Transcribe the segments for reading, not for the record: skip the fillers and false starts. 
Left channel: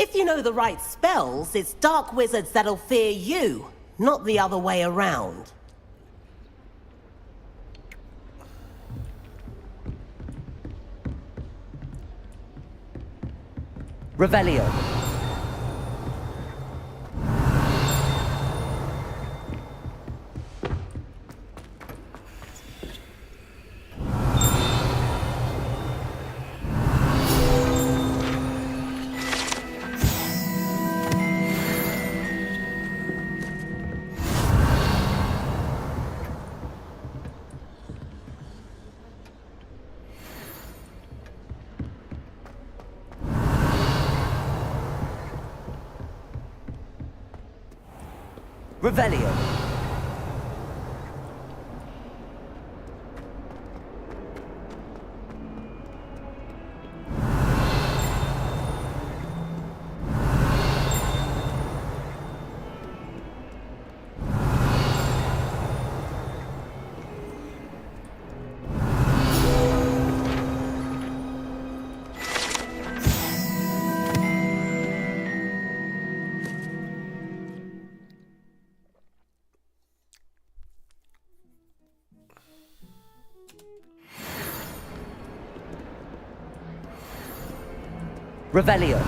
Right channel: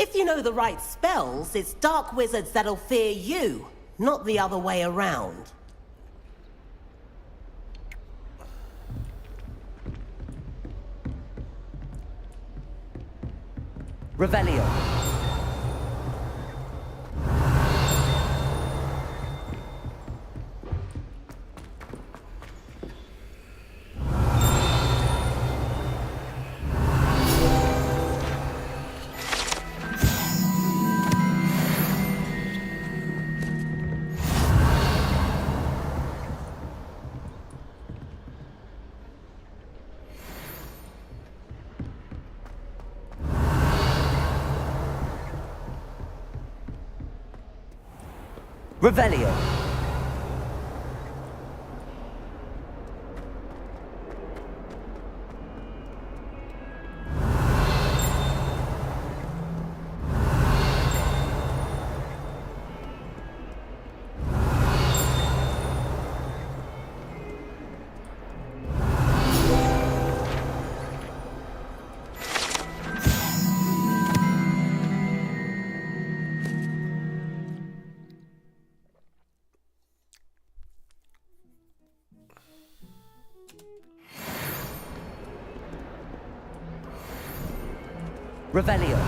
If you know the right spells, it's dark wizards that'll fear you, not the other way around. Revelio. Revelio. Revelio.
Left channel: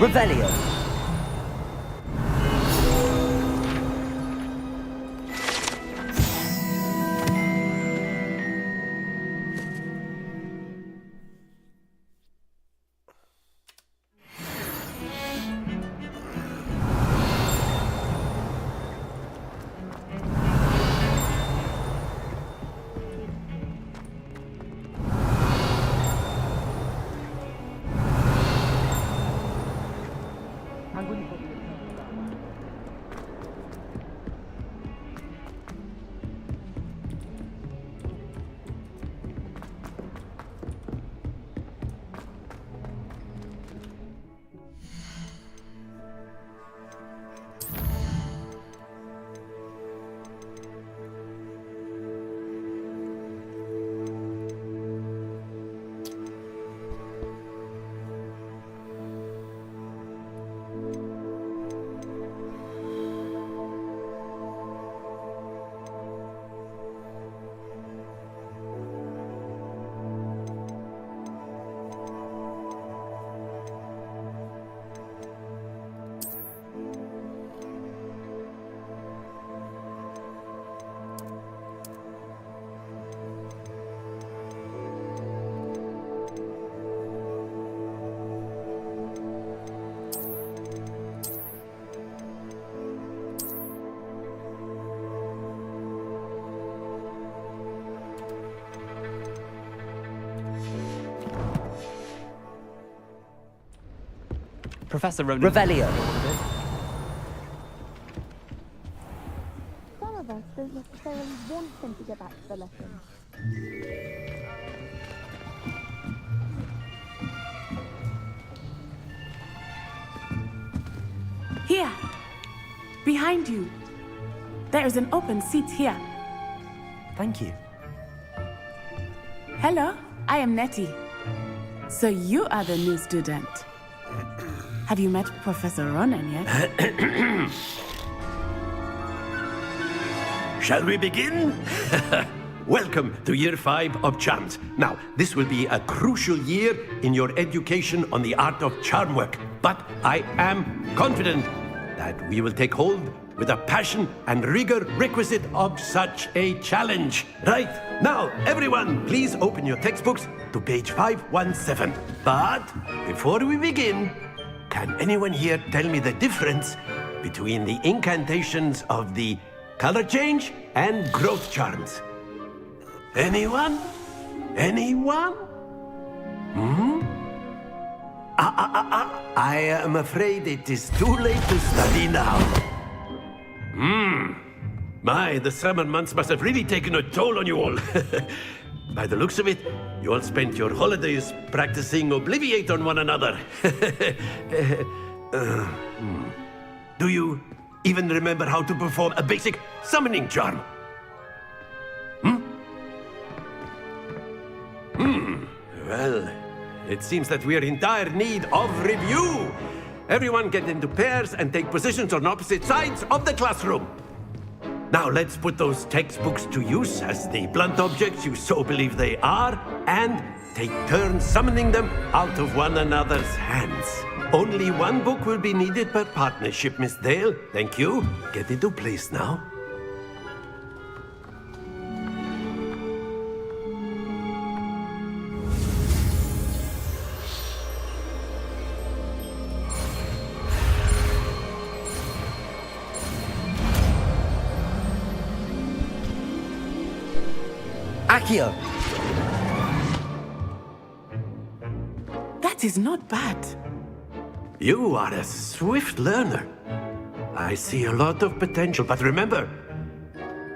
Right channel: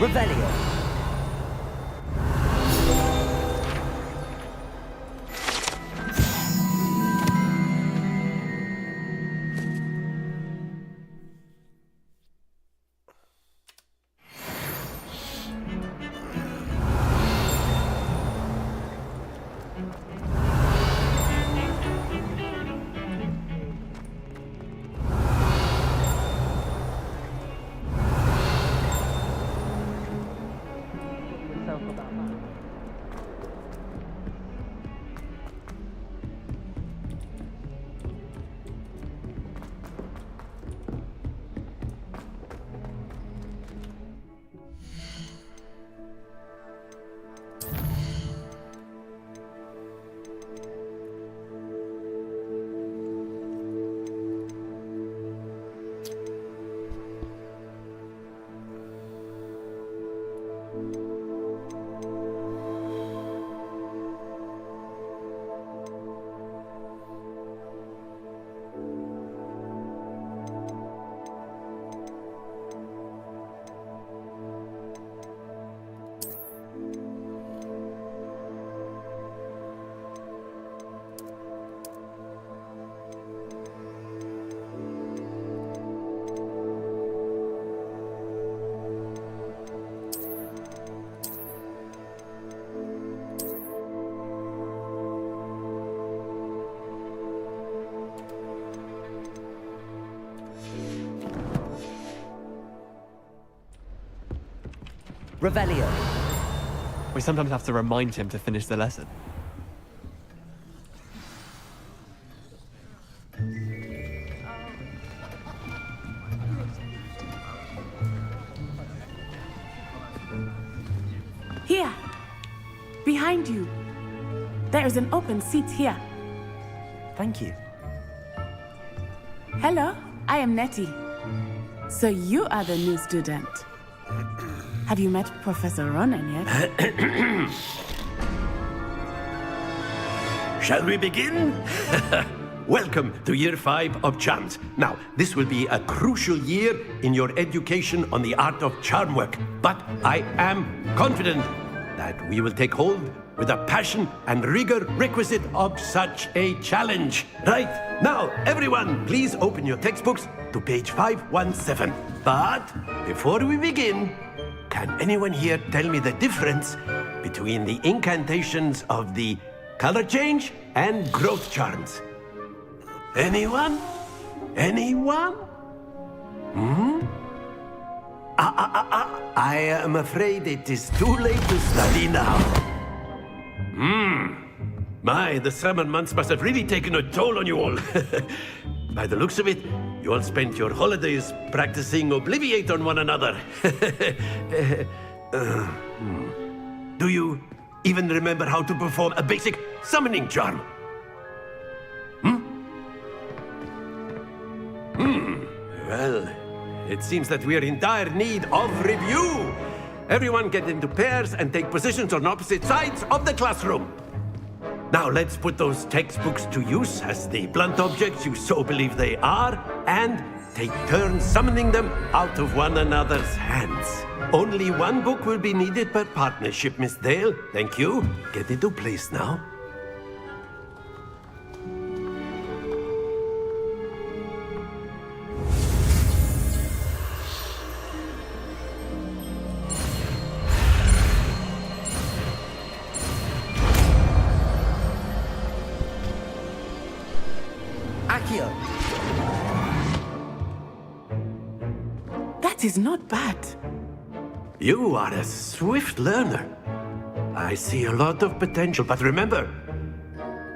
Revelio. Professor Ronan. Revelio. We sometimes have to remind him to finish the lesson. Some of us don't necessarily want him to get back to the lesson. Here, behind you. There is an open seat here. Thank you. Hello, I am Nettie. So you are the new student. Have you met Professor Ronan yet? Shall we begin? Welcome to Year 5 of Charms. Now, this will be a crucial year in your education on the art of charm work, but I am confident that we will take hold with the passion and rigor requisite of such a challenge. Right, now, everyone, please open your textbooks to page 517. But before we begin, can anyone here tell me the difference between the incantations of the color change and growth charms? Anyone? Anyone? I am afraid it is too late to study now. My, the summer months must have really taken a toll on you all. By the looks of it, you all spent your holidays practicing Obliviate on one another. Do you even remember how to perform a basic summoning charm? Well, it seems that we are in dire need of review. Everyone get into pairs and take positions on opposite sides of the classroom. Now let's put those textbooks to use as the blunt objects you so believe they are, and take turns summoning them out of one another's hands. Only one book will be needed per partnership, Miss Dale. Thank you. Get into place now. Accio! That is not bad. You are a swift learner. I see a lot of potential, but remember,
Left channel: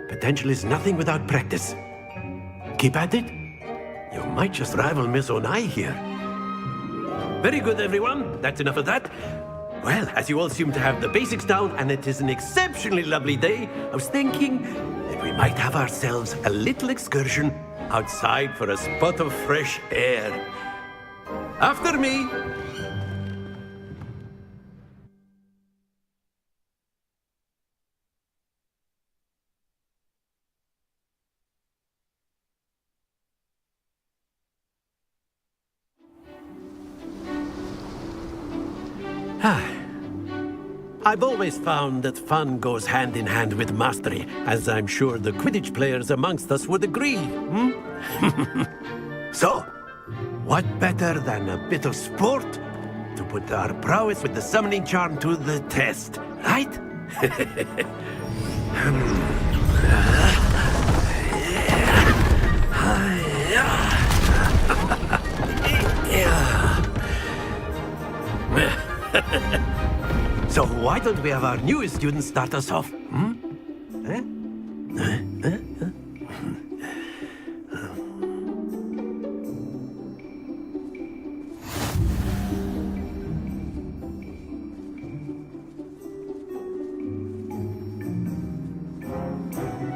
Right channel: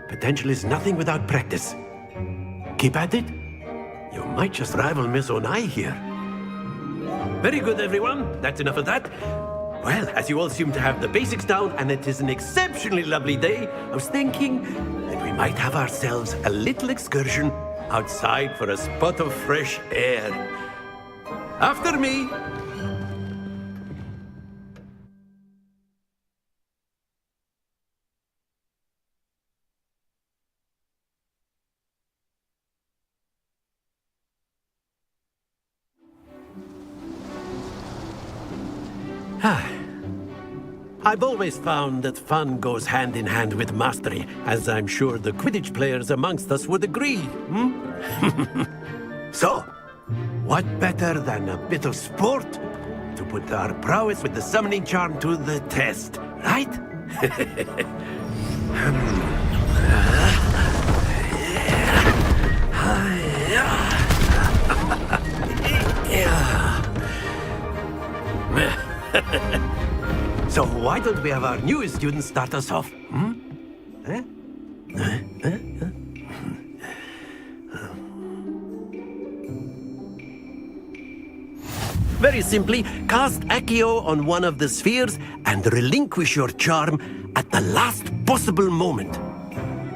potential is nothing without practice. Keep at it. You might just rival Miss Onai here. Very good, everyone. That's enough of that. Well, as you all seem to have the basics down, and it is an exceptionally lovely day, I was thinking that we might have ourselves a little excursion outside for a spot of fresh air. After me. I've always found that fun goes hand in hand with mastery, as I'm sure the Quidditch players amongst us would agree. So, what better than a bit of sport to put our prowess with the summoning charm to the test, right? So why don't we have our newest student start us off? Very simply, cast Accio on one of the spheres and relinquish your charm at the last possible moment.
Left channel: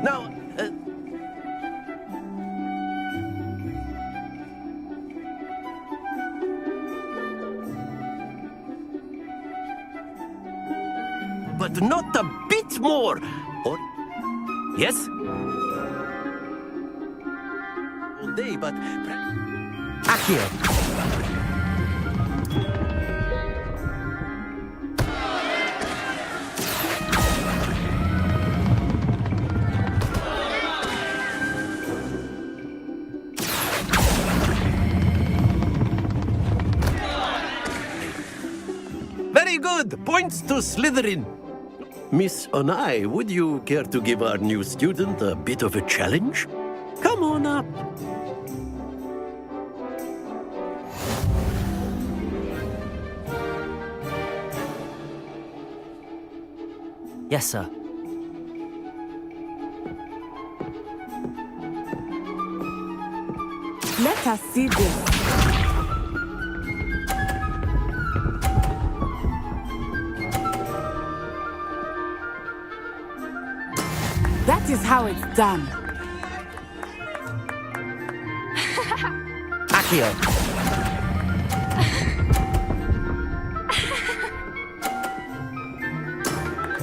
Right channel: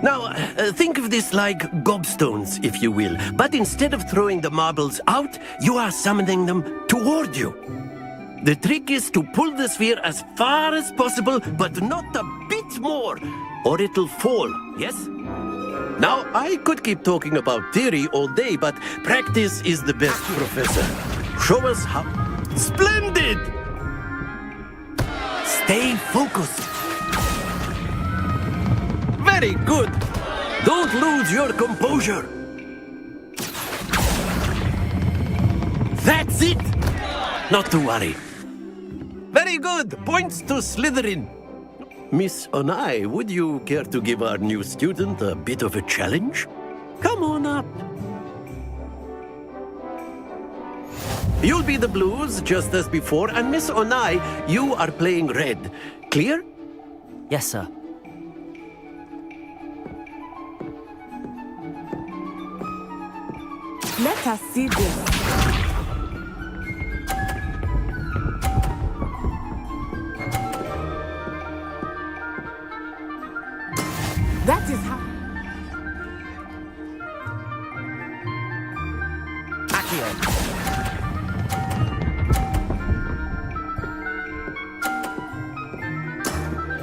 Now, think of this like gobstones, if you will. But instead of throwing the marbles out, you are summoning them toward you. The trick is to pull the sphere as far as possible, but not a bit more, or it'll fall, yes? Now, I could keep talking about theory all day, but practice is the best professor. Show us how. Splendid! Stay focused. Very good. Don't lose your composure. That's it. Not to worry. Very good. Points to Slytherin. Miss Onai, would you care to give our new student a bit of a challenge? Come on up. You'll be the blues, just as before, and Miss Onai, you are playing red. Clear? Yes, sir. Let us see this. That is how it's done. Accio!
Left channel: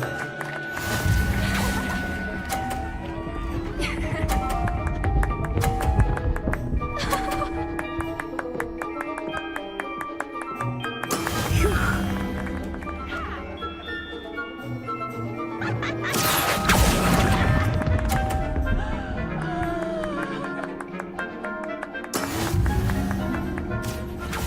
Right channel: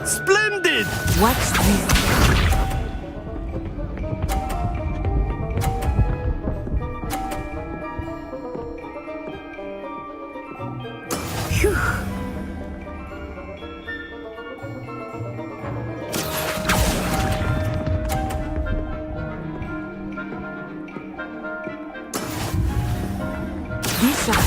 Splendid! Watch this. Phew. Be sharp.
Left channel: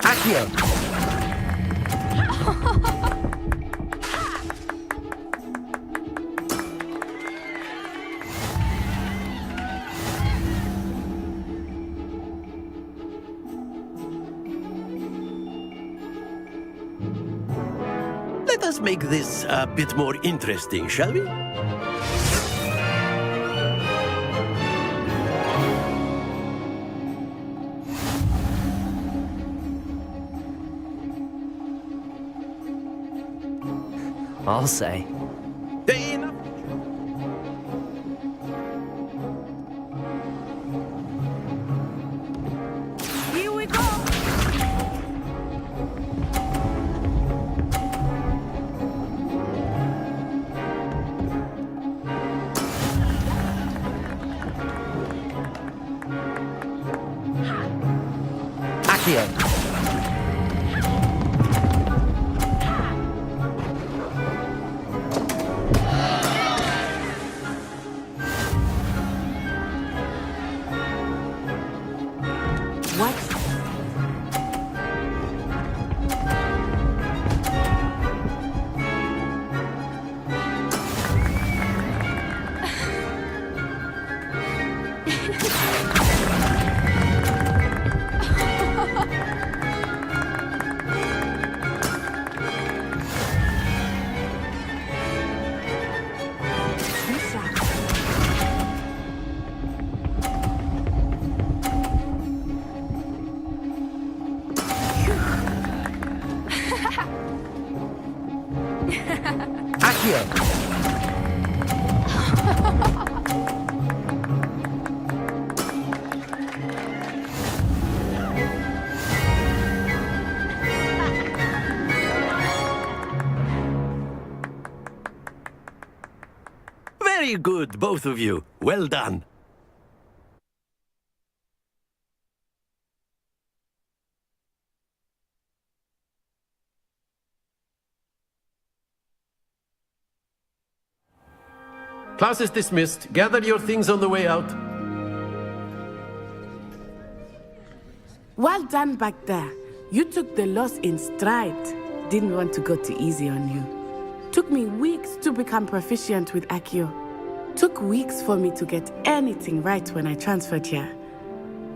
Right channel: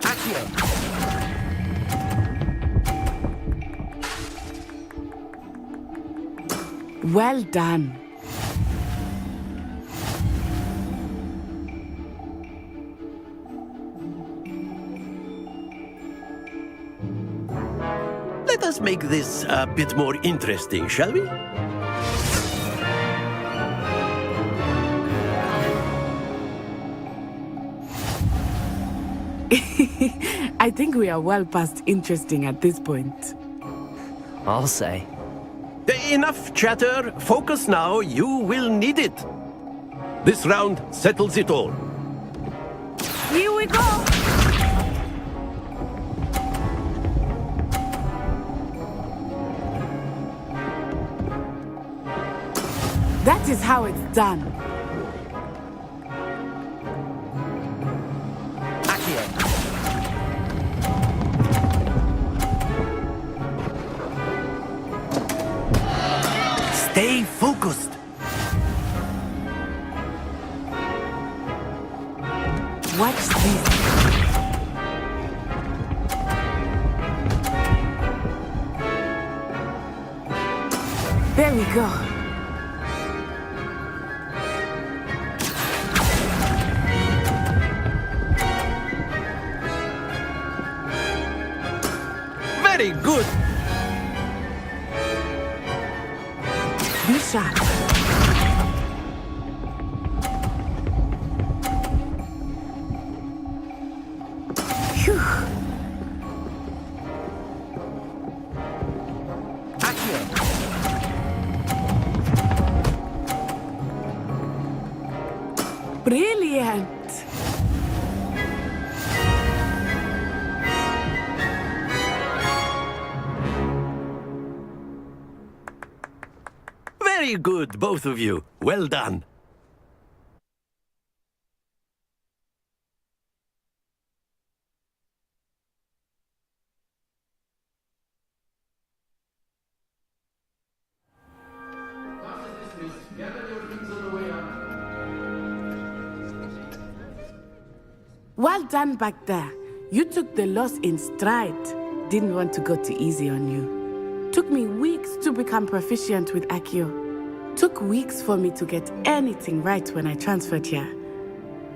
Accio! Well done. Let us make this a bit more interesting, shall we? I think we are well past interesting at this point. I'll say. Enough chatter. Focus now. You will need it. This round settles it all. Here we go! That is how it's done. Accio. Stay focused. Watch this. There we go. Very good. Be sharp. Phew. Accio. Brilliant. Very good, both of you. Well done. Class is dismissed. Gather your things on the way out. Well done back there. You took the loss in stride. Didn't want to go too easy on you. Took me weeks to become proficient with Accio. Took weeks for me to get anything right when I transferred here.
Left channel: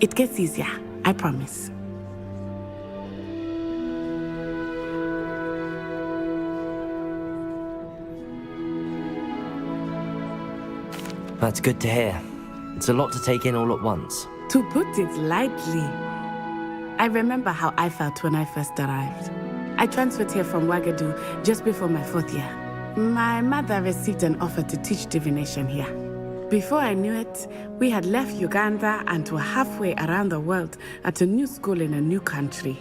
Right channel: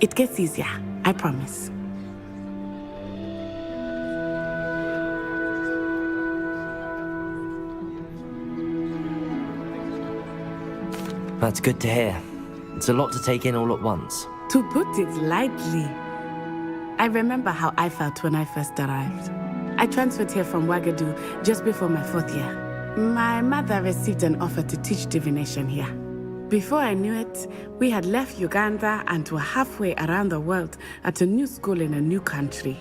It gets easier, I promise. That's good to hear. It's a lot to take in all at once. To put it lightly, I remember how I felt when I first arrived. I transferred here from Ouagadougou just before my 4th year. My mother received an offer to teach divination here. Before I knew it, we had left Uganda and were halfway around the world at a new school in a new country.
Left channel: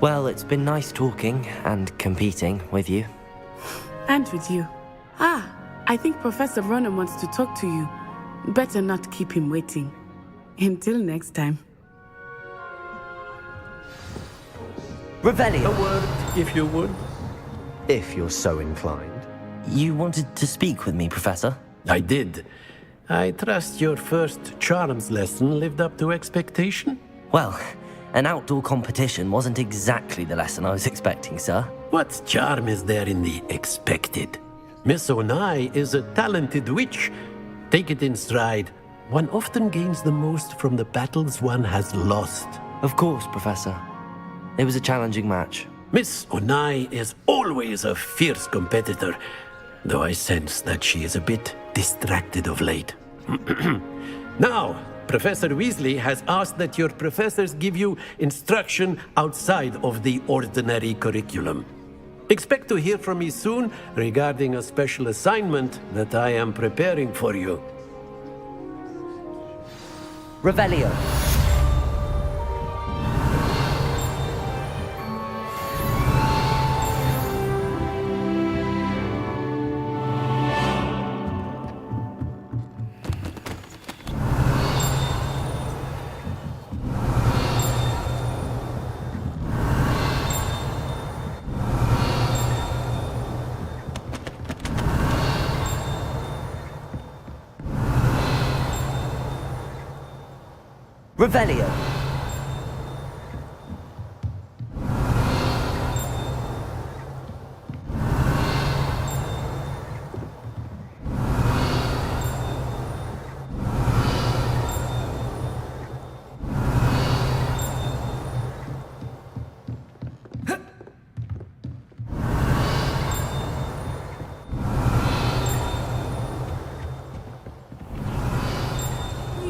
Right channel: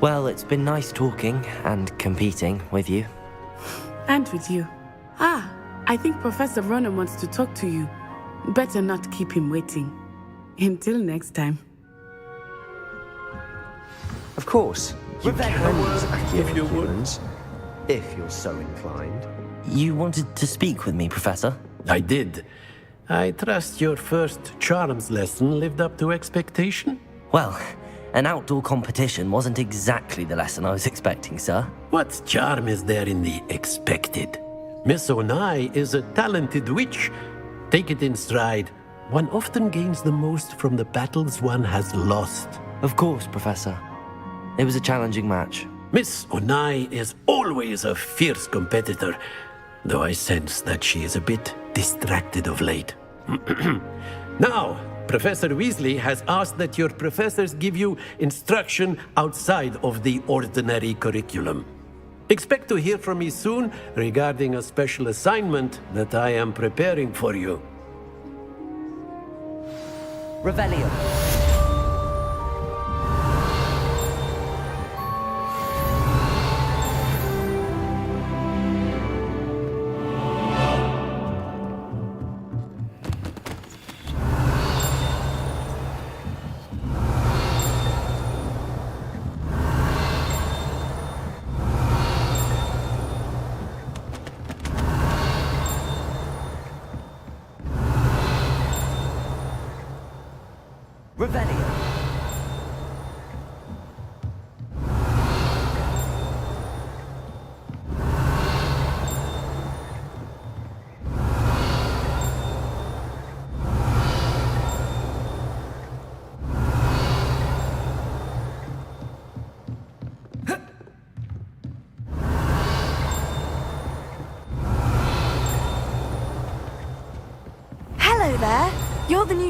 Well, it's been nice talking and competing with you. And with you. Ah, I think Professor Ronan wants to talk to you. Better not keep him waiting. Until next time. Of course, Revelio. A word, if you would. if you're so inclined. You wanted to speak with me, Professor? I did. I trust your first charms lesson lived up to expectation? Well, an outdoor competition wasn't exactly the lesson I was expecting, sir. What charm is there in the expected? Miss Onai is a talented witch. Take it in stride. One often gains the most from the battles one has lost. Of course, Professor. It was a challenging match. Miss Onai is always a fierce competitor, though I sense that she is a bit distracted of late. Now, Professor Weasley has asked that your professors give you instruction outside of the ordinary curriculum. Expect to hear from me soon regarding a special assignment that I am preparing for you. Revelio. Revelio.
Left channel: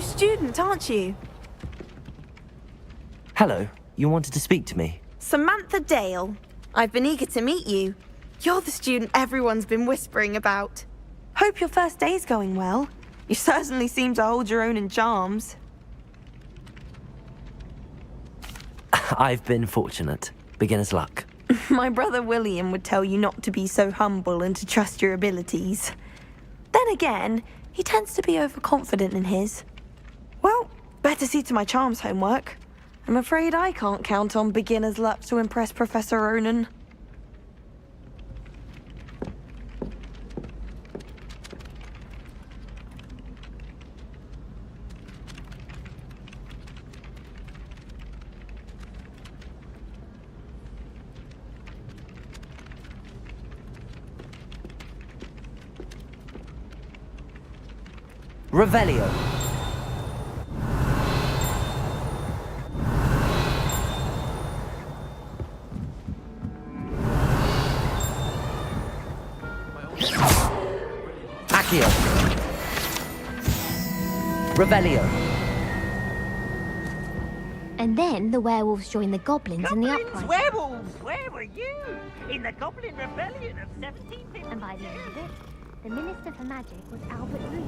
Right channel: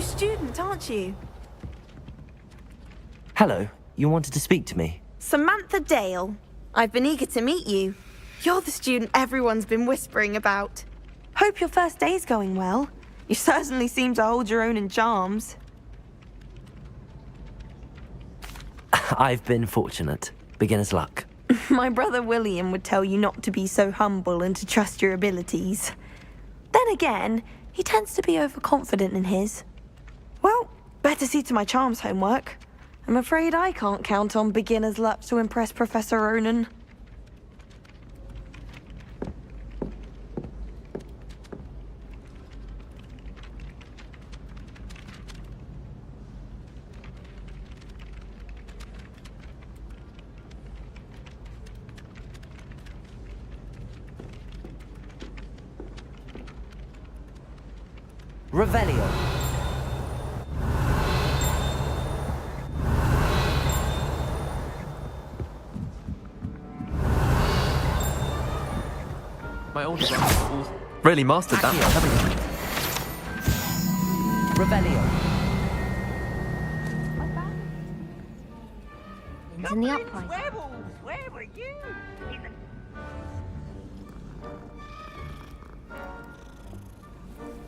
new student, aren't you? Hello, you wanted to speak to me? Samantha Dale. I've been eager to meet you. You're the student everyone's been whispering about. Hope your first day's going well. You certainly seem to hold your own in charms. I've been fortunate. Beginner's luck. My brother William would tell you not to be so humble and to trust your abilities. Then again, he tends to be overconfident in his. Well, better see to my charms homework. I'm afraid I can't count on beginner's luck to impress Professor Ronan. Revelio. My old really mastered that. Accio. Revelio. And then the werewolves joined the goblins in the uprising. Werewolves! Where were you? In the Goblin Rebellion of 1750. And by the end of it, the Minister for Magic was Albert Root.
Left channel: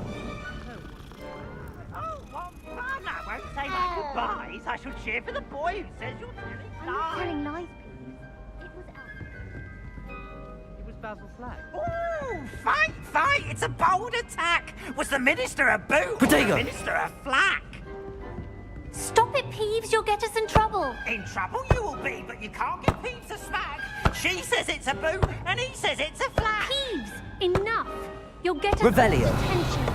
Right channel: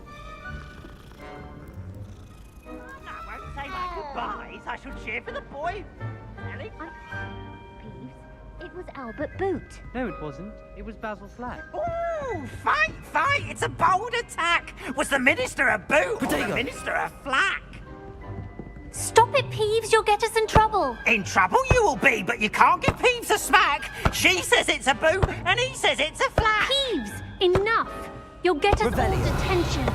Oh, what fun! I won't say my goodbyes. I shall cheer for the boy who says you're telling I'm not telling lies, Peeves. It was Albert Boot. No, it wasn't. It was Basil Flack. Ooh, fight, fight! It's a bold attack! Was the Minister a boot or Potato. the Minister a flack? Stop it, Peeves! You'll get us in trouble! In trouble you will be, but you can't give Peeves a smack. She says it's a boot, and he says it's a flack. Peeves! Enough! You'll get us all Revelio. detention.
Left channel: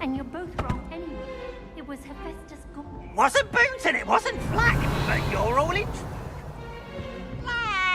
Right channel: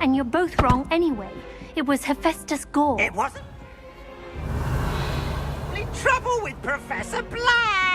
And you're both wrong anyway. It was Hephaestus Gore. It wasn't boot and it wasn't flack, but you're all in trouble with Professor Black.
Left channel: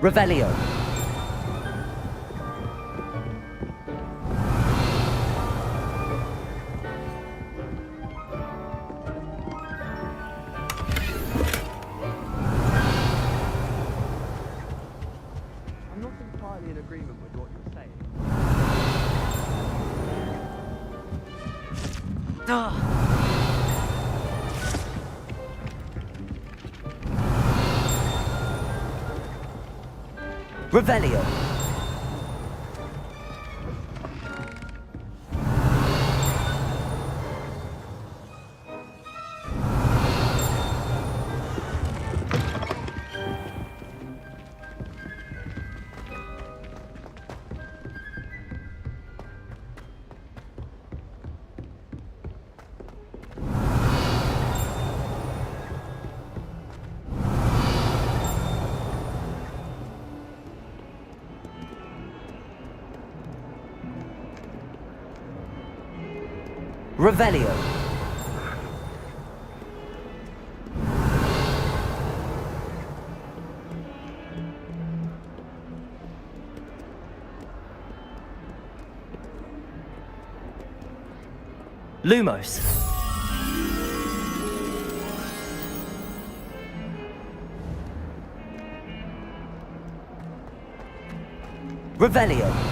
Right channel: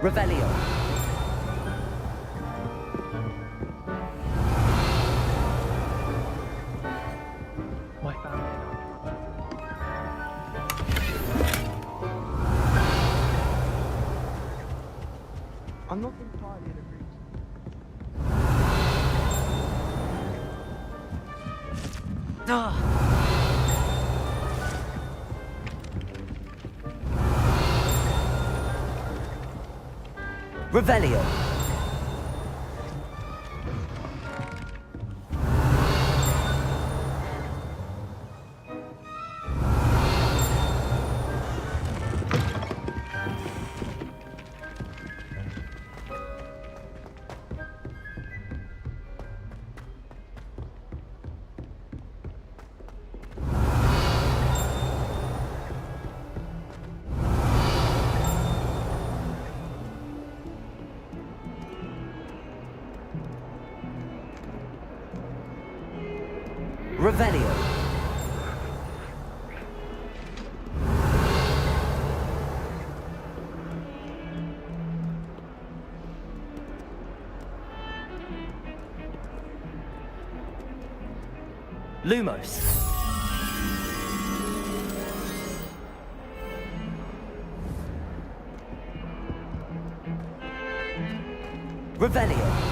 Revelio. I'm not entirely in agreement with what you're saying. Revelio. Revelio. Lumos. Revelio.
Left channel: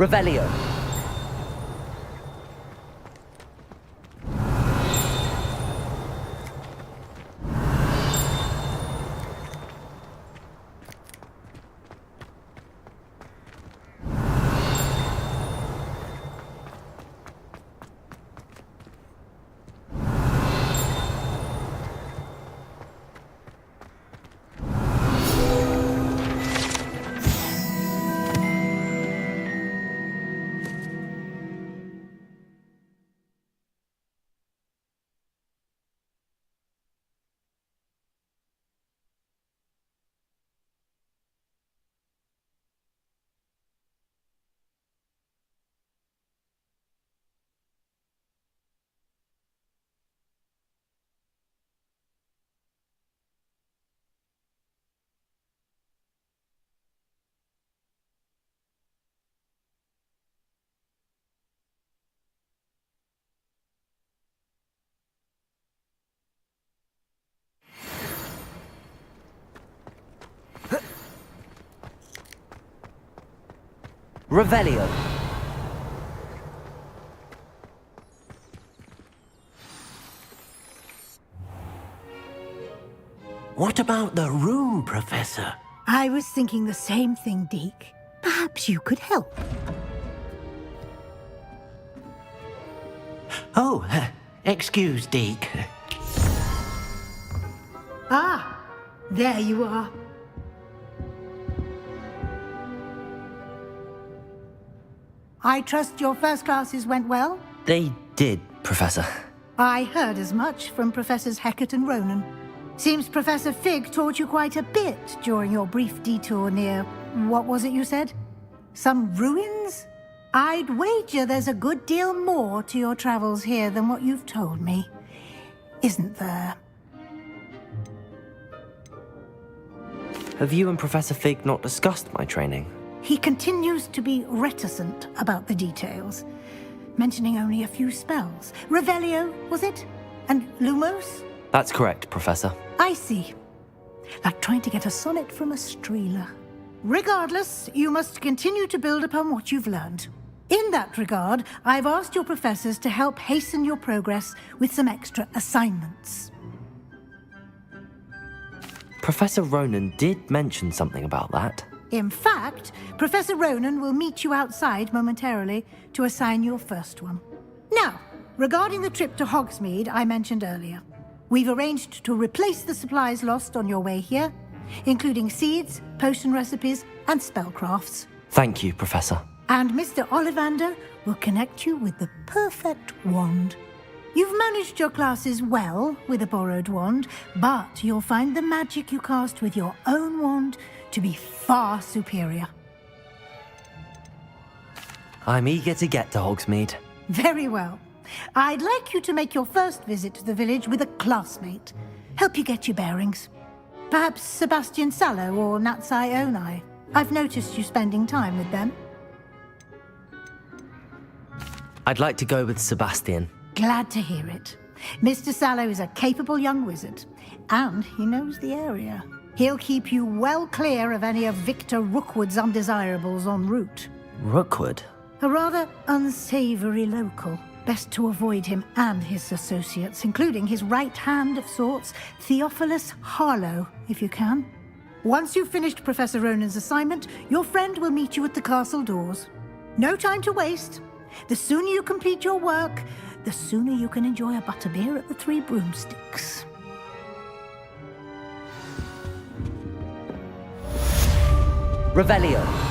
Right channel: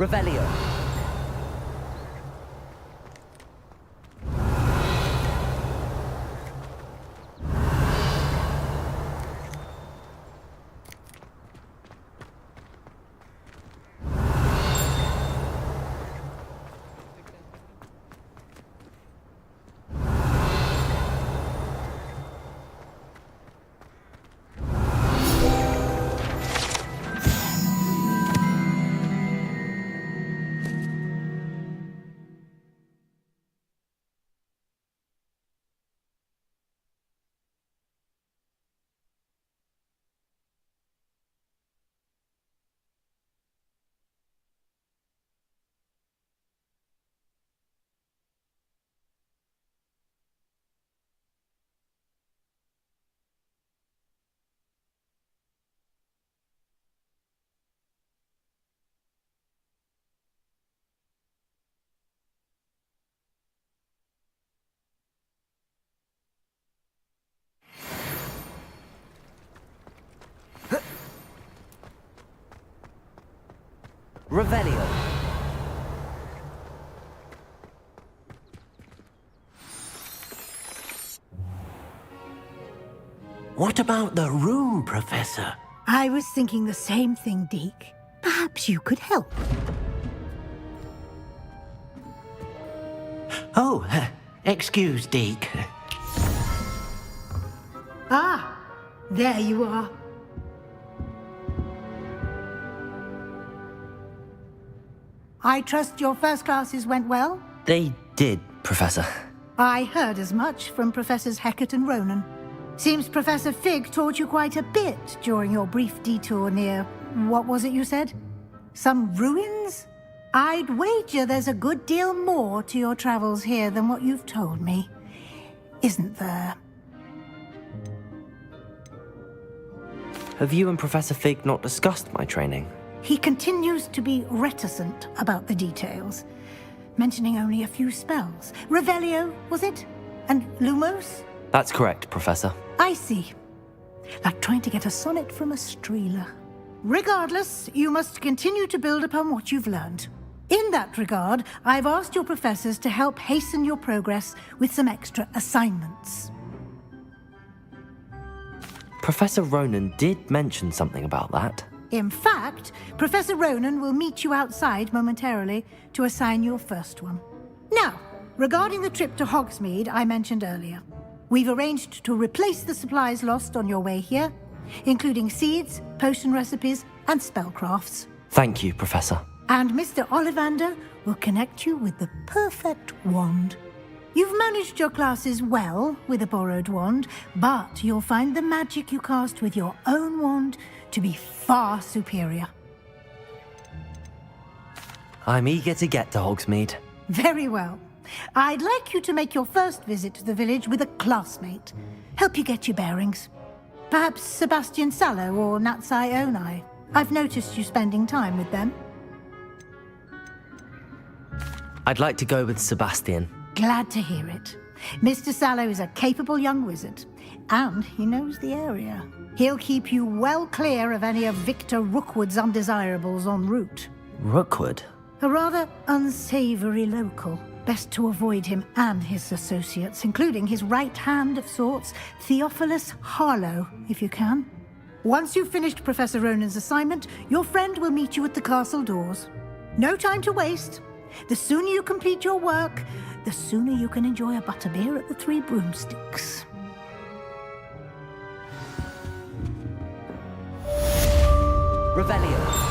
Revelio. Revelio. What about the room, Professor? I was thinking the same thing, Deke. Perhaps you could help. Oh, excuse, Deke. Ah, there you are. I trust your first classes went well? They did, Professor. I heard as much from Professors Hecat and Ronan. Seems Professor Fig taught you quite a bit during your brief detour near... what was it you said? Some ruins? I'd wager there's a good deal more to your travels here than what you've told me. Isn't there? Have you and Professor Fig not discussed my training? He continues to be reticent about the details, mentioning only a few spells. Revelio, was it? And Lumos? That's correct, Professor. I see. Like trying to get a sonnet from a streeler. Regardless, you must continue to build upon what you've learned. In that regard, I've asked your professors to help hasten your progress with some extra assignments. Professor Ronan did mention something about that. In fact, Professor Ronan will meet you outside momentarily to assign your first one. Now, regarding the trip to Hogsmeade I mentioned earlier. We've arranged to replace the supplies lost on your way here, including seeds, potion recipes, and spellcrafts. Thank you, Professor. And Mr. Ollivander will connect you with the perfect wand. You've managed your classes well with a borrowed wand, but you'll find the magic you cast with your own wand to be far superior. I'm eager to get to Hogsmeade. Very well. I'd like you to make your first visit to the village with a classmate. Help you get your bearings. Perhaps Sebastian Sallow or Natsai Onai. I've noticed you spending time with them. I'd like to go with Sebastian. Glad to hear it. Mr. Sallow is a capable young wizard, and he knows the area. He'll keep you well clear of any of Victor Rookwood's undesirables en route. Rookwood? A rather unsavory local. Best to avoid him and his associates, including his right hand of sorts, Theophilus Harlow, if you can. Once you've finished Professor Ronan's assignment, your friend will meet you at the castle doors. No time to waste. The sooner you complete your work, the sooner you can enjoy a butterbeer at the Three Broomsticks. Revelio.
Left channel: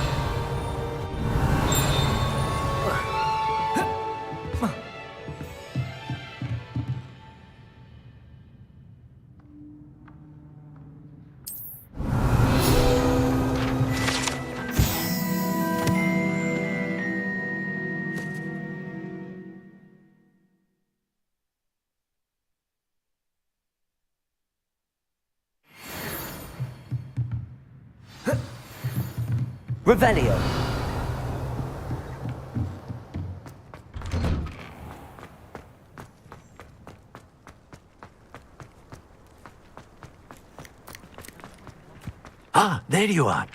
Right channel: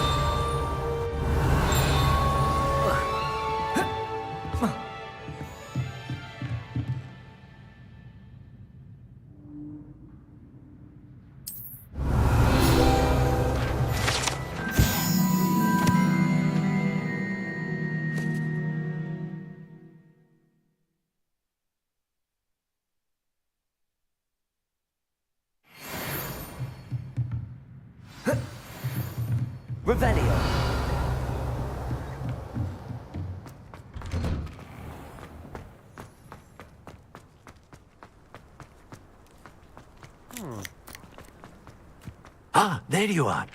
Revelio. Ah, there you are.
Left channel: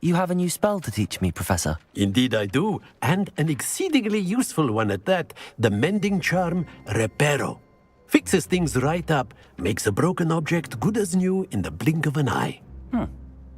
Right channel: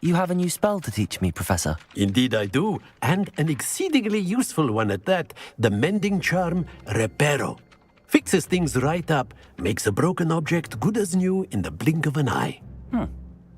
You have a new spell to teach me, Professor. Indeed I do, and an exceedingly useful one at that. The mending charm, Reparo. Fixes things right up, makes a broken object good as new in the blink of an eye.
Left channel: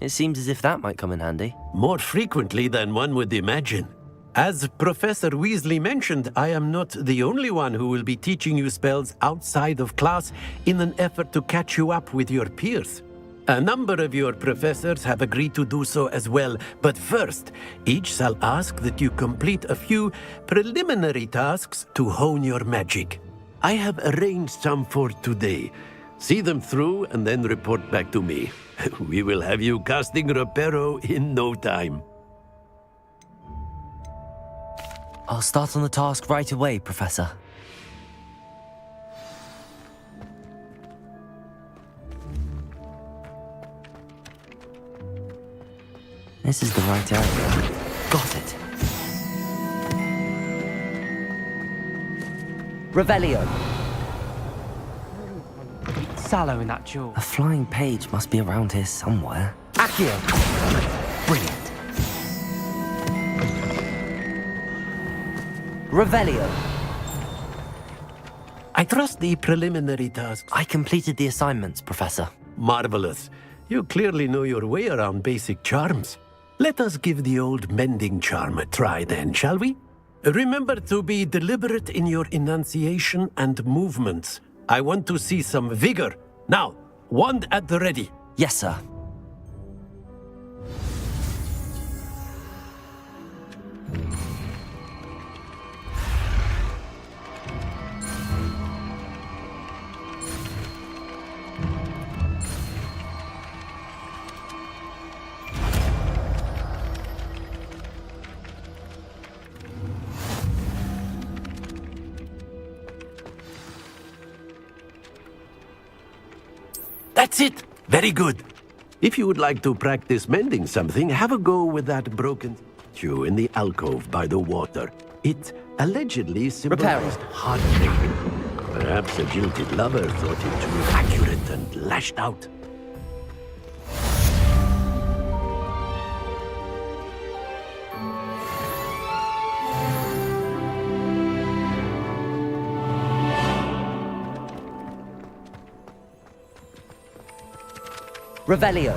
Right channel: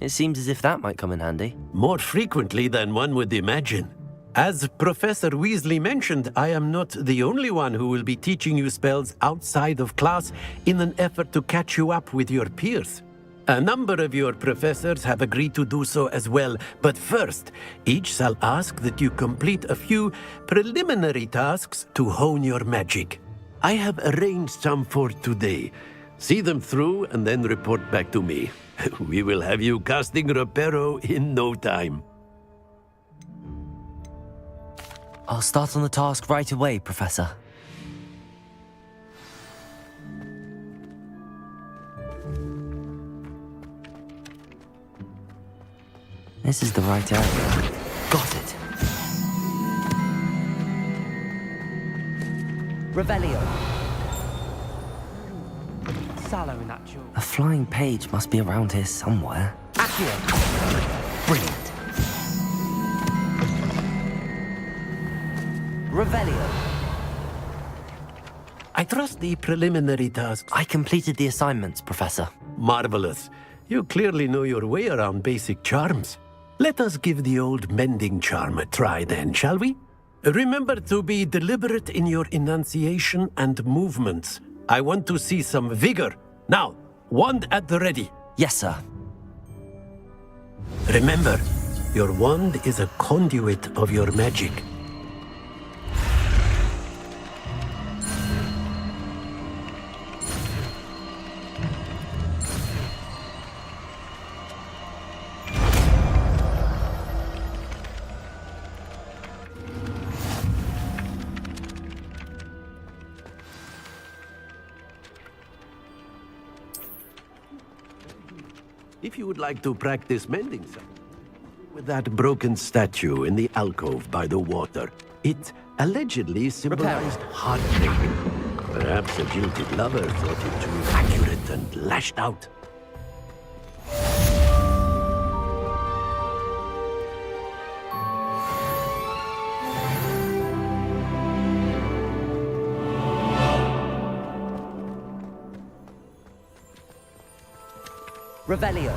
It seems as if that might come in handy. More frequently than one would imagine. As Professor Weasley mentioned, I am not the only one who will be teaching you spells outside of class in an effort to catch you up with your peers. A number of your professors have agreed to do so as well, but first, each shall ask that you complete a few preliminary tasks to hone your magic. I have arranged some for today. See them through and then report back to me. We will have you casting Reparo in no time. I'll start on the task right away, Professor. This is the right area. Got it. Revelio. Sallow in that jewel. A flying page must be around here somewhere. Accio! Brilliant. Revelio. I trust the preliminary tasks. I completed the assignments, Professor. Marvelous. You clearly know your way around basic charms. Let us give the old mending charm a try then, shall we? Remember to be deliberate in your enunciation and movements. I want to see some vigor. Now, wand at the ready. Yes, sir. Remember, your wand is a conduit of your magic. That's it. Very good. If you would like to practice mending something, have a go with that broken statue in the alcove by the water. It allegedly symbolized heartbreak. Perhaps a jilted lover thought it too accurate and lashed out. Revelio.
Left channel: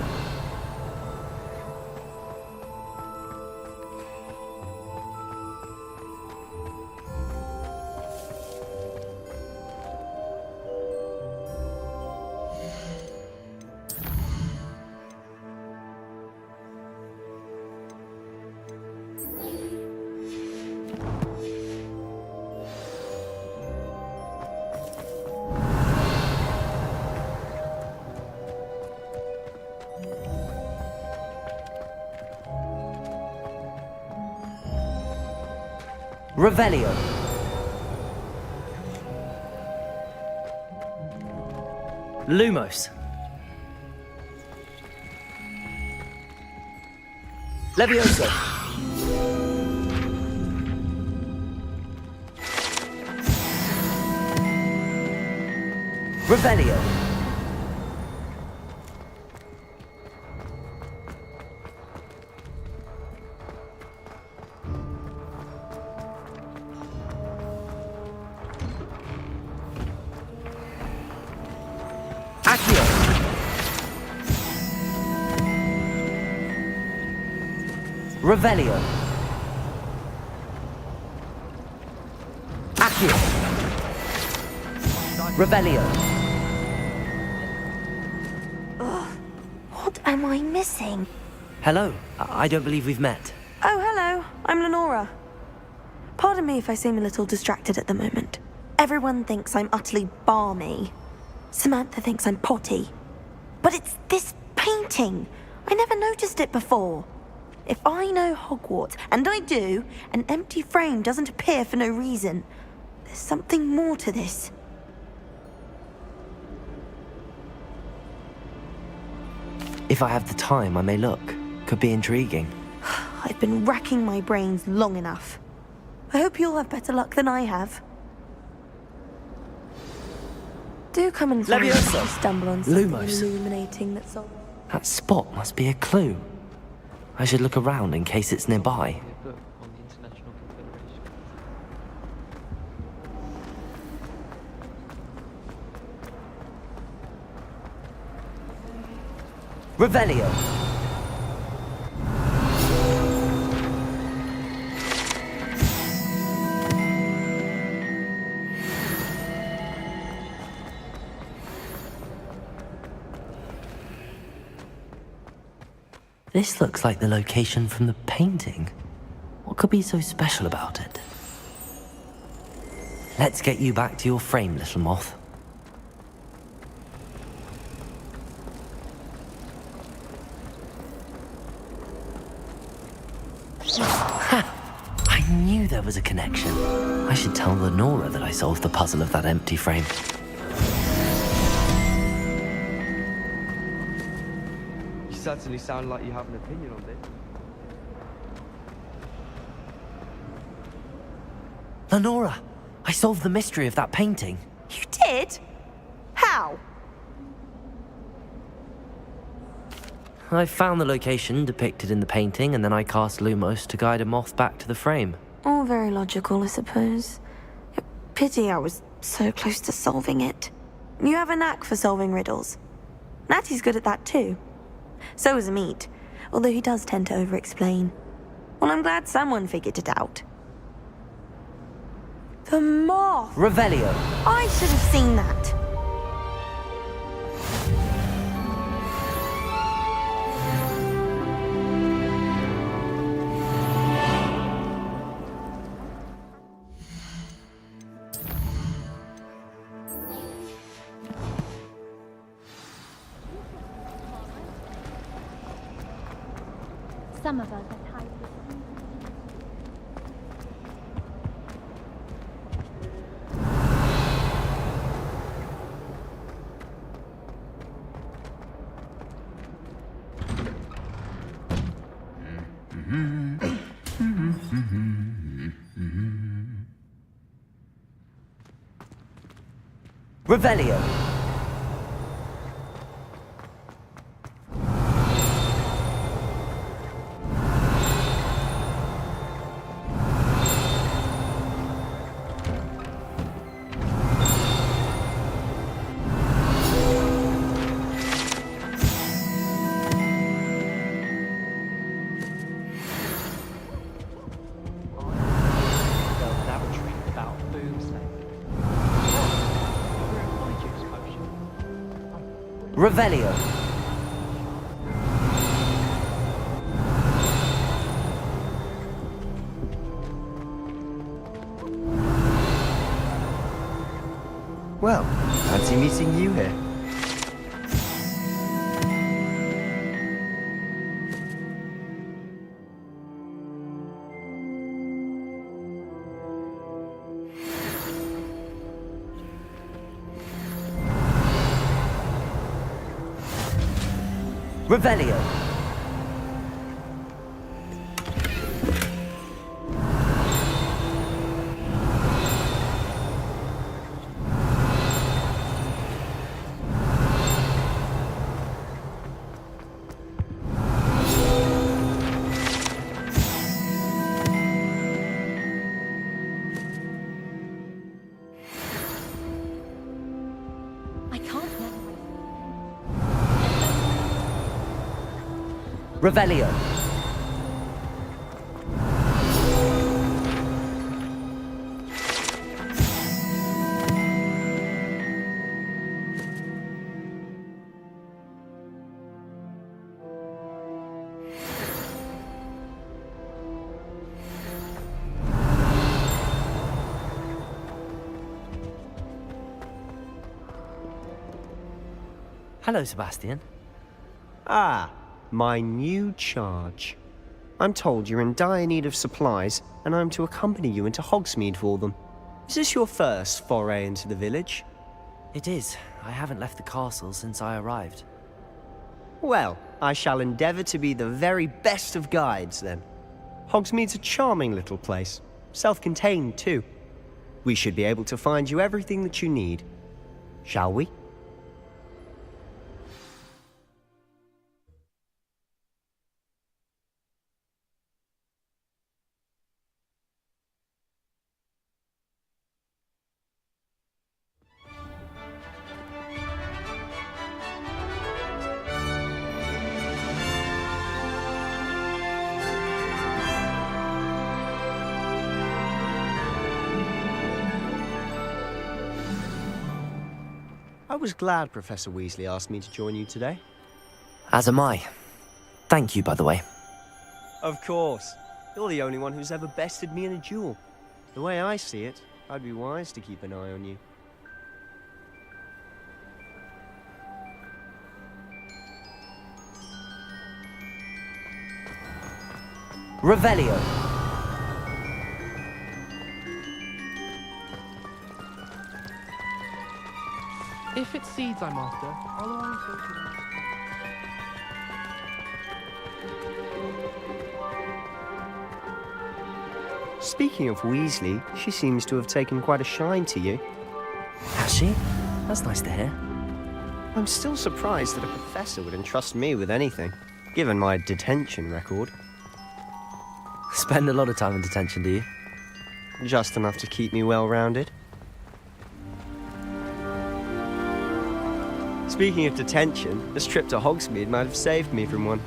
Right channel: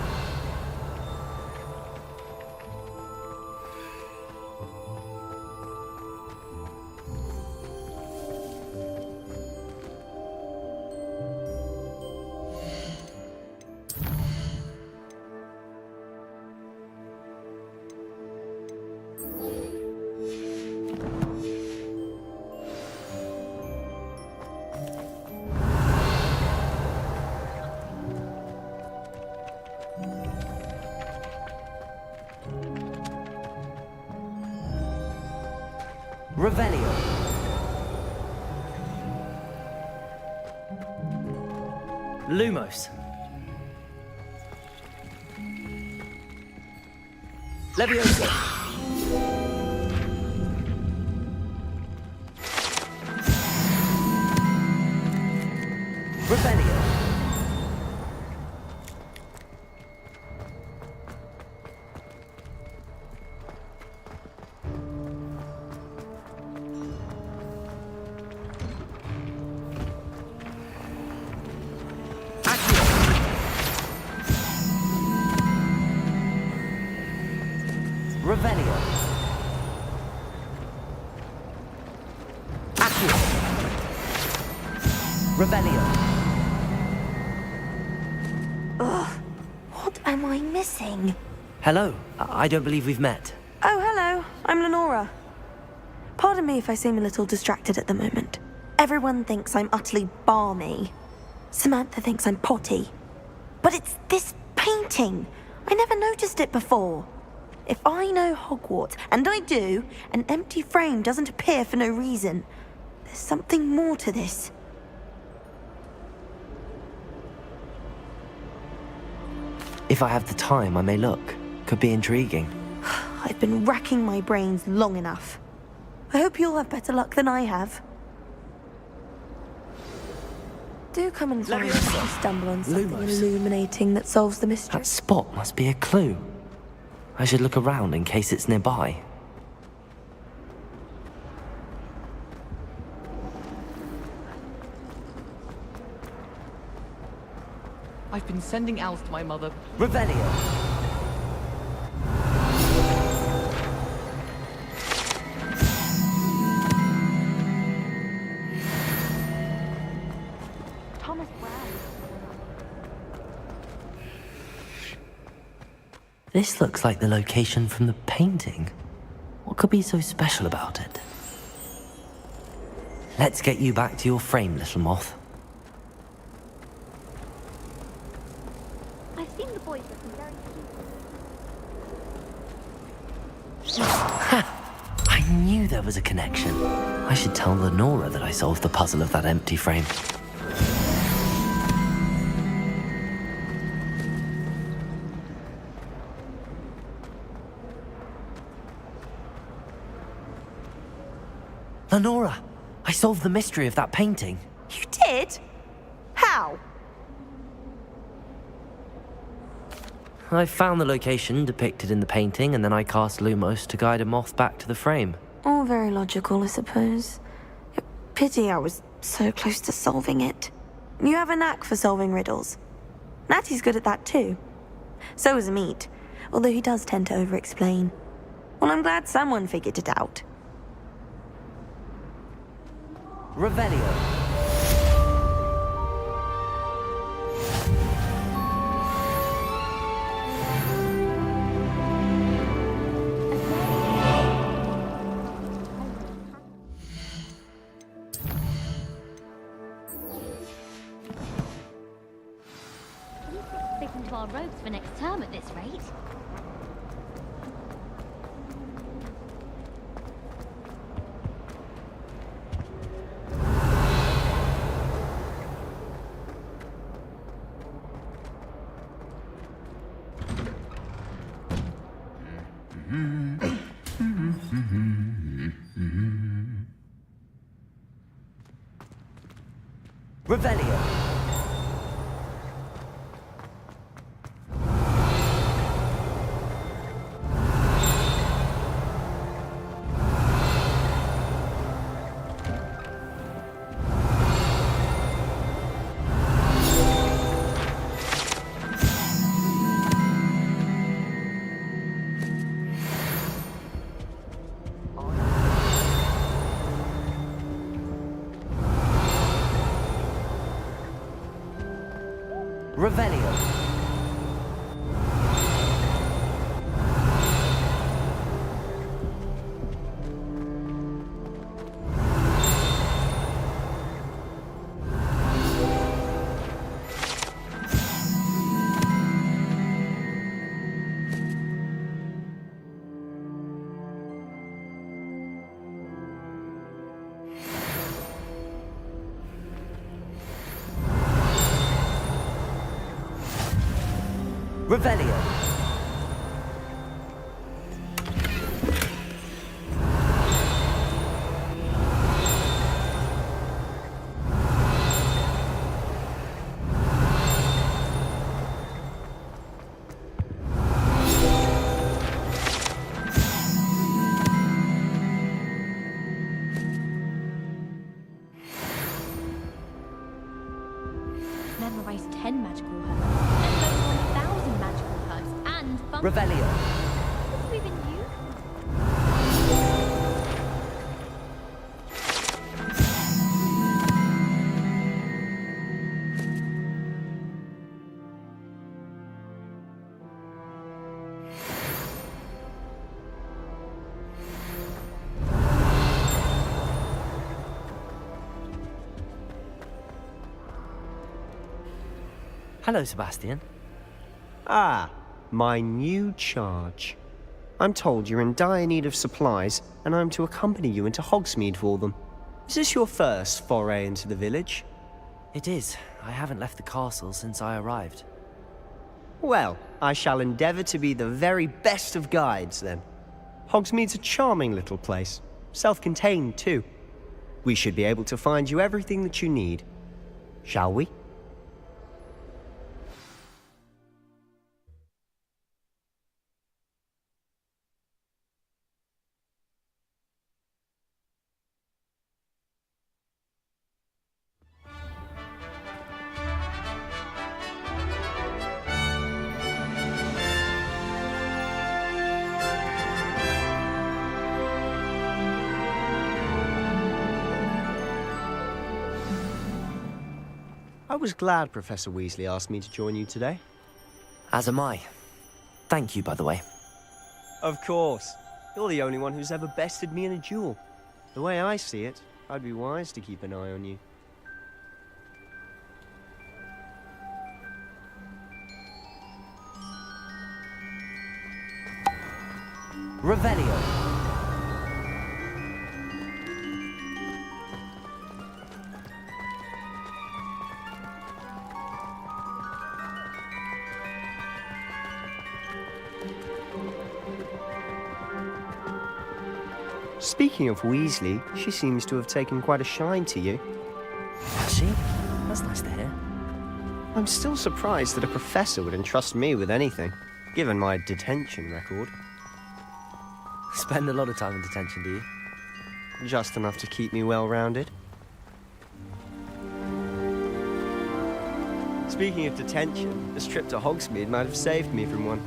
Revelio. Lumos. Levioso. Revelio. Accio. Revelio. Accio. Revelio. What am I missing? Hello. I don't believe we've met. Oh, hello. I'm Lenora. Pardon me if I seem a little distracted at the moment. Everyone thinks I'm utterly balmy. Samantha thinks I'm potty. But it's this painting. I never noticed it before. If I know Hogwarts, and I do, an empty frame doesn't appear for no reason. There's something more to this. If I have the time, I may look. Could be intriguing. I've been racking my brains long enough. I hope you'll have better luck than I have. Do come and find me if you stumble on something Lumos. illuminating that solves the mystery. That spot must be a clue. I should look around in case it's nearby. I've been sending Alf to my mother. Revelio. This looks like the location from the painting. What could be so special about it? Let's get you back to your frame, little moth. I've seen the boy. I knew there was a connection. I should tell Lenora that I solved the puzzle of that empty frame. You certainly sound like you have an opinion on this. Lenora, I solved the mystery of that painting. You did? How? I found the location depicted in the painting, and then I cast Lumos to guide a moth back to the frame. All very logical, I suppose. Pity I was so close to solving it. You have a knack for solving riddles. Natty's good at that too. So is Amit, although he does tend to over-explain. Well, I'm glad someone figured it out. The moth! Revelio. I should have seen that. We could stick to our robes for next term at this rate. Some of us have. Revelio. Revelio. Well, fancy meeting you here. Revelio. I can't memorize 10 magical words, let alone 1,000 magical words, and bump- Revelio. Hello, Sebastian. Ah, my new charge. I'm told you're in dire need of supplies, and I'm to accompany you into Hogsmeade for them. Is this your first foray into the village? It is. I haven't left the castle since I arrived. Well, I shall endeavour to be the very best of guides, then. Hogsmeade's a charming little place. Self-contained, too. We should be able to find you everything that you need. Shall we? I was glad Professor Weasley asked me to join you today. As am I. Thank you, by the way. Of course. You're the only one who's ever bested me in a duel. The way I see it, I'd be wise to keep an eye on you. Revelio. If it's seeds I'm after, I'll arrange for it. Speaking of Weasley, she seems to have taken quite a shine to you. Has she? That's nice to hear. I'm still surprised that a professor would entrust me with anything, given my detention record. Spend a lot of time in detention, do you? Just enough to keep me well-rounded. Speaking of detention, this trip to Hogsmeade might have saved me from one.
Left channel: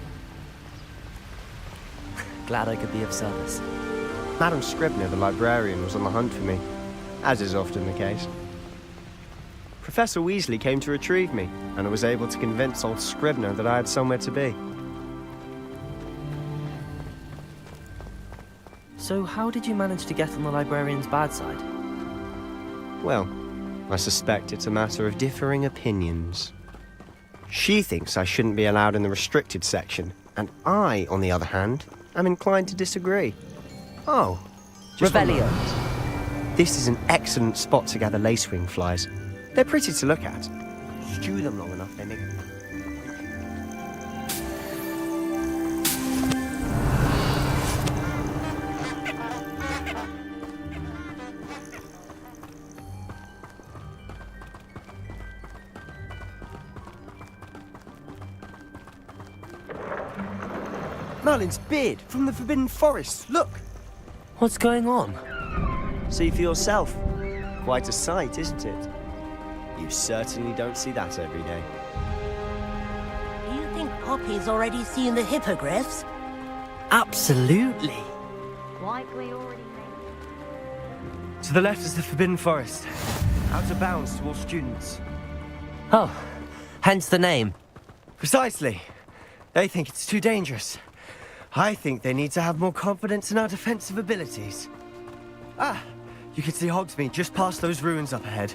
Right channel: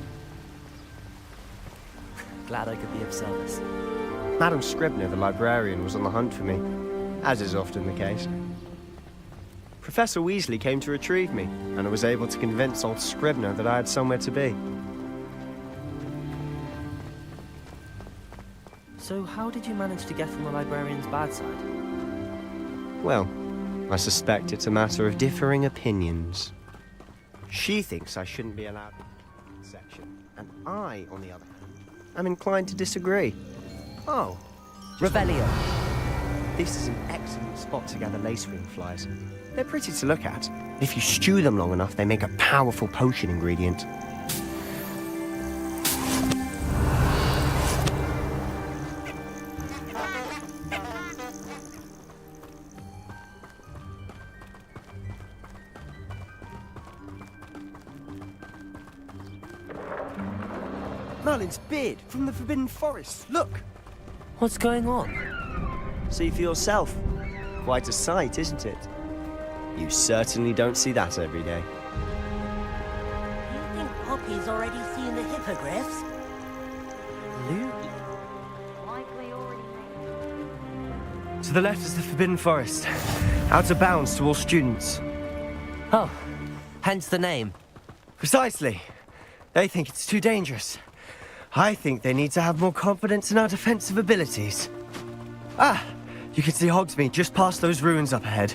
Glad I could be of service. Madam Scribner, the librarian, was on the hunt for me, as is often the case. Professor Weasley came to retrieve me, and I was able to convince old Scribner that I had somewhere to be. So how did you manage to get on the librarian's bad side? Well, I suspect it's a matter of differing opinions. She thinks I shouldn't be allowed in the restricted section, and I, on the other hand, am inclined to disagree. Oh. Revelio. This is an excellent spot to gather lacewing flies. They're pretty to look at. If you stew them long enough, they make a powerful potion ingredient. Merlin's beard from the Forbidden Forest. Look! What's going on? See for yourself. Quite a sight, isn't it? You certainly don't see that every day. Do you think Poppy's already seen the hippogriffs? Absolutely. Likely already made. To the left is the Forbidden Forest. Out of bounds to all students. Oh, hence the name. Precisely. They think it's too dangerous. I think they need to have more confidence in our defensive abilities. Ah, you can see Hogsmeade just past those ruins up ahead.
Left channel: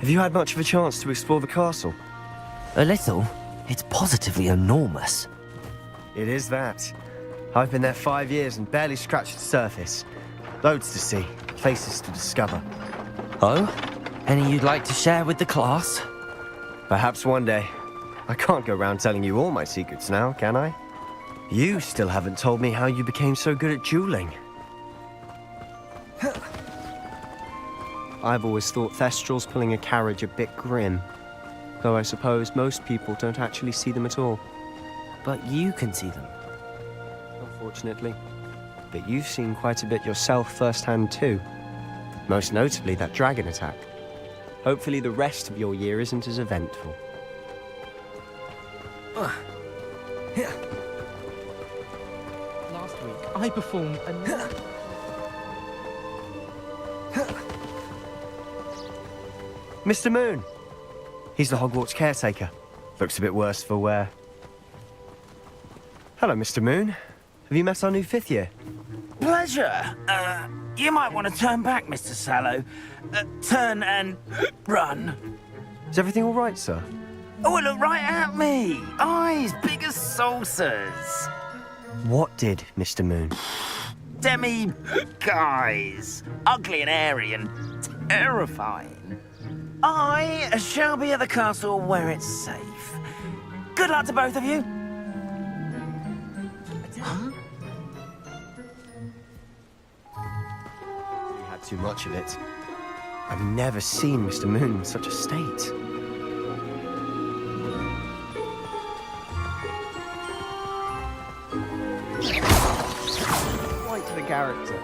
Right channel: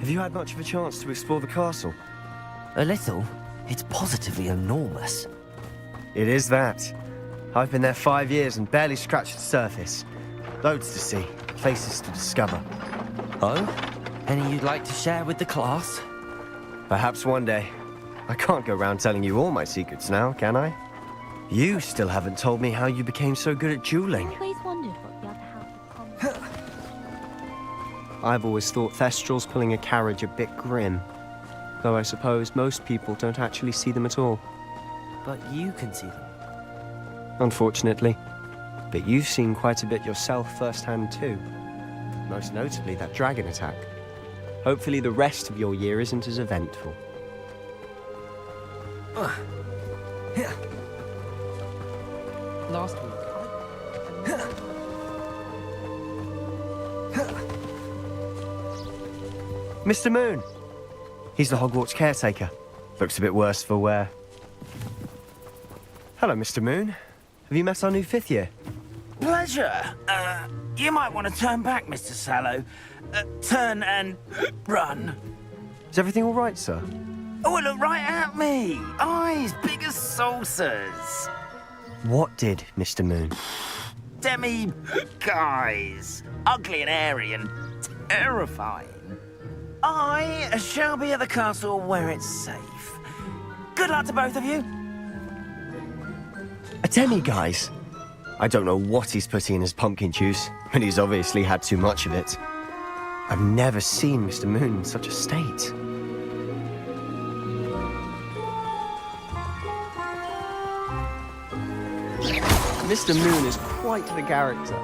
Have you had much of a chance to explore the castle? A little. It's positively enormous. It is that. I've been there 5 years and barely scratched the surface. Loads to see, places to discover. Oh? Any you'd like to share with the class? Perhaps one day. I can't go around telling you all my secrets now, can I? You still haven't told me how you became so good at dueling. Always wondered what the other half of I've always thought Thestrals pulling a carriage a bit grim. Though I suppose most people don't actually see them at all. But you can see them. Unfortunately. But you've seen quite a bit yourself firsthand too. Most notably that dragon attack. Hopefully the rest of your year isn't as eventful. Last week, I performed a... Mr. Moon! He's the Hogwarts caretaker. Looks a bit worse for wear. Hello, Mr. Moon. Have you met our new 5th year? Pleasure. You might want to turn back, Mr. Sallow. Turn and run. Is everything all right, sir? Oh, look right at me. Eyes big as saucers. What did, Mr. Moon? Demi guys. Ugly and airy and terrifying. I shall be at the castle where it's safe. Good luck to both of you. A demi-guise? I don't know what he's putting in his pumpkin juice, but he's obviously had too much of it. I've never seen Mr. Moon in such a state. Mr. Moon is quite the character.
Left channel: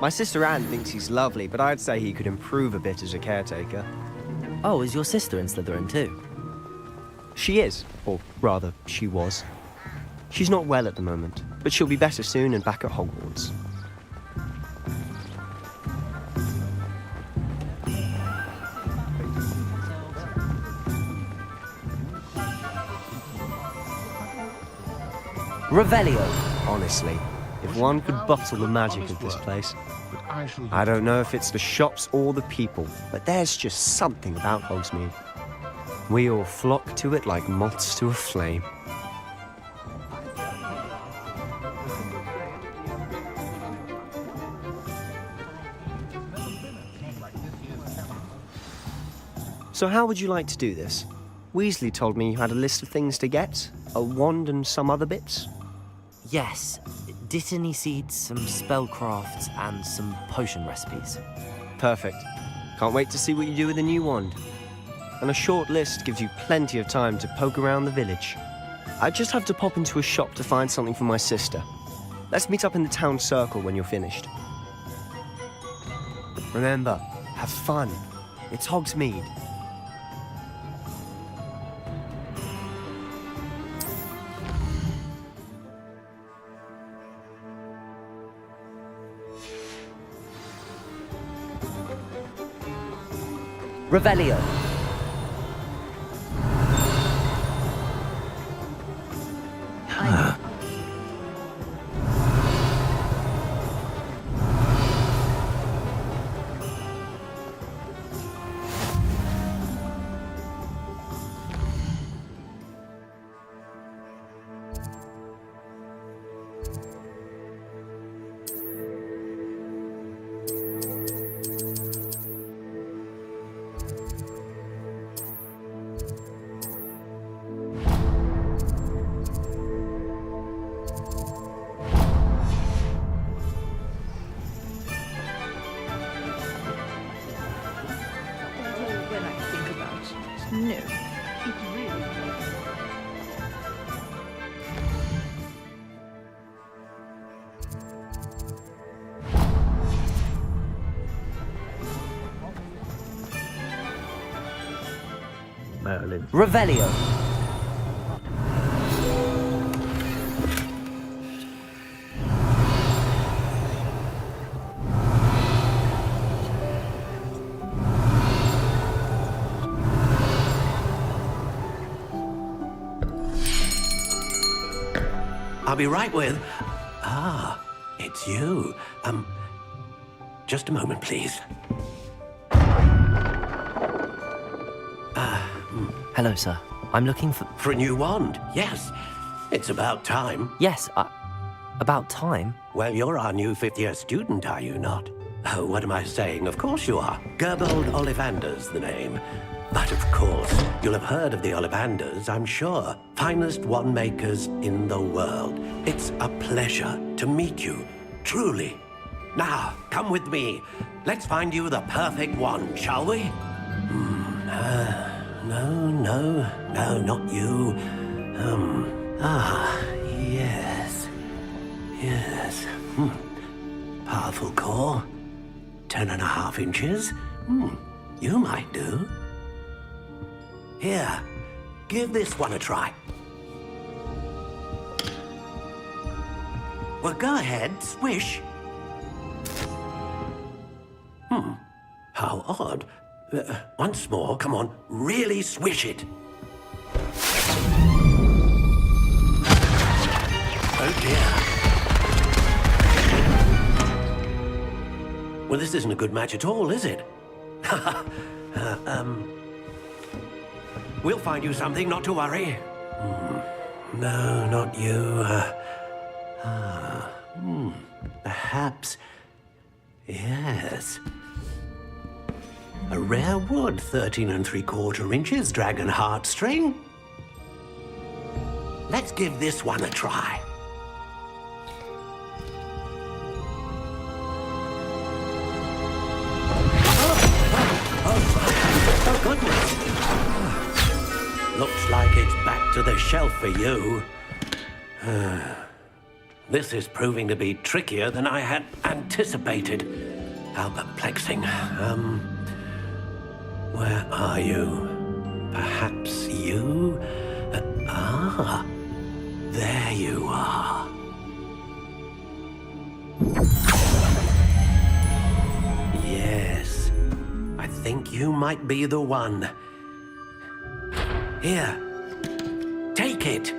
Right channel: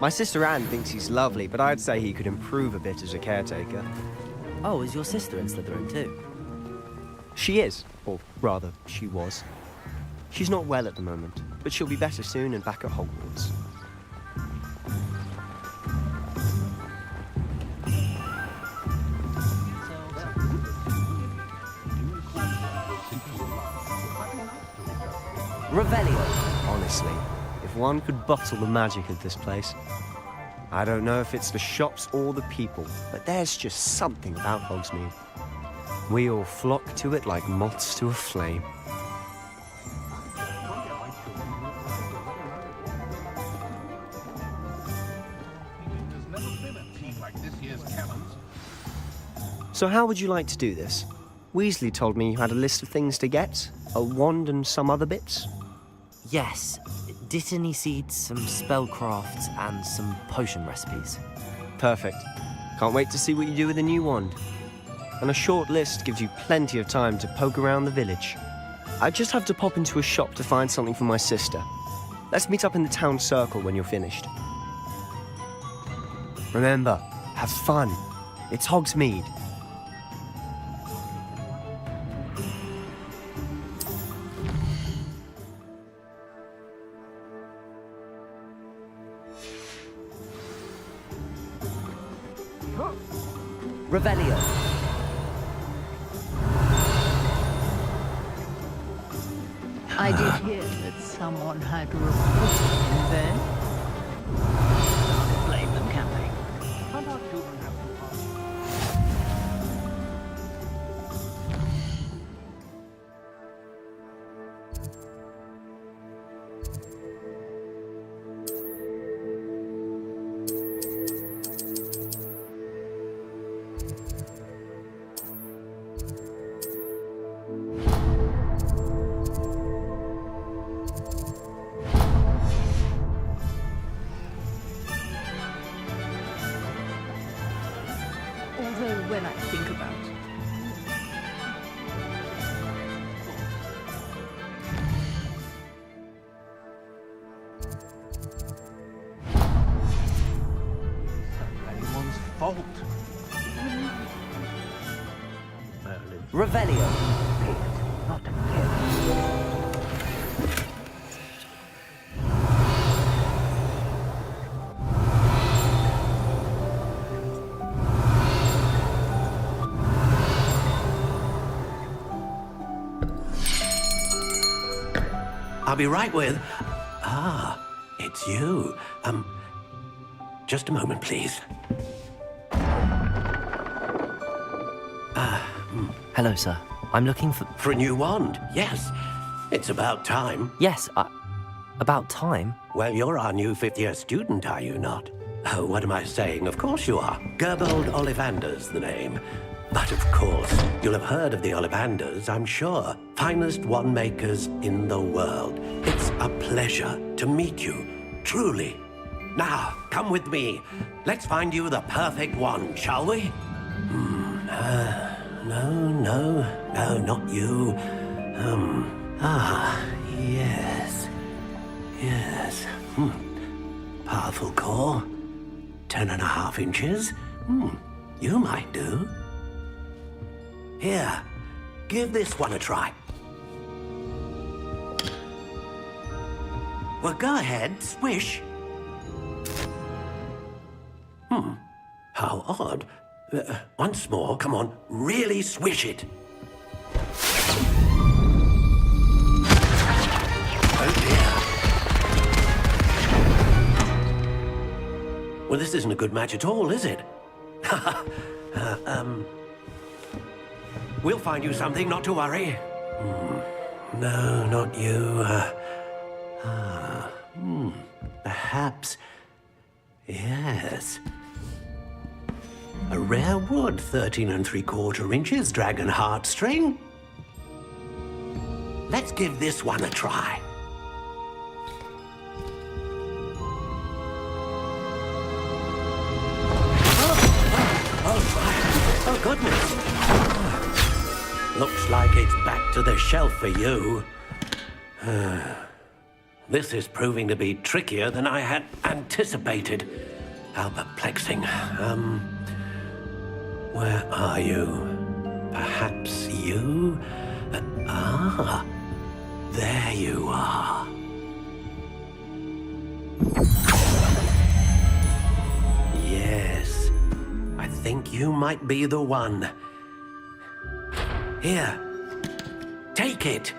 My sister Anne thinks he's lovely, but I'd say he could improve a bit as a caretaker. Oh, is your sister in Slytherin too? She is, or rather, she was. She's not well at the moment, but she'll be better soon and back at Hogwarts. Revelio. Honestly, if one could bottle the magic of this place. I don't know if it's the shops or the people, but there's just something about Hogsmeade. We all flock to it like moths to a flame. So how would you like to do this? Weasley told me you had a list of things to get, a wand and some other bits. Yes. Dittany seeds, some spellcrafts, and some potion recipes. Perfect. Can't wait to see what you do with the new wand. And a short list gives you plenty of time to poke around the village. I just have to pop into a shop to find something for my sister. Let's meet up in the town circle when you're finished. Remember, have fun. It's Hogsmeade. Revelio. I did hear that someone had although when I think about it, no. Anyone's fault. Merlin. Revelio. I'll be right with... Ah, it's you. Just a moment, please. Hello, sir. I'm looking for... For a new wand, yes. It's about time. Yes, about time. Well, you're our new 5th-year student, are you not? Oh, what am I saying? Of course you are. Gerbold Ollivander's the name. But of course, you'll have heard of the Ollivanders, I'm sure. Finest wand makers in the world. It's a pleasure to meet you, truly. Now, come with me. Let's find you the perfect wand, shall we? No, not you. Yes. Powerful core. 10.5 inches. You might do. Here, give this one a try. Well, go ahead, swish. How odd. Once more, come on, really swish it. Oh dear. Well, this isn't a good match at all, is it? We'll find you something, not to worry. No, not you. Perhaps. Yes. A rare wood, 13 3/4 inches, dragon heartstring. Let's give this one a try. Oh, goodness. Looks like it's back to the shelf for you. This is proving to be trickier than I had anticipated. How perplexing. Where are you? Perhaps you? There you are. Yes, I think you might be the one. Here, take it.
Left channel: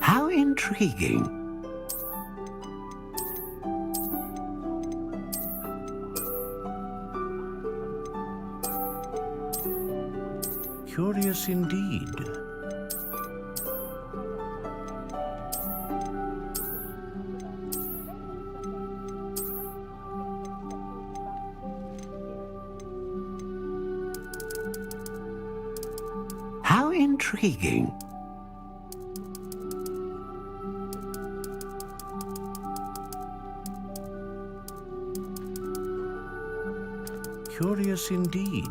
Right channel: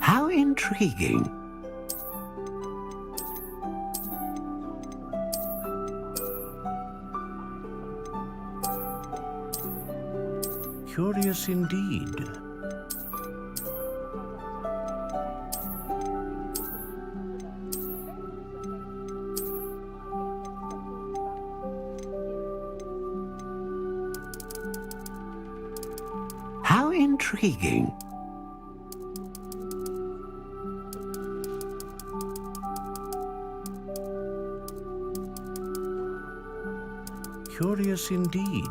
How intriguing. Curious indeed. How intriguing. Curious indeed.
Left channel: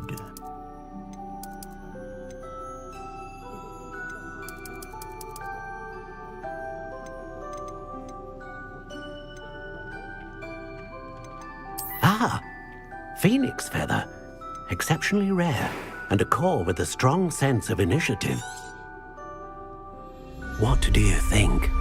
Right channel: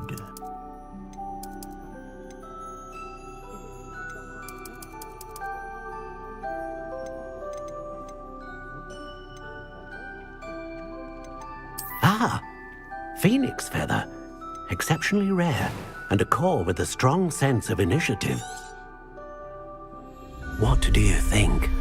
Phoenix feather. Exceptionally rare, and a core with a strong sense of initiative. What do you think?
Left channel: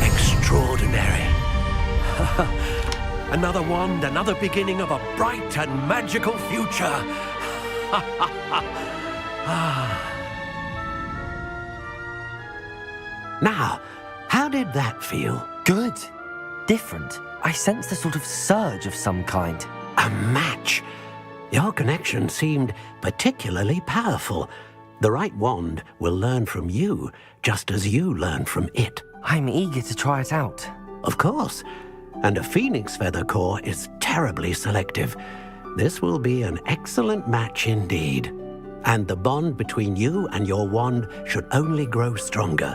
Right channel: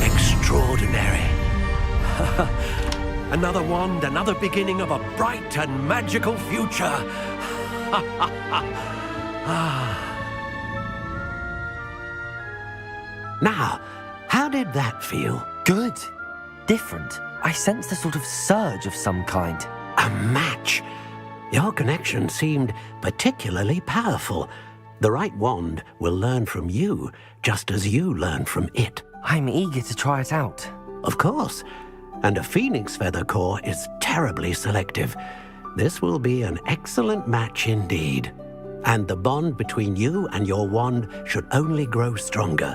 Extraordinary. Another wand, another beginning of a bright and magical future. Now, how did that feel? Good. Different. I sensed a sort of surge of some kind. A match. Your connection seemed particularly powerful. The right wand will learn from you, just as you learn from it. I'm eager to try it out. Of course. And a phoenix feather core is terribly selective. This will be an excellent match indeed. And the bond between you and your wand should only grow stronger.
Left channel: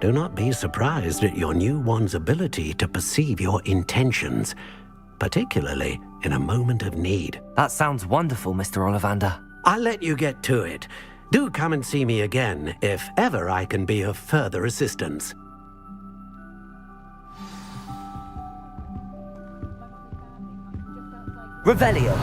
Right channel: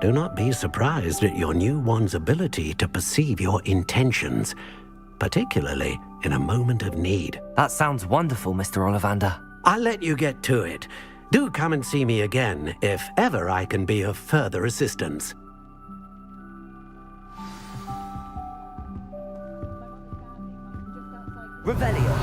Do not be surprised at your new wand's ability to perceive your intentions, particularly in a moment of need. That sounds wonderful, Mr. Ollivander. I'll let you get to it. Do come and see me again if ever I can be of further assistance. Revelio.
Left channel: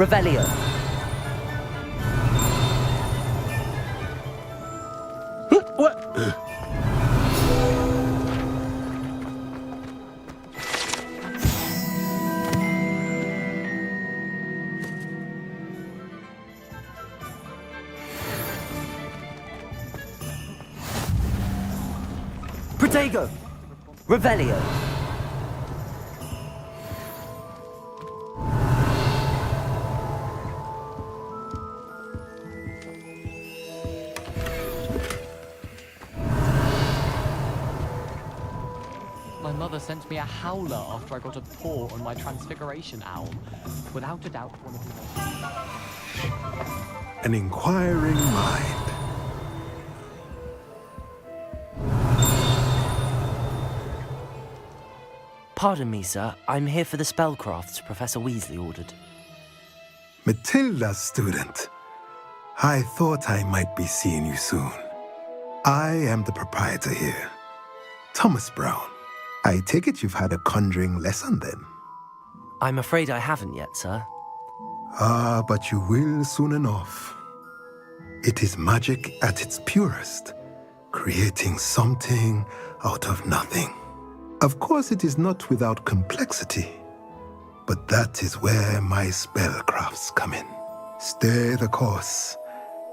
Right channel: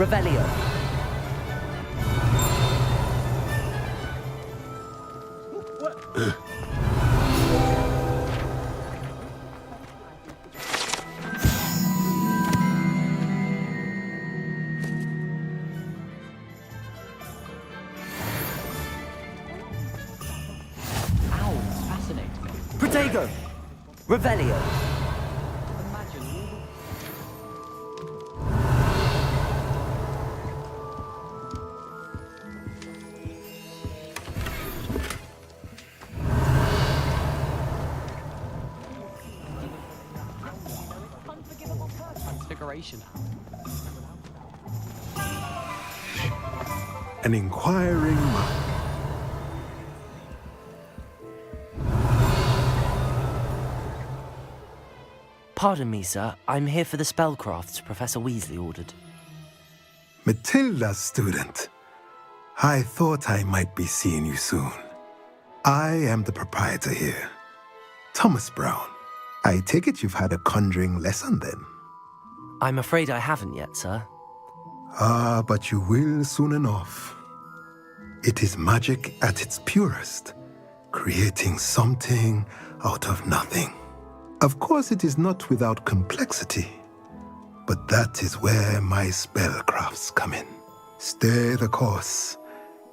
Revelio. What? Protego. Revelio. My mother sent me a howler after I got a paw on my transfiguration owl. Without a doubt, one of the most... An inquiring mind. Pardon me, sir. I'm here for the spellcrafts Professor Weasley ordered. Matilda's student. I thought I might be seeing you soon. I am the proprietor here, Thomas Brown. I take it you've had a conjuring lesson then? I'm afraid I haven't yet, sir. Ah, but you will soon enough. It is magic at its purest, creating something out of nothing. Of course, it is not without complexity, but that is where my spellcrafts come in. Stay the course,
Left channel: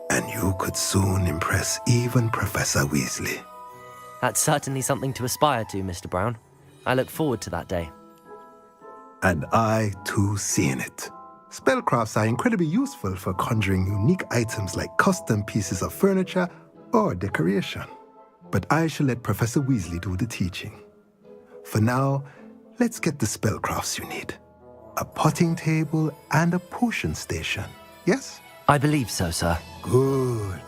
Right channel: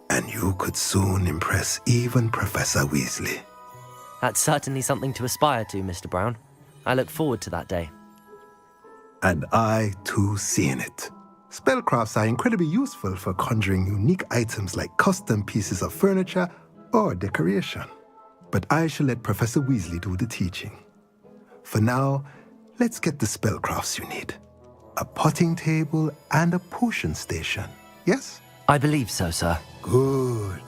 and you could soon impress even Professor Weasley. That's certainly something to aspire to, Mr. Brown. I look forward to that day. And I, too, seeing it. Spellcrafts are incredibly useful for conjuring unique items like custom pieces of furniture or decoration. But I shall let Professor Weasley do the teaching. For now, let's get the spellcrafts you need. A potting table and a potion station, yes? I believe so, sir. Good.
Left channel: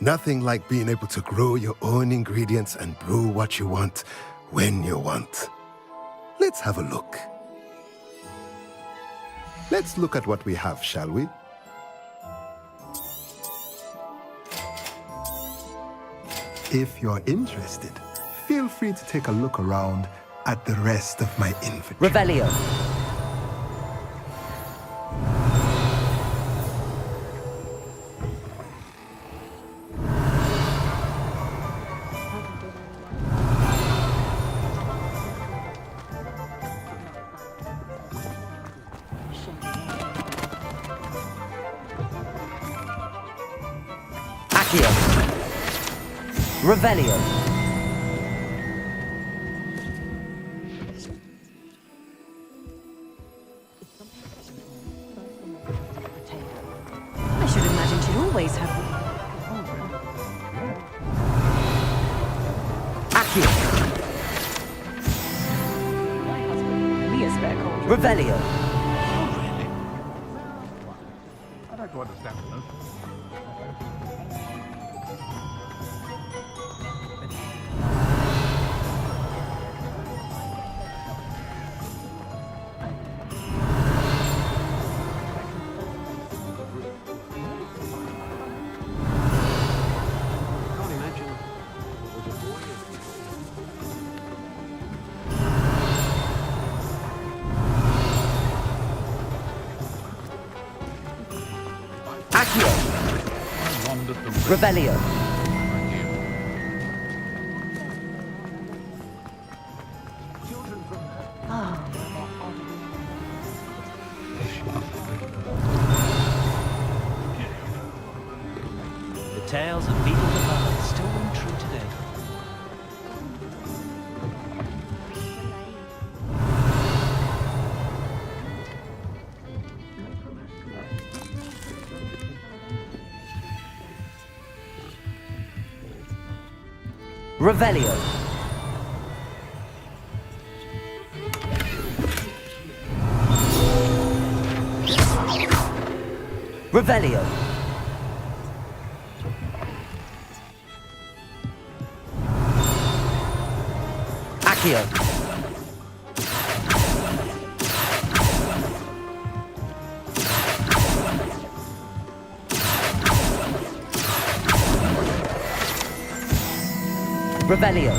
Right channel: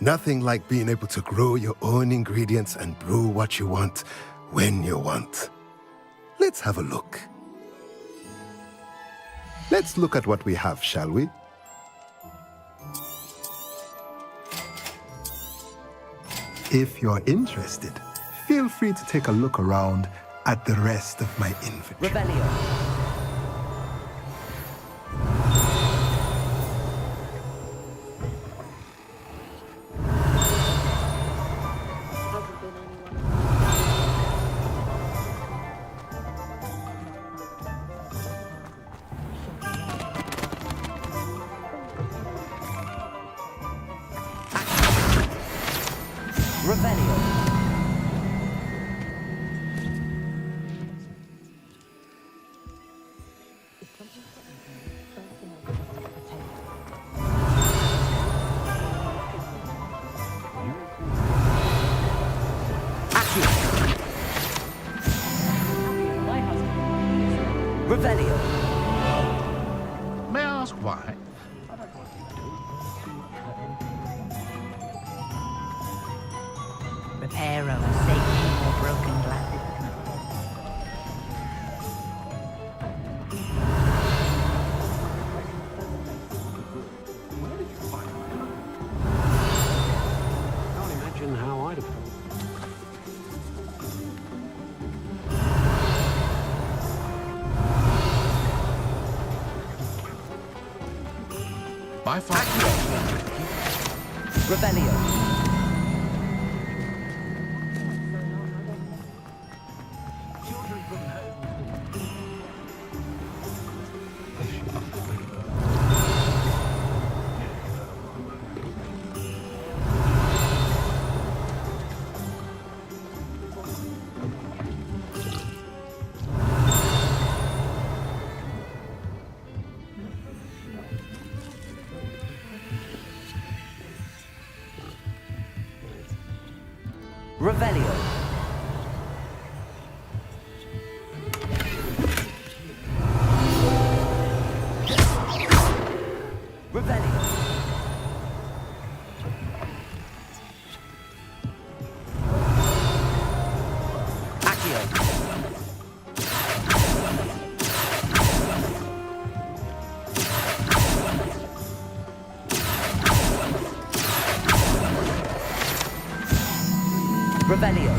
Nothing like being able to grow your own ingredients and brew what you want when you want. Let's have a look. Let's look at what we have, shall we? If you're interested, feel free to take a look around at the rest of my inventory. Revelio. Revelio. I should imagine she always had my husband, Leah's record. Revelio. May I ask why? I don't want to know. Repair of a broken leg. Can't imagine how I'd have By far. Revelio. Tales of people still hold true today. Revelio. Revelio. Accio. Revelio.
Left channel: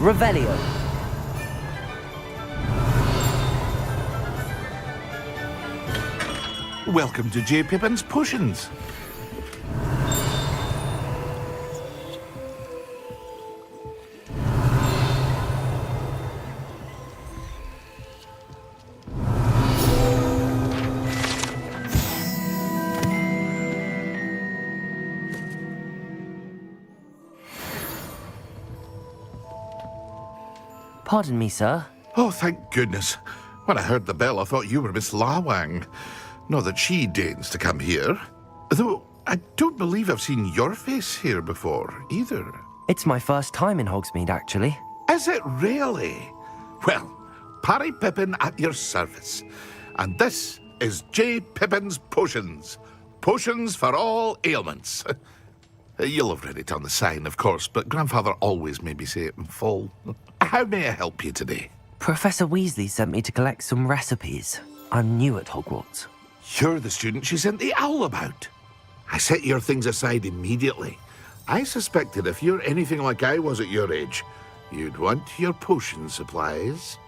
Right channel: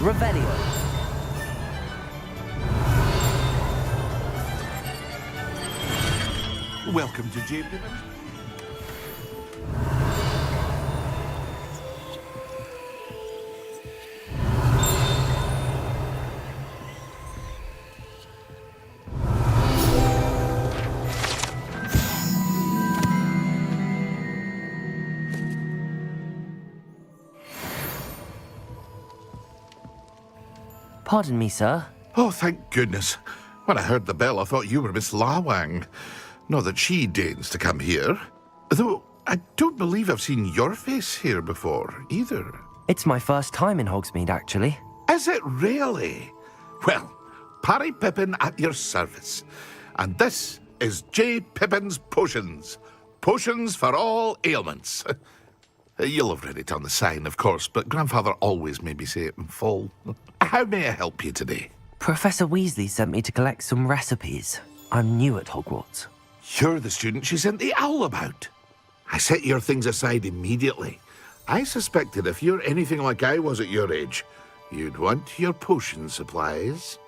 Revelio. Welcome to J. Pippin's Potions. Pardon me, sir. Oh, thank goodness. When I heard the bell, I thought you were Miss Lawang. Not that she deigns to come here. Though I don't believe I've seen your face here before, either. It's my first time in Hogsmeade, actually. Is it really? Well, Parry Pippin at your service. And this is J. Pippin's Potions. Potions for all ailments. You'll have read it on the sign, of course, but Grandfather always made me say it in full. How may I help you today? Professor Weasley sent me to collect some recipes. I'm new at Hogwarts. You're the student she sent the owl about. I set your things aside immediately. I suspected if you're anything like I was at your age, you'd want your potion supplies.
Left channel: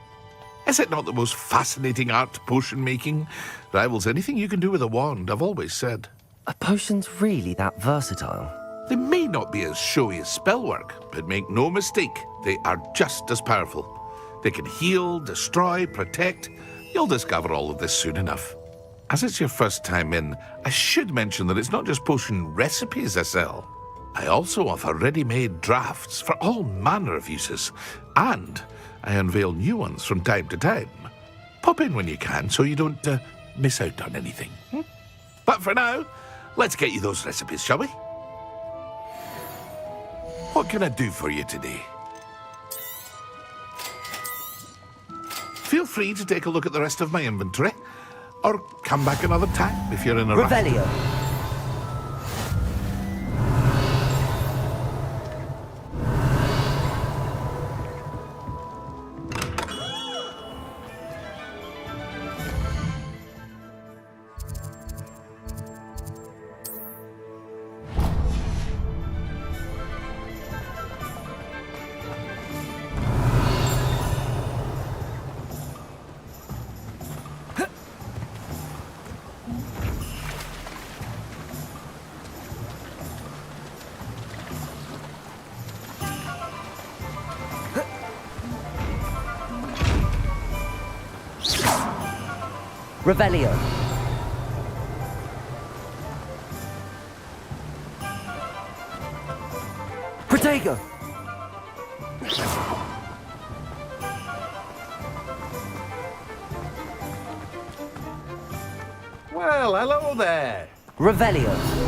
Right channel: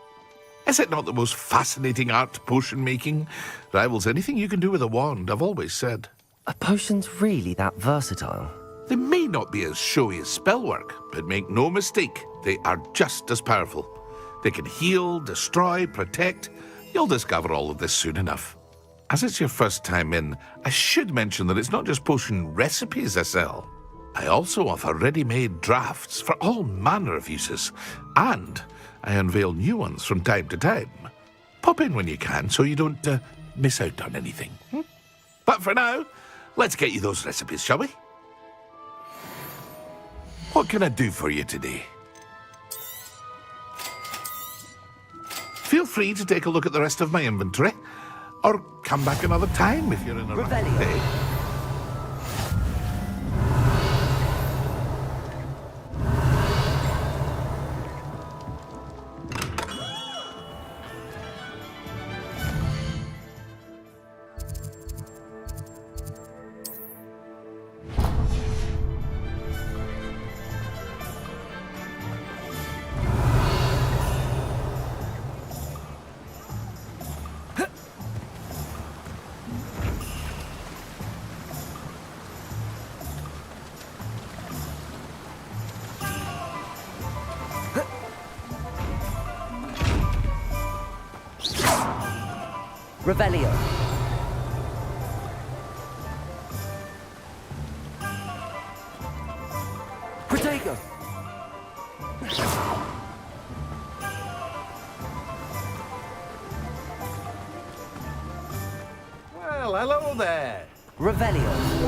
Is it not the most fascinating art, potion making? Rivals anything you can do with a wand, I've always said. Are potions really that versatile? They may not be as showy as spellwork, but make no mistake, they are just as powerful. They can heal, destroy, protect. You'll discover all of this soon enough. As it's your first time in, I should mention that it's not just potion recipes I sell. I also offer ready-made drafts for all manner of uses, and I unveil new ones from time to time. Pop in when you can so you don't miss out on anything. But for now, let's get you those recipes, shall we? What can I do for you today? Feel free to take a look at the rest of my inventory, or come back another time if you're in a rush. Revelio. Revelio. Protego. Well, hello there. Revelio.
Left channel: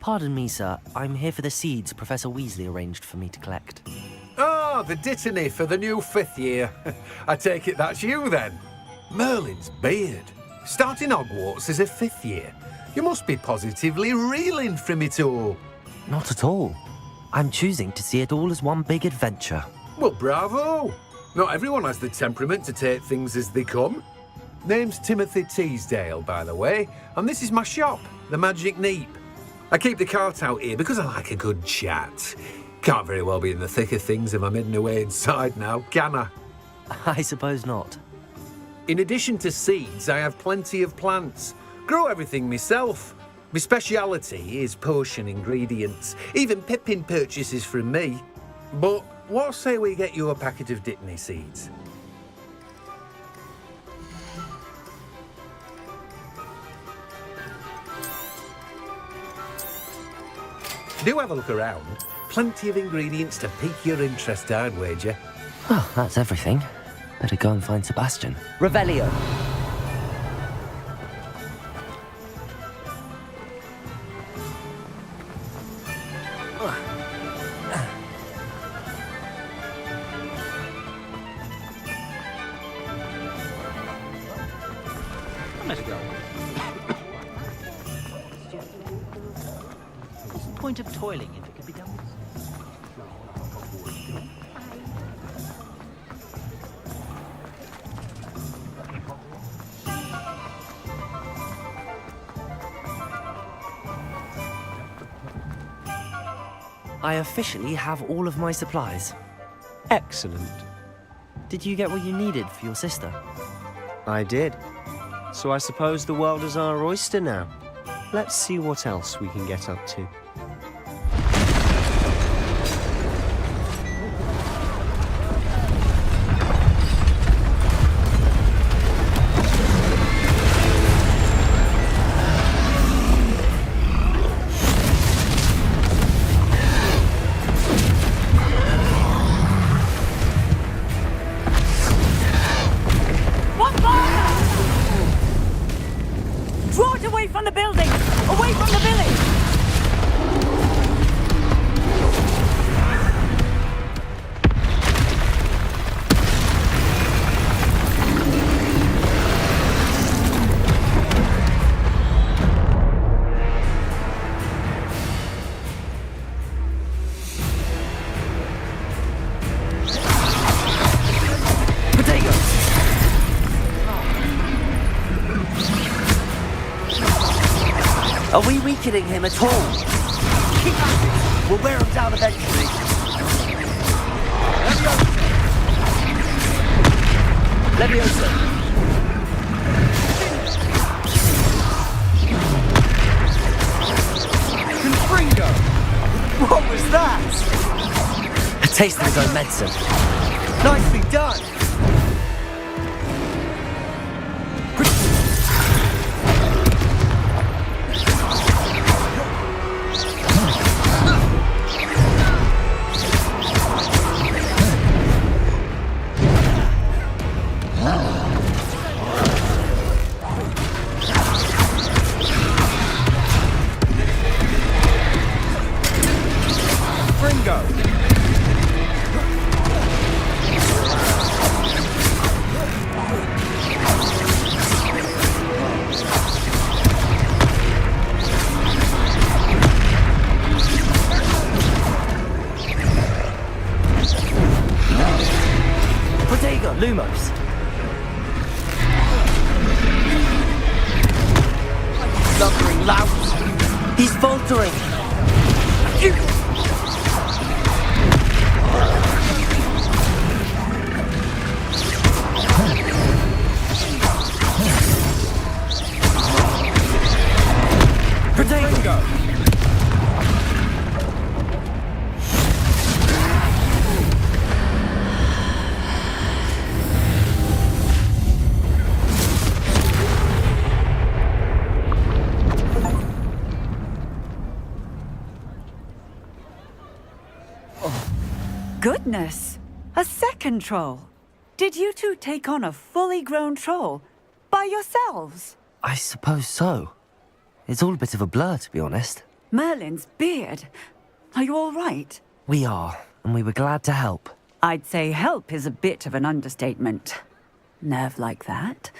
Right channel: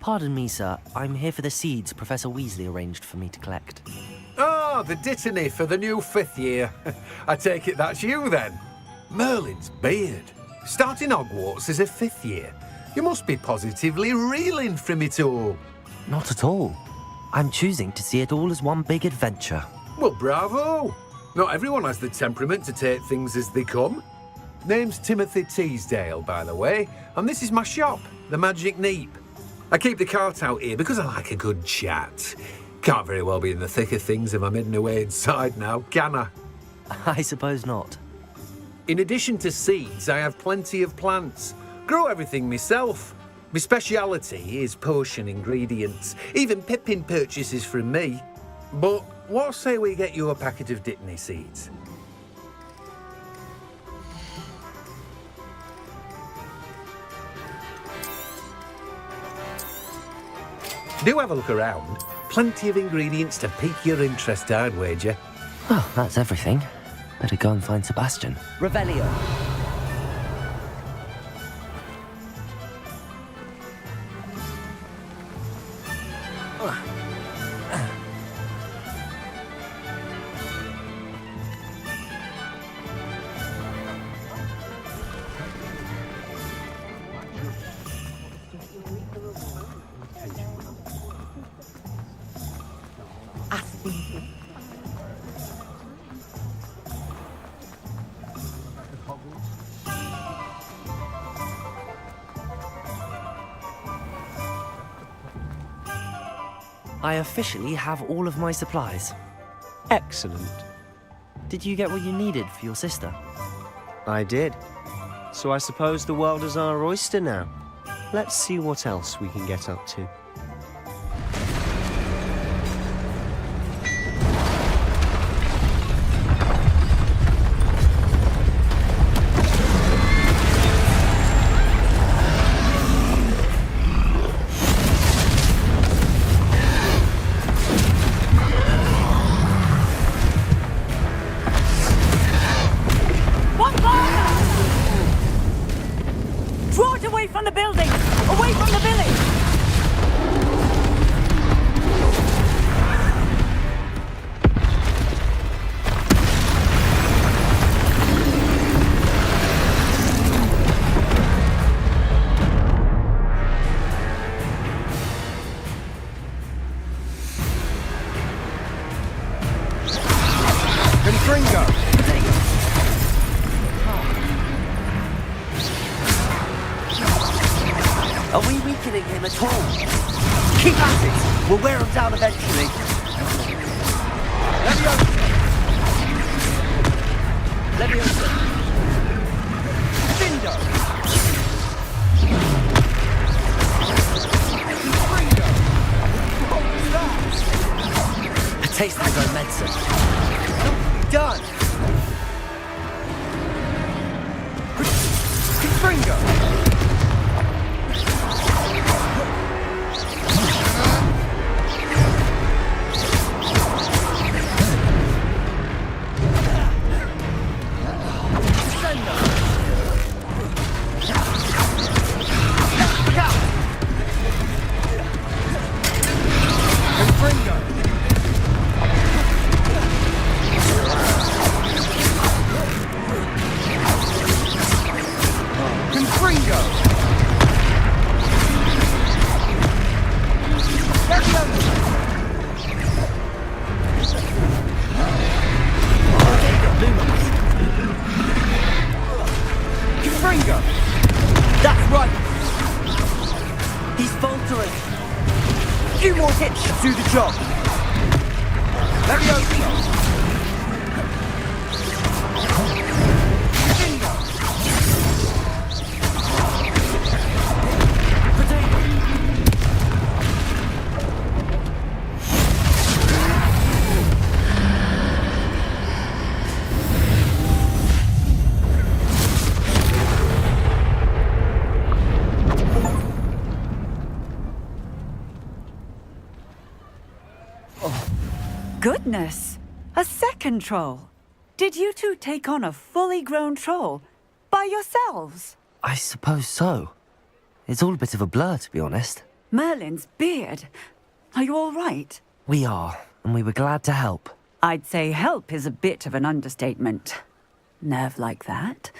Pardon me, sir. I'm here for the seeds Professor Weasley arranged for me to collect. Oh, the dittany for the new 5th year. I take it that's you, then. Merlin's beard. Starting Hogwarts as a 5th year. You must be positively reeling from it all. Not at all. I'm choosing to see it all as one big adventure. Well, bravo. Not everyone has the temperament to take things as they come. Name's Timothy Teasdale, by the way, and this is my shop, the Magic Neep. I keep the cart out here because I like a good chat. Can't very well be in the thick of things if I'm hidden away inside now, can I? I suppose not. In addition to seeds, I have plenty of plants. Grow everything myself. My speciality is potion ingredients. Even Pippin purchases from me. But what say we get you a packet of Dittany seeds? Do have a look around. Plenty of ingredients to pique your interest, I'd wager. Well, that's everything. Better go and find Sebastian. Revelio. Point of toiling if it could be done. I officially have all of my supplies. Excellent. Did you get what you needed for your sister? I did. So I suppose the world is our oyster now. Let's see what else we can get up to. Draw it away from the building! Away from the village! Are we weakening him at all? Keep at it! We'll wear him down eventually. Leviosa! Confringo! What was that? A taste of his own medicine. Nicely done! Lumos! That's right, you lumbering louse! He's faltering! A few more hits to do the job! Goodness! A second troll! Did you two take on a fully grown troll? By yourselves? I suppose so. It's all a bit of a blur, to be honest. Merlin's beard. Are you all right? We are, and we were glad to help. I'd say help is a bit of an understatement. Nerve like that.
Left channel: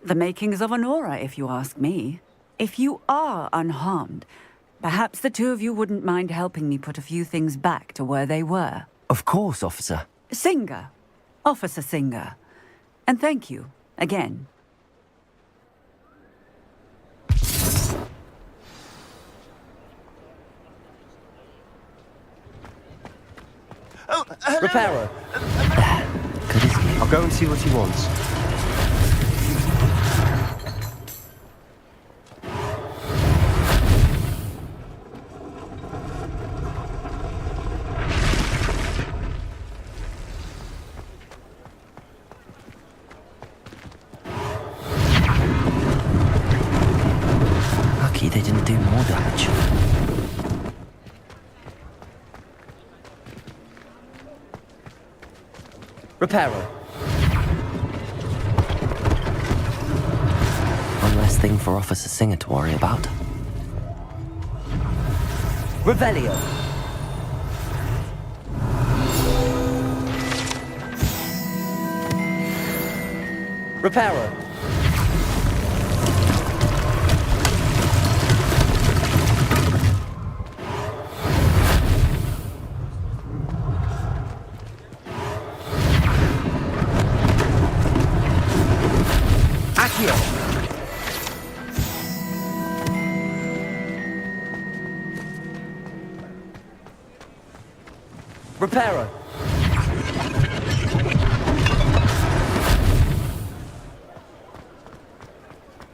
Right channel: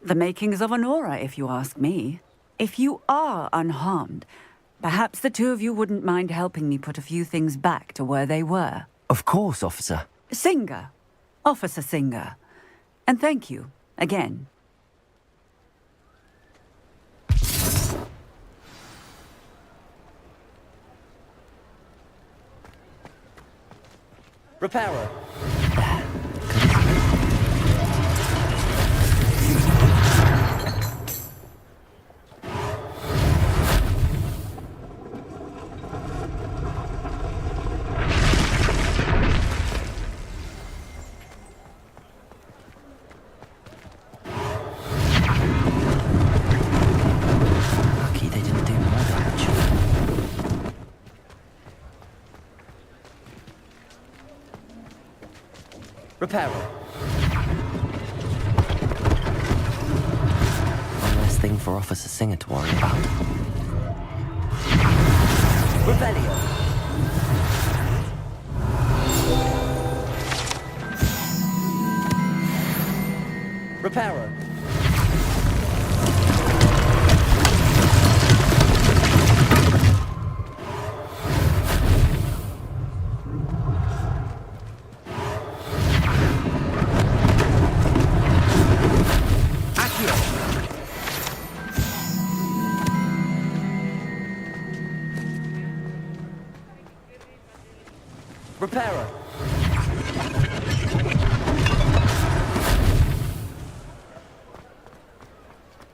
The makings of an aura, if you ask me. If you are unharmed, perhaps the two of you wouldn't mind helping me put a few things back to where they were. Of course, officer. Singer. Officer Singer. And thank you, again. Reparo. I'll go and see what he wants. Lucky they didn't do more damage. Reparo. One less thing for Officer Singer to worry about. Revelio. Reparo. Accio. Reparo.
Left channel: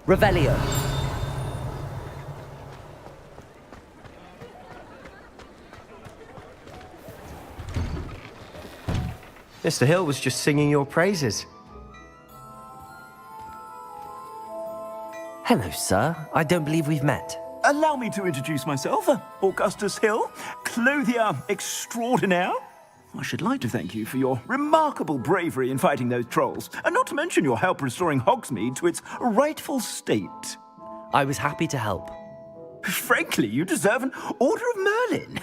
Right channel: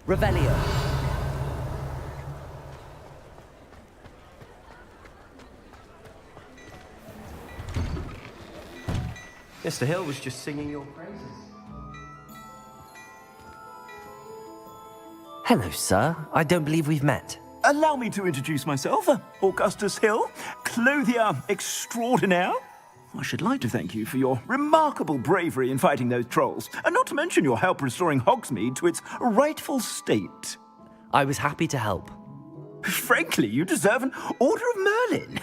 Revelio. Mr. Hill was just singing your praises. Hello, sir. I don't believe we've met. Allow me to introduce myself, Augustus Hill, clothier extraordinaire. I should like to thank you for your remarkable bravery in fighting those trolls, and not to mention your help restoring Hogsmeade to its rightful state. I was happy to help. Frankly, you deserve an Order of Merlin.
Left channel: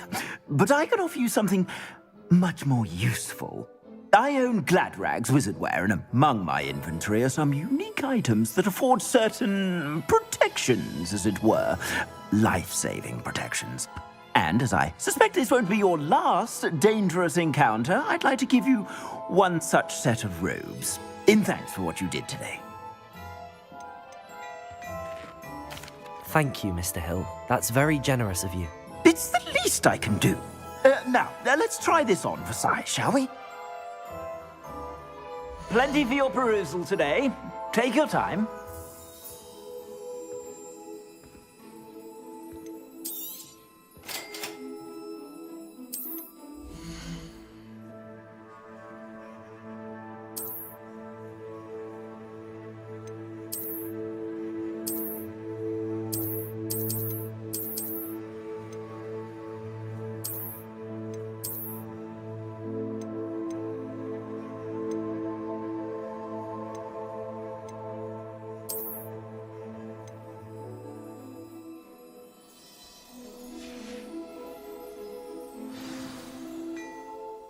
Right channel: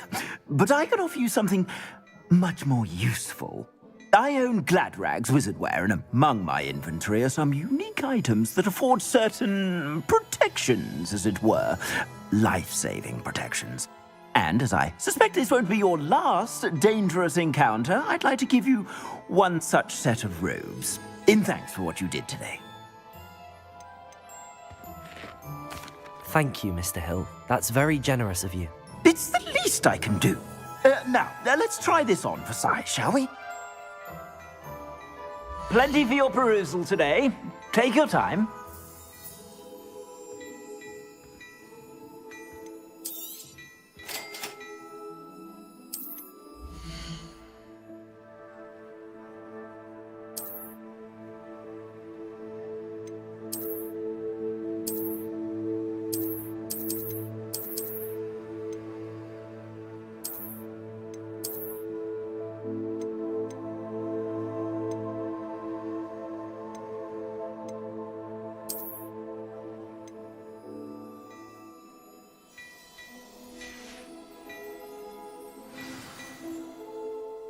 But I can offer you something much more useful. I own Gladrag's wizardware, and among my inventory are some unique items that afford certain protections, as it were. Life-saving protections. And as I suspect this won't be your last dangerous encounter, I'd like to give you one such set of robes, in thanks for what you did today. Thank you, Mr. Hill. That's very generous of you. It's the least I can do. Now, let's try this on for size, shall we? Plenty for your perusal today. Take your time.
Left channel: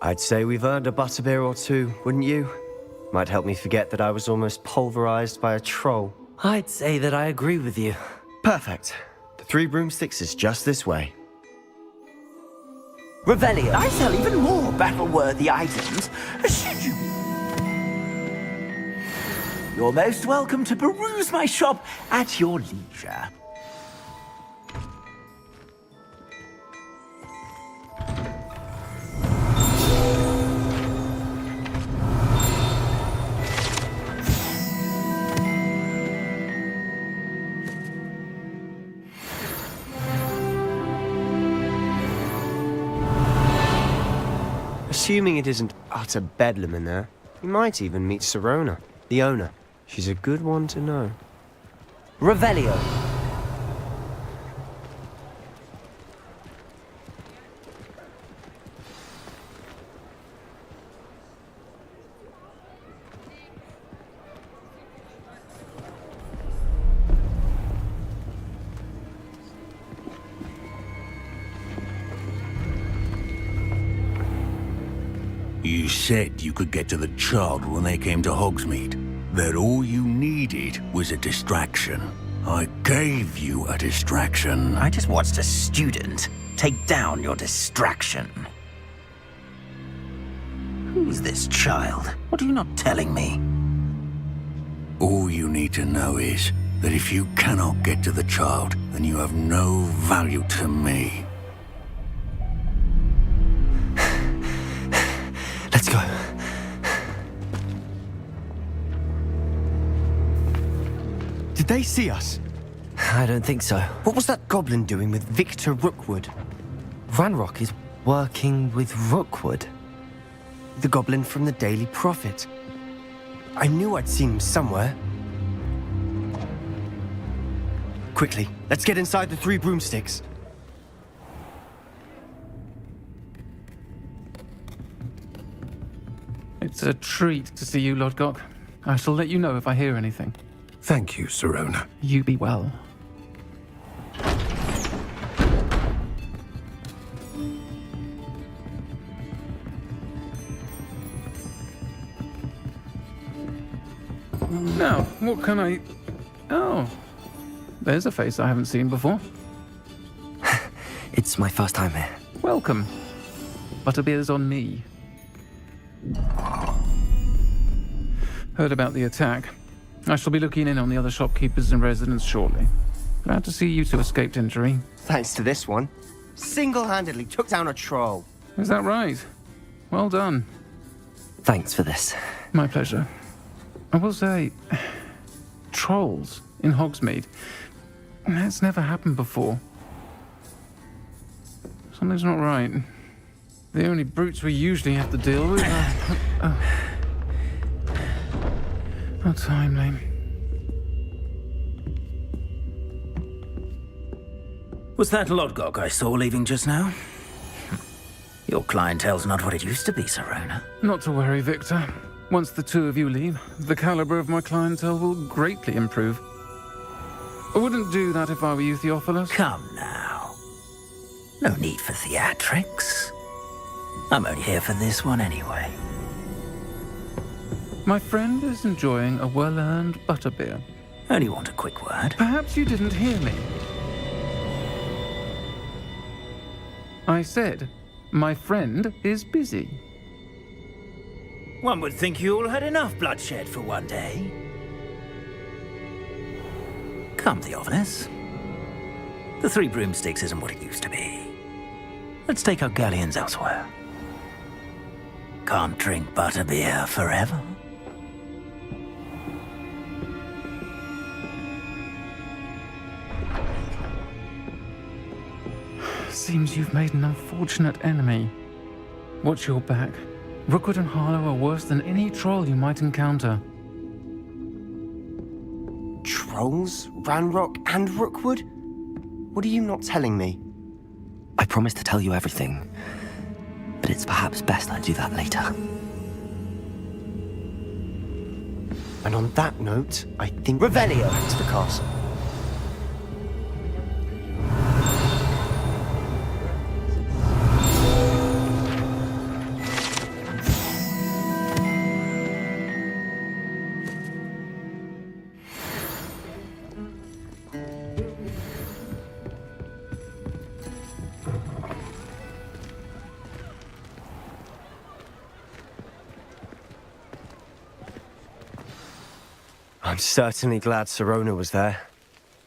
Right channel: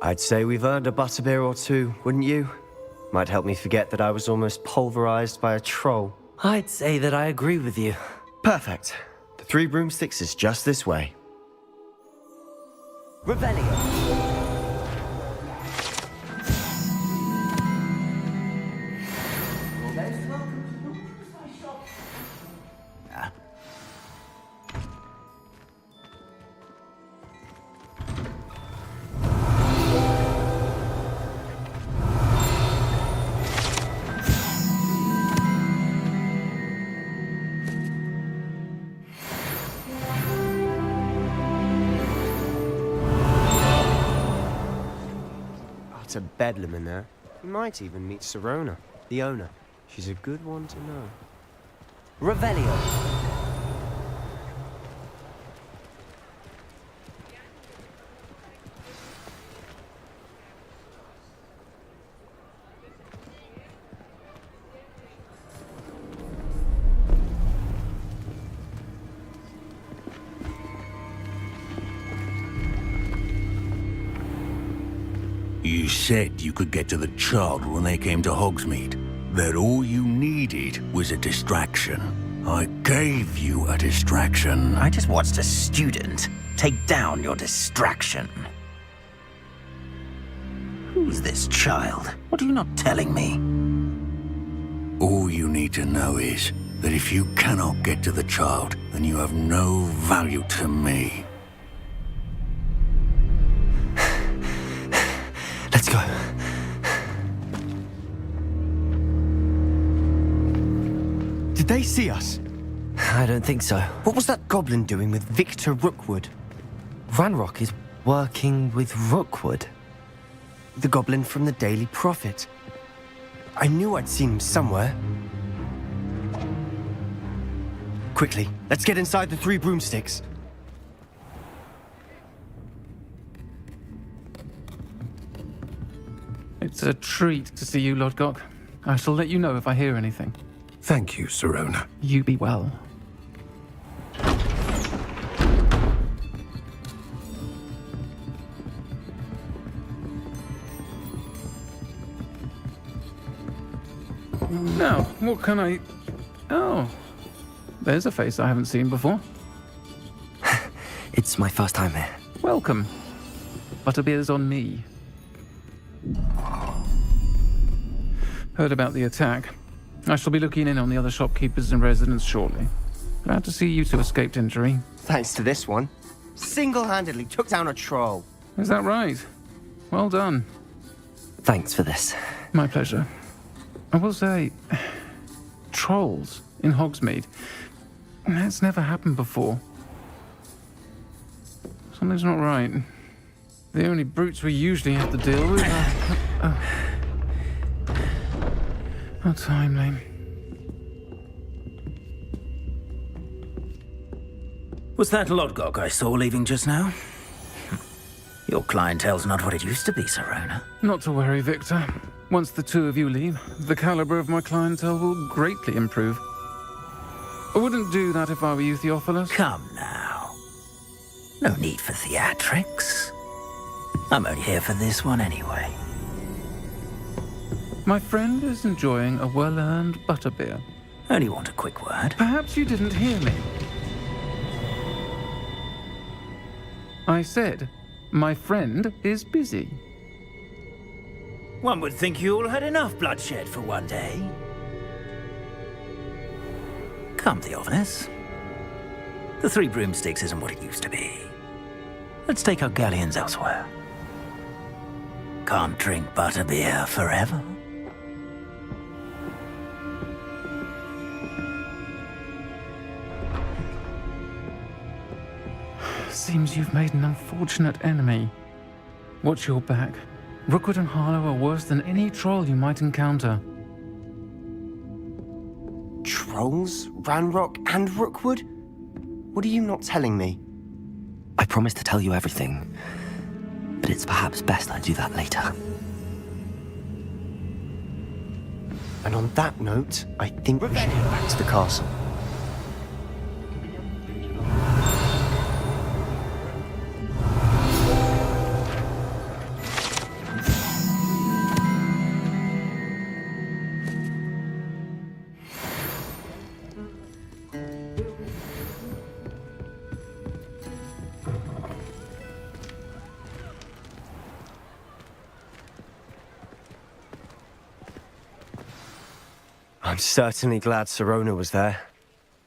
I'd say we've earned a butterbeer or two, wouldn't you? Might help me forget that I was almost pulverized by a troll. I'd say that I agree with you. Perfect. The 3 broomsticks is just this way. Revelio. I sell even more battle-worthy items. You're most welcome to peruse my shop at your leisure. Assuming it isn't utter bedlam in there, you might even meet Sirona, the owner. She's a good one to know. Revelio. You said you could get to the child when they came to Hogsmeade. That all you needed was a distraction. I gave you a distraction. I just watched a student take down your distraction. Who's this child? What are you not telling me? All you need to know is that if you cannot get to the child, then you have no value to me. Let's go. Did they see us? I don't think so. What was that goblin doing with Victor Rookwood? Ranrock is working with Rookwood. The goblin from the Daily Prophet. I knew I'd seen him somewhere. Quickly, let's get inside the 3 broomsticks. It's a treat to see you, Lodgok. I shall let you know if I hear anything. Thank you, Sirona. You be well. Now, what can I... Oh, there's a face I haven't seen before. It's my first time here. Welcome. Butterbeer's on me. Heard about the attack. I shall be looking in on the other shopkeepers and residents shortly. Glad to see you two escaped injury. Thanks to this one. Single-handedly took down a troll. Is that right? Well done. Thanks for this. My pleasure. I will say, trolls in Hogsmeade. That's never happened before. Something's not right. The only brutes we usually have to deal with are... How timely. Was that Lodgok I saw leaving just now? Your clientele's not what it used to be, Serona. Not to worry, Victor. Once the two of you leave, the caliber of my clientele will greatly improve. I wouldn't do that if I were you, Theophilus. Come now. No need for theatrics. I'm only here for this one anyway. My friend is enjoying a well-earned butterbeer. Only want a quick word. Perhaps you didn't hear me. I said, my friend is busy. One would think you all had enough bloodshed for one day. Come, Theophilus. The Three Broomsticks isn't what it used to be. Let's take our galleons elsewhere. Can't drink butterbeer forever. Seems you've made an unfortunate enemy. Watch your back. Rookwood and Harlow are worse than any troll you might encounter. Trolls? Ranrock and Rookwood? What are you not telling me? I promised to tell you everything, but it's perhaps best I do that later. And on that note, I think Revelio back to the castle. I'm certainly glad Serona was there.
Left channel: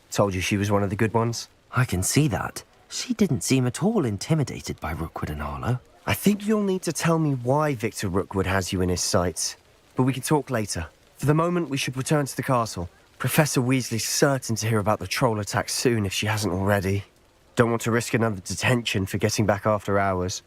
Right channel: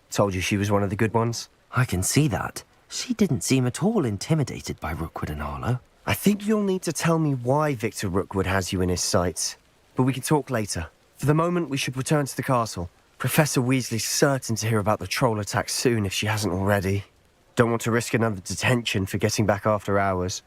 Told you she was one of the good ones. I can see that. She didn't seem at all intimidated by Rookwood and Harlow. I think you'll need to tell me why Victor Rookwood has you in his sights. But we can talk later. For the moment, we should return to the castle. Professor Weasley's certain to hear about the troll attack soon if she hasn't already. Don't want to risk another detention for getting back after hours.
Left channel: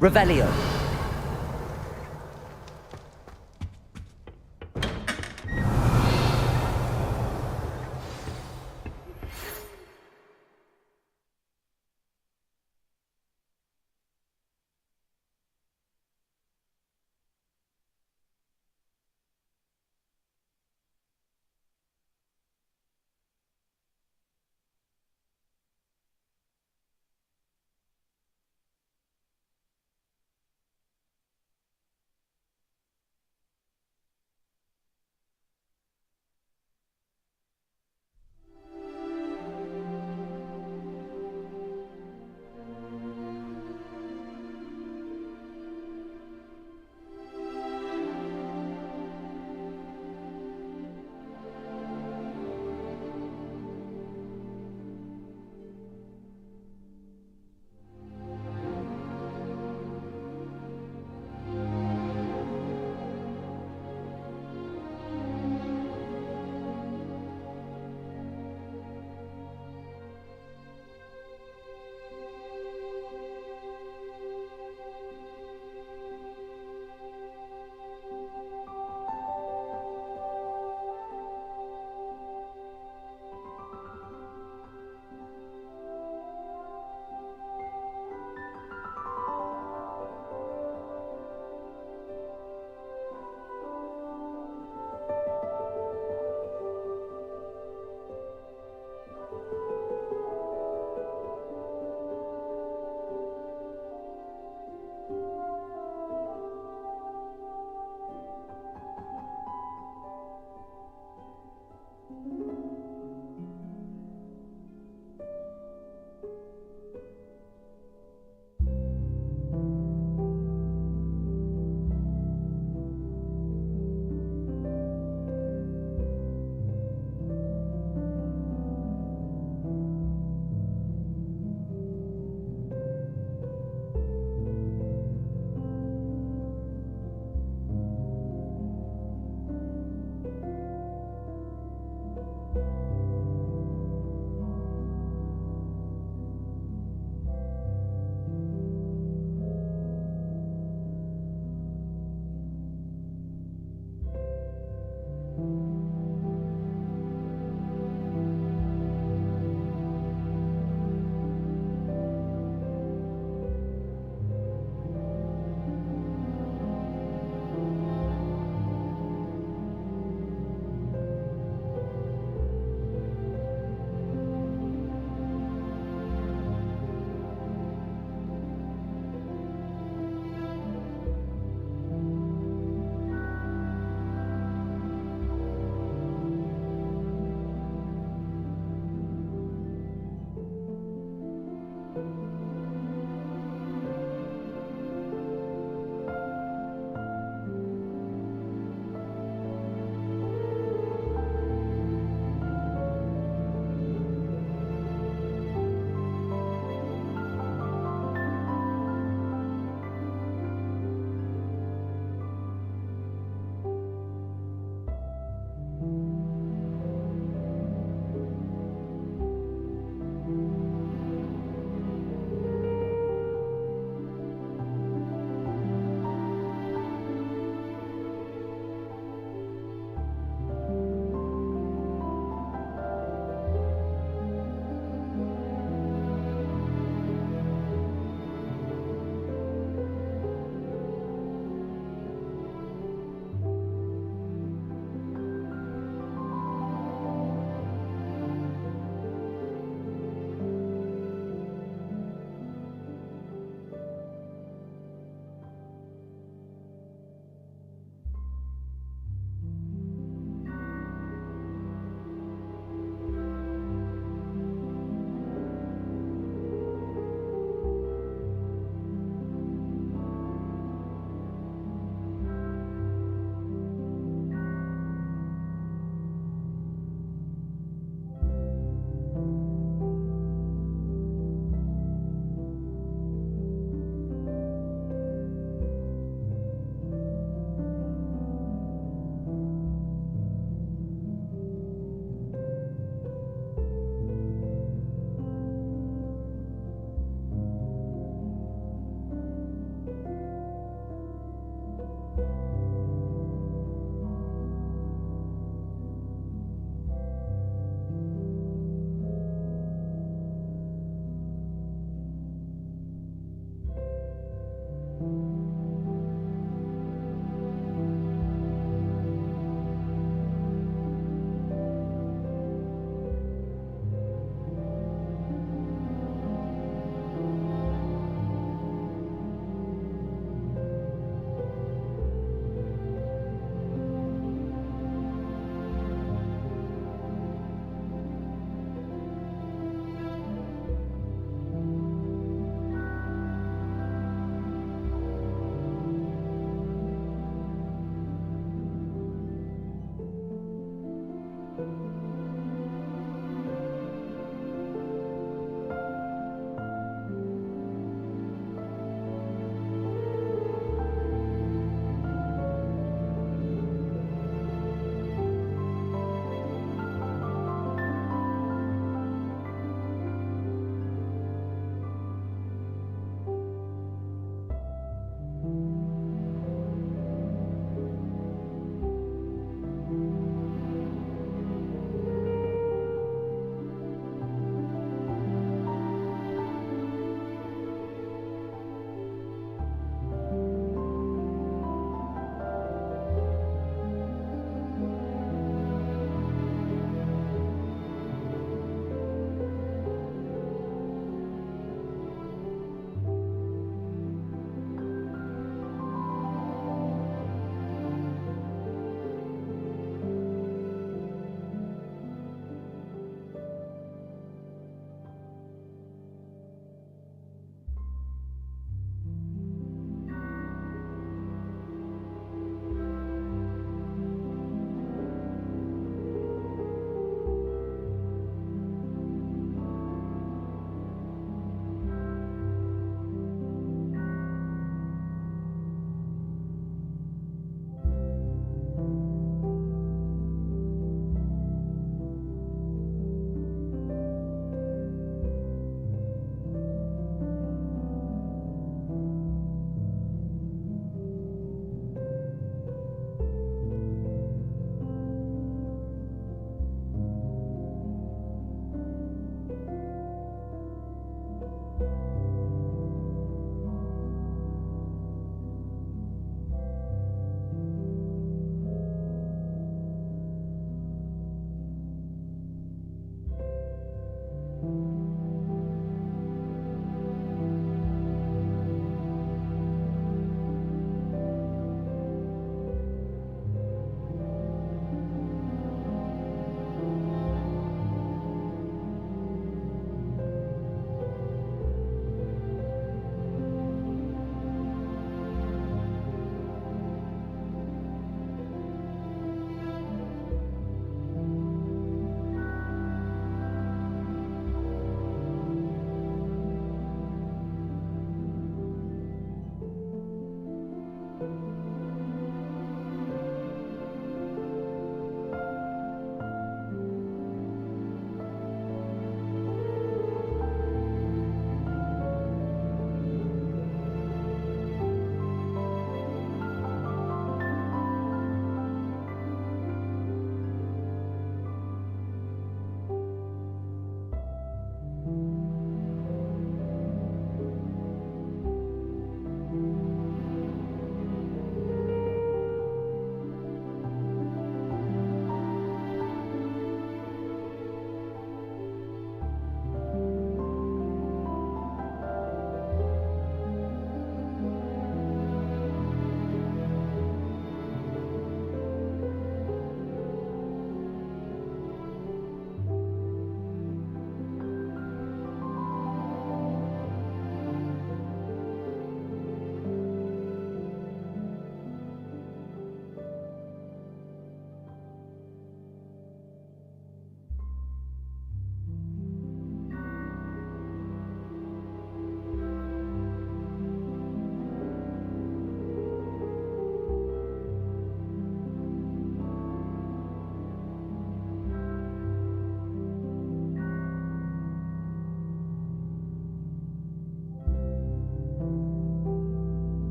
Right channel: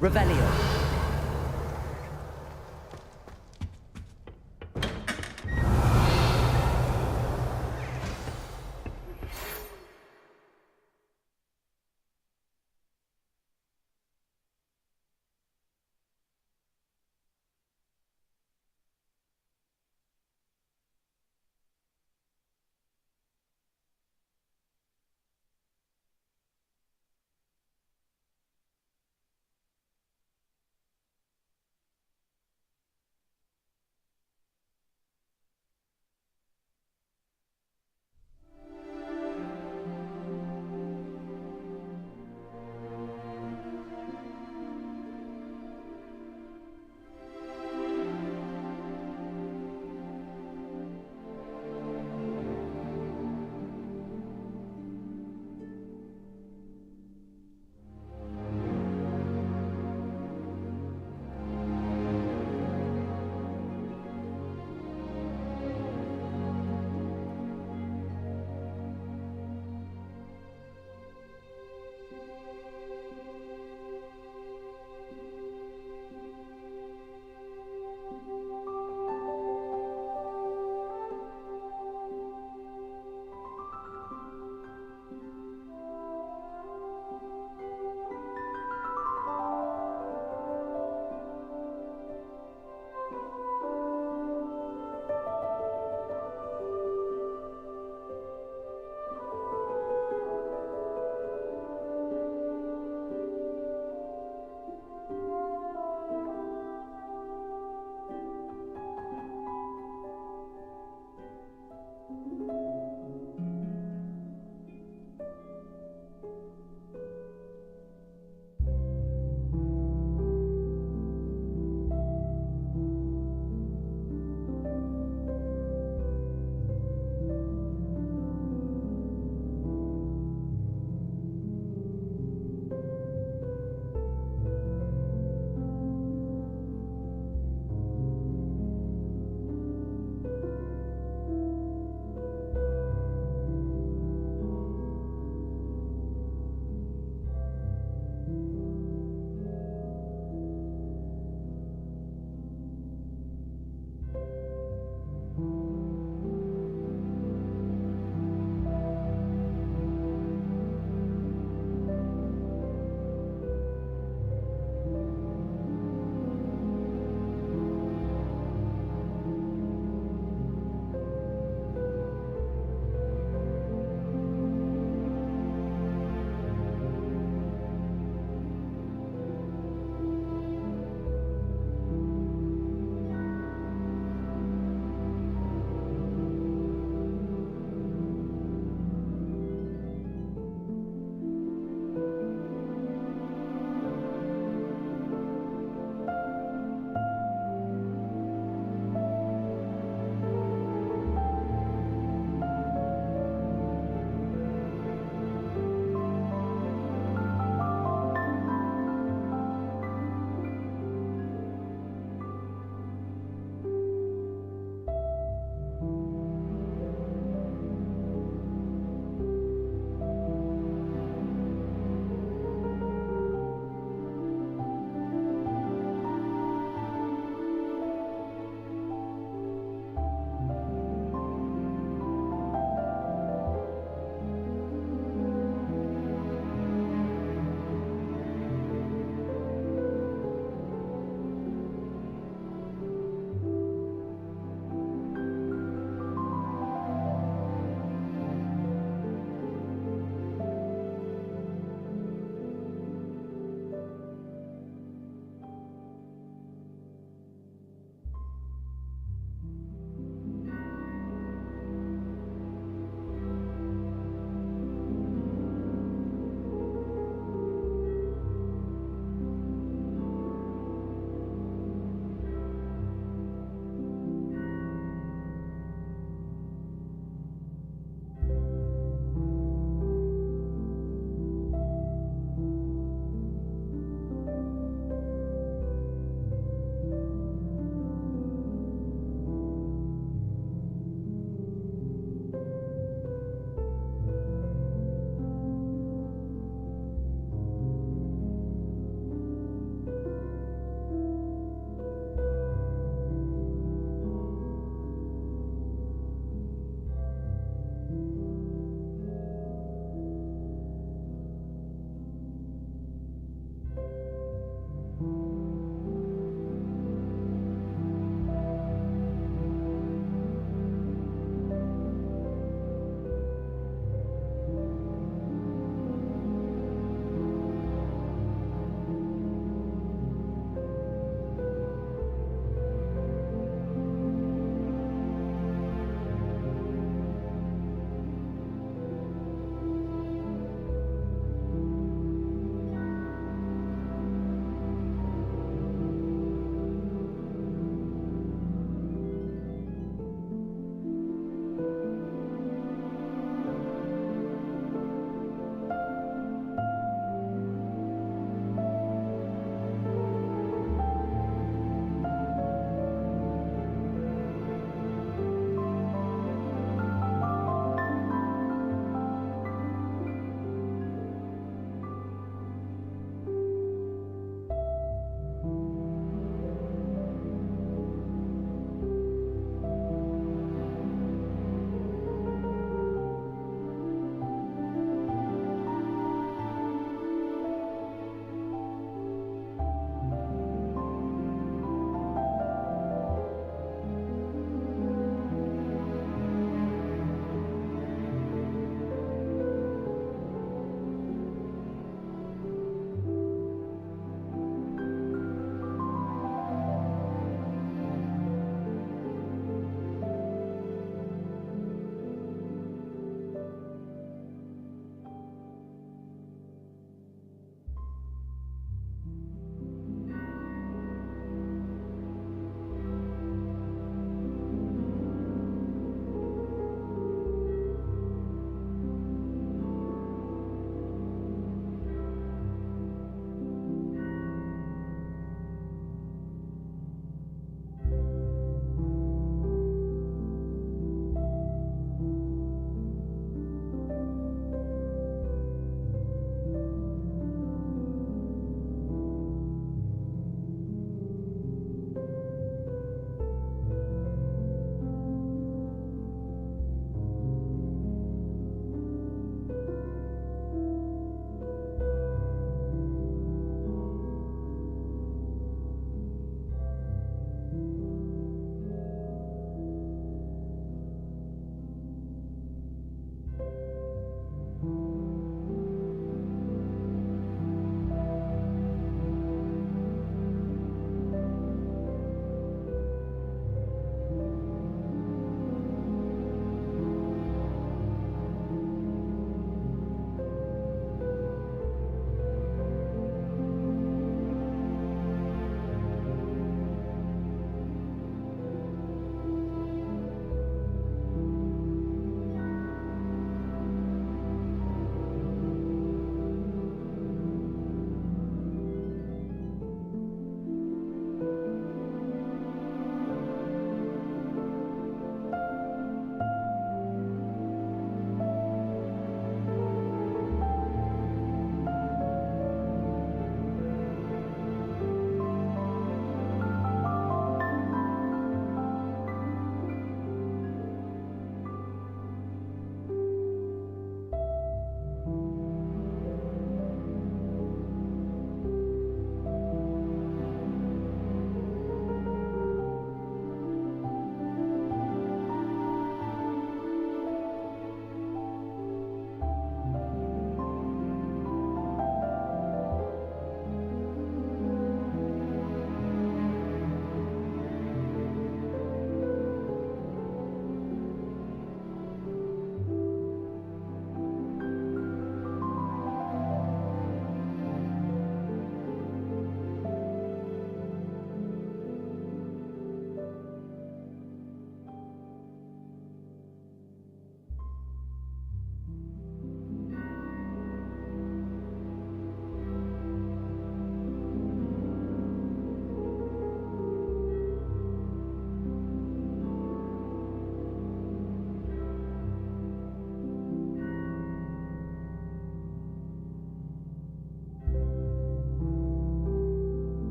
Revelio.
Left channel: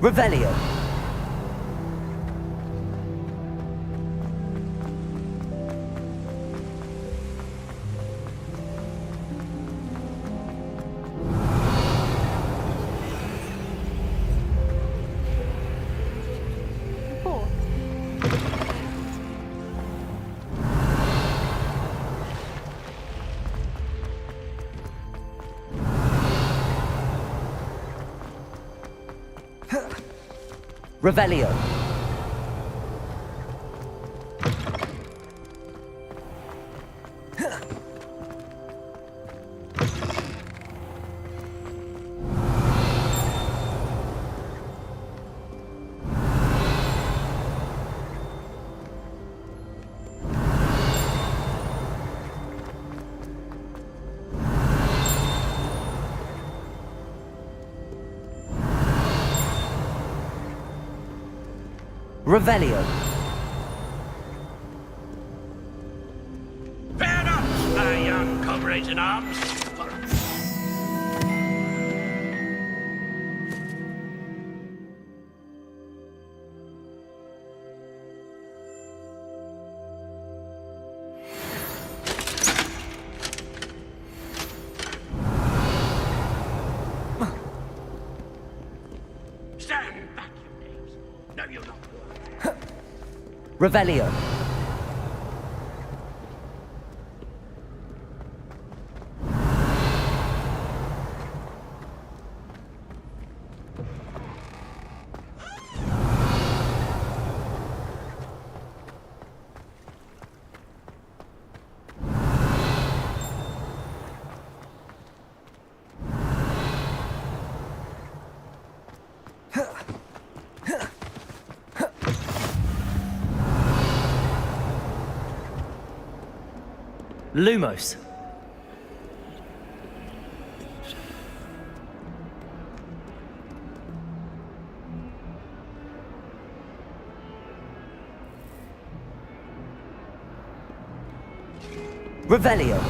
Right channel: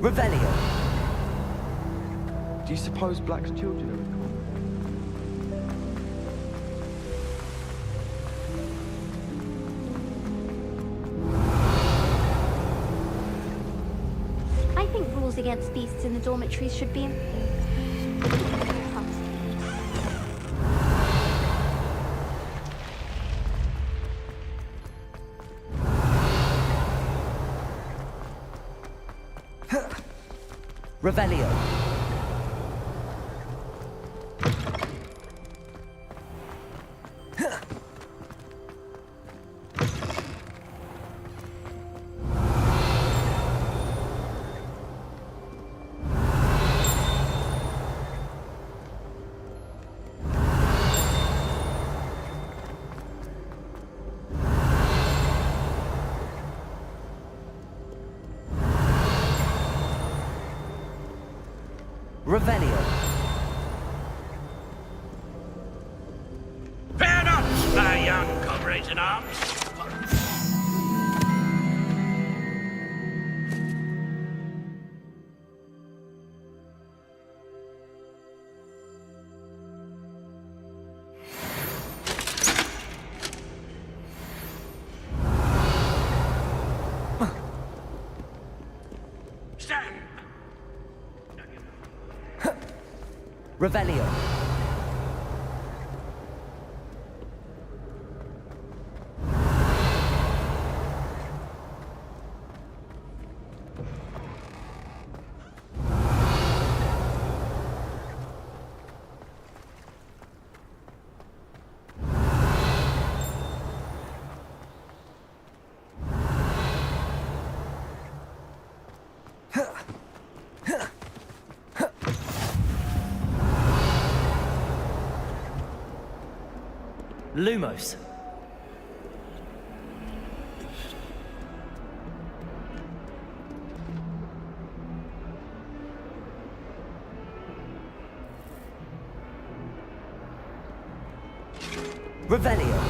Revelio. Do you suppose Black's children are... I think rules against beasts in the dormitories should be enforced. Revelio. Revelio. Fair enough, my young comrades in arms. Stand back, you knaves. No, you don't. Revelio. Lumos. Revelio.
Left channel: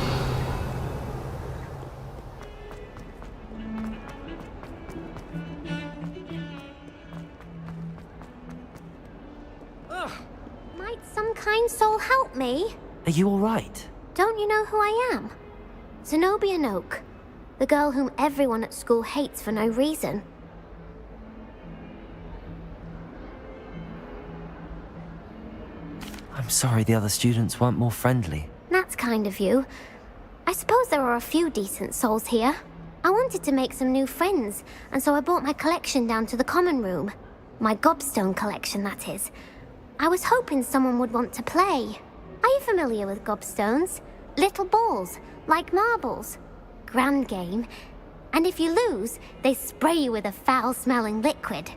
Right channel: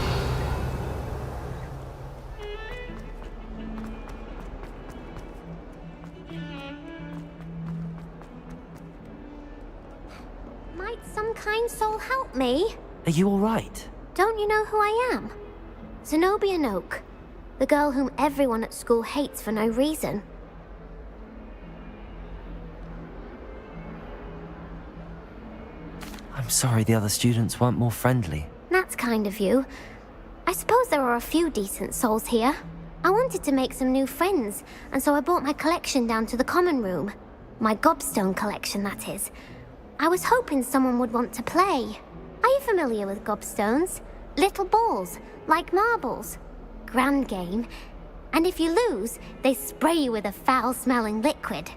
Might some kind soul help me? Are you all right? Don't you know who I am? Zenobia Noak, the girl whom everyone at school hates for no reason. I'm sorry the other students weren't more friendly. That's kind of you. I suppose there are a few decent souls here. I wanted to make some new friends, and so I brought my collection down to the common room. My gobstone collection, that is. I was hoping someone would want to play. Are you familiar with gobstones? Little balls, like marbles. Grand game. And if you lose, they spray you with a foul-smelling liquid.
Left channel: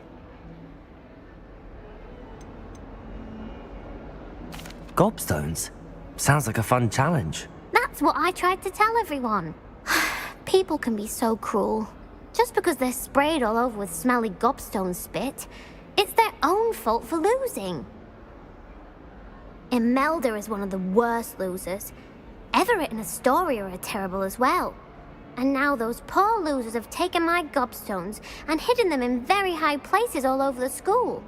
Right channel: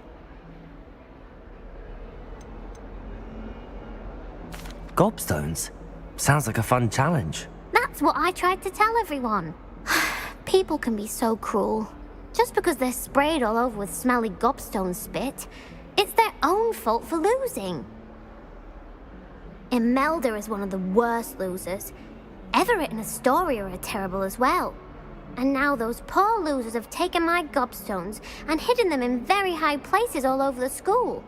Gobstones? Sounds like a fun challenge. That's what I tried to tell everyone. People can be so cruel. Just because they're sprayed all over with smelly gobstone spit, it's their own fault for losing. Imelda is one of the worst losers. Everett and Astoria are terrible as well. And now those poor losers have taken my gobstones and hidden them in very high places all over the school.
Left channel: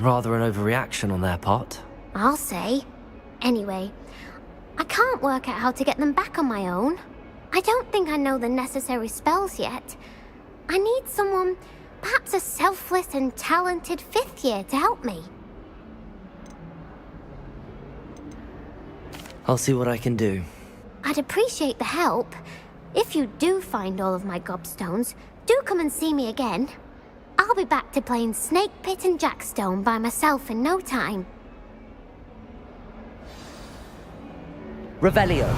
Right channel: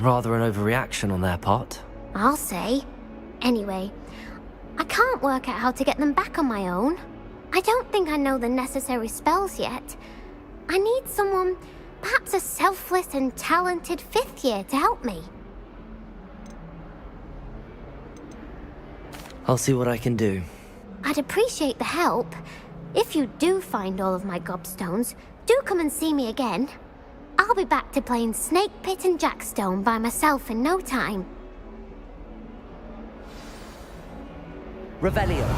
Rather an overreaction on their part. I'll say. Anyway, I can't work out how to get them back on my own. I don't think I know the necessary spells yet. I need someone, perhaps a selfless and talented 5th year to help me. I'll see what I can do. I'd appreciate the help. If you do find all of my gobstones, do come and see me again. I'll be back to playing Snake Pit and Jackstone by myself in no time. Revelio.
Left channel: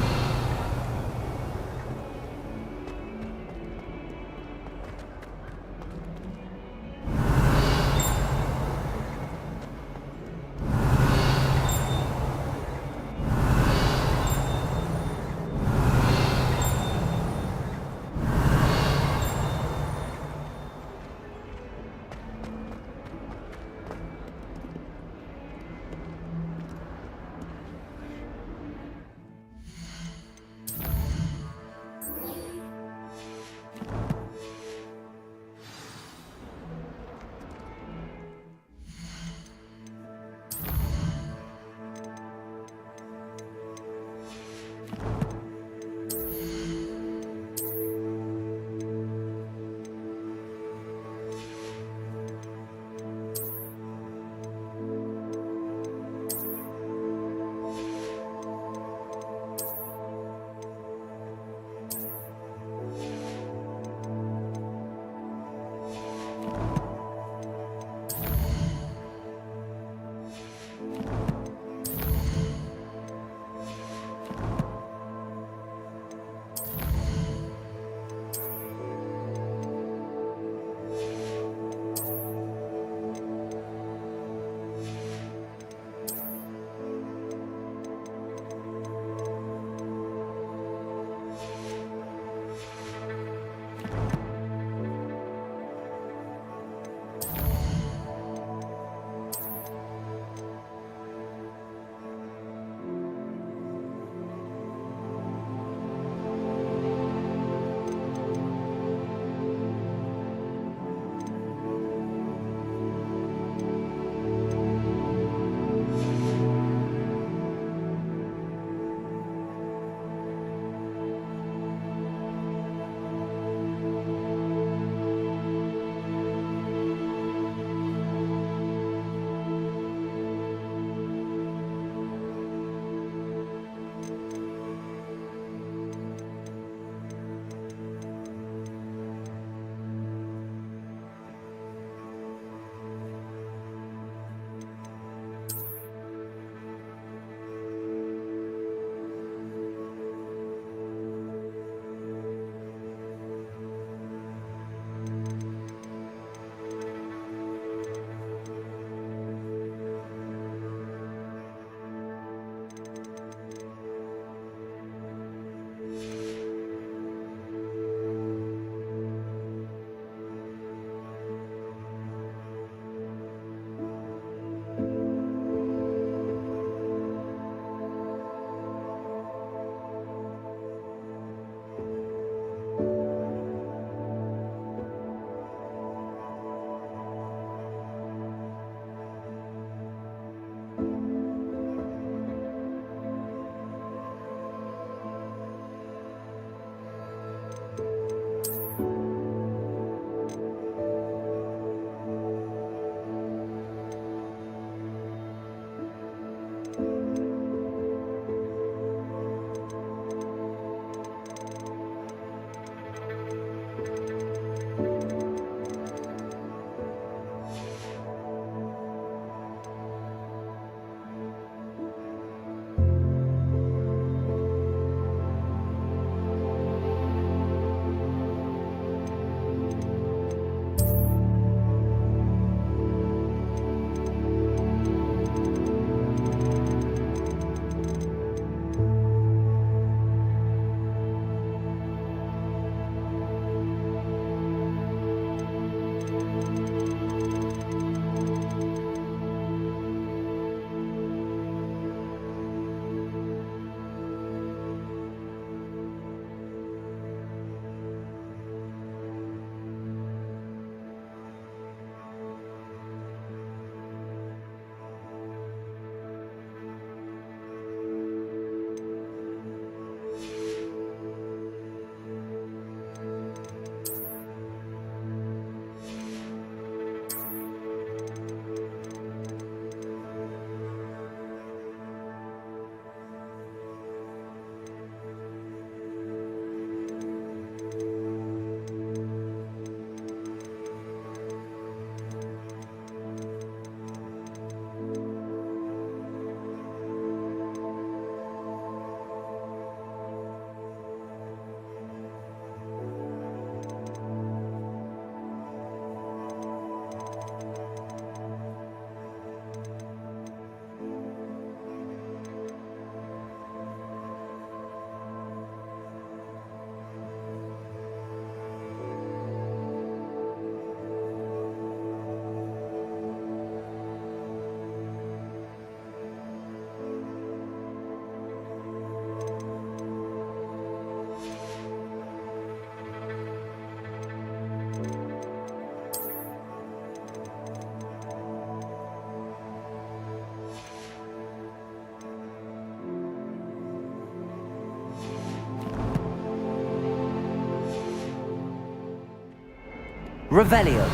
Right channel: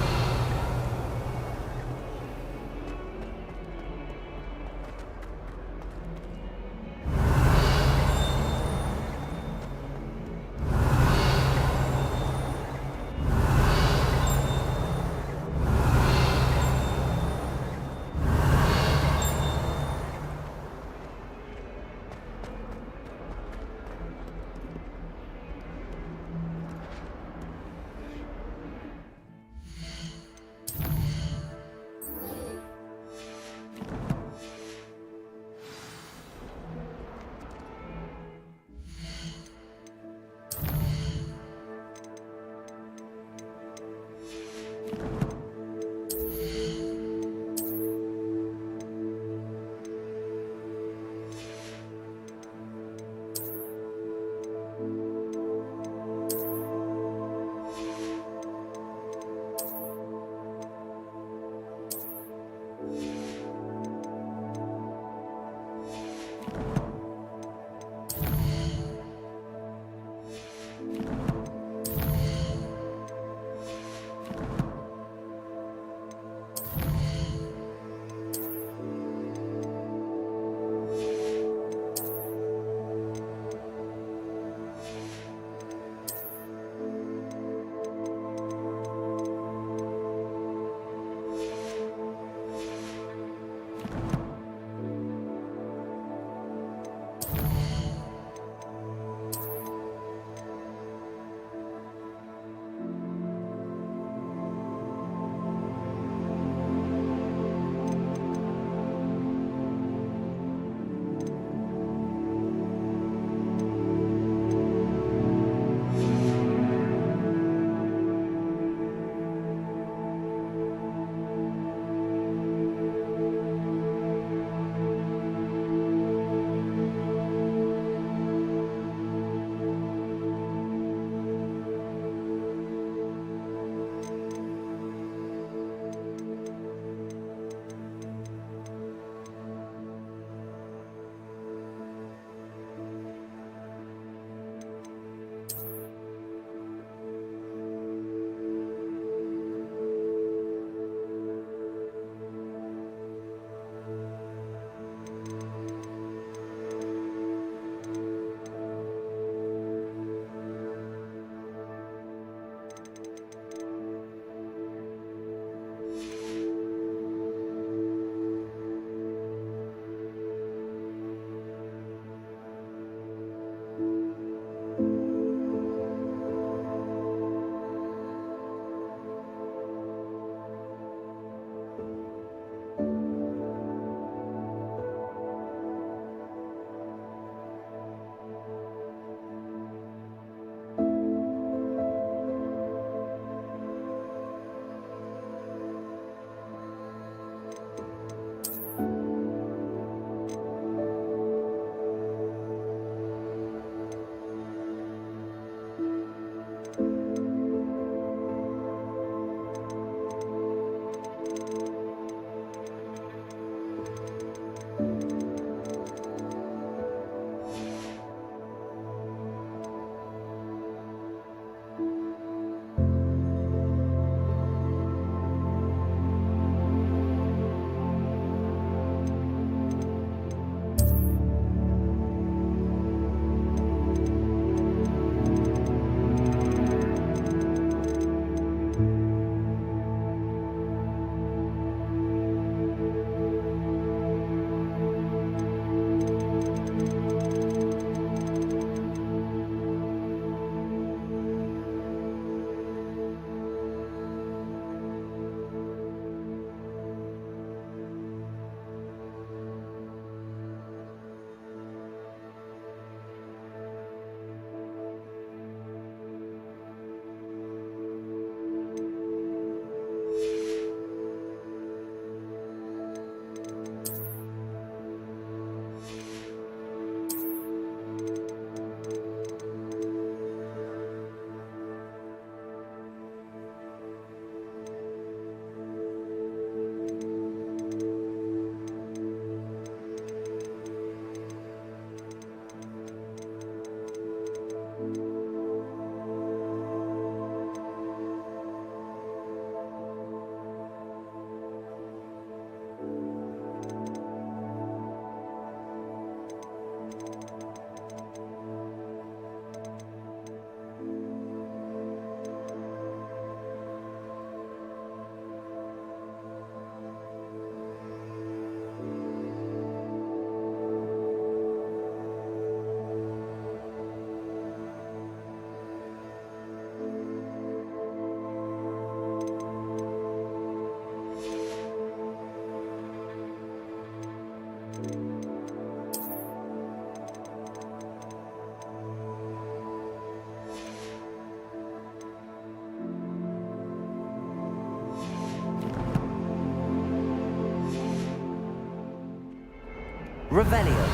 Revelio.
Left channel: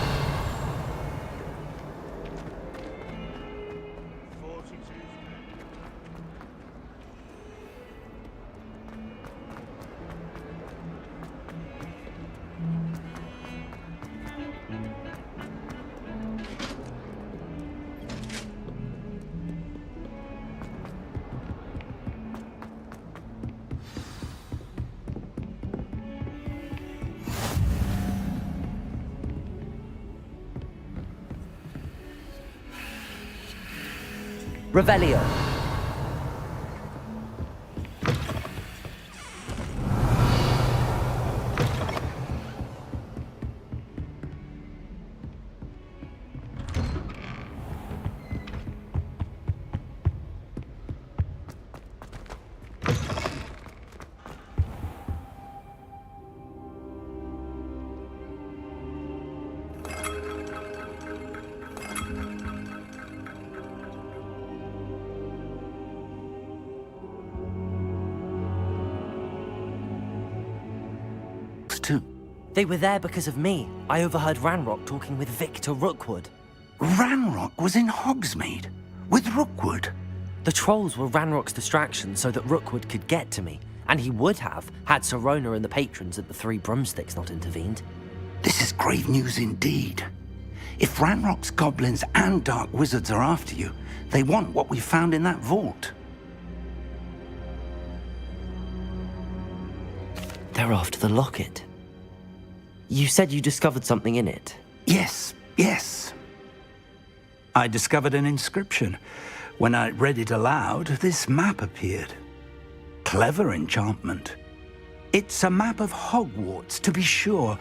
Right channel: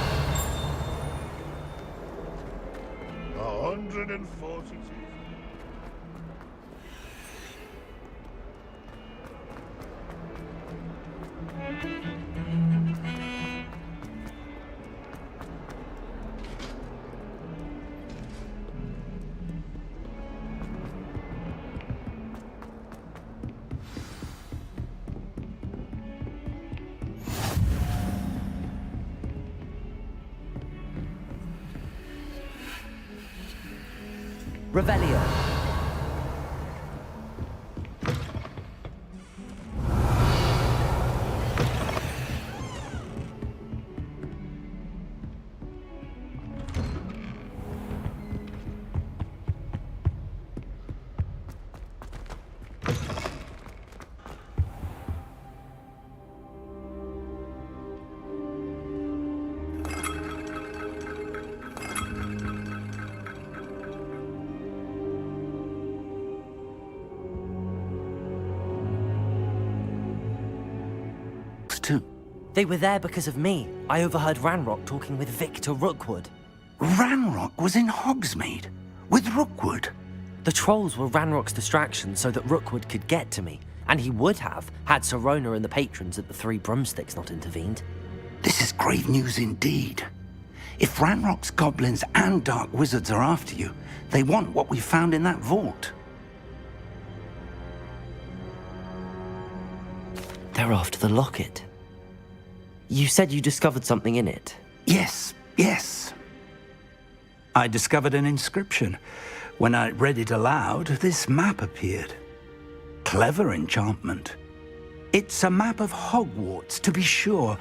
142. Revelio. Too. They were there because of me. I overheard Ranrock talking with Victor Rookwood. Ranrock was in Hogsmeade with Rookwood. The trolls were Ranrock's distraction so that Rookwood could get to me, and he would have had Sirona and the patrons at the Three Broomsticks not intervened. This is grave news indeed. If Ranrock's goblins and dark wizards are after you, they want what we found in that vault. They're after the locket. You said you discovered something in it. Yes. I discovered an inscription. When I read it aloud, this map appeared. Clever enchantment. It's a map of Hogwarts, to be sure,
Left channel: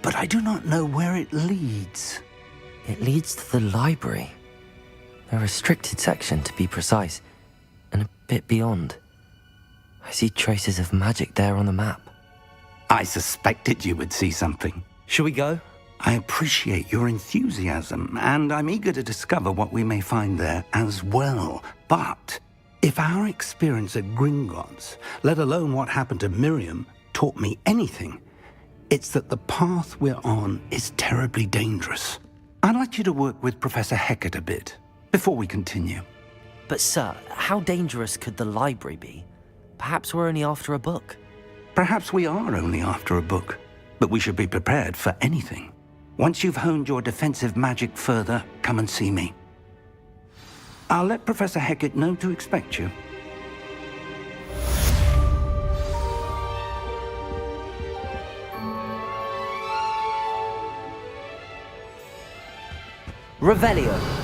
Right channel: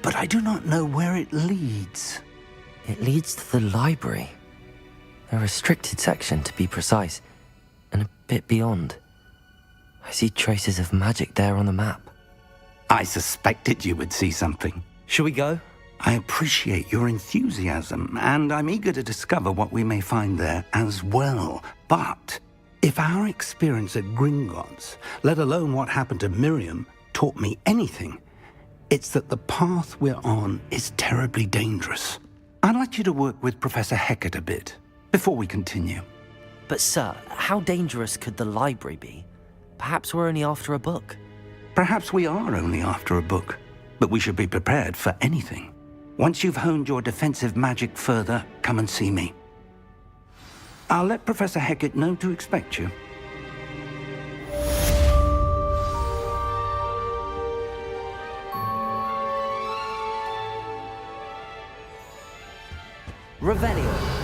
but I do not know where it leads. It leads to the library. A restricted section, to be precise, and a bit beyond. I see traces of magic there on the map. I suspected you would see something. Shall we go? I appreciate your enthusiasm, and I'm eager to discover what we may find there as well. But if our experience at Gringotts, let alone what happened to Miriam, taught me anything, it's that the path we're on is terribly dangerous. I'd like you to work with Professor Hecat a bit before we continue. But sir, how dangerous could the library be? Perhaps we're only after a book. Perhaps we are only after a book, but we should be prepared for anything. Once you've honed your defensive magic further, come and see me. I'll let Professor Hecat know to expect you. Revelio.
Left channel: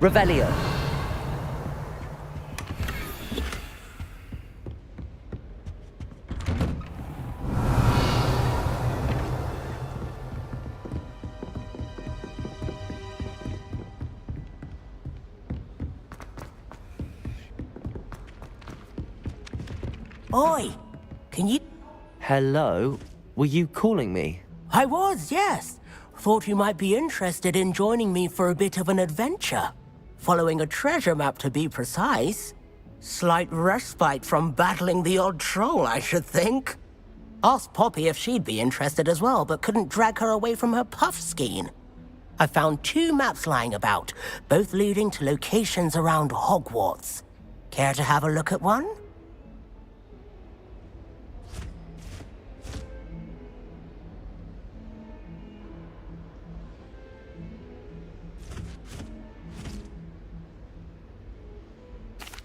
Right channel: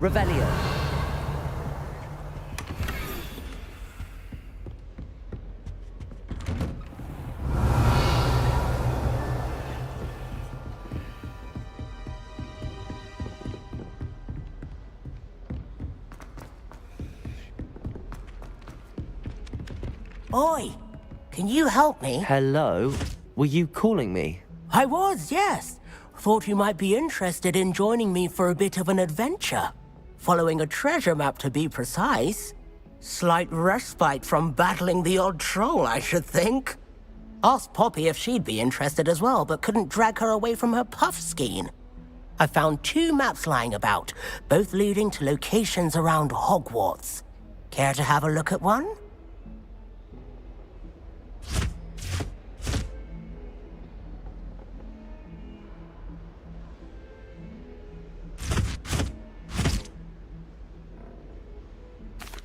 Revelio. Oi! Can you help me? Hello? Were you calling me? I was, yes. Thought you might be interested in joining me for a bit of an adventure. Following a treasure map, to be precise. Slight respite from battling the odd troll, I should think. Asked Poppy if she'd be interested as well, but couldn't drag her away from her puff skein. I found 2 maps lying about, both leading to locations around Hogwarts. Care to have a look at one?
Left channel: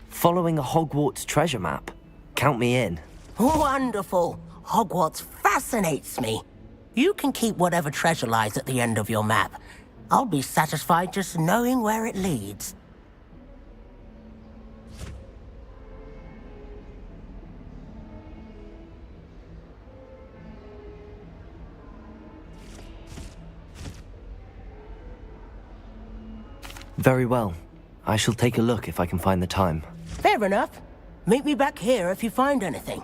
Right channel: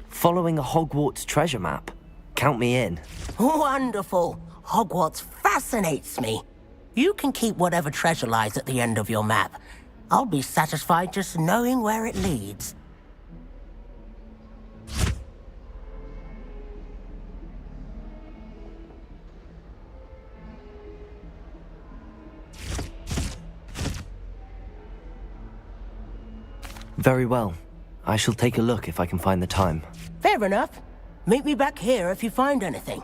Following a Hogwarts treasure map. Count me in. Wonderful. Hogwarts fascinates me. You can keep whatever treasure lies at the end of your map. I'll be satisfied just knowing where it leads. Very well. I shall take a look if I can find the time. Fair enough. Meet me back here if you find anything.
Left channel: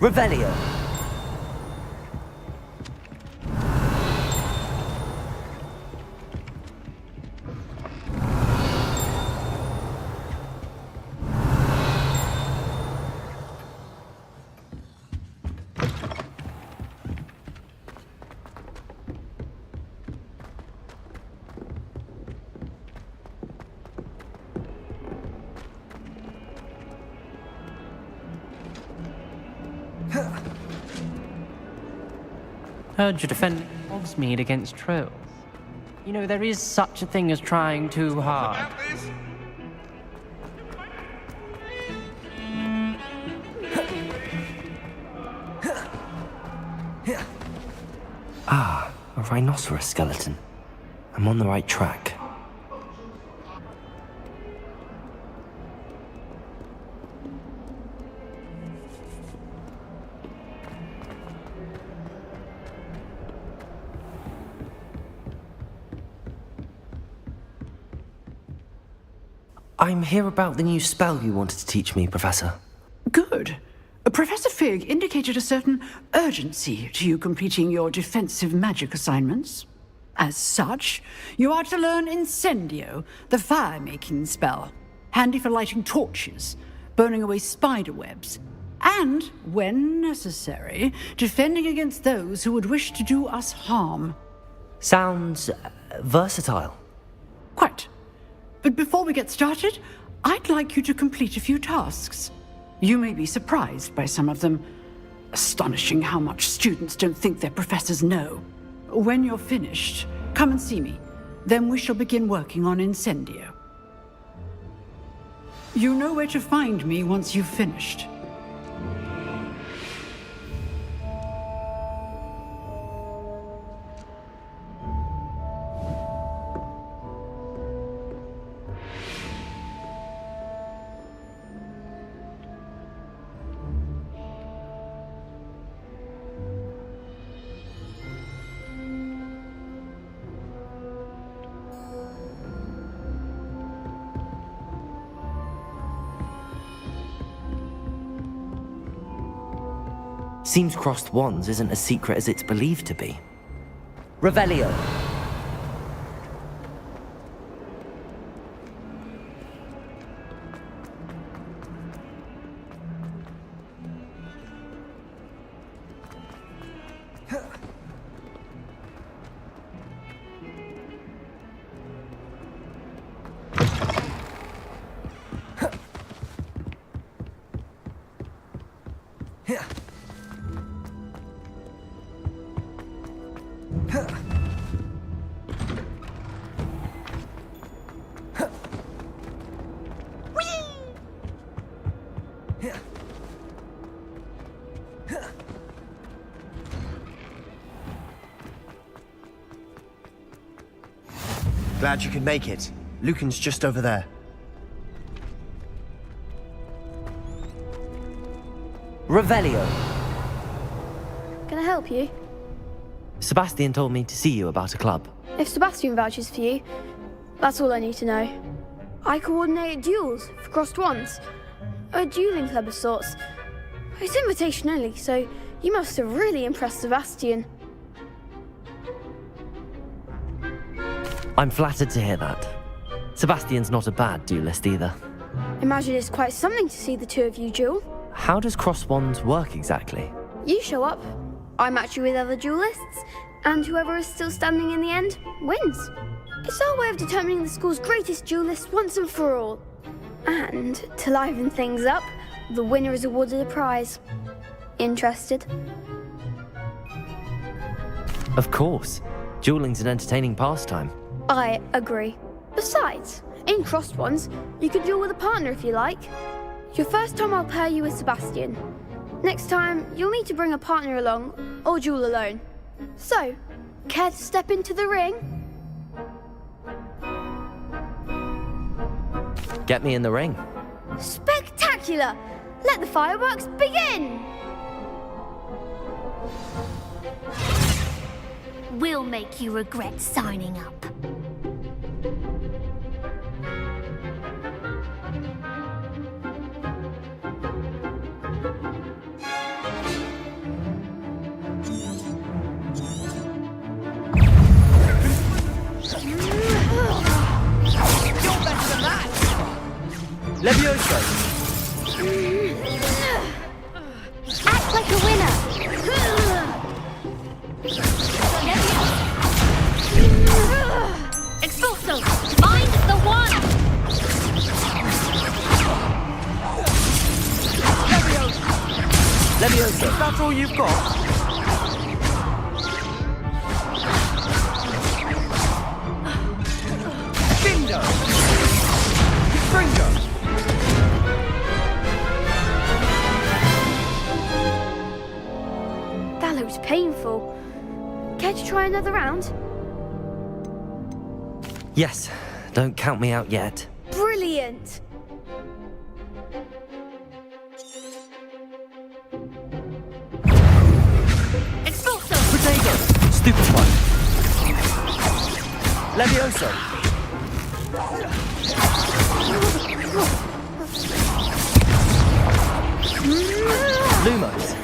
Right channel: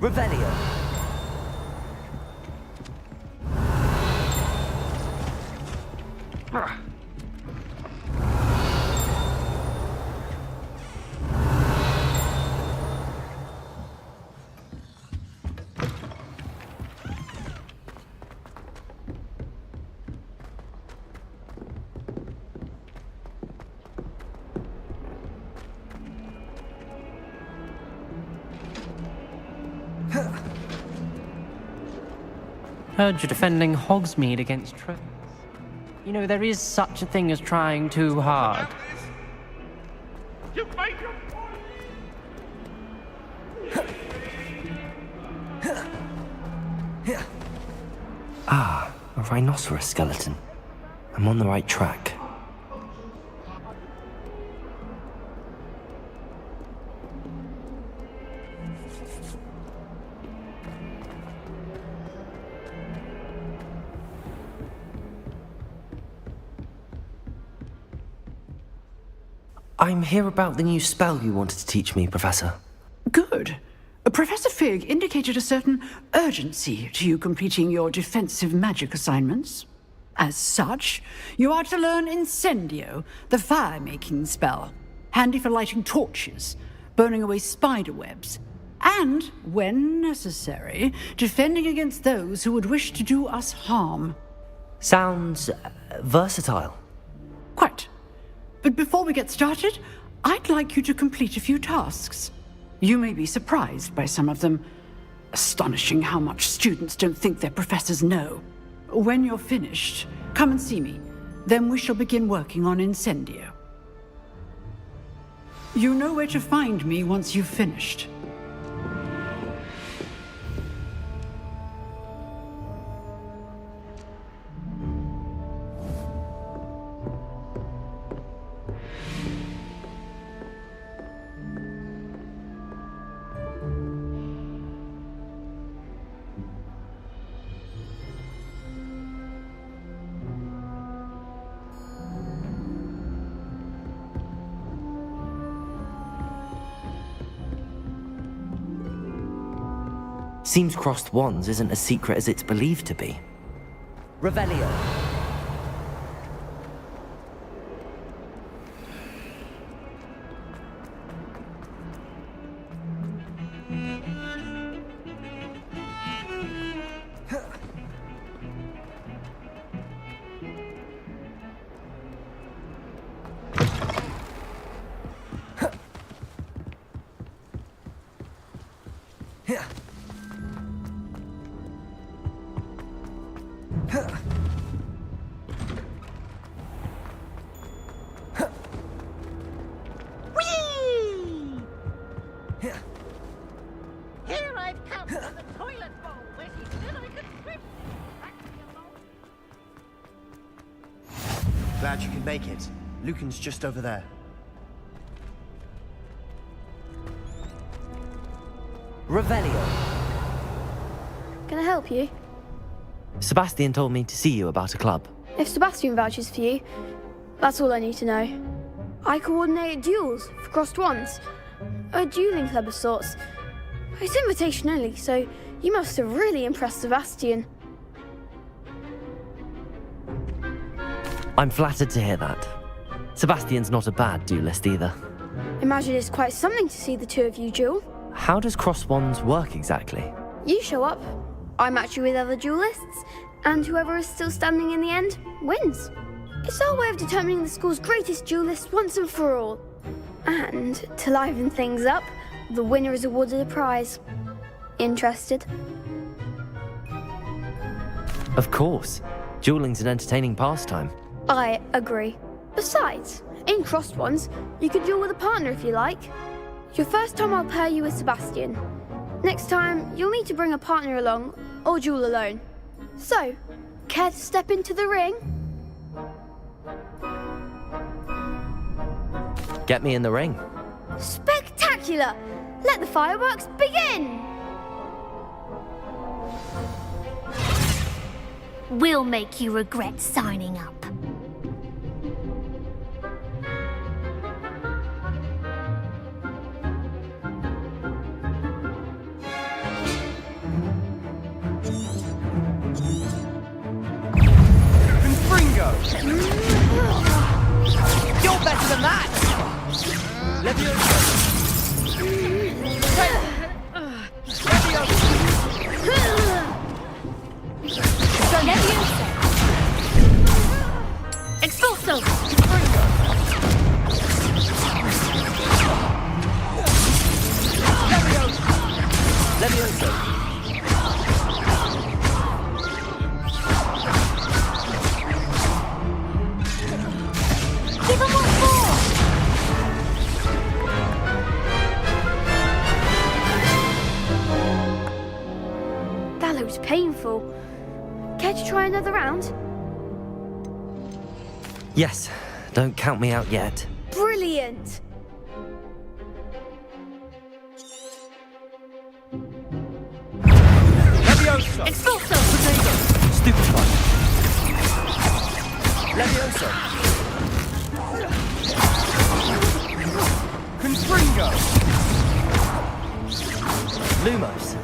Revelio. Heard you're defending Hogsmeade against trolls. You know, there is such a thing as trying too hard. Ah, a rhinoceros skeleton. I'm on the right track. I'm here about the new spell you wanted to teach me, Professor. Good. Professor Fig indicated a certain urgency to you completing your defensive magic assignments. As such, you are to learn Incendio, the fire-making spell, handy for lighting torches, burning away spider webs, and, when necessary, defending against those who would wish to do us harm. Sounds versatile. Quite. But before we get started, I'd like you to complete a few tasks. You may be surprised by some of them. Astonishing how much students don't think their professors know. When you're finished, come and see me. Then we shall begin working on Incendio. You know where to find me once you've finished. Seems crossed wands isn't as secret as it's believed to be. Revelio. Glad you could make it. Lucan's just over there. Revelio. Can I help you? Sebastian told me to see you about a club. If Sebastian vouches for you, that's all I need to know. I coordinate duels for crossed wands. A dueling club of sorts. It's invitation only, so you must have really impressed Sebastian. I'm flattered to hear that. Sebastian's not a bad duelist either. Imagine it's quite something to see the two of you duel. How does cross wands work exactly? You show up, I match you with other duelists, and whoever is still standing in the end wins. It's our way of determining the school's greatest duelist once and for all. And to liven things up, the winner is awarded a prize. Interested? Of course. Dueling's an entertaining pastime. I agree. Besides, in crossed ones, you can duel with a partner if you like. Your first time I'll pair you with Sebastian. Next time, you'll need to bring a partner along, or duel alone. So, care to step into the ring? Get me in the ring. Spectacular! Let the fireworks begin! We'll make you regret signing up. You're better than that! Levioso! Act like a winner! Expulso! I'm the one! Levioso! That's all you've got? That looks painful. Care to try another round? Yes, don't count me out yet. Brilliant! Expulso! Potato! Stupefy! Levioso! Lumos!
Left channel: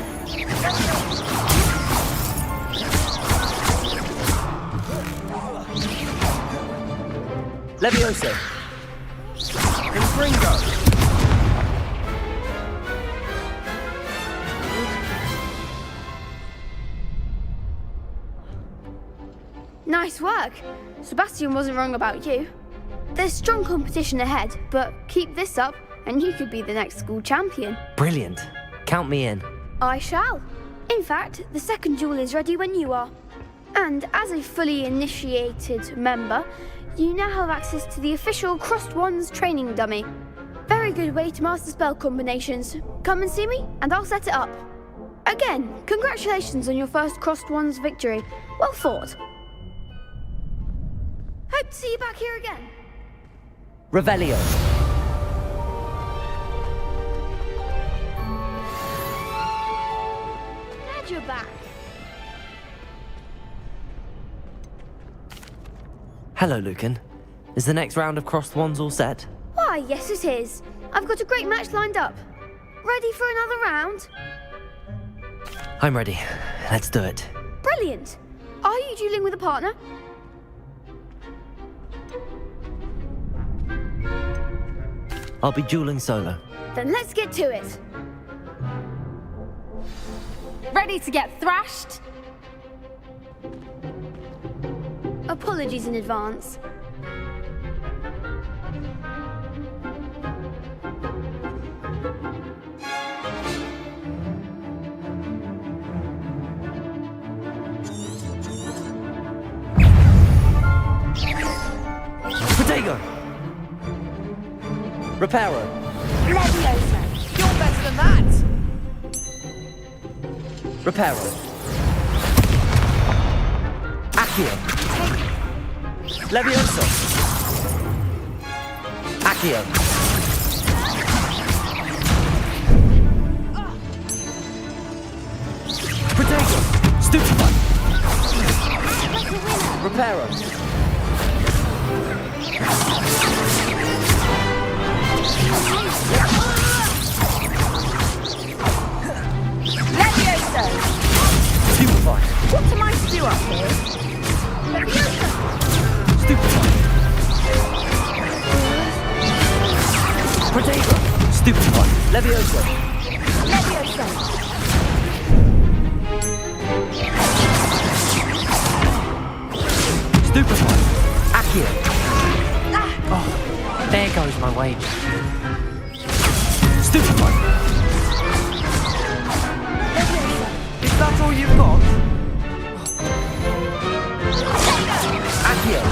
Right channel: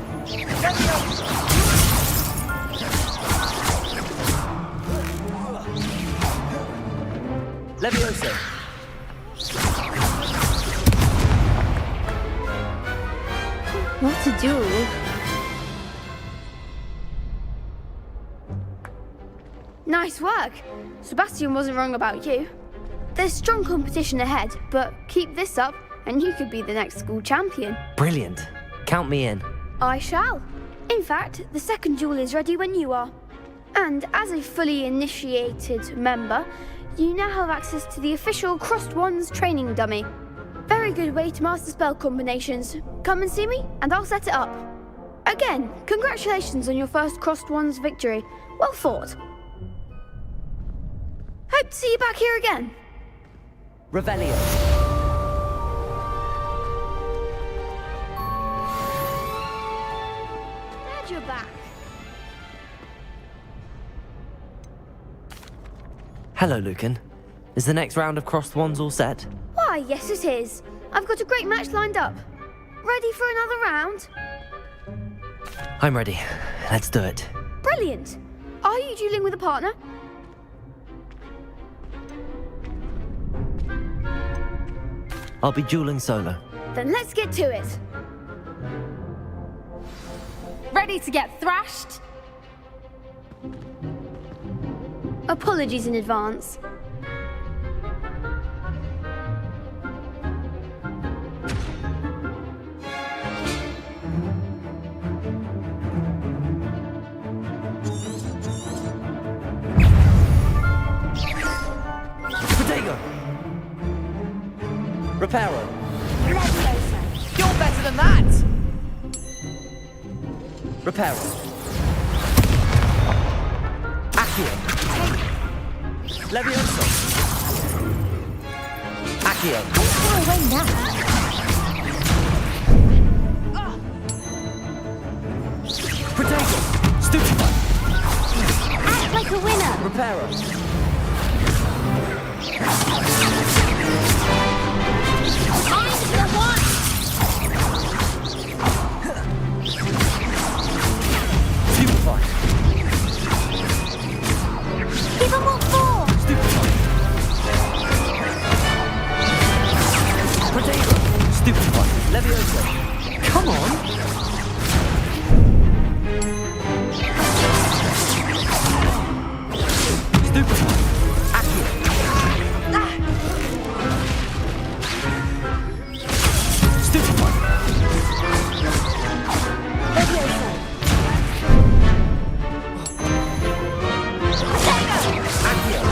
Levioso! What to do? Nice work! Sebastian wasn't wrong about you. There's strong competition ahead, but keep this up and you could be the next school champion. Brilliant. Count me in. I shall. In fact, the second duel is ready when you are. And as a fully initiated member, you now have access to the official Crossed Wands training dummy. Very good way to master spell combinations. Come and see me, and I'll set it up. Again, congratulations on your first Crossed Wands victory. Well fought. Hope to see you back here again. Revelio. Glad you're back. Hello, Lucan. Is the next round of crossed wands all set? Why, yes it is. I've got a great match lined up. Ready for another round? I'm ready. Let's do it. Brilliant. Are you dueling with a partner? I'll be dueling solo. Then let's get to it. Ready to get thrashed? Apologies in advance. Potato! Reparo! Levioso! You're better than that! Reparo! Accio! Levioso! Accio! Potato! Stupefy! Act like a winner! Reparo! Stupefy! What am I to do up here? Stupefy! Stupefy. Levioso. Stupefy. Accio. There goes my way. Stupefy. Levioso. That's all you've got? Accio.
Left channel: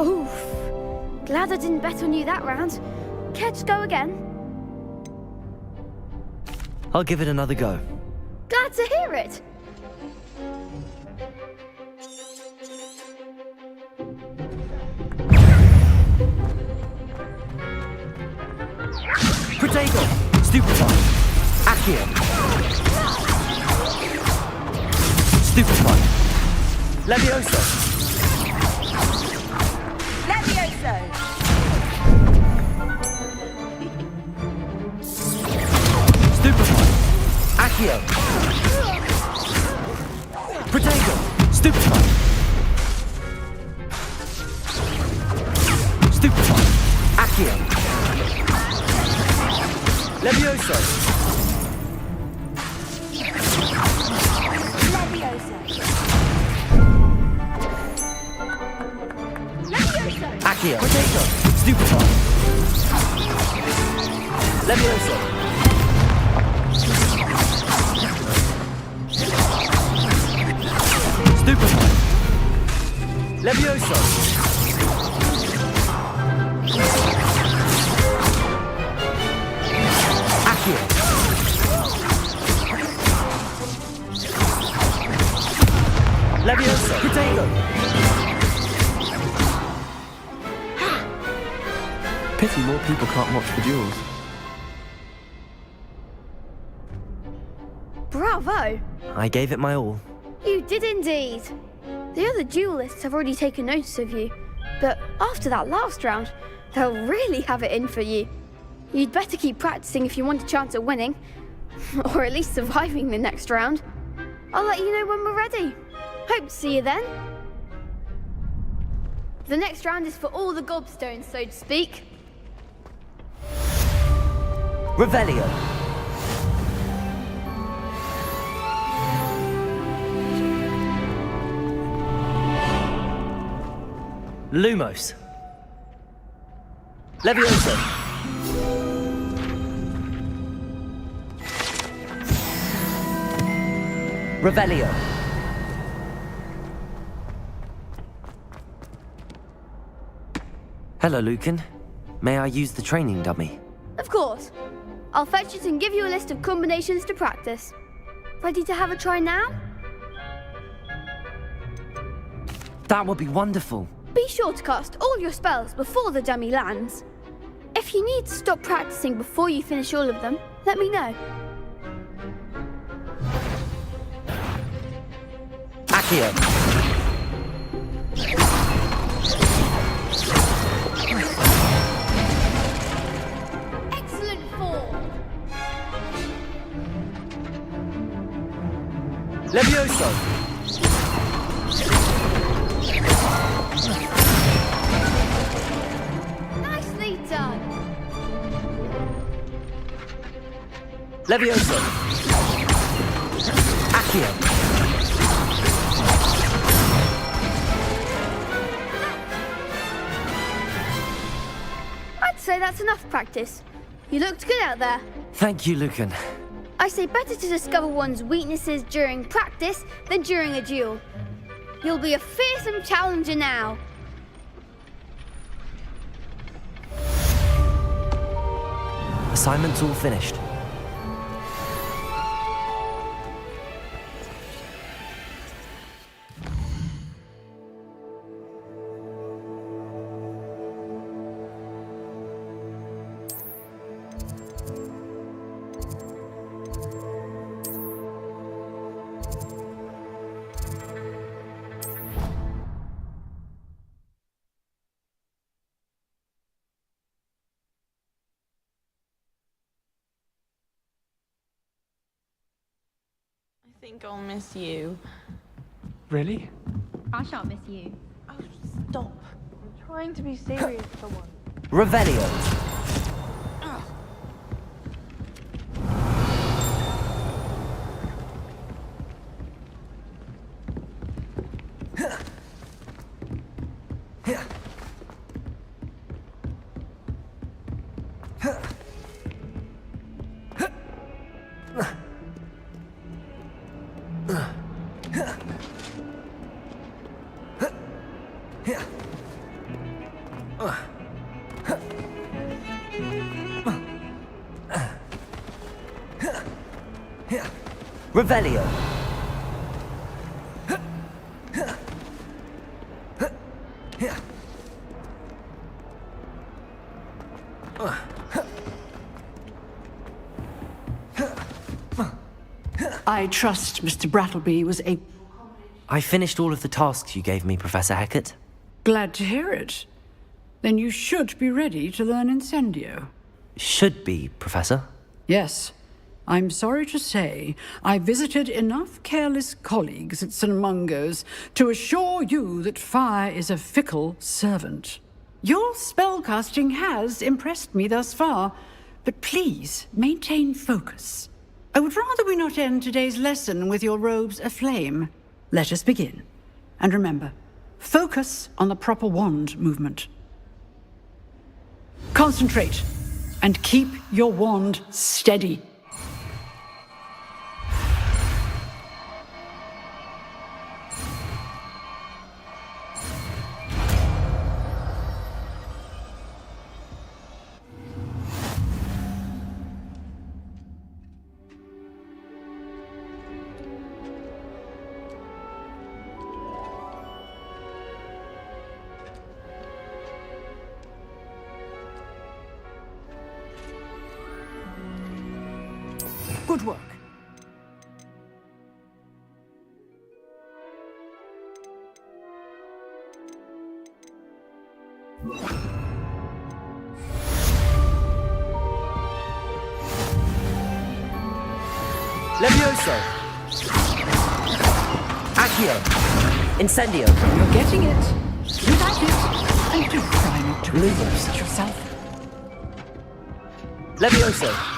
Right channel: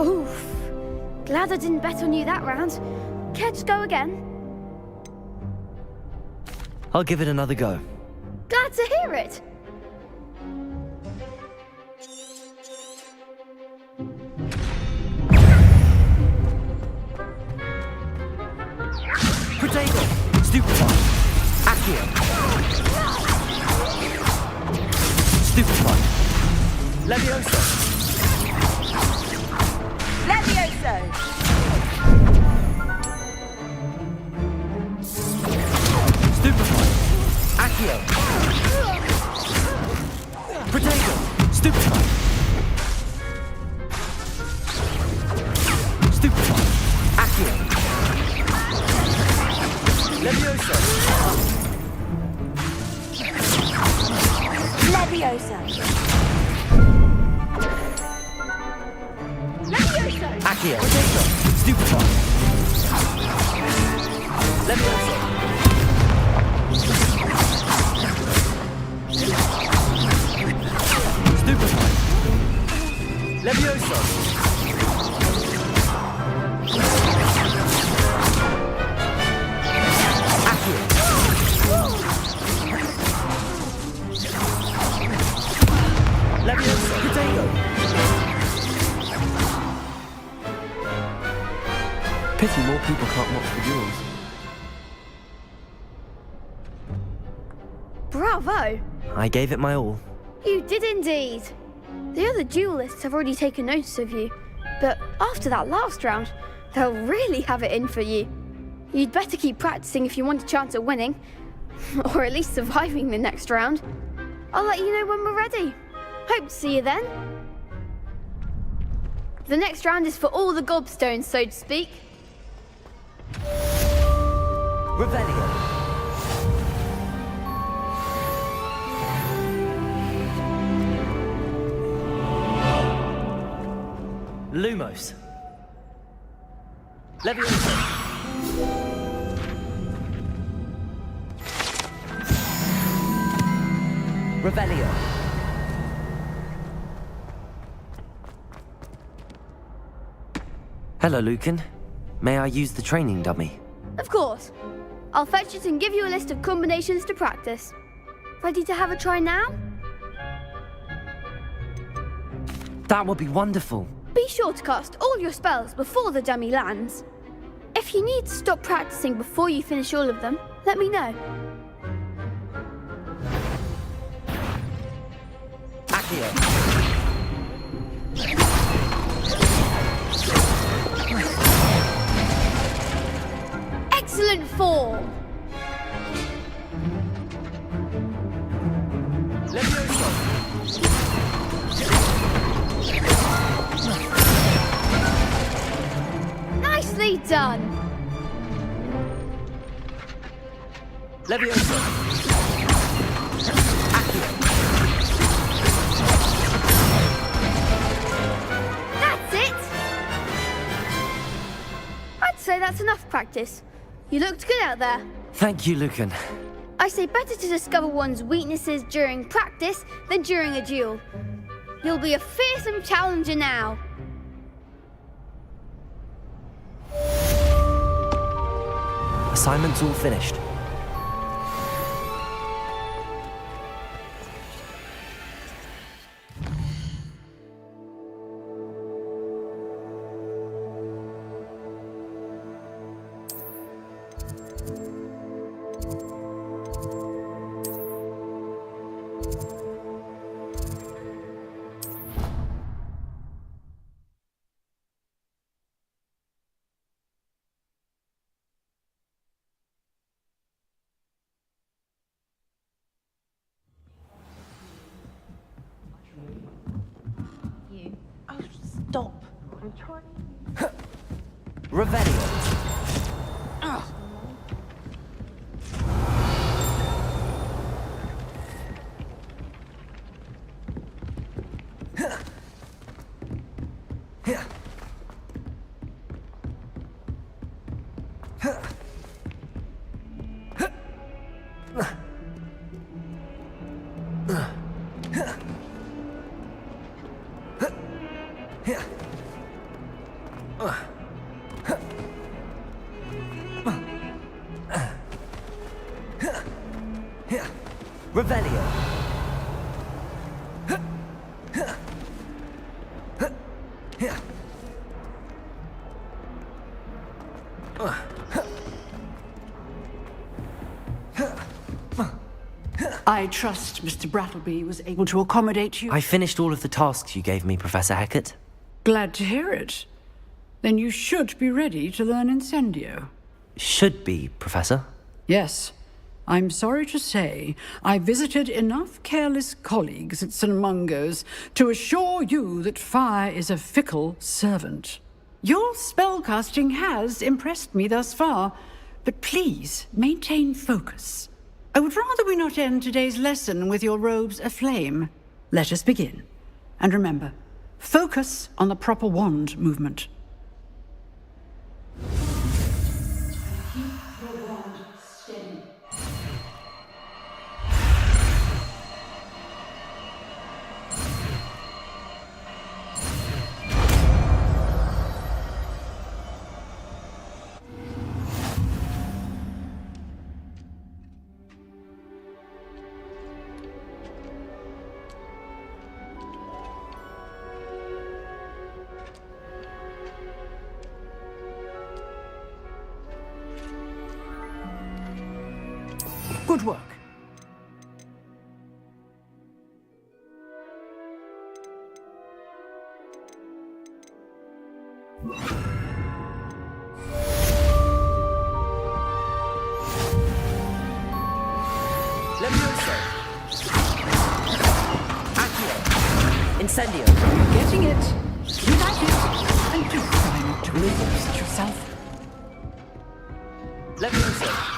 Oof. Glad I didn't bet on you that round. Care to go again? I'll give it another go. Glad to hear it. Protego. Stupefy. Accio. Stupefy. Levioso. Levioso. Stupefy. Accio. Protego. Stupefy. Stupefy. Accio. Levioso. Levioso. Levioso. Accio. Protego. Stupefy. Levioso. Stupefy. Levioso. Accio. Levioso. Protego. Pity more people can't watch the duels. Bravo. I gave it my all. You did indeed. The other duelists have already taken notice of you, but after that last round, they'll really have it in for you. You'd better keep practicing if you want a chance at winning, or at least surviving the next round. I'll let you know when we're ready. Hope to see you then. The next round is for all the gobstones, so to speak. Revelio. Lumos. Levioso. Revelio. Hello, Lucan. May I use the training dummy? Of course. I'll fetch it and give you a list of combinations to practice. Ready to have a try now? That would be wonderful. Be sure to cast all your spells before the dummy lands. If you need to stop practicing before you finish all of them, let me know. Accio. Excellent form. Levioso. Nicely done. Levioso. Accio. That's it. I'd say that's enough practice. You looked good out there. Thank you, Lucan. I say better to discover one's weaknesses during practice than during a duel. You'll be a fearsome challenger now. Assignment's all finished. I think I'll miss you. Really? I shan't miss you. Oh, stop. I'm trying to be serious for once. Revelio. Revelio. I trust Mr. Brattleby was able to accommodate you. I finished all of the tasks you gave me, Professor Hecat. Glad to hear it. Then you should be ready to learn Incendio. Should be, Professor. Yes. I'm sorry to say, I visited enough careless colleagues at St. Mungo's to assure you that fire is a fickle servant. Your spellcasting has impressed me thus far, but please maintain focus. I would rather we not end today's lesson with your robes aflame. Let us begin. And remember, focus on the proper wand movement. Concentrate, and keep your wand steady. Good work. Levioso. Accio. Incendio. You're getting it. You like it. And do try not to lose yourself. Levioso.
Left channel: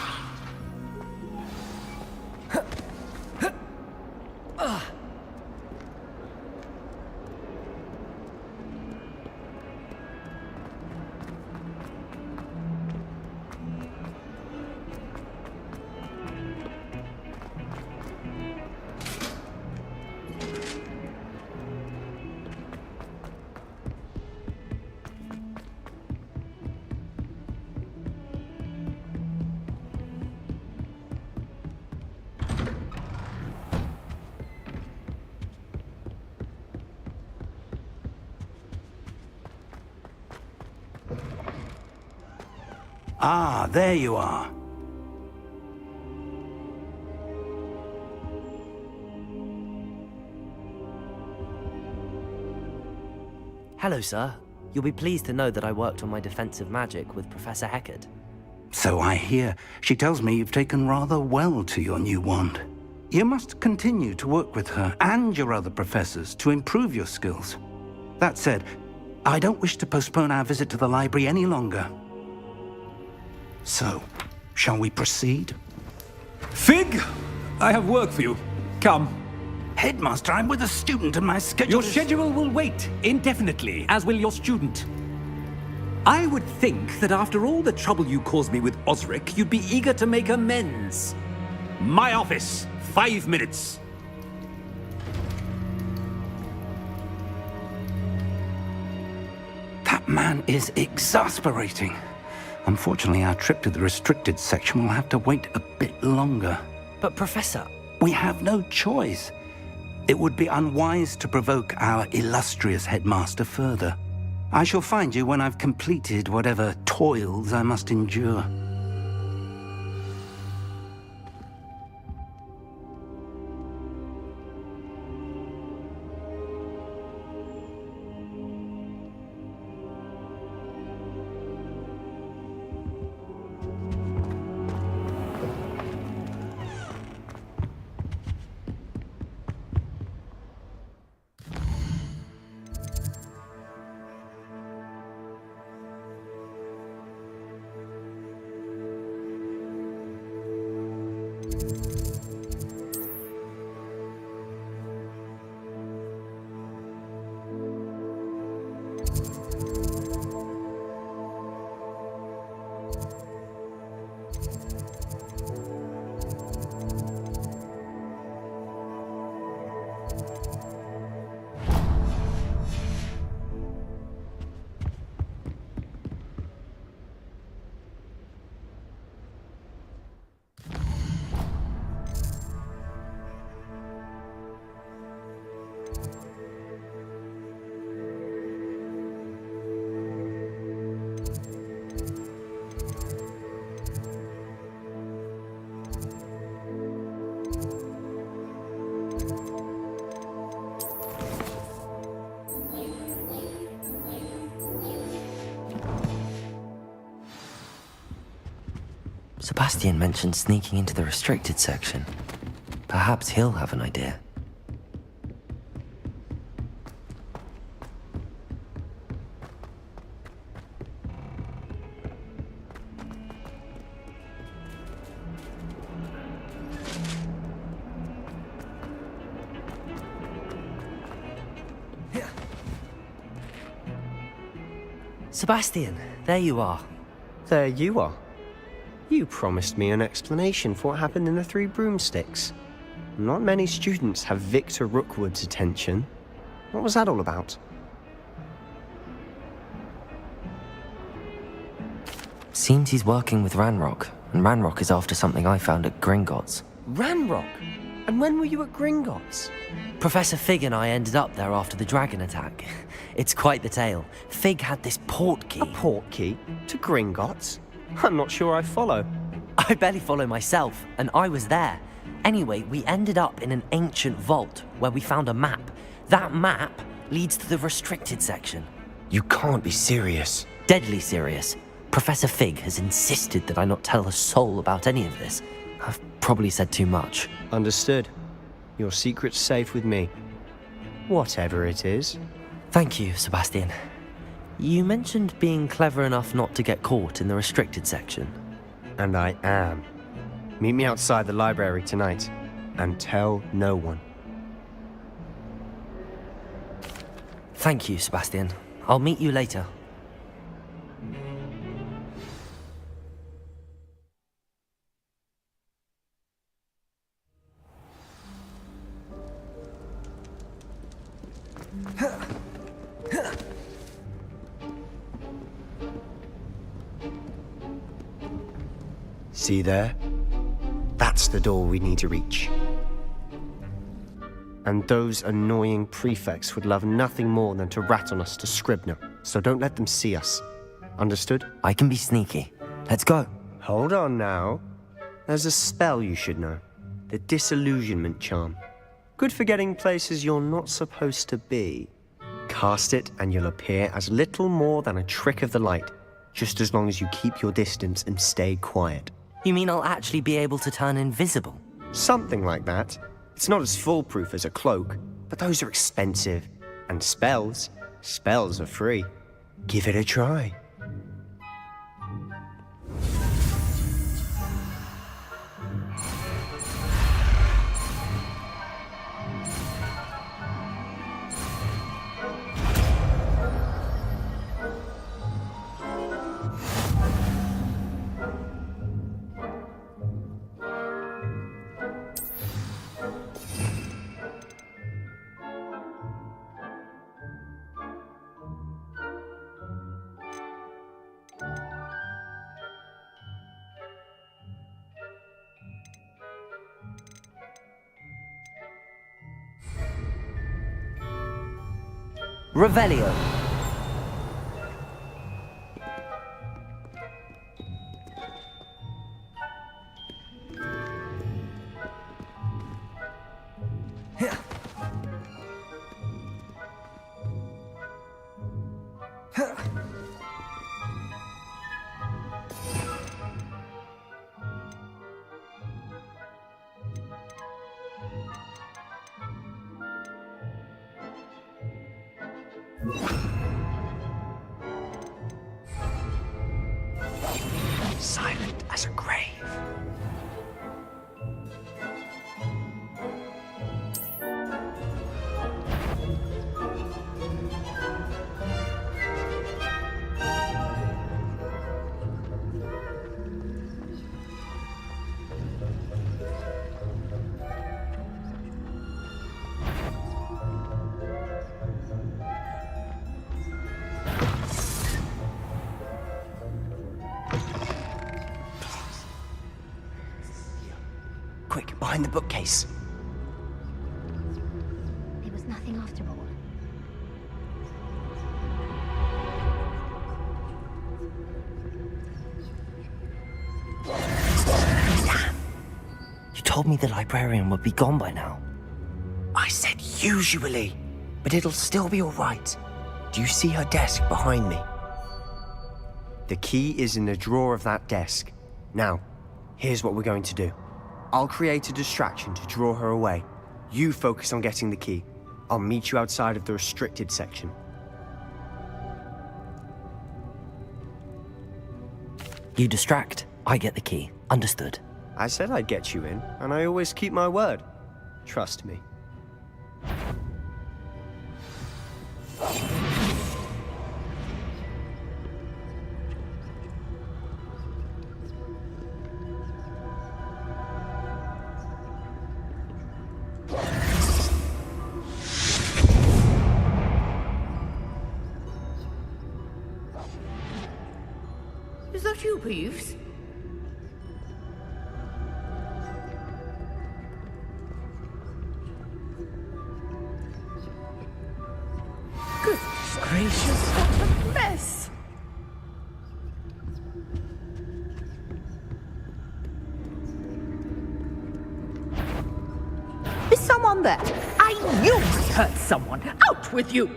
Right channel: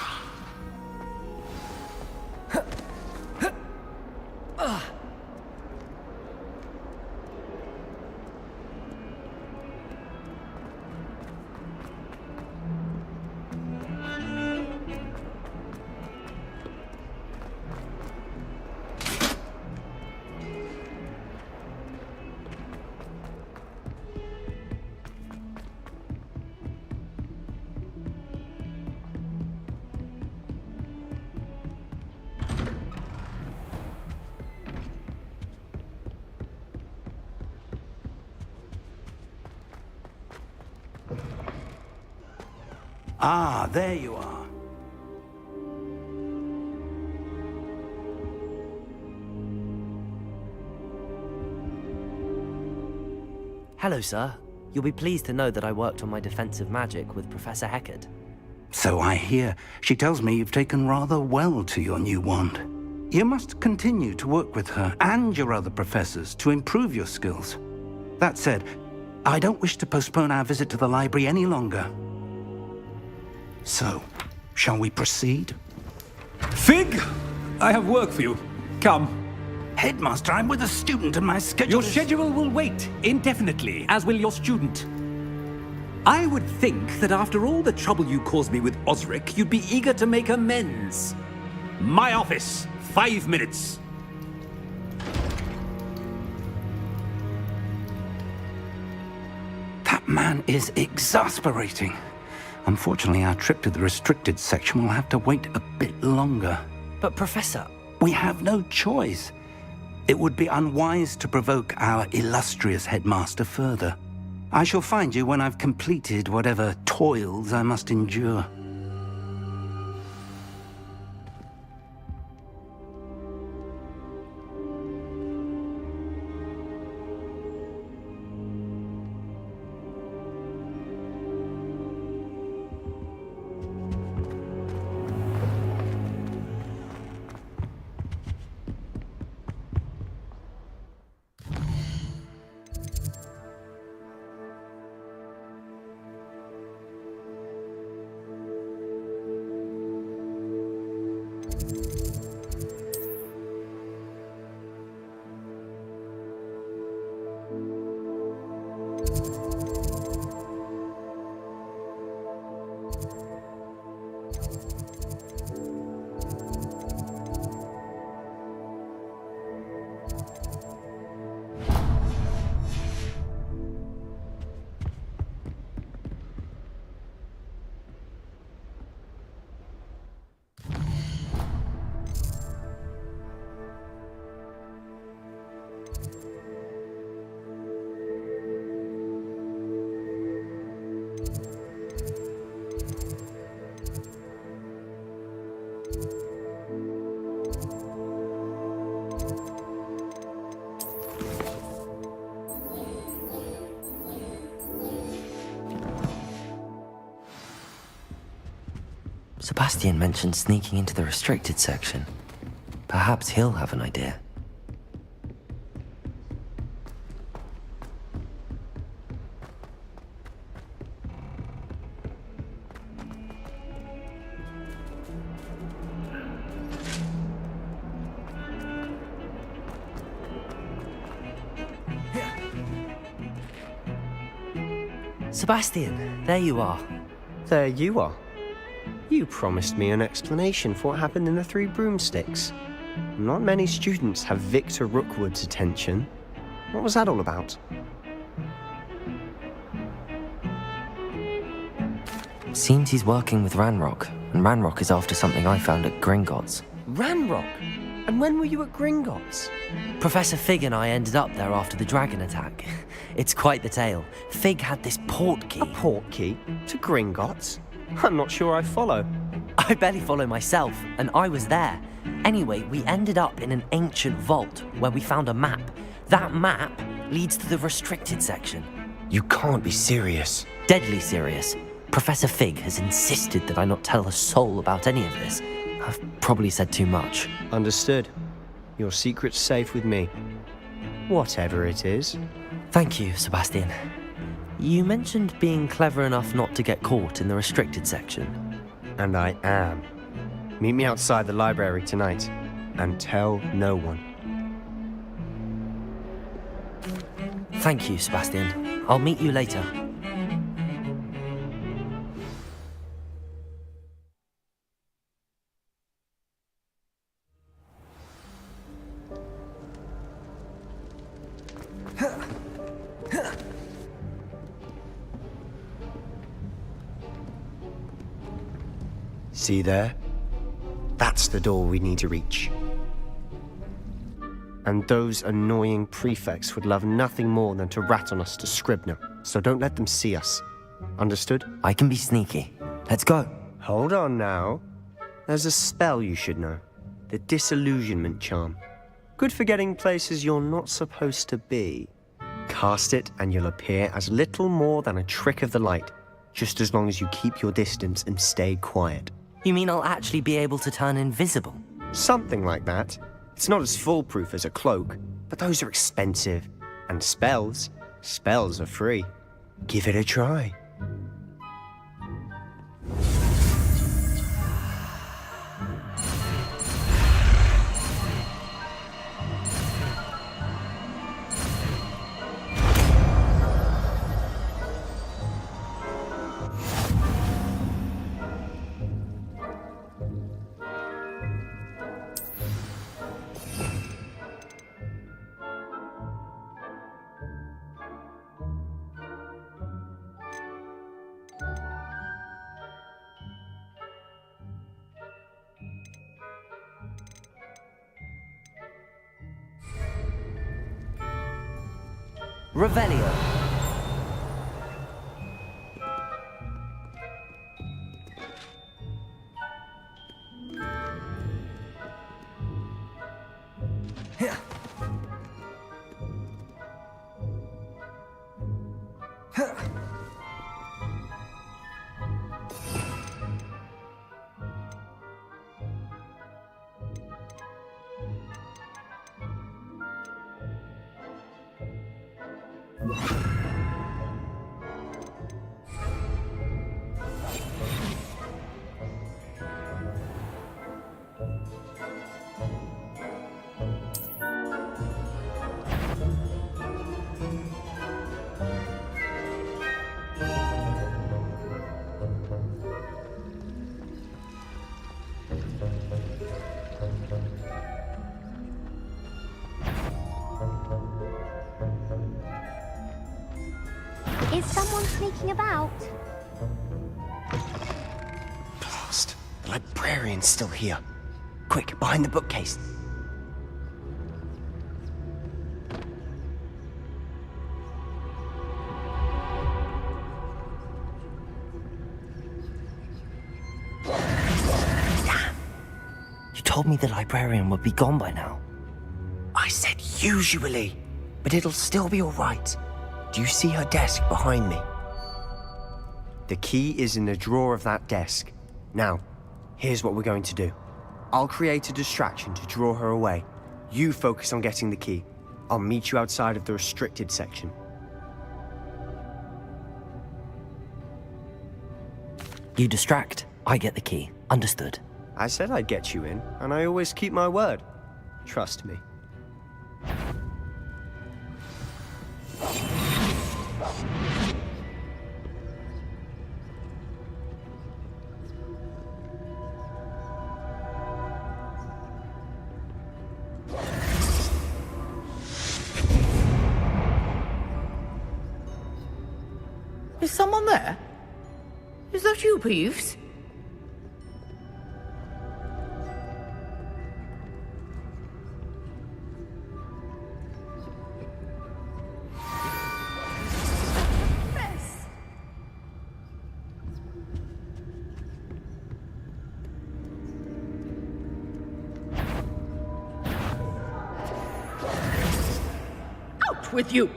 Ah, there you are. Hello, sir. You'll be pleased to know that I worked on my defensive magic with Professor Hecat. So I hear. She tells me you've taken rather well to your new wand. You must continue to work with her and your other professors to improve your skills. That said, I don't wish to postpone our visit to the library any longer. So, shall we proceed? Fig! I have work for you. Come. Headmaster, I'm with a student and my schedule Your schedule will wait indefinitely, as will your student. I would think that after all the trouble you caused me with Osric, you'd be eager to make amends. My office, 5 minutes. That man is exasperating. Unfortunately, our trip to the restricted section will have to wait a bit longer. But, Professor... We have no choice. It would be unwise to provoke our illustrious headmaster further. I shall find you when I've completed whatever toils I must endure. Sebastian mentioned sneaking into the restricted section. Perhaps he'll have an idea. Sebastian, there you are. There you are. You promised me an explanation for what happened in the Three Broomsticks. Not many students have Victor Rookwood's attention. What was that all about? Seems he's working with Ranrock, and Ranrock is after something I found at Gringotts. Ranrock? And when were you at Gringotts? Professor Fig and I ended up there after the dragon attack. It's quite the tale. Fig had this port key. A port key? To Gringotts? I'm not sure I follow. I barely follow myself, and I was there. Anyway, we ended up in an ancient vault where we found a map. That map leads to the restricted section. You can't be serious. Deadly serious. Professor Fig has insisted that I not tell a soul about any of this. I've probably said too much. Understood. Your secret's safe with me. Whatever it is. Thank you, Sebastian. You mentioned being clever enough not to get caught in the restricted section. And I am. Meet me outside the library tonight, and tell no one. Thank you, Sebastian. I'll meet you later. See there? That's the door we need to reach. And those annoying prefects would love nothing more than to rat on us to Scribner, so don't let them see us. Understood? I can be sneaky. Let's go. Hold on now. There's a spell you should know. The Disillusionment Charm. Good for getting places you're not supposed to be. Cast it and you'll appear as little more than a trick of the light, just as long as you keep your distance and stay quiet. You mean I'll actually be able to turn invisible? Something like that. It's not as foolproof as a cloak, but those are expensive. And spells are free. Give it a try. Revelio. Silent as a grave. Is someone sneaking about? Blast. The librarian's still here. Quick, behind the bookcase. It was nothing after all. You told me the librarian would be gone by now. I said usually, but it'll still be all right. Do you see her desk behind me? The key is in the drawer of that desk. Now, Here's what we're going to do. I'll create a distraction to draw her away. You focus on getting the key. I'll meet you outside of the restricted section. You distract, I get the key. Understood. I said I'd get you in, and I always keep my word. Trust me. Is someone there? Is that you, Peeves? Goodness gracious, what a mess! Is someone there? You hurt someone! Out with you!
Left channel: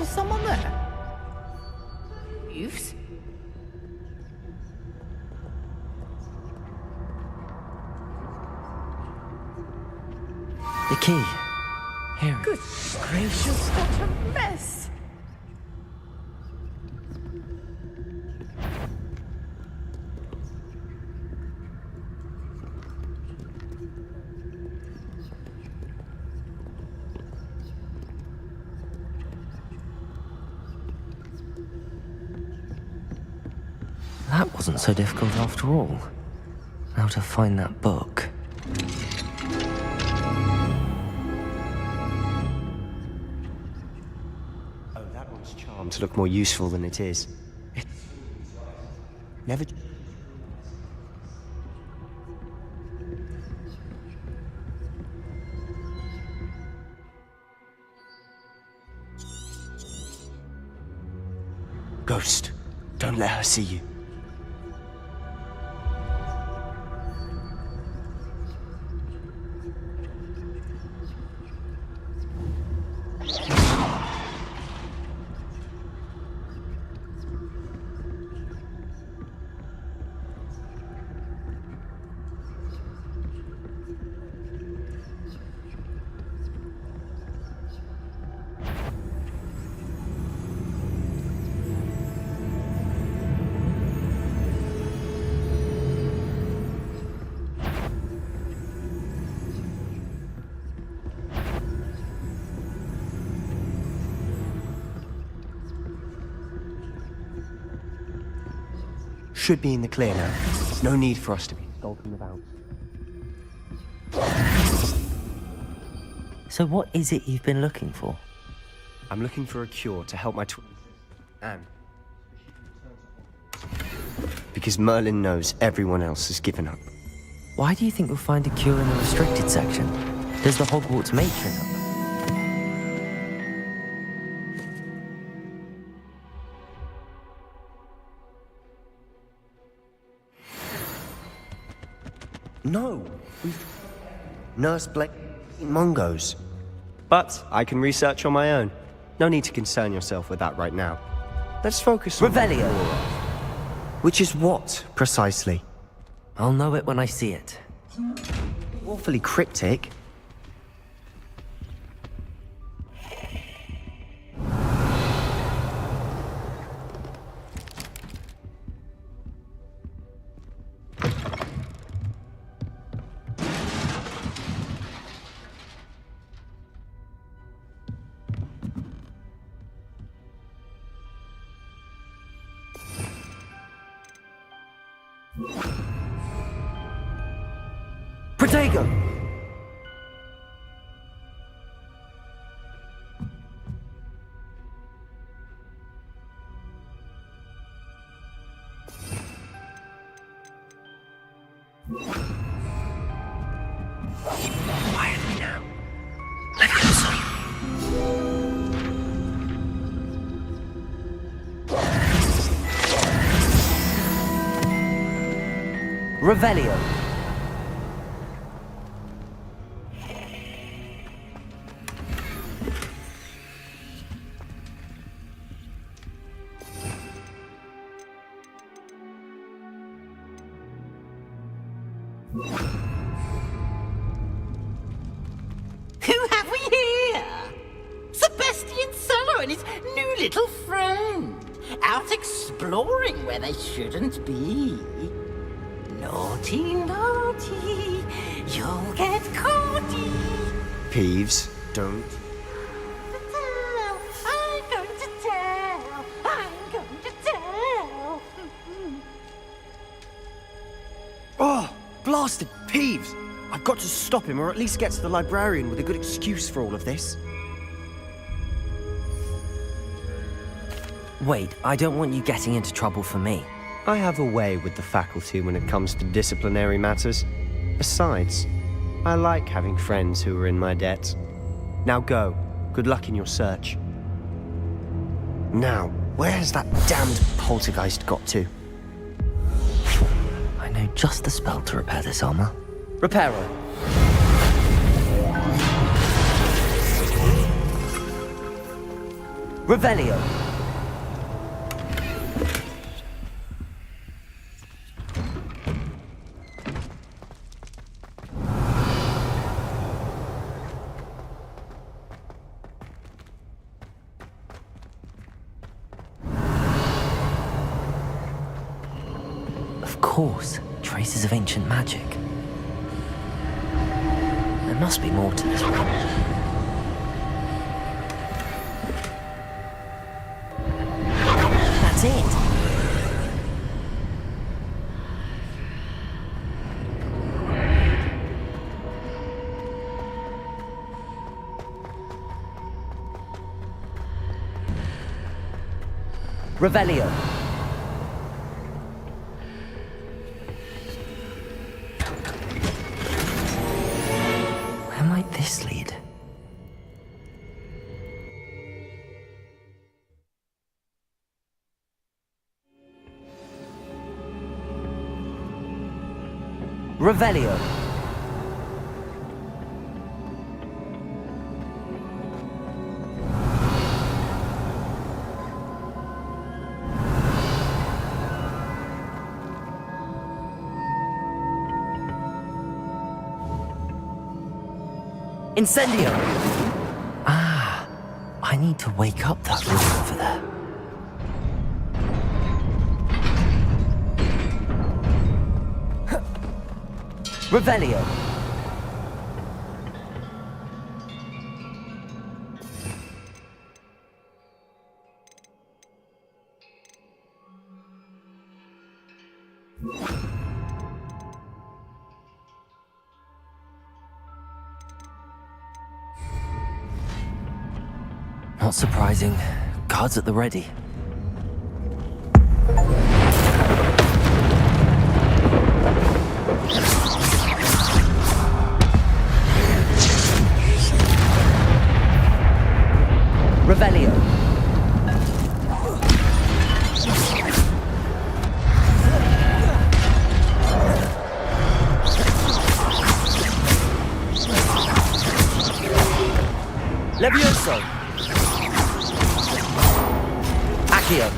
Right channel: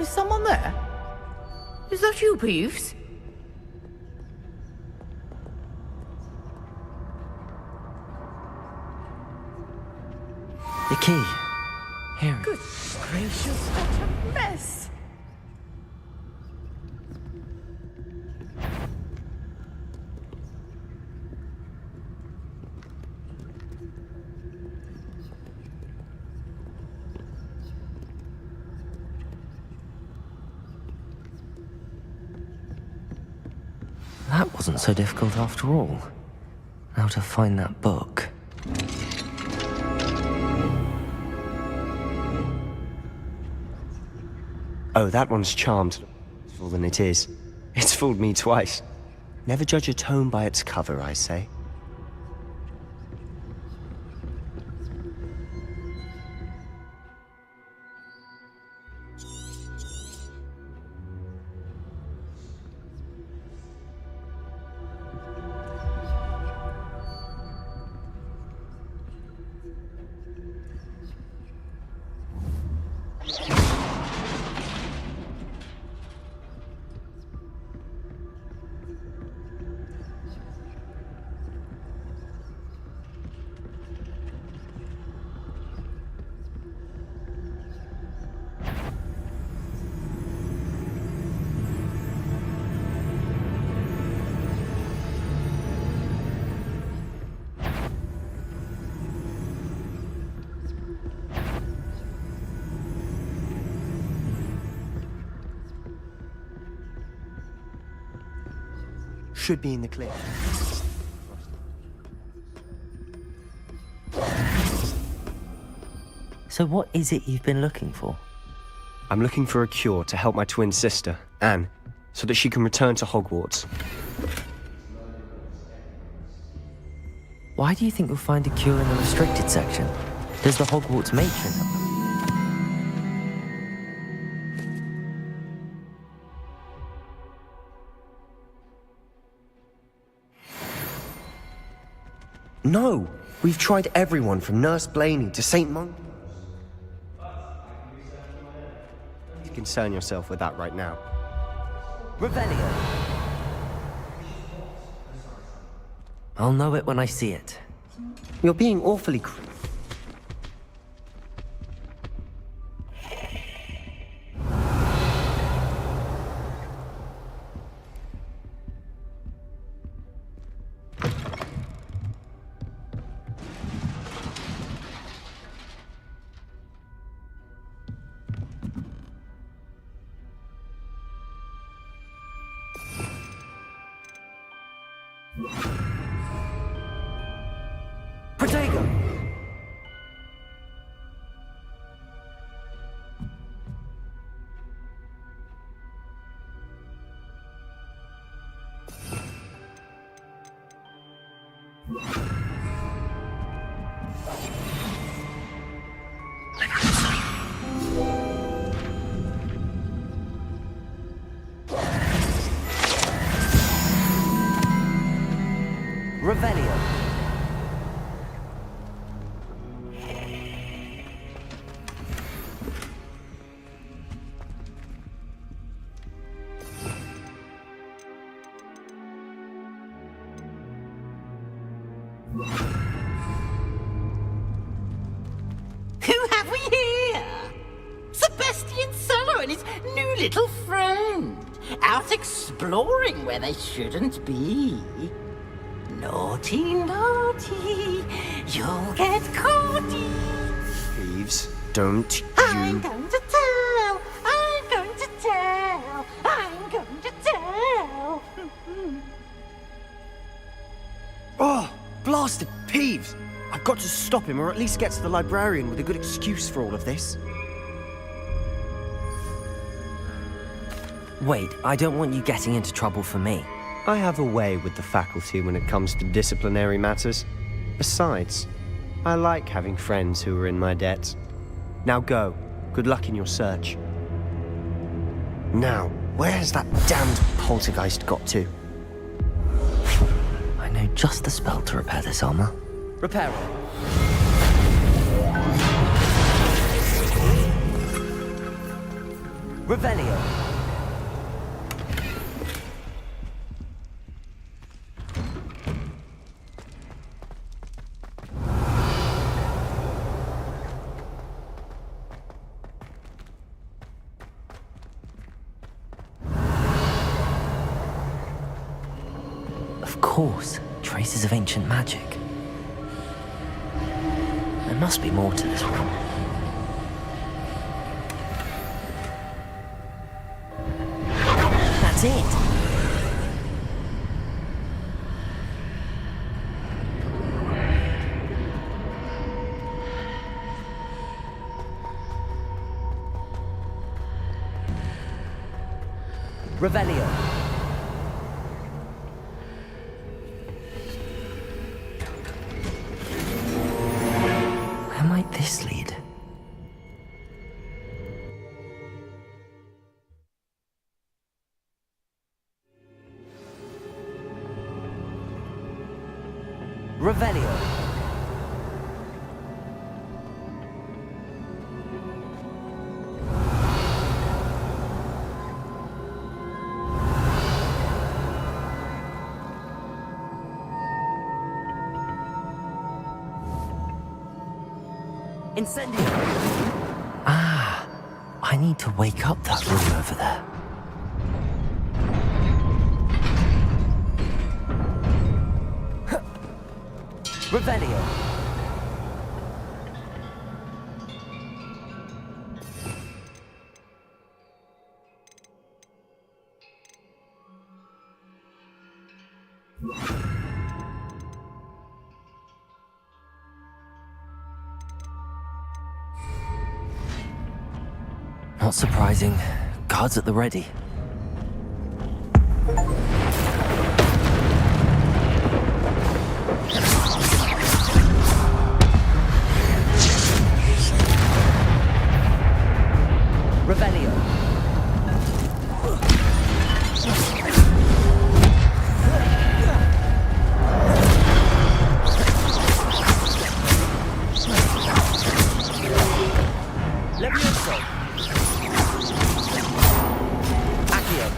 Is someone there? Is that you, Peeves? The key. Here. Goodness gracious, what a mess! That wasn't so difficult after all. Now to find that book. Oh, that one's charmed to look more useful than it is. It's fooled me twice. Never judge a tome by its cover, I say. Ghost, don't let her see you. Should be in the clear now. There's no need for us to be skulking about. So what is it you've been looking for? I'm looking for a cure to help my twin sister, Anne, so that she can return to Hogwarts. Because Merlin knows everyone else has given up. Why do you think you'll find a cure in the restricted section? Does the Hogwarts matron know? No! We've tried everyone from Nurse Blaney to St. Mungo's. But I can research on my own. No need to concern yourself with that right now. Let's focus on... Revelio! Which is what, precisely? I'll know it when I see it. You're being awfully cryptic. Protego! Revelio. Who have we here? Sebastian Solo and his new little friend. Out exploring where they shouldn't be. Naughty, naughty. You'll get caughty. Peeves, don't you... I'm going to tell. I'm going to tell. I'm going to tell. Oh, blasted Peeves! I've got to stop him, or at least get to the librarian with a good excuse for all of this. Wait, I don't want you getting into trouble for me. I have a way with the faculty when it comes to disciplinary matters. Besides, I like having friends who are in my debt. Now go. Good luck in your search. Now, where has that damned poltergeist got to? I know just the spell to repair this armor. Reparo. Revelio. Of course, traces of ancient magic. There must be more to this one. That's it! Revelio. Where might this lead? Revelio. Incendio! Ah, I need to wake up that room over there. Revelio. Not surprising. Guards at the ready. Revelio. Levioso. Accio.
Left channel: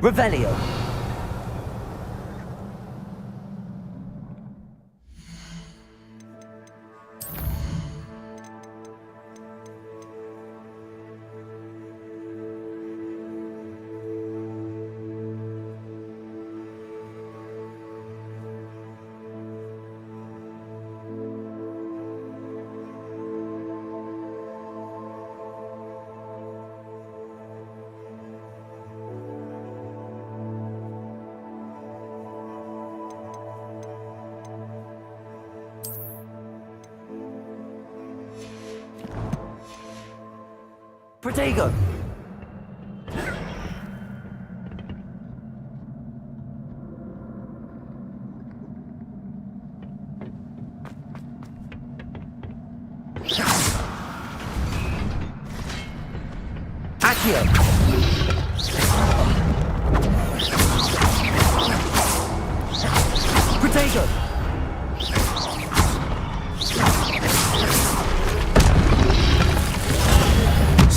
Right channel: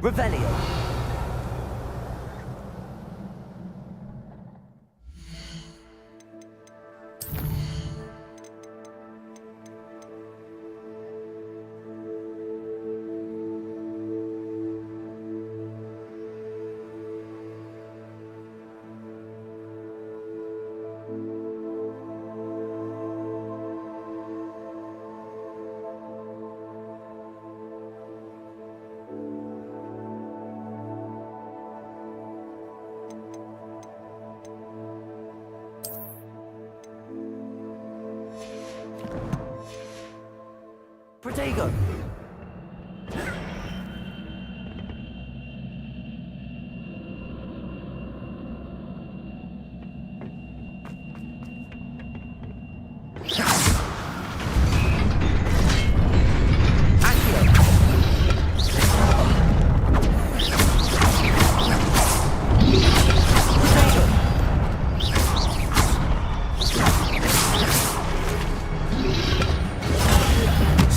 Revelio. Protego.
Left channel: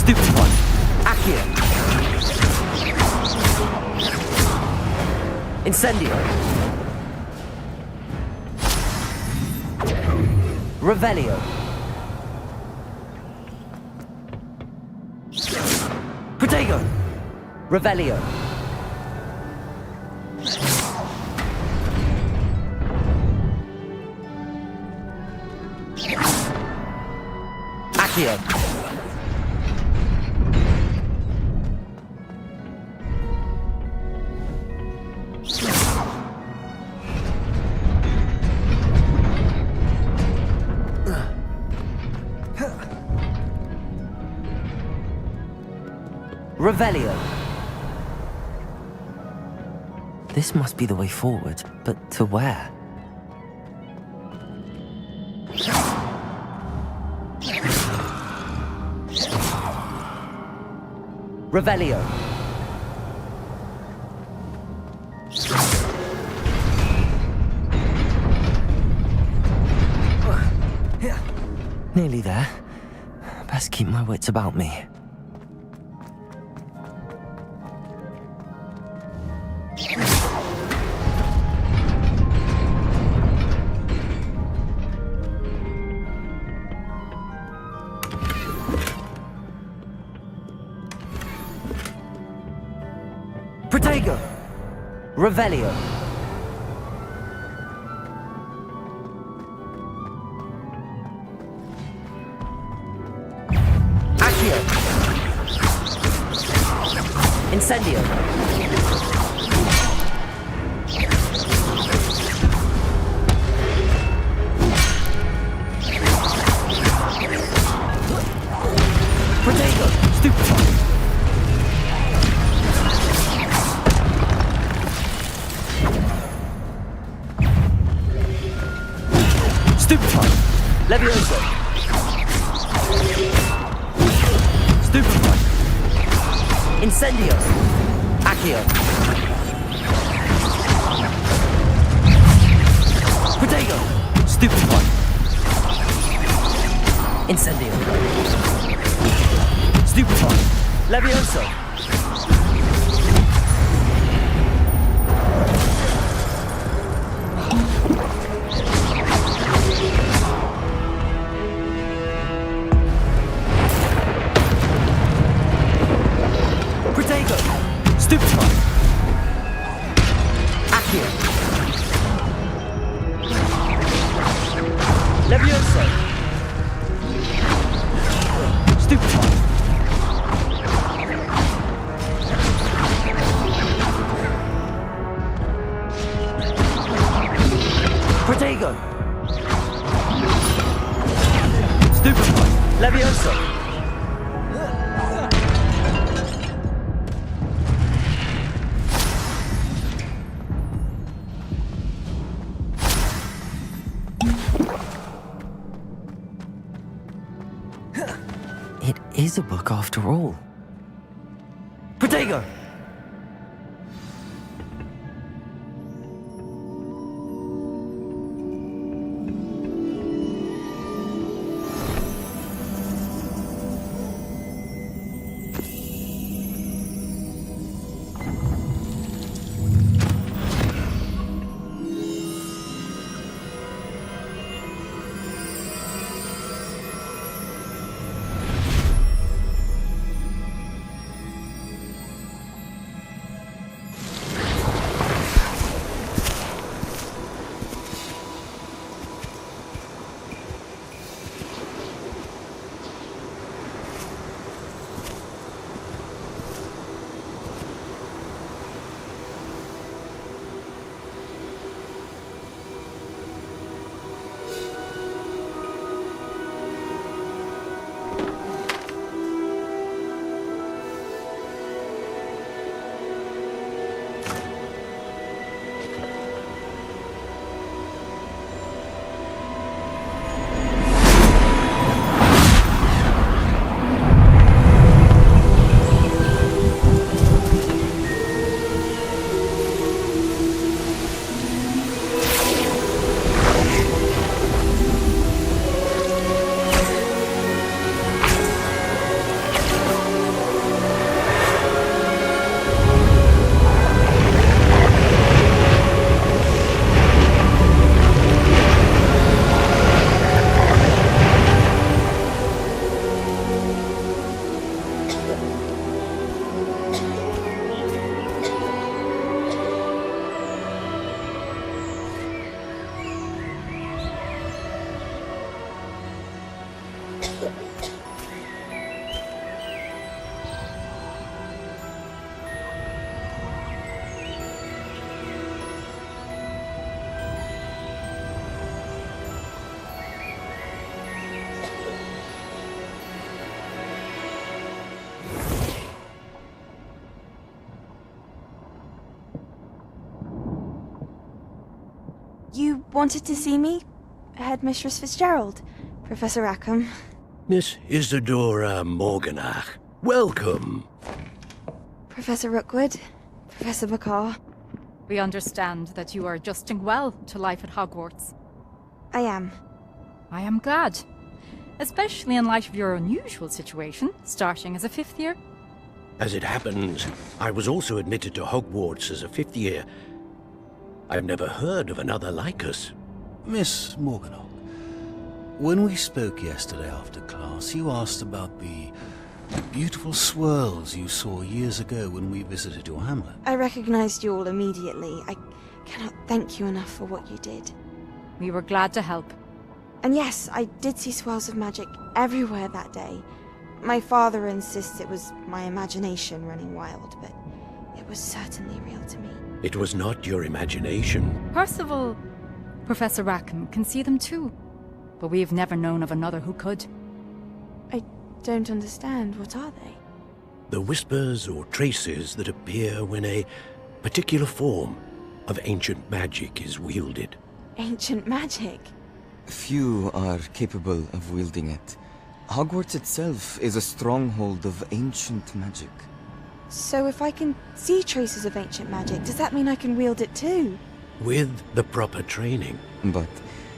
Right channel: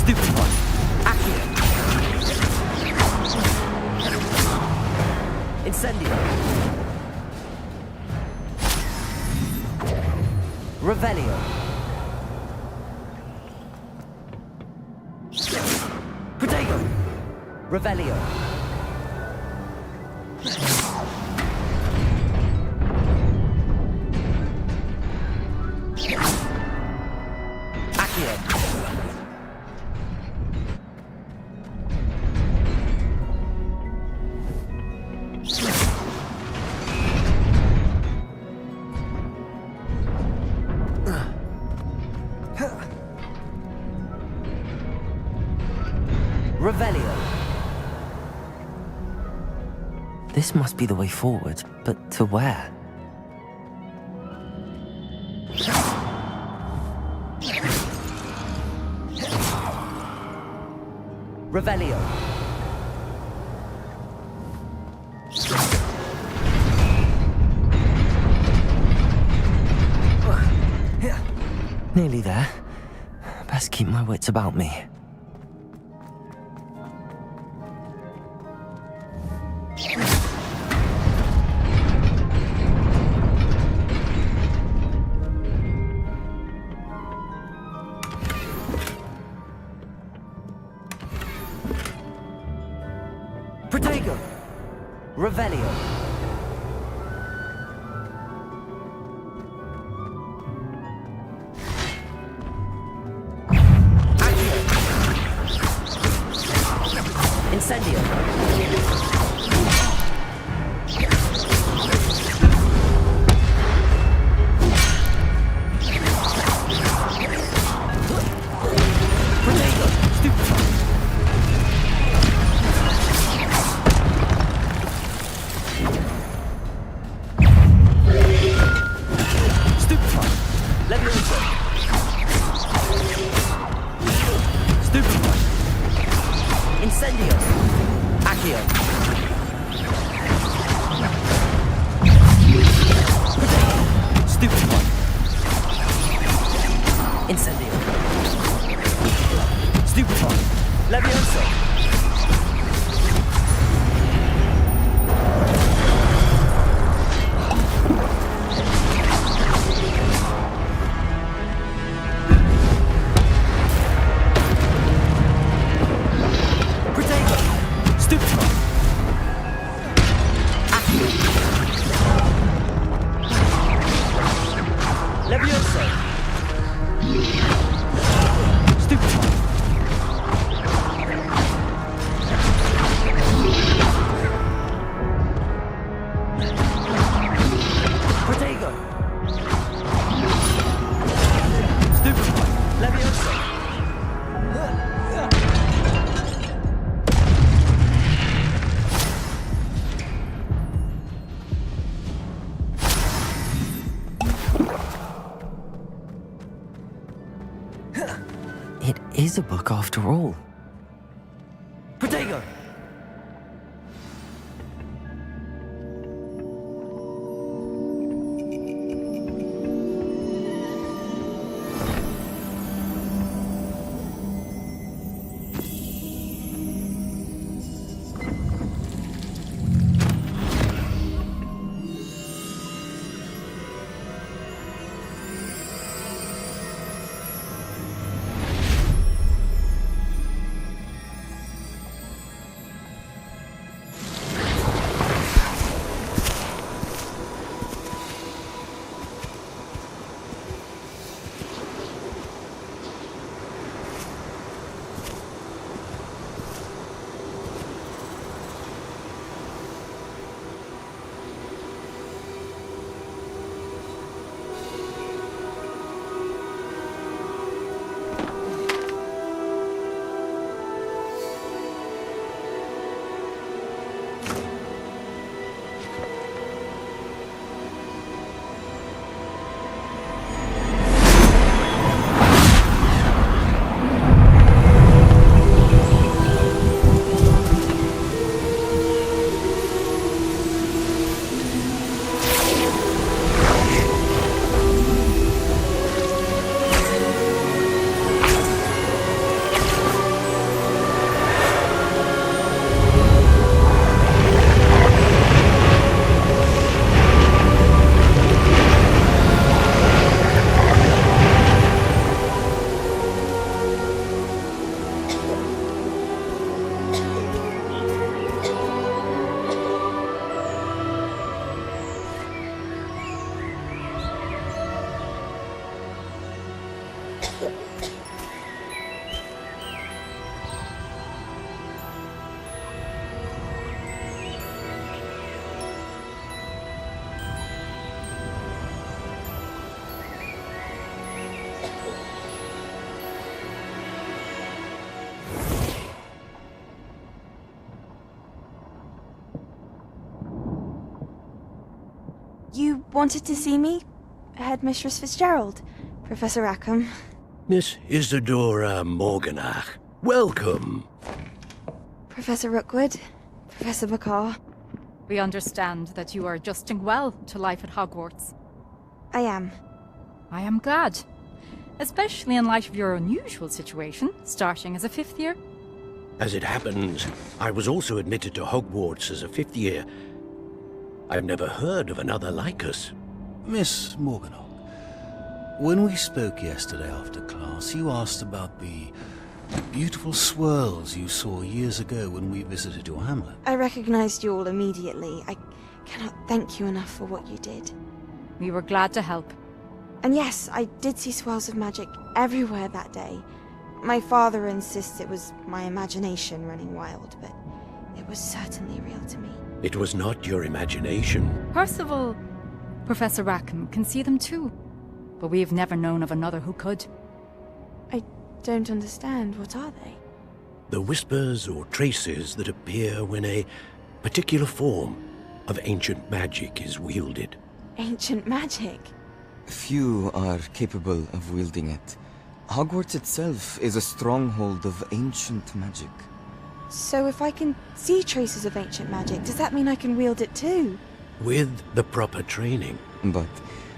Stupefy. Accio. Incendio. Revelio. Protego. Revelio. Accio. Revelio. This must be the way forward, but to where? Revelio. Nearly there. Best keep my wits about me. Protego. Revelio. Accio. Incendio. Protego. Stupefy. Stupefy. Levioso. Stupefy. Incendio. Accio. Protego. Stupefy. Incendio. Stupefy. Levioso. Protego. Stupefy. Accio. Levioso. Stupefy. Protego. Stupefy. Levioso. It is a book after all. Protego. wanted to see me? Headmistress Fitzgerald, Professor Rackham. Miss Isadora Morganach, welcome. Professor Rookwood, Professor McCaw. We understand that you are adjusting well to life at Hogwarts. I am. I am glad. Especially in light of your unusual situation, starting as a 5th year. As it happens, I was also admitted to Hogwarts as a 5th year. I've never heard of another like us. Miss Morganach, when we spoke yesterday after class, you asked about the beautiful swirls you saw years ago when we visited your hamlet. I recognized you all immediately. I cannot thank you enough for what you did. We were glad to help. And yes, I did see swirls of magic everywhere that day. My father insists it was my imagination running wild, but it was certainly real to me. It was not your imagination. Percival, Professor Rackham can see them too. But we have never known of another who could. I don't understand. What are they? The whispers or traces that appear when a particular form of ancient magic is wielded. Ancient magic? Few are capable of wielding it. Hogwarts itself is a stronghold of ancient magic. So if I can see traces of ancient magic, does that mean I can wield it too? With the proper training. But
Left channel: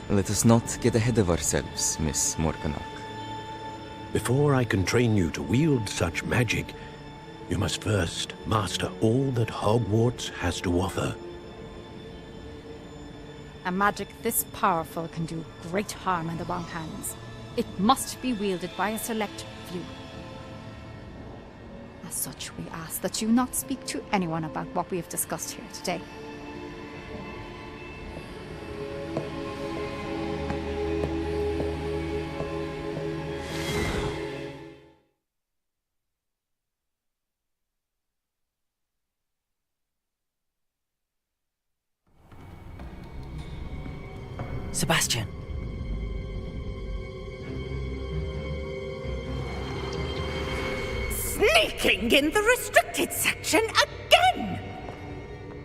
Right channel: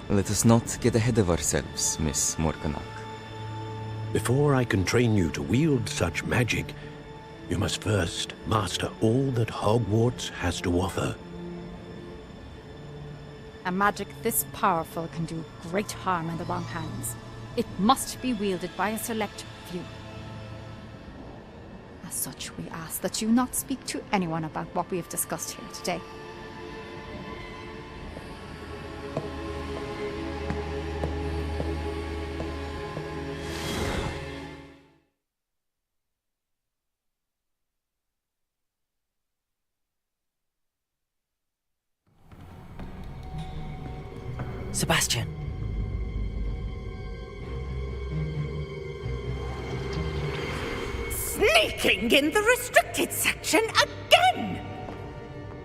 let us not get ahead of ourselves, Miss Morganach. Before I can train you to wield such magic, you must first master all that Hogwarts has to offer. A magic this powerful can do great harm in the wrong hands. It must be wielded by a select few. As such, we ask that you not speak to anyone about what we have discussed here today. Sebastian. Sneaking in the restricted section again!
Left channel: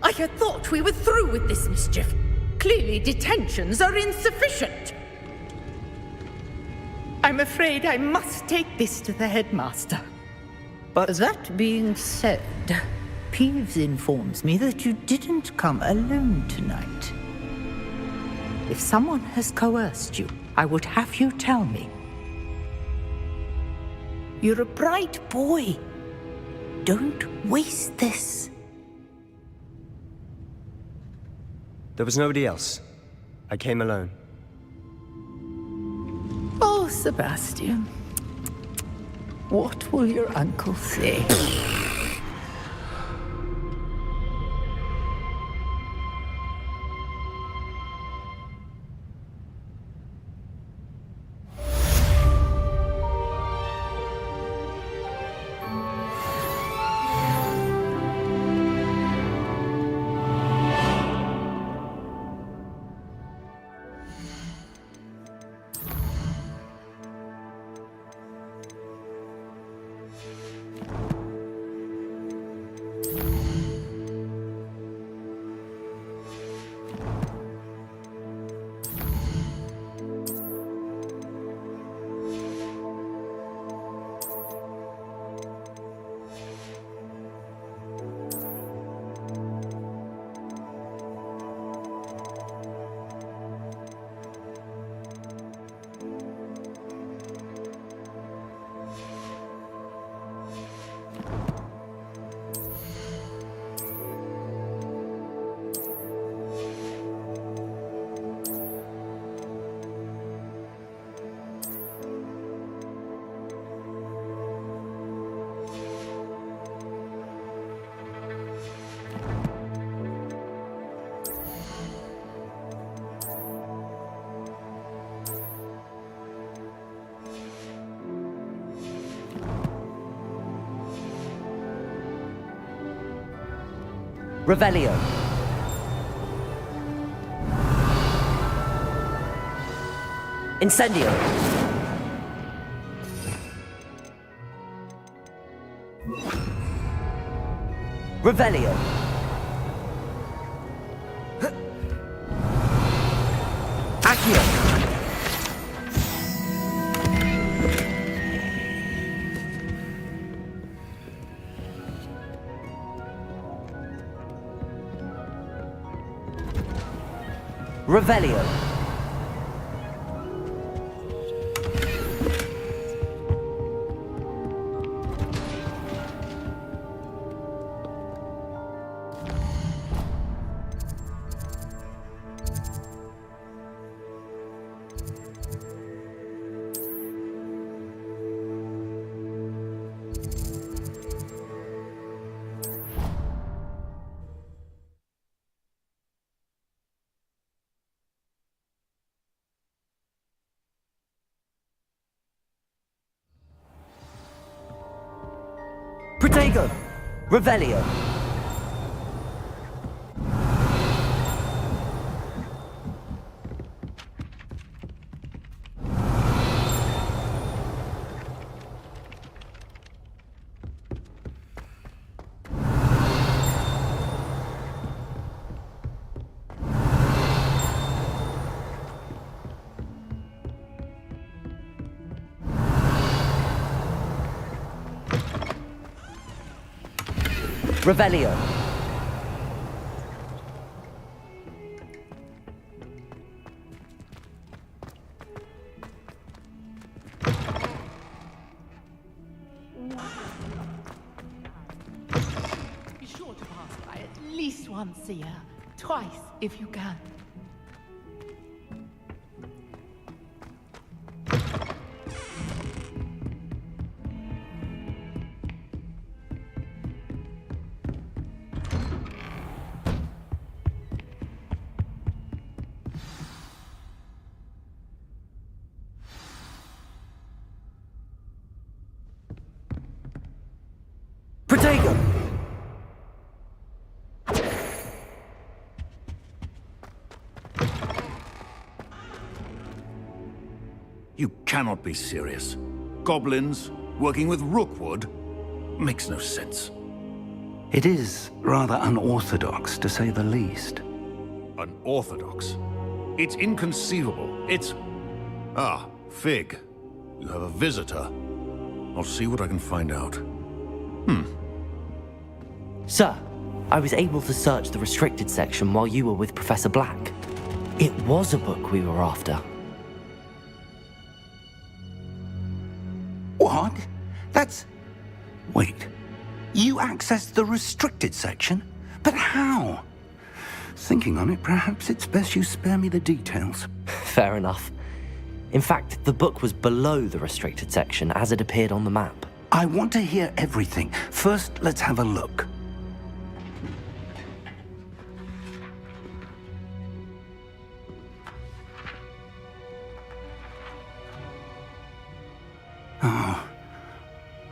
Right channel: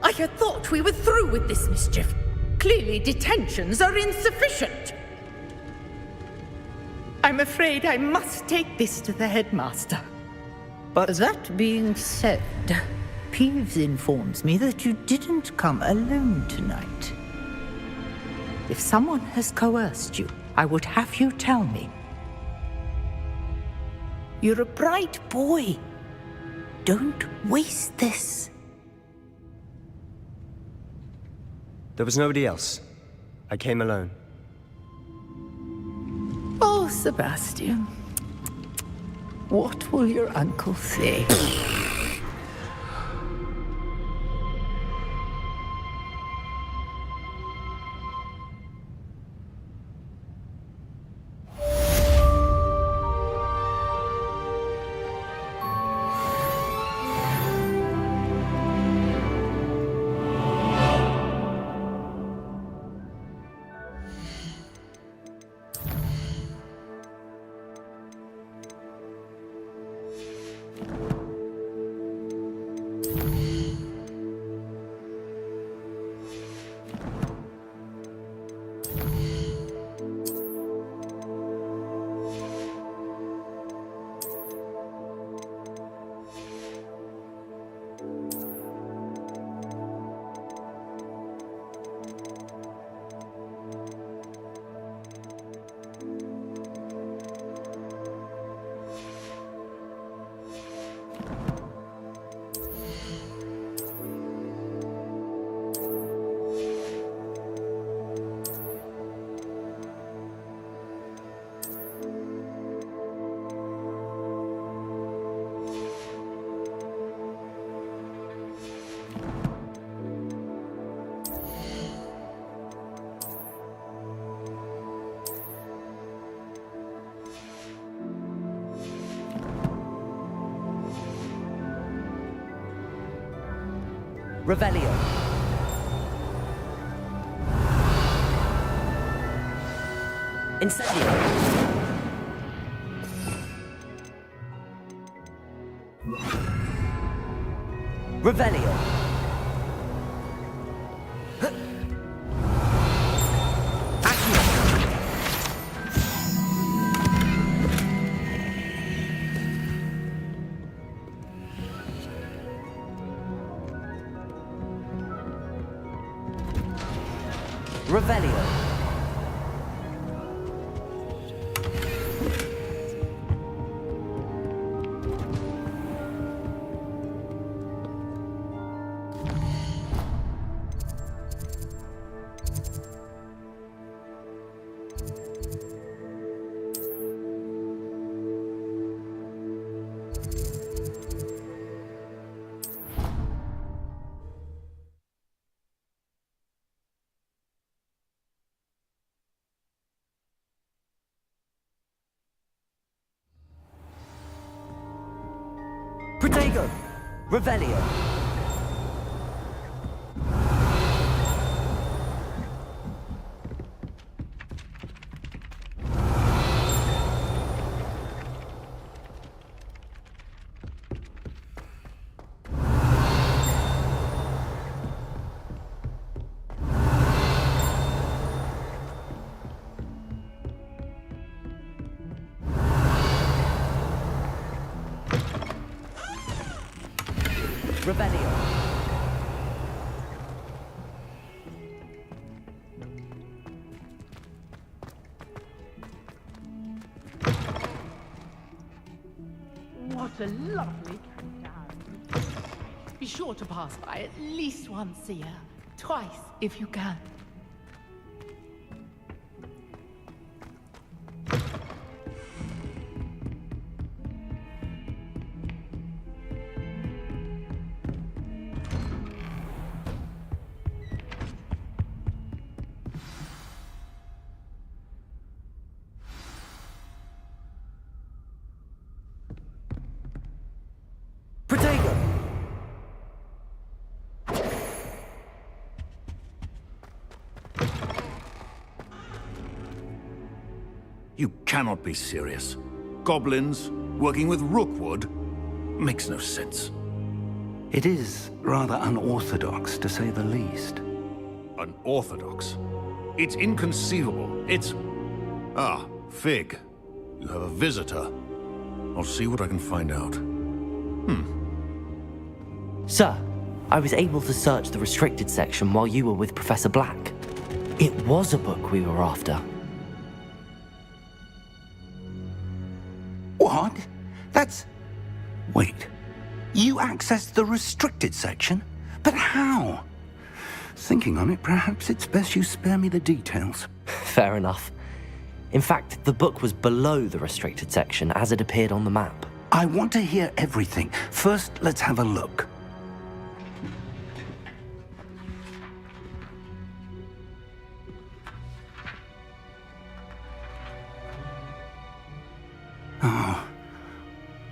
I had thought we were through with this mischief. Clearly detentions are insufficient. I'm afraid I must take this to the headmaster. But that being said, Peeves informs me that you didn't come alone tonight. If someone has coerced you, I would have you tell me. You're a bright boy. Don't waste this. There was nobody else. I came alone. Oh, Sebastian. What will your uncle say? Revelio. Incendio. Revelio. Revelio. Protego! Revelio! Revelio. What a lovely Be sure to pass by at least once a year. Twice, if you can. Protego! You cannot be serious. Goblins working with Rookwood makes no sense. It is rather unorthodox, to say the least. Unorthodox? It's inconceivable. It's... Ah, Fig. You have a visitor. I'll see what I can find out. Sir, I was able to search the restricted section while you were with Professor Black. It was a book we were after. What? That's... Wait. You accessed the restricted section? But how? Thinking on it, perhaps it's best you spare me the details. Fair enough. In fact, the book was below the restricted section as it appeared on the map. I want to hear everything. First, let's have a look.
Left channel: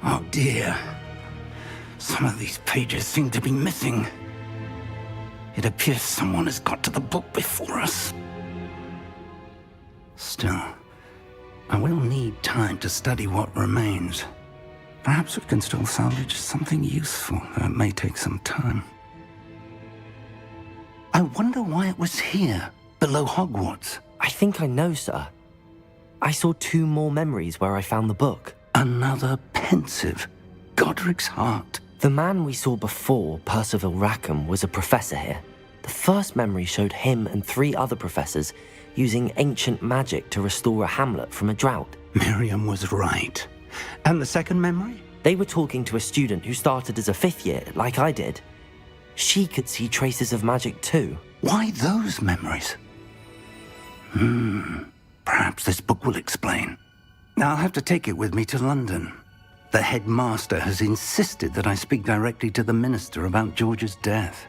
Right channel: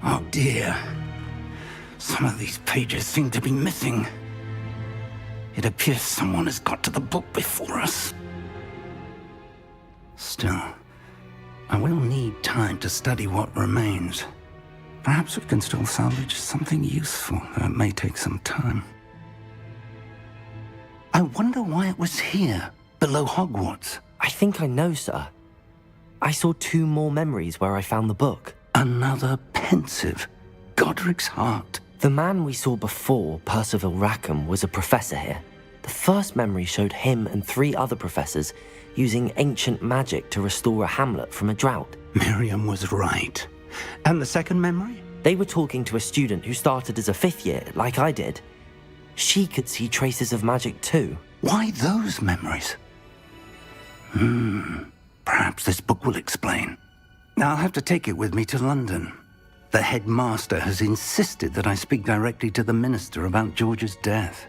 Oh dear. Some of these pages seem to be missing. It appears someone has got to the book before us. Still, I will need time to study what remains. Perhaps we can still salvage something useful, though it may take some time. I wonder why it was here, below Hogwarts. I think I know, sir. I saw 2 more memories where I found the book. Another pensive. Godric's heart. The man we saw before, Percival Rackham, was a professor here. The first memory showed him and 3 other professors using ancient magic to restore a hamlet from a drought. Miriam was right. And the second memory? They were talking to a student who started as a 5th year, like I did. She could see traces of magic too. Why those memories? Perhaps this book will explain. I'll have to take it with me to London. The headmaster has insisted that I speak directly to the minister about George's death.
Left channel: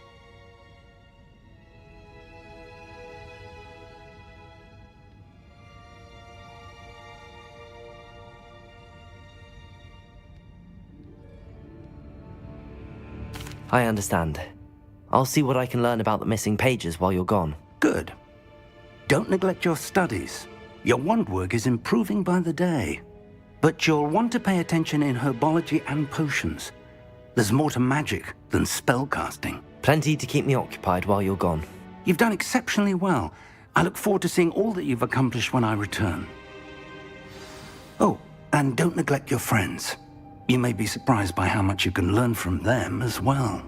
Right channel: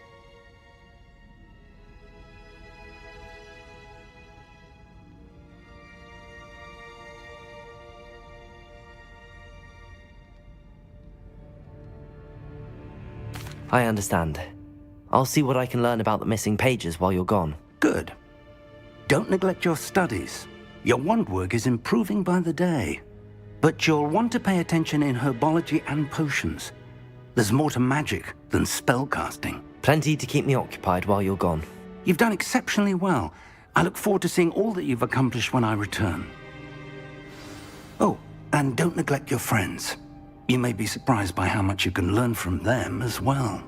I understand. I'll see what I can learn about the missing pages while you're gone. Good. Don't neglect your studies. Your wand work is improving by the day. But you'll want to pay attention in herbology and potions. There's more to magic than spellcasting. Plenty to keep me occupied while you're gone. You've done exceptionally well. I look forward to seeing all that you've accomplished when I return. Oh, and don't neglect your friends. You may be surprised by how much you can learn from them as well.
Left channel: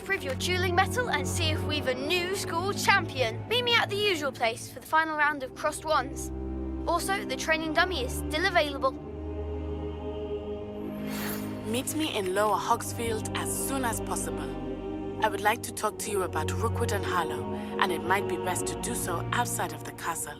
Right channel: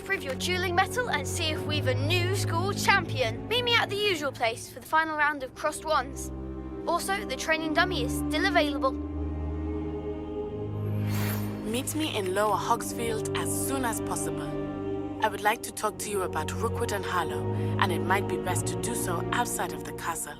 to prove your dueling mettle and see if we've a new school champion. Meet me at the usual place for the final round of crossed wands. Also, the training dummy is still available. Meet me in Lower Hogsfield as soon as possible. I would like to talk to you about Rookwood and Harlow, and it might be best to do so outside of the castle.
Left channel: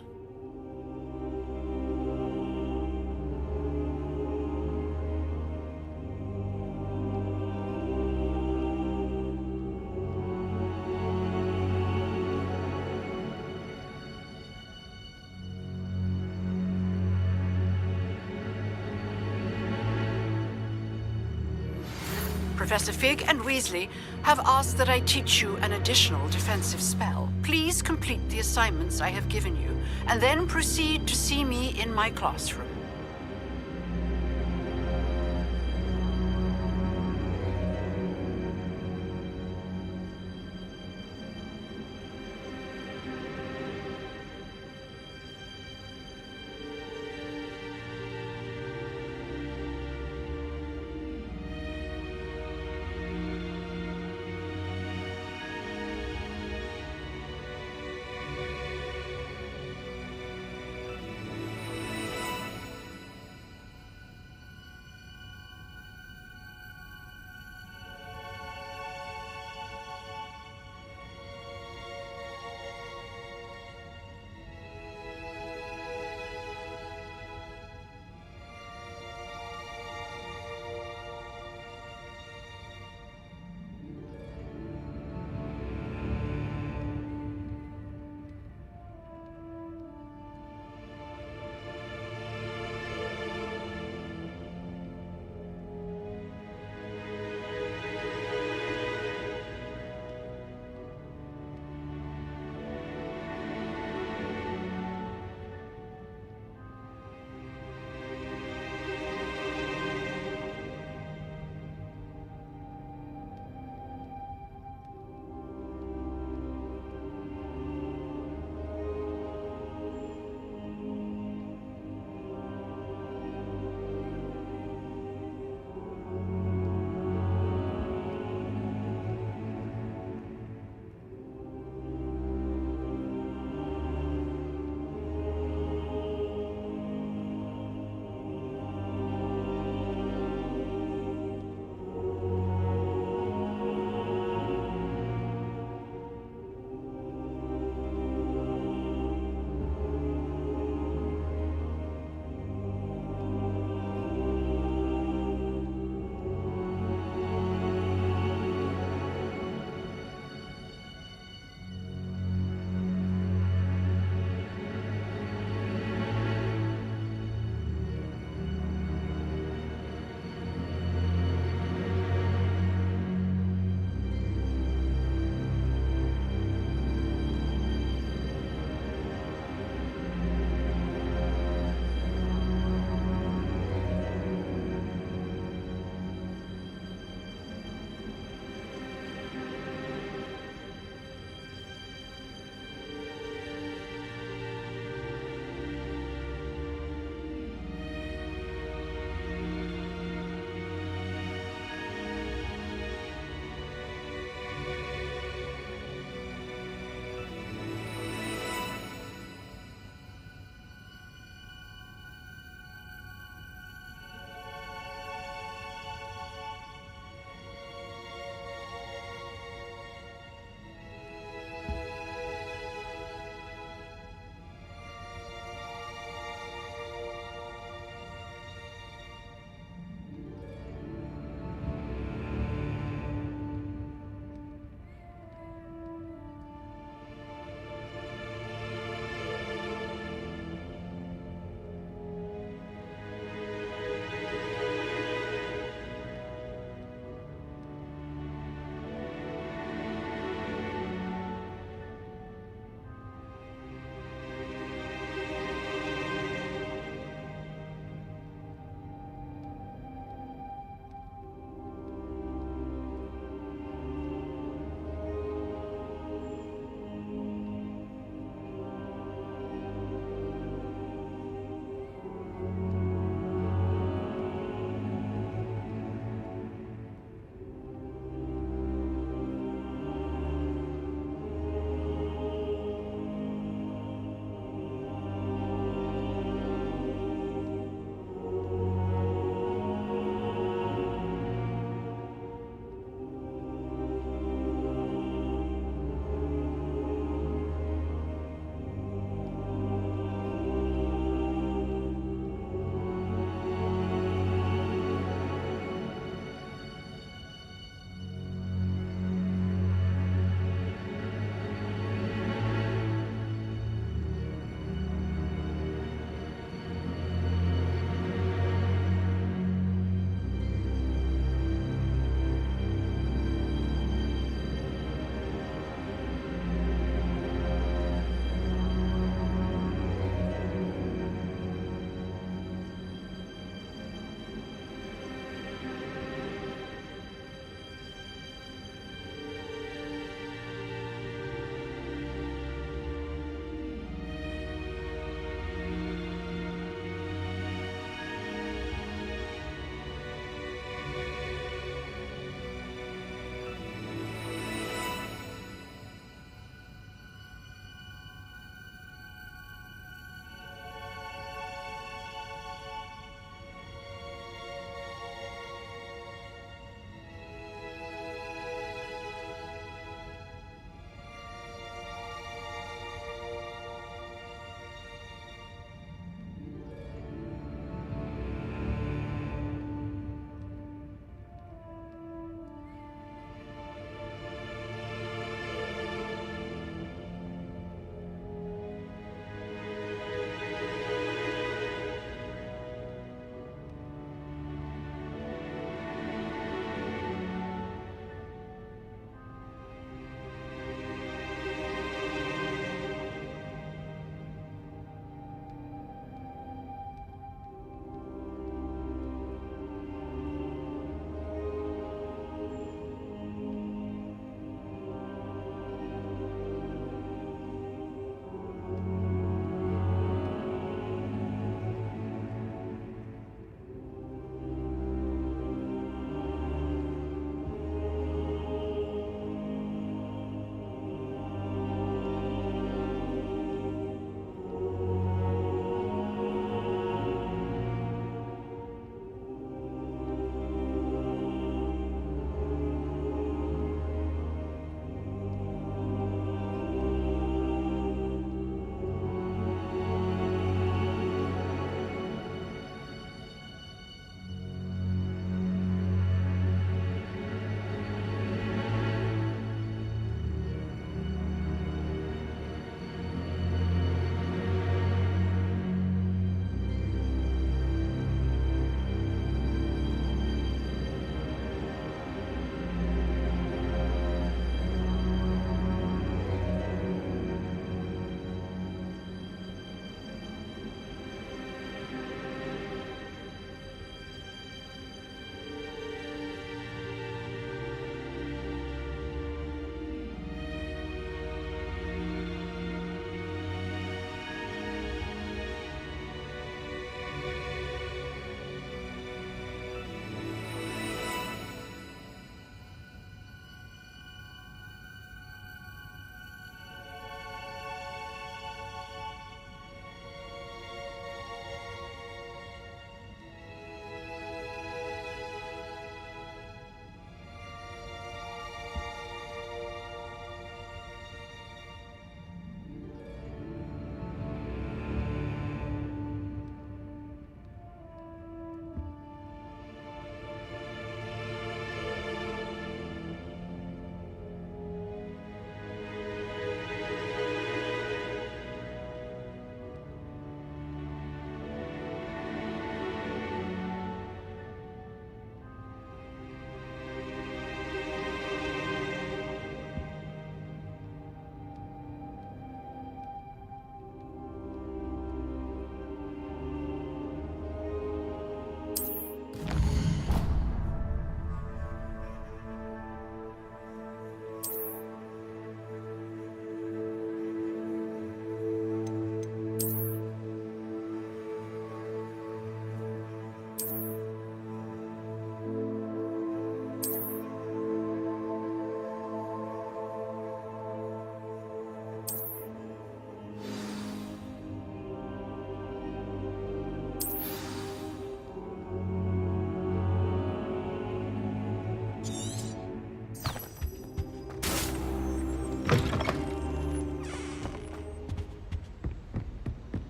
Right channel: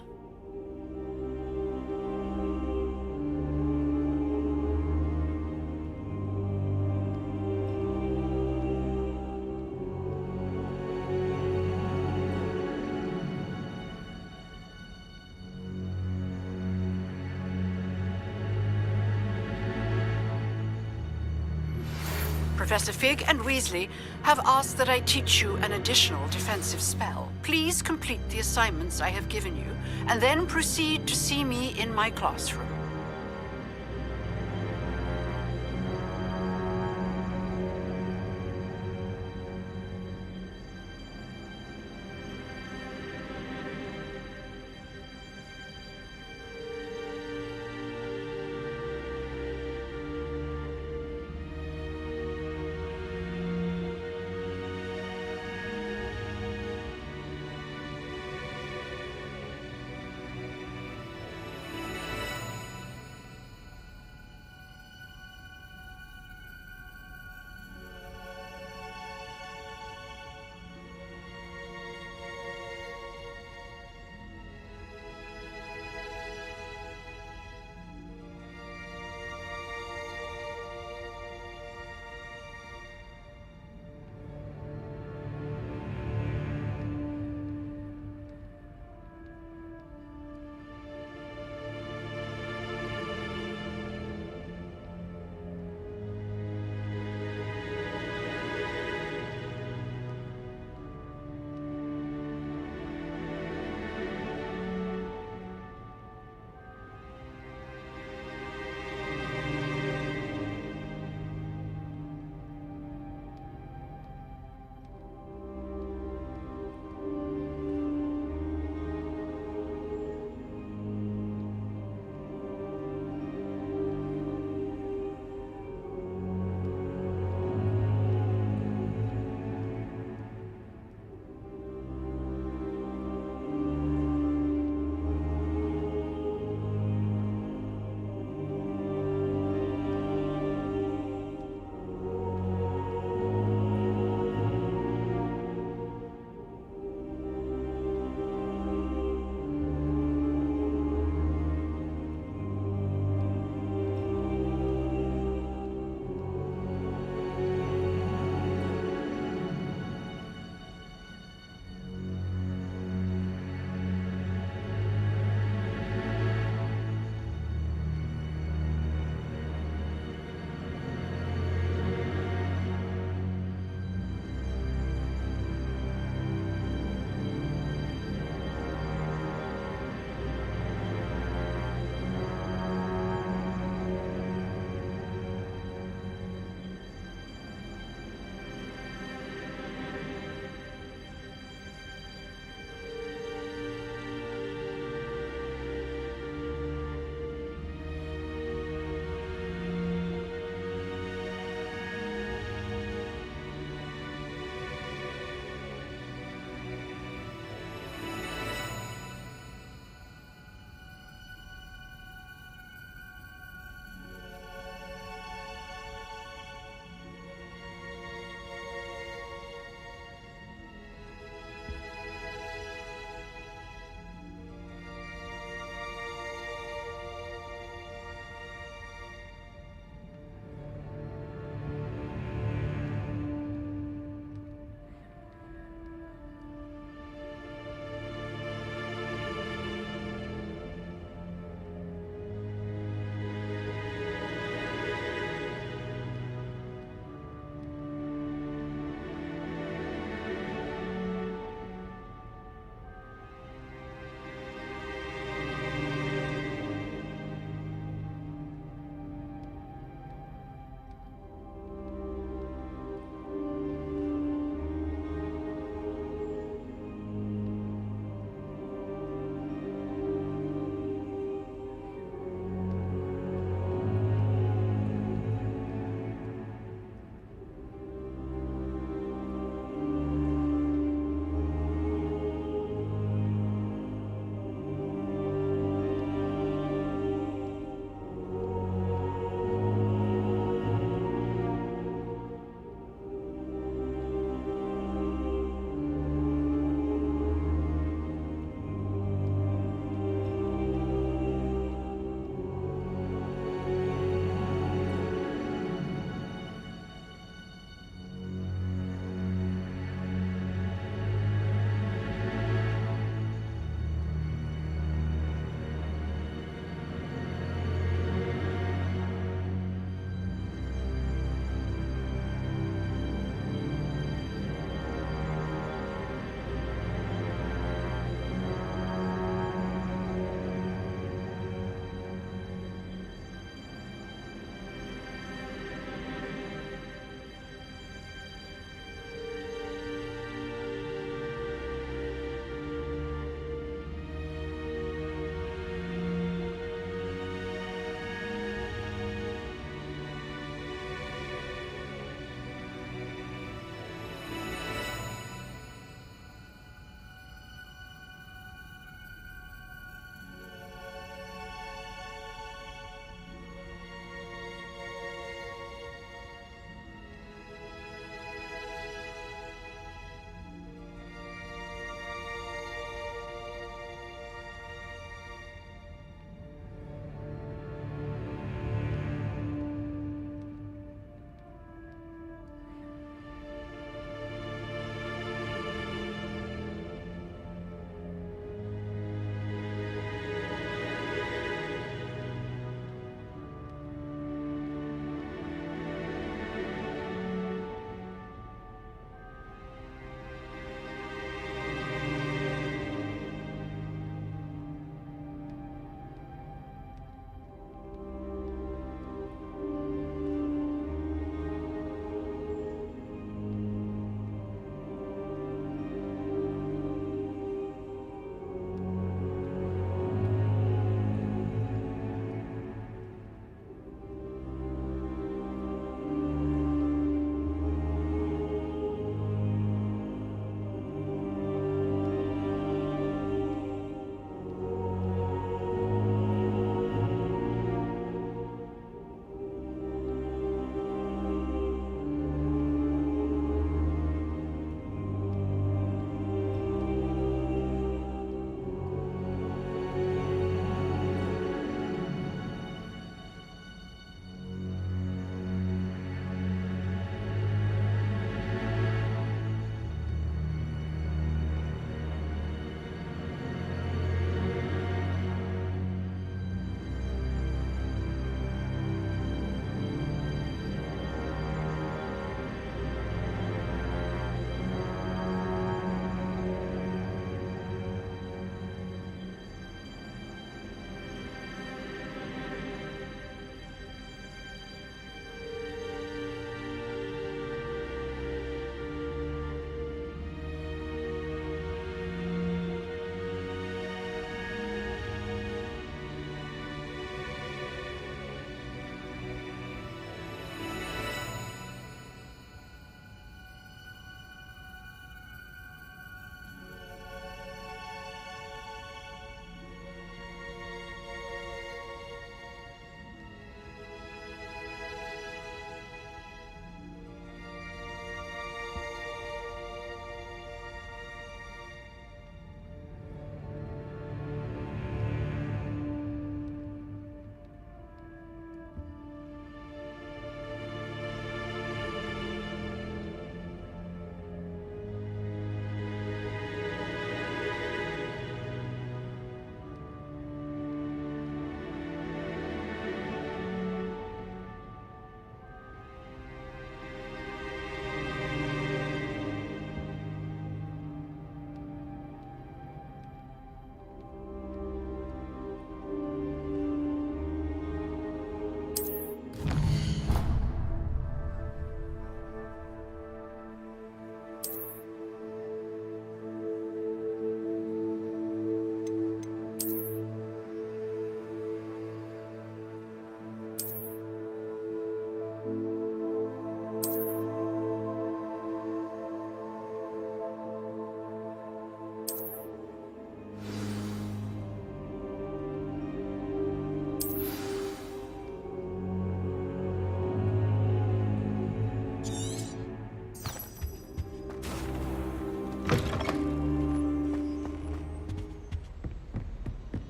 Professor Fig and Weasley have asked that I teach you an additional defensive spell. Please complete the assignments I have given you, and then proceed to see me in my classroom.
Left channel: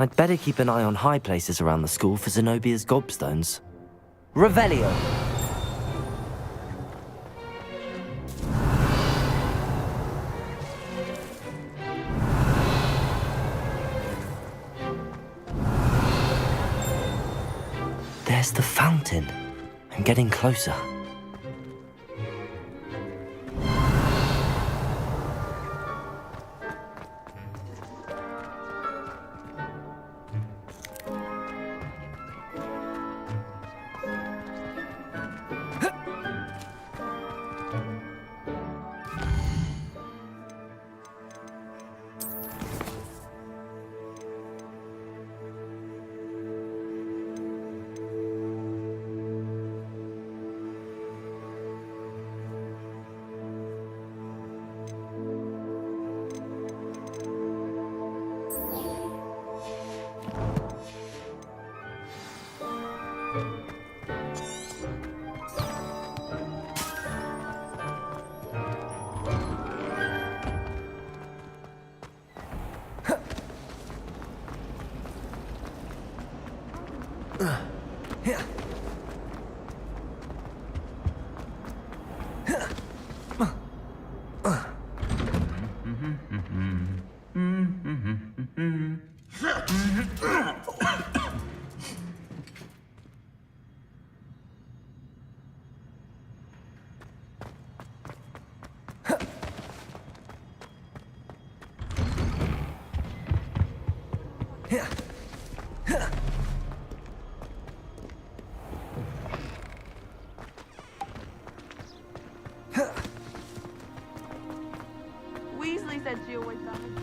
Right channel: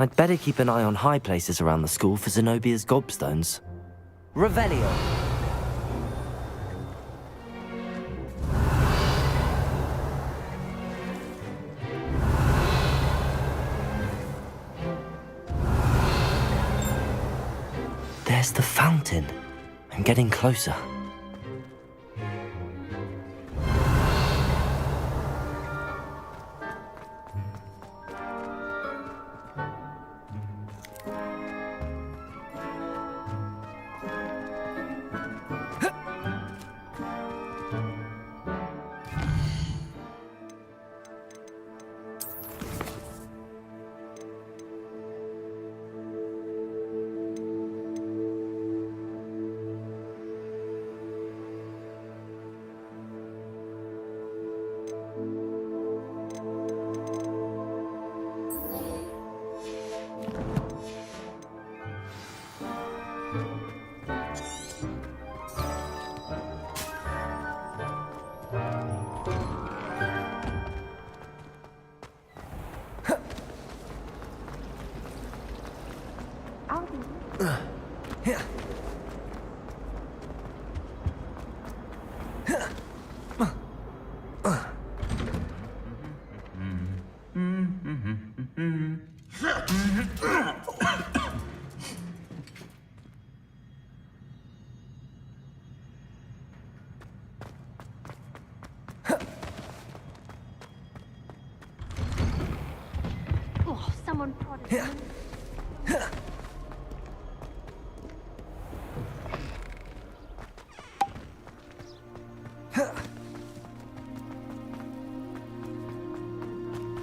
I'd better keep an eye on high places around the school for Zenobia's gobstones. Revelio. There's the fountain. I'm getting closer. Weasley said you would come.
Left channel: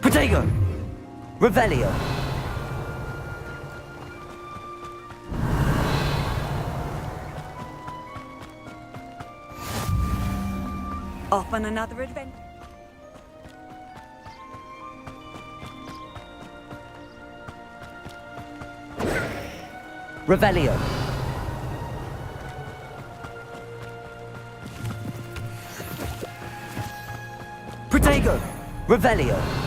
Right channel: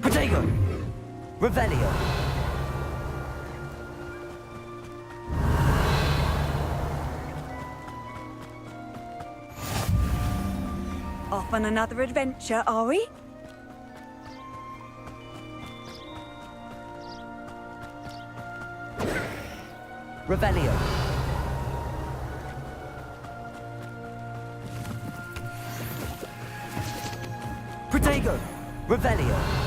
Protego! Revelio. Off on another adventure, are we? Revelio. Protego! Revelio.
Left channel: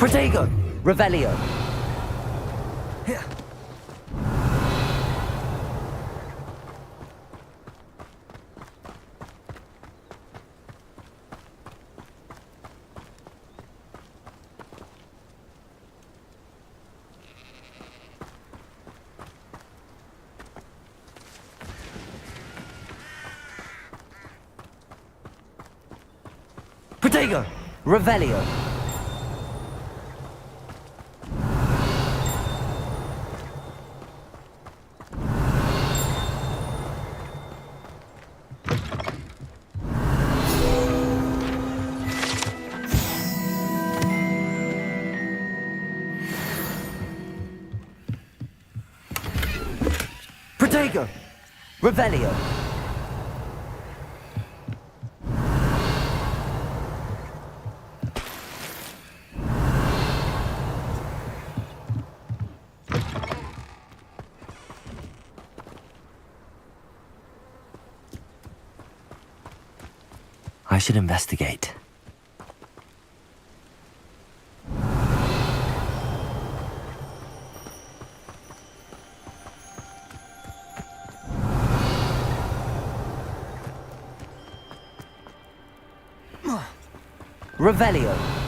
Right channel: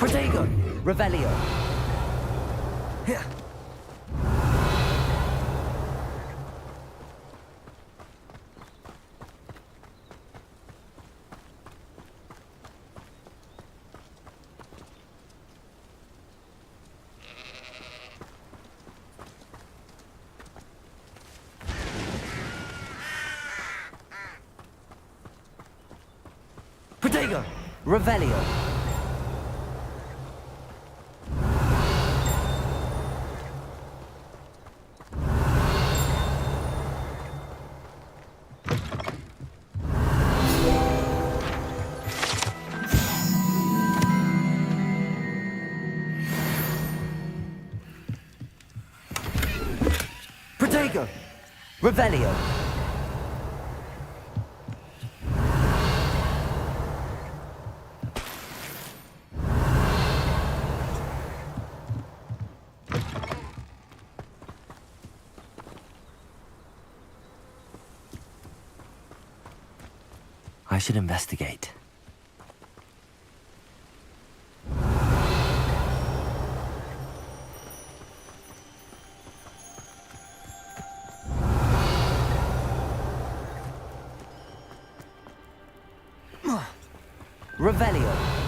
Protego! Revelio! Protego! Revelio! Protego! Revelio! I should investigate. Revelio!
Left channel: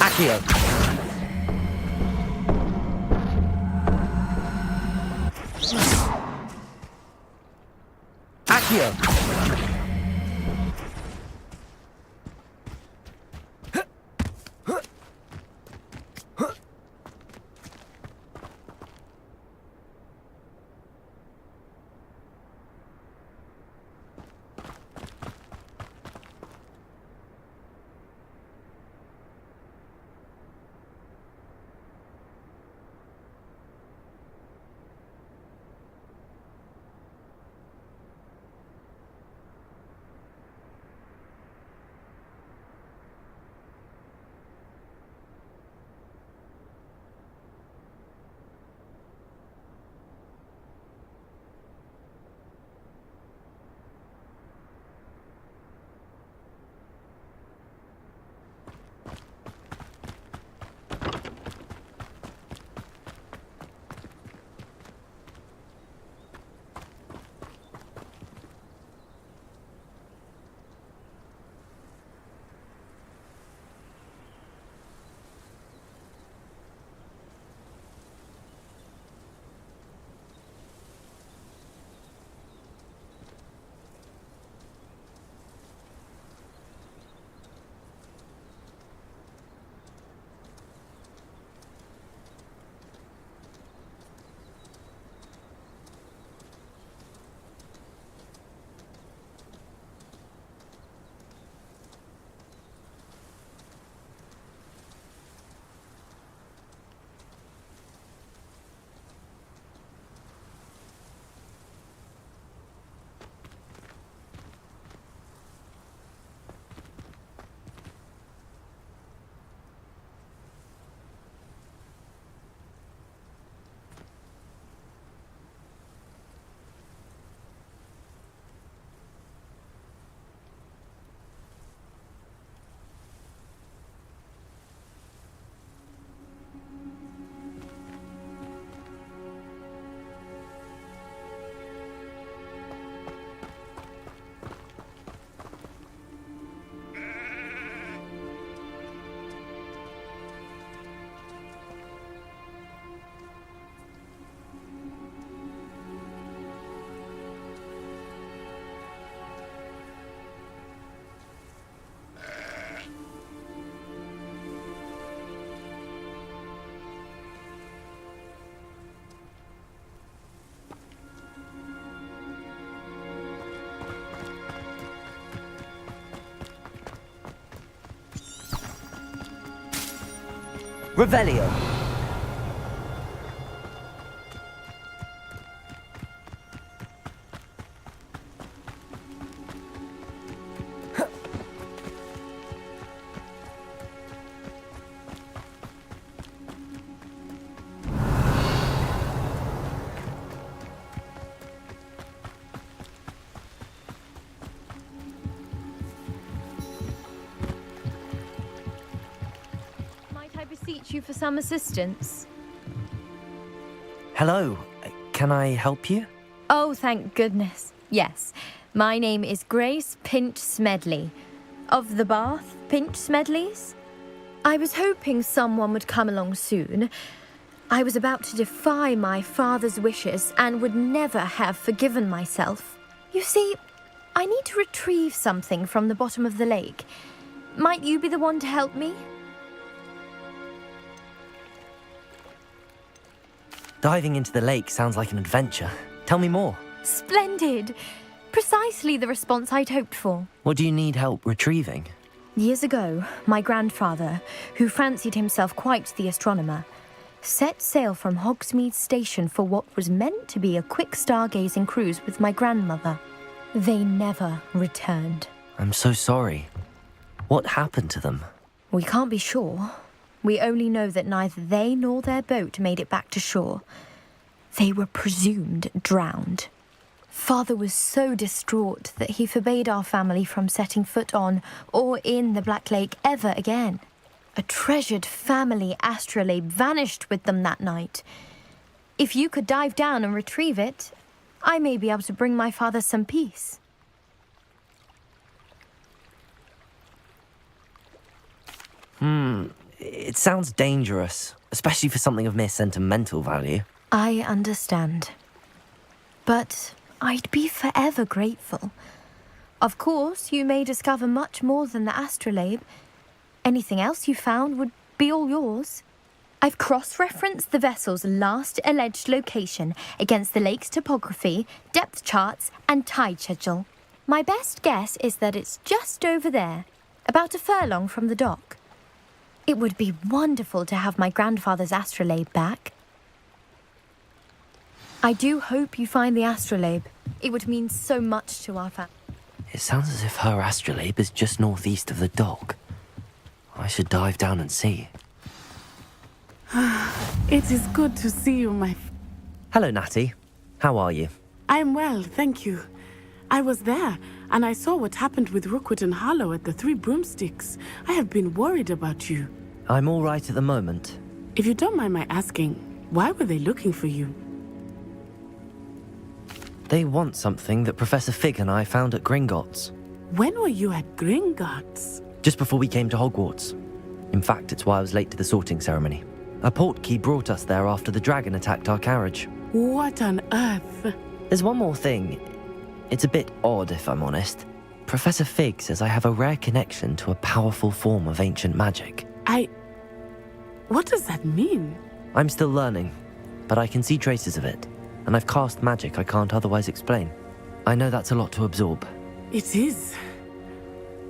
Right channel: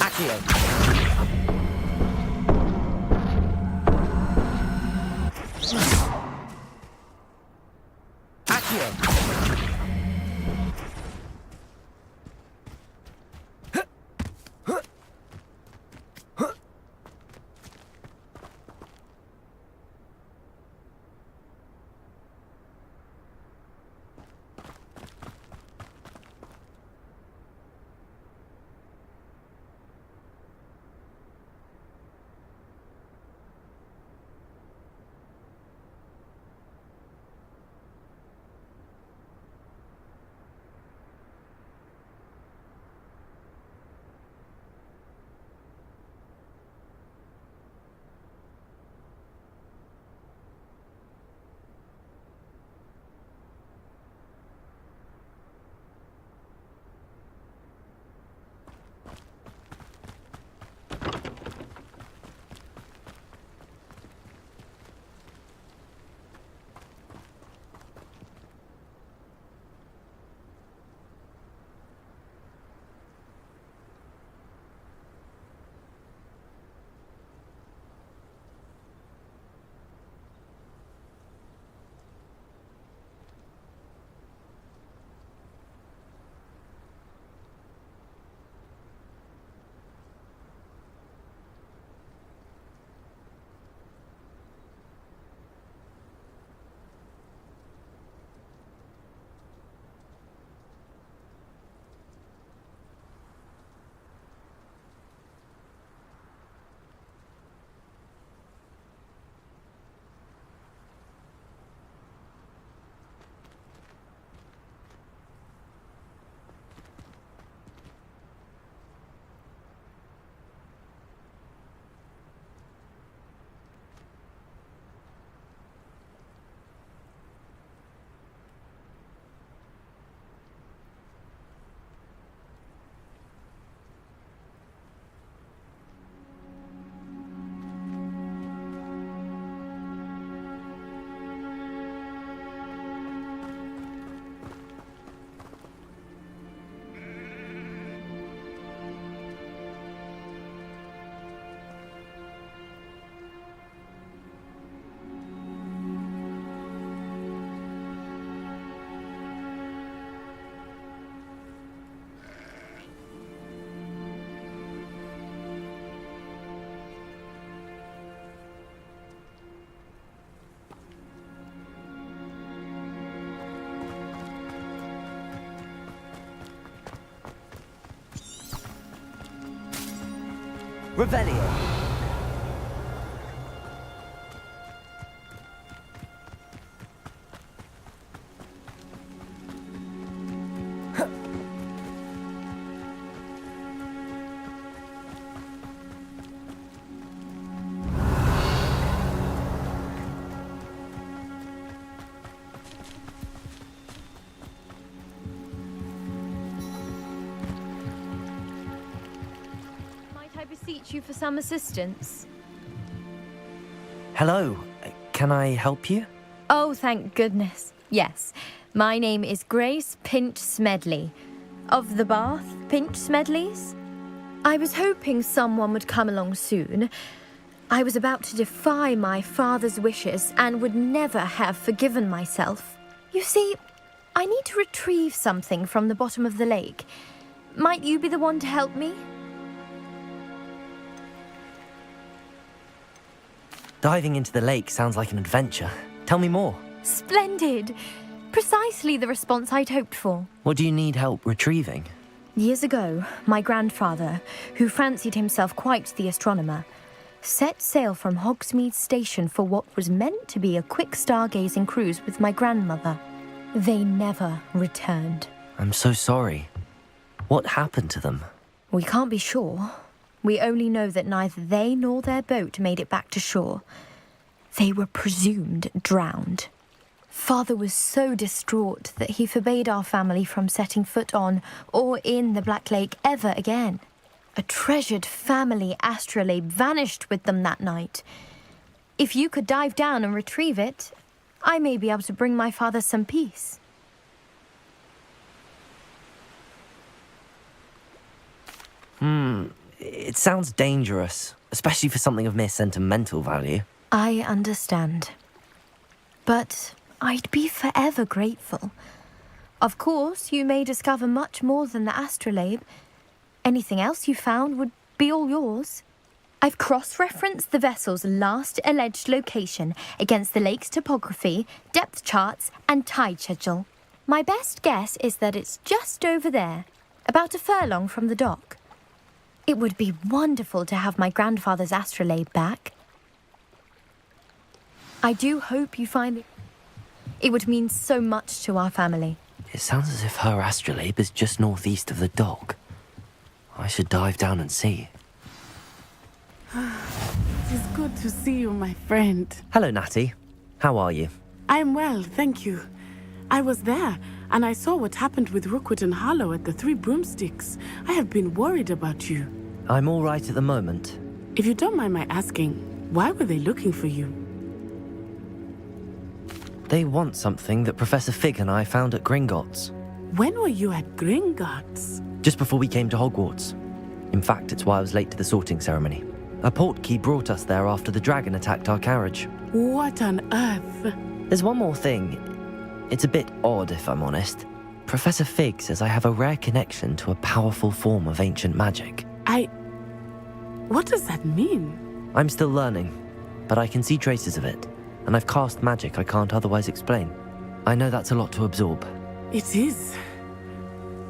Accio! Accio! Revelio. Might I beseech you for some assistance? Hello, can I help you? Oh, thank goodness. Yes. My name is Grace Pinch Smedley. Of the Bath Pinch Smedleys? I was hoping someone would come along soon. I was about to defy my father's wishes and would never have forgiven myself. You see, I need to retrieve something from the bottom of the lake. Might you be the one to help me? Diving into the lake sounds like an adventure. Tell me more. Splendid! Precisely the response I'd hoped for. What do you need help retrieving? Years ago, my grandfather, who fancied himself quite the astronomer, set sail from Hogsmeade Station for what was meant to be a quick stargazing cruise with my grandmother. They never returned. I'm so sorry. What happened to them? We can't be sure. We only know that neither they nor their boat made it back to shore. They were presumed drowned. Father was so distraught that he forbade our family from setting foot on or in the Black Lake ever again. A treasured family astrolabe vanished with them that night. If you could dive down and retrieve it, I may be able to bring my father some peace. It sounds dangerous, especially for something of mere sentimental value. I understand. But I'd be forever grateful. Of course, you may discover much more than the astrolabe. Anything else you found would be all yours. I've cross-referenced the vessel's last alleged location against the lake's topography, depth charts, and tide schedule. My best guess is that it's just over there, about a furlong from the dock. It would be wonderful to have my grandfather's astrolabe back. I do hope you find the astrolabe. It would mean so much to our family. It sounds as if her astrolabe is just northeast of the dock. I should dive down and see. It is good to see you, my friend. Hello, Natty. How are you? I'm well, thank you. I was there, and I saw what happened with Rookwood and Harlow at the Three Broomsticks. I have been worried about you. I'm all right at the moment. If you don't mind my asking, why were they looking for you? They want something that Professor Fig and I found at Gringotts. When were you at Gringotts? Just before we came to Hogwarts. In fact, it's why I was late to the sorting ceremony. A portkey brought us there after the dragon attacked our carriage. What on earth? There's one more thing. It's a bit odd, if I'm honest. Professor Fig says I have a rare connection to a powerful form of ancient magic. What does that mean? I'm still learning, but I can see traces of it, and I've cast magic I can't otherwise explain. I know that's a lot to absorb. It is.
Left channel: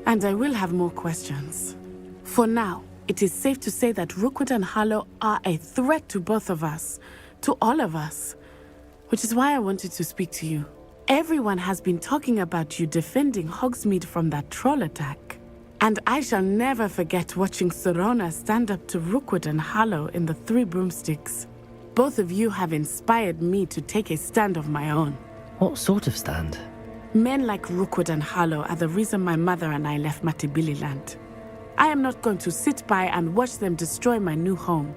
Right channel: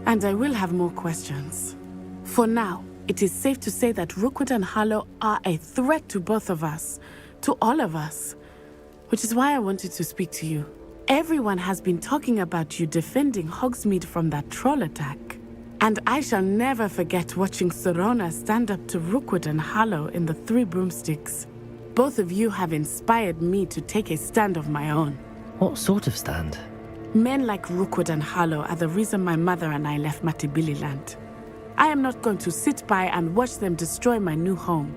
And I will have more questions. For now, it is safe to say that Rookwood and Harlow are a threat to both of us, to all of us, which is why I wanted to speak to you. Everyone has been talking about you defending Hogsmeade from that troll attack. And I shall never forget watching Serona stand up to Rookwood and Harlow in the Three Broomsticks. Both of you have inspired me to take a stand of my own. What sort of stand? Men like Rookwood and Harlow are the reason my mother and I left Matibililand. I am not going to sit by and watch them destroy my new home.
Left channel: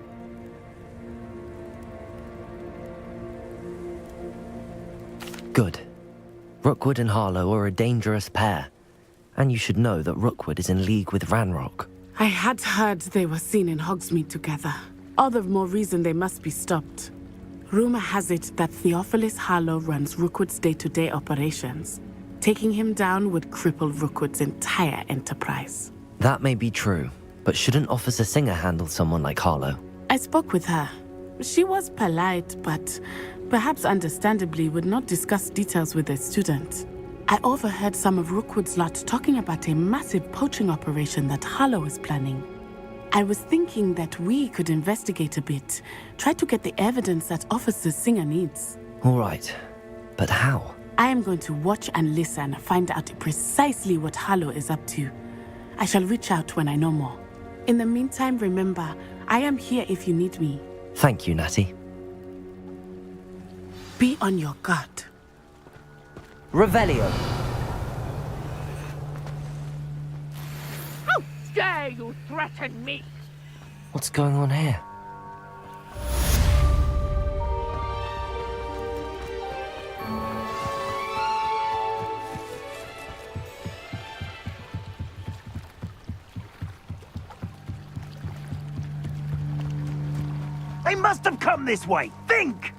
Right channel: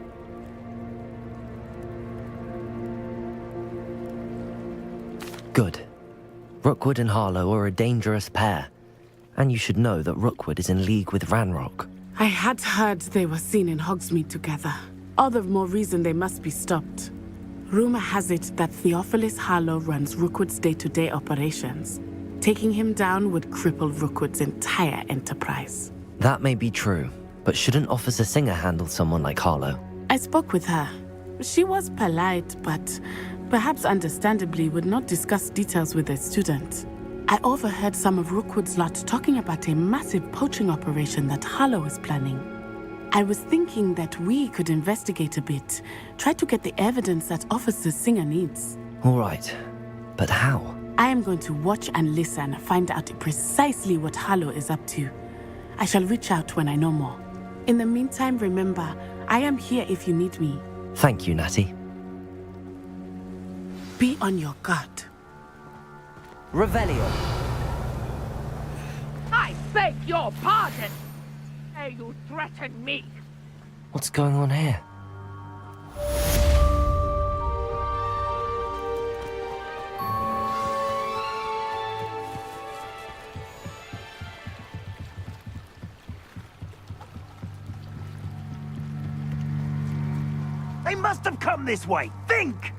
Good. Rookwood and Harlow are a dangerous pair. And you should know that Rookwood is in league with Ranrock. I had heard they were seen in Hogsmeade together. All the more reason they must be stopped. Rumor has it that Theophilus Harlow runs Rookwood's day-to-day operations. Taking him down would cripple Rookwood's entire enterprise. That may be true, but shouldn't Officer Singer handle someone like Harlow? I spoke with her. She was polite, but perhaps understandably would not discuss details with a student. I overheard some of Rookwood's lot talking about a massive poaching operation that Harlow is planning. I was thinking that we could investigate a bit. Try to get the evidence that Officer Singer needs. All right. But how? I am going to watch and listen, find out precisely what Harlow is up to. I shall reach out when I know more. In the meantime, remember, I am here if you need me. Thank you, Natty. Be on your guard. Revelio. I beg your pardon. How dare you threaten me? What's going on here? They must have come this way. Think!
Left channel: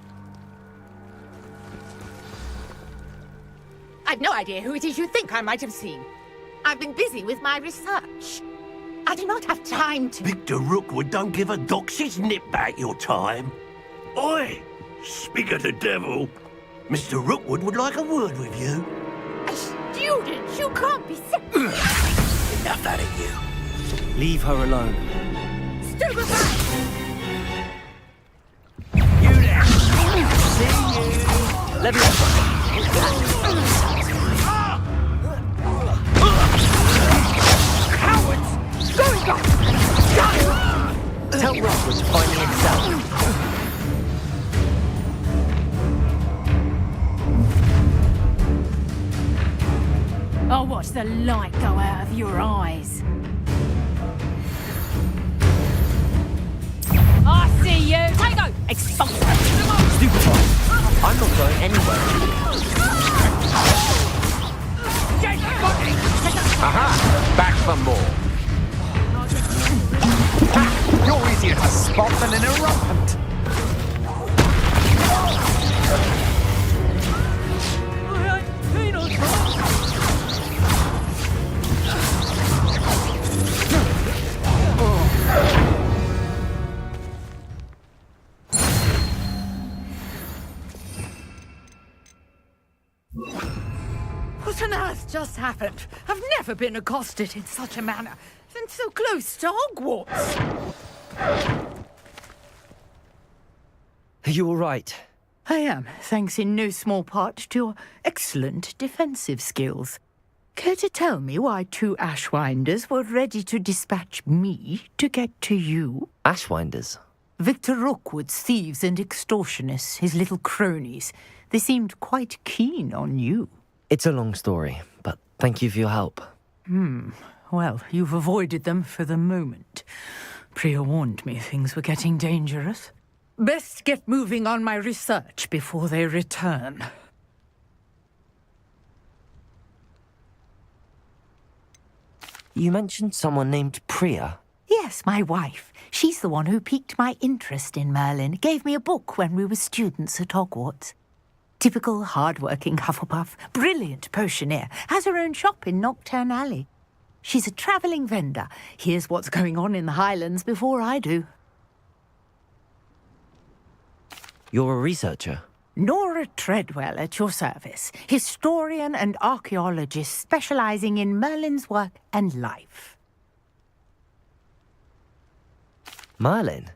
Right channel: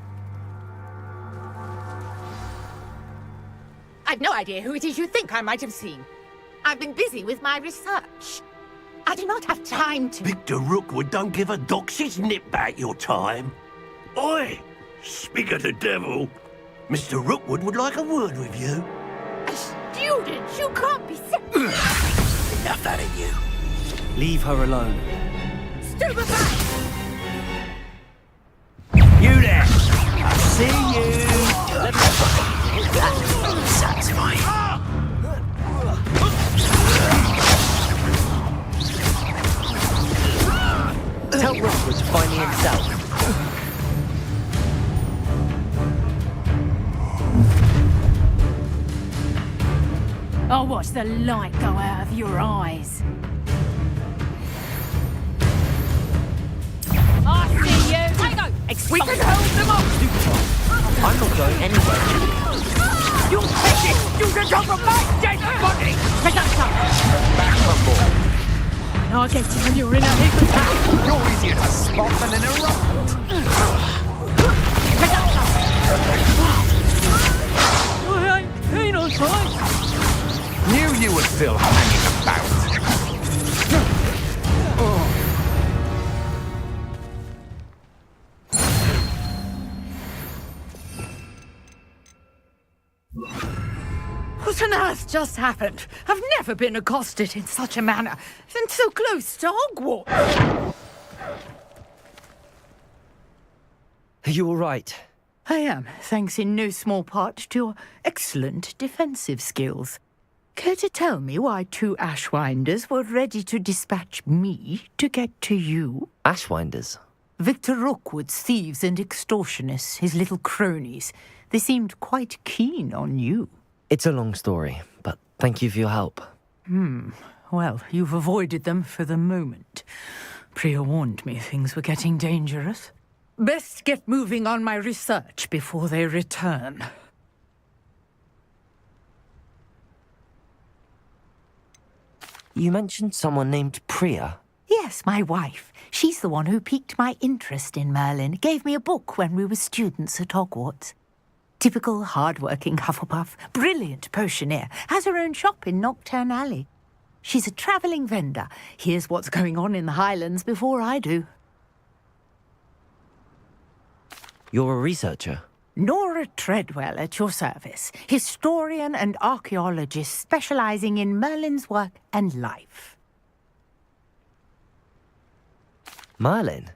I've no idea who it is you think I might have seen. I've been busy with my research. I do not have time to... Victor Rookwood don't give a doxy's nip back your time. Oi! Speak of the devil. Mr. Rookwood would like a word with you. A student? You can't be Enough out of you. Leave her alone. Stupefy! You there! See you! Let me... Satisfying. Tell Rookwood to find me himself. I'll watch the light go out of your eyes. I see you! Tango! Expose them all! Stupefy. I'm not going anywhere. You can come from back, dead body! Take that Back for more. I guess you're in a big pack. You're easier to spot than an irrelevant. I ain't no time. Knew you would feel What on earth just happened? I've never been accosted in such a manner, and so close to Hogwarts. Are you all right? I am, thanks in no small part to your excellent defensive skills. Care to tell me why two Ashwinders were ready to dispatch me to get to you? Ashwinders? Victor Rookwood's thieves and extortionists, his little cronies. They seemed quite keen on you. It's a long story, but thank you for your help. Well, you've avoided them for the moment. Priya warned me things were getting dangerous. Best get moving on my research before they return. You mentioned someone named Priya. Yes, my wife. She's the one who piqued my interest in Merlin. Gave me a book when we were students at Hogwarts. Typical hard-working Hufflepuff, brilliant potioneer, has her own shop in Nocturne Alley. She's a travelling vendor. Hears what's going on in the Highlands before I do. You're a researcher? Nora Treadwell at your service, historian and archaeologist specialising in Merlin's work and life. Merlin?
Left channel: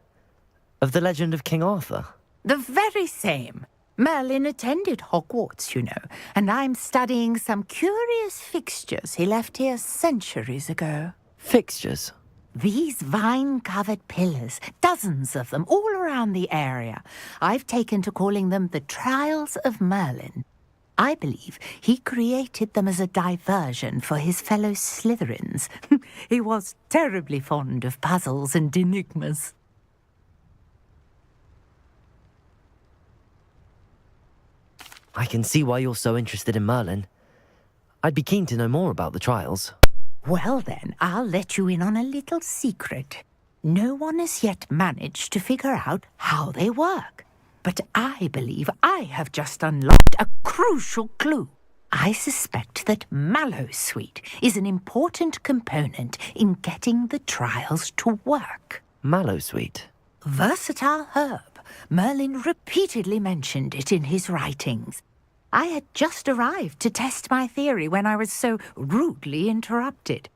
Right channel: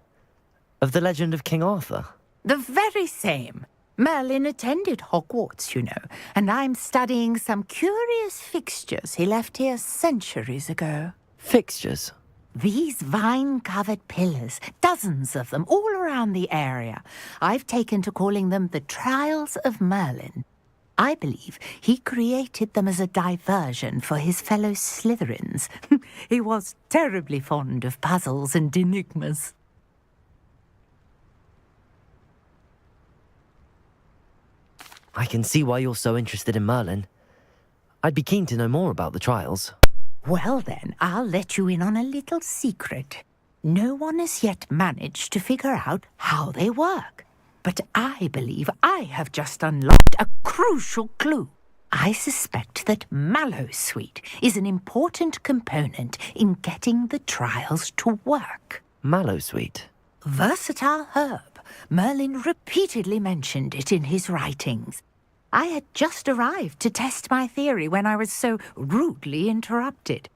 Of the legend of King Arthur? The very same. Merlin attended Hogwarts, you know, and I'm studying some curious fixtures he left here centuries ago. Fixtures? These vine-covered pillars, dozens of them, all around the area. I've taken to calling them the Trials of Merlin. I believe he created them as a diversion for his fellow Slytherins. He was terribly fond of puzzles and enigmas. I can see why you're so interested in Merlin. I'd be keen to know more about the trials. Well then, I'll let you in on a little secret. No one has yet managed to figure out how they work. But I believe I have just unlocked a crucial clue. I suspect that Mallowsweet is an important component in getting the trials to work. Mallowsweet? Versatile herb. Merlin repeatedly mentioned it in his writings. I had just arrived to test my theory when I was so rudely interrupted.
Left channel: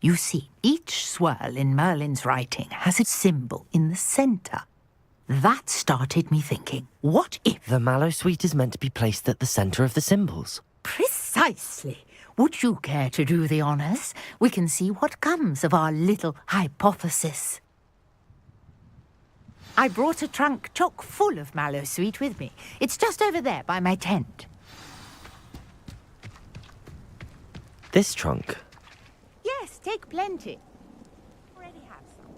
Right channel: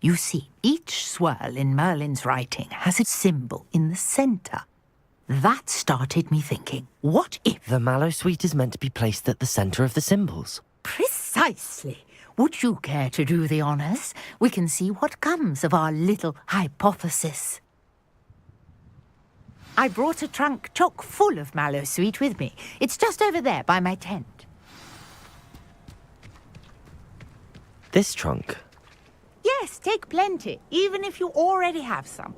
You see, each swirl in Merlin's writing has a symbol in the center. That started me thinking, what if... The mallow sweet is meant to be placed at the center of the symbols. Precisely. Would you care to do the honors? We can see what comes of our little hypothesis. I brought a trunk chock full of mallow sweet with me. It's just over there by my tent. This trunk? Yes, take plenty, even if you already have some.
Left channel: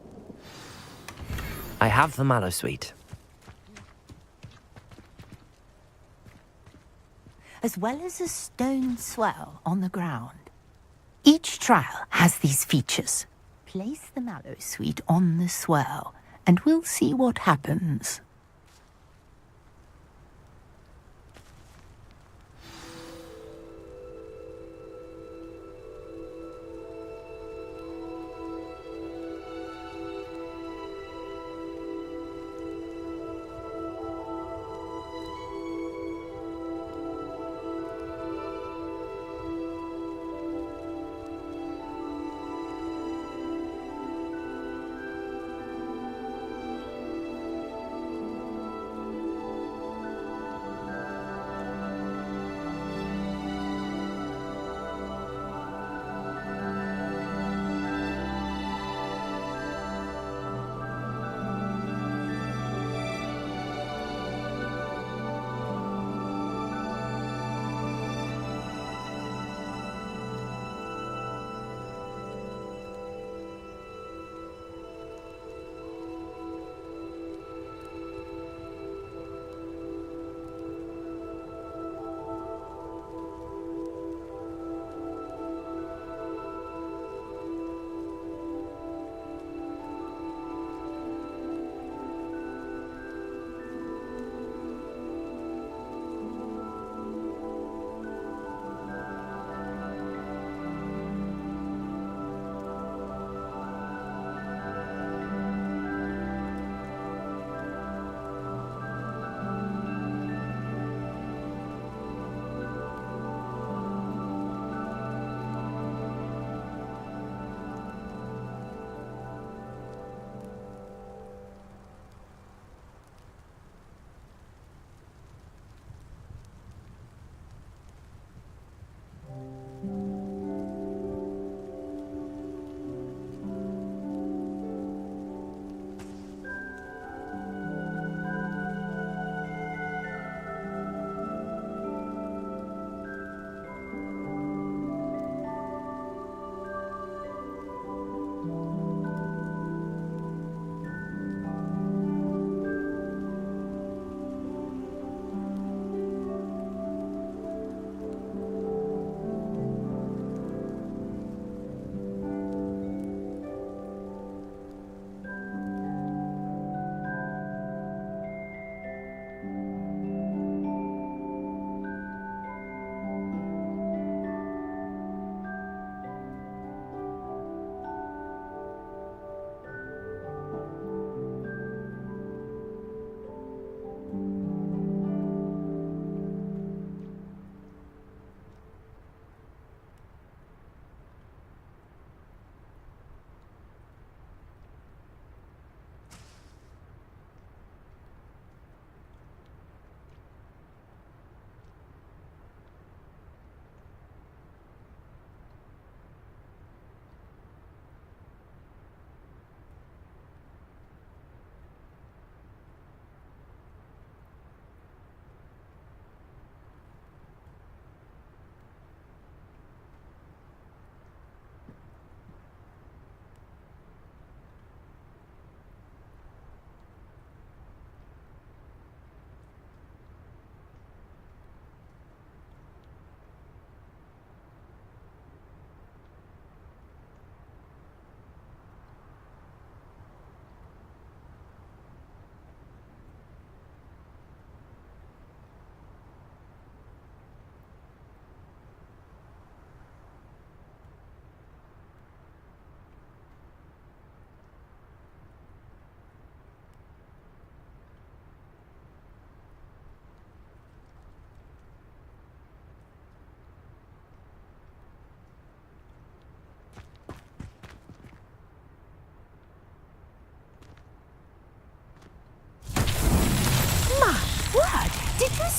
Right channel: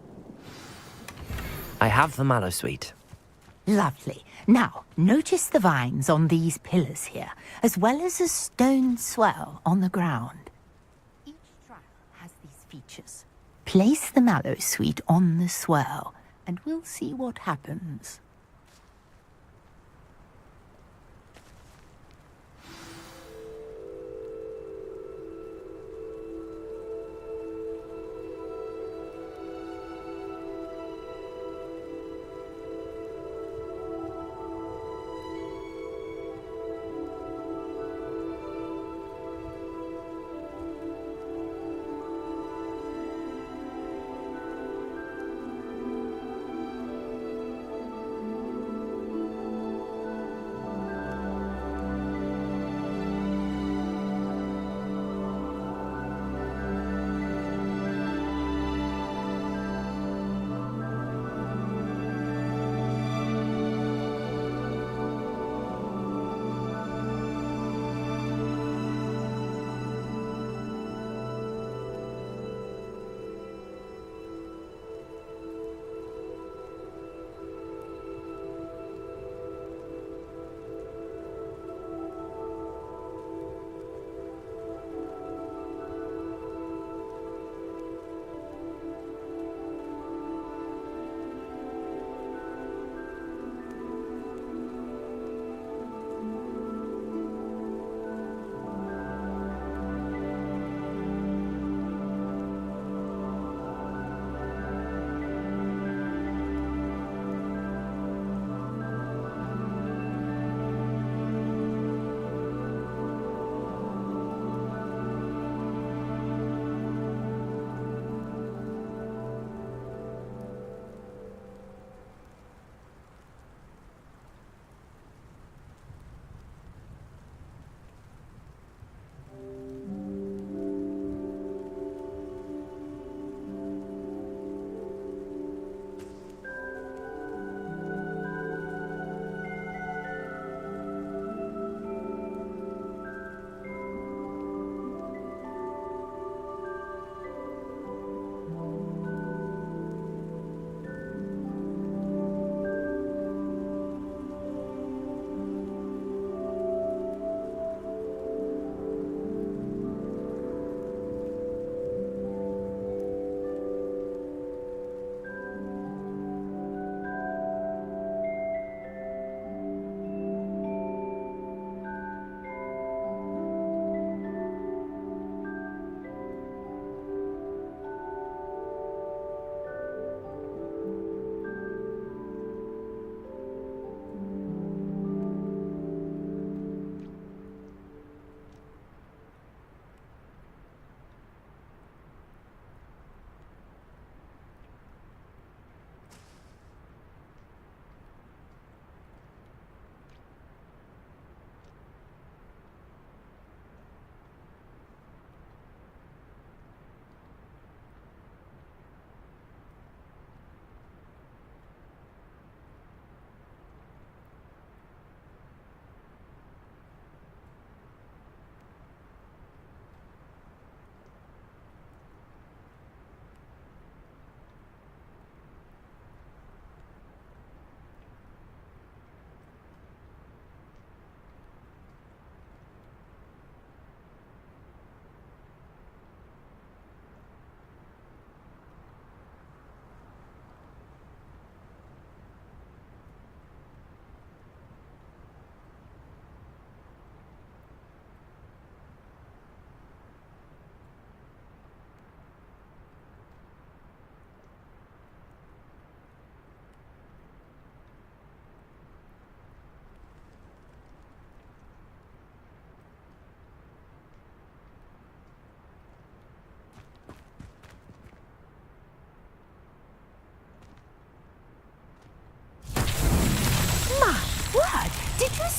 I have the mallow sweet. Lovely. Now, notice the vines on these pillars here, as well as a stone swell on the ground. Each trial has these features. Place the mallow sweet on the swell, and we'll see what happens.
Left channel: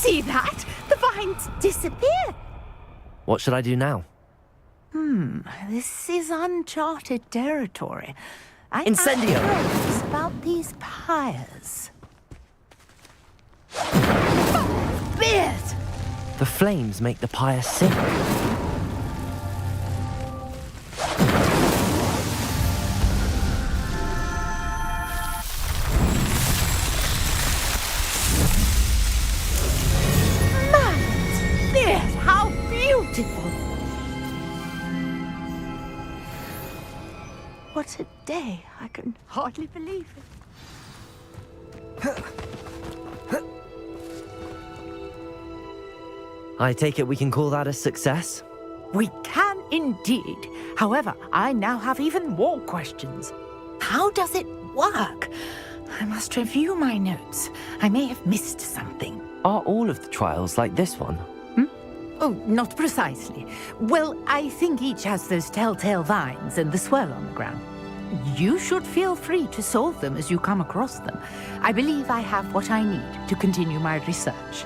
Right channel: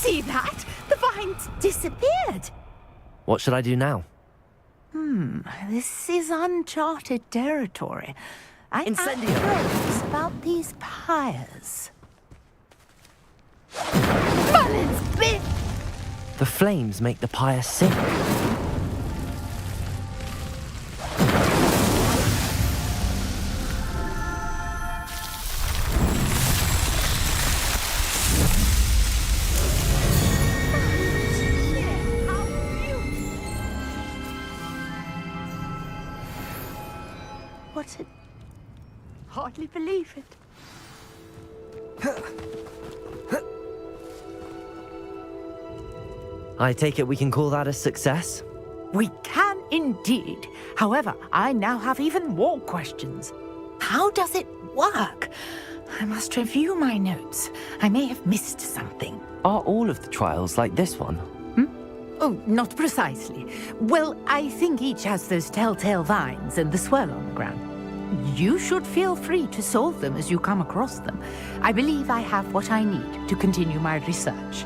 See that? The vines disappeared. What should I do now? This is uncharted territory. I Incendio! have about these pyres. Merlin's beard! The flames make the pyre sink. Merlin's beard! How beautiful! What a day. I can hardly believe it. I take it we can call that a success? We can indeed. However, I now have even more questions. How does it work? I must review my notes. I may have missed something. Are all of the trials like this one? Oh, not precisely. Well, I think each has those telltale vines and the swirl on the ground. You should feel free to solve them as you come across them. I believe I have what I need to continue my research.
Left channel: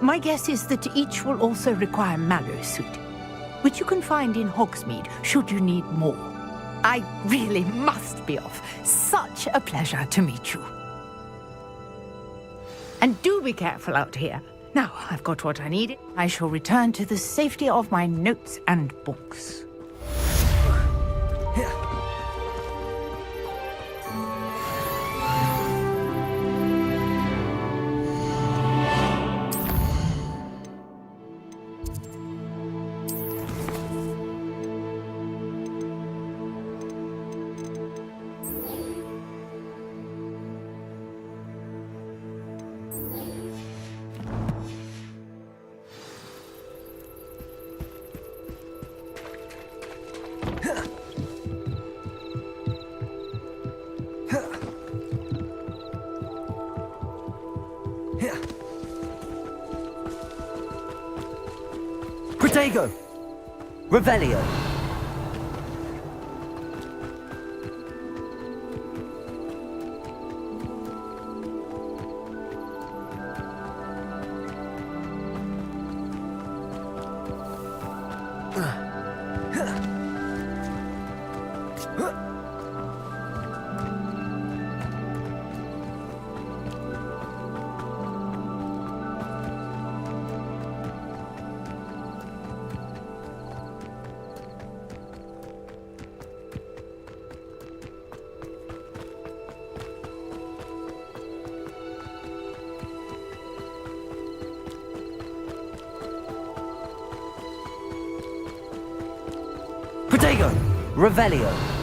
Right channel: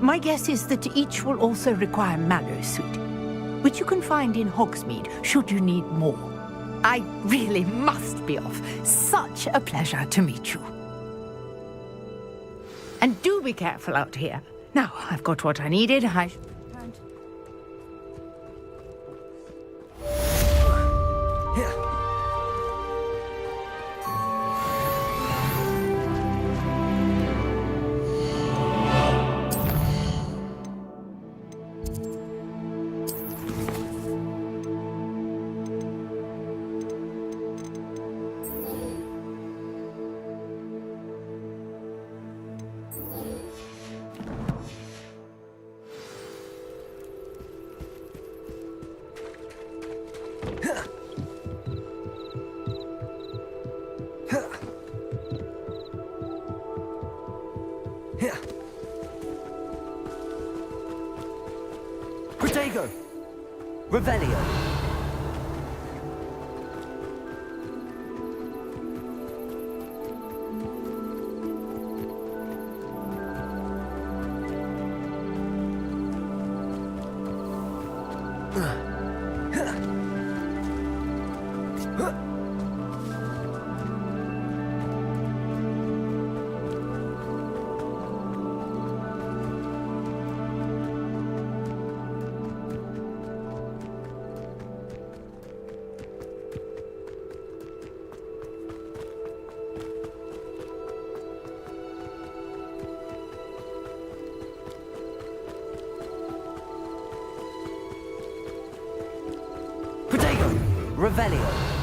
My guess is that each will also require mallow sweet, which you can find in Hogsmeade should you need more. I really must be off. Such a pleasure to meet you. And do be careful out here. Now, I've got what I needed. I shall return to the safety of my notes and books. Protego! Revelio! Protego! Revelio!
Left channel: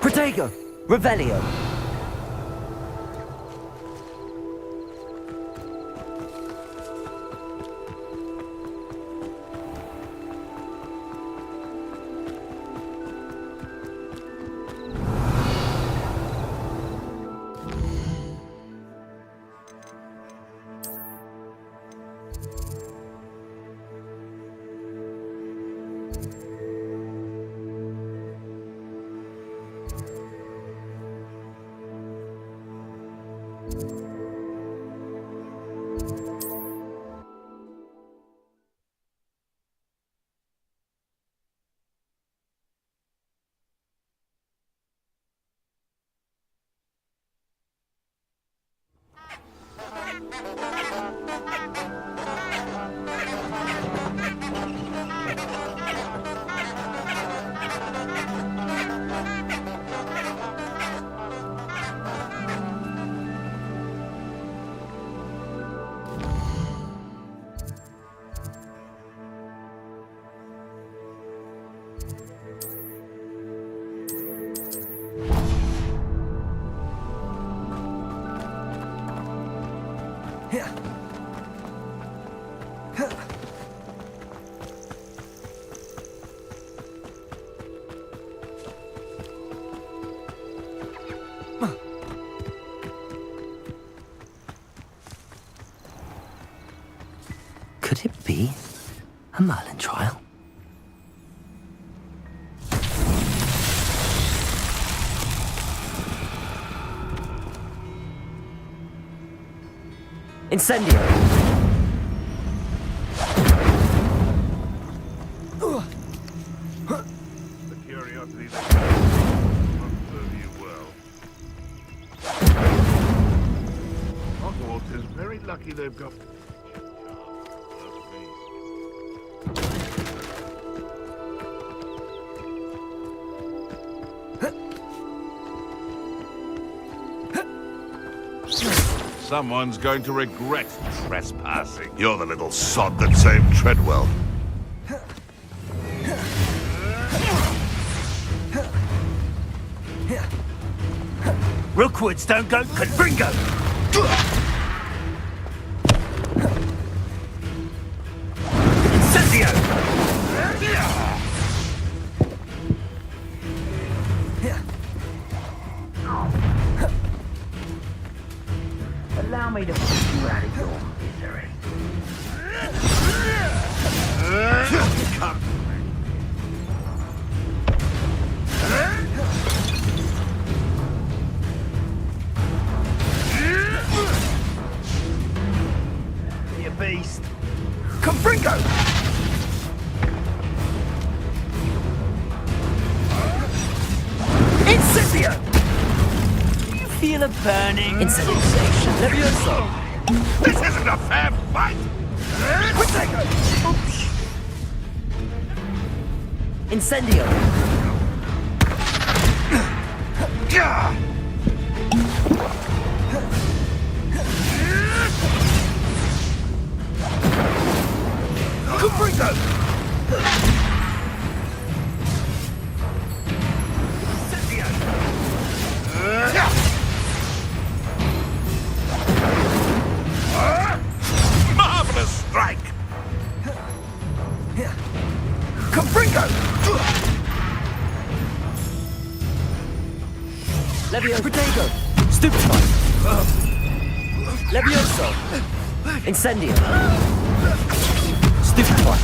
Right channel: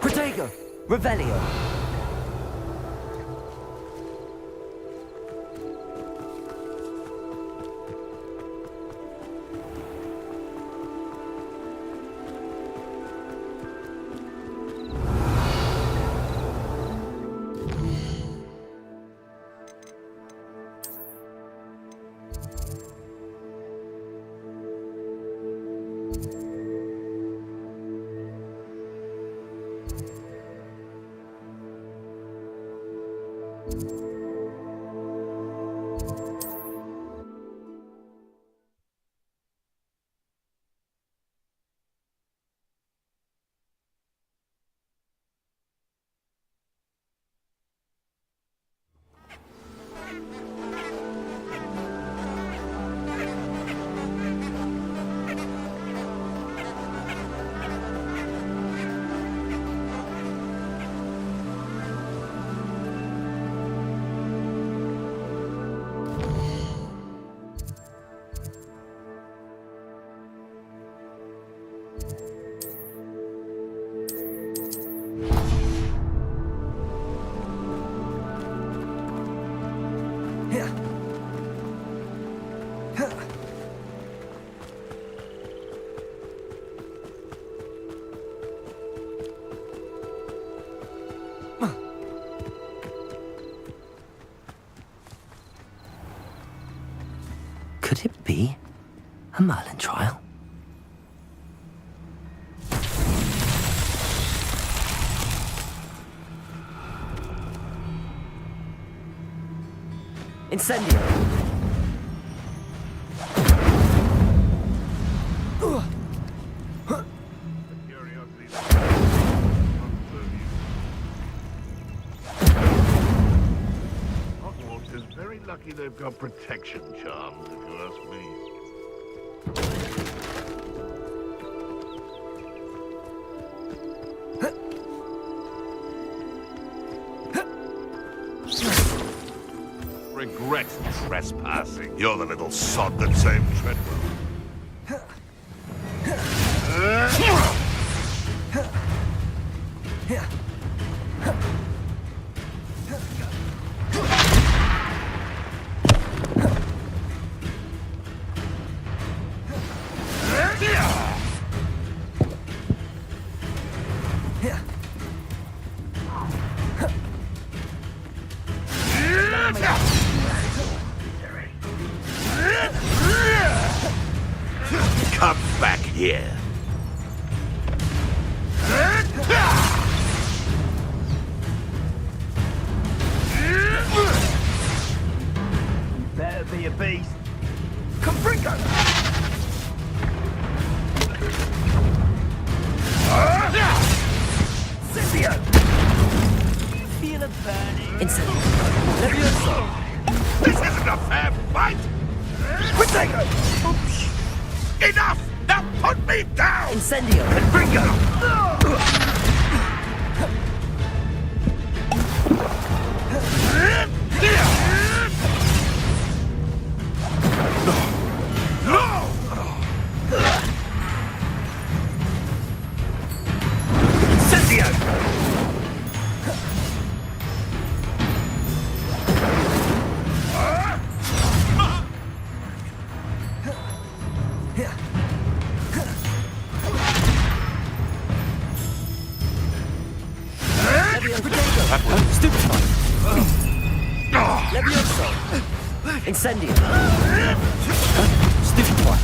Protego! Revelio! Could it be a Merlin trial? Incendio! The curiosity that will serve you well. Hogwarts is very lucky they've got protection charms, if you ask me. Someone's going to regret trespassing. You're the little sod that saved Treadwell. Rookwoods don't go Confringo! Incendio! Allow me to Come back here. Better be a beast. Confringo! Incendio! Do you feel a burning? Incendio! Levioso! This isn't a fair fight! Protego! Enough! Now put me down! Incendio! Incendio! Marvelous strike! Confringo! Levioso! Protego! Stupefy! Levioso! Incendio! Stupefy!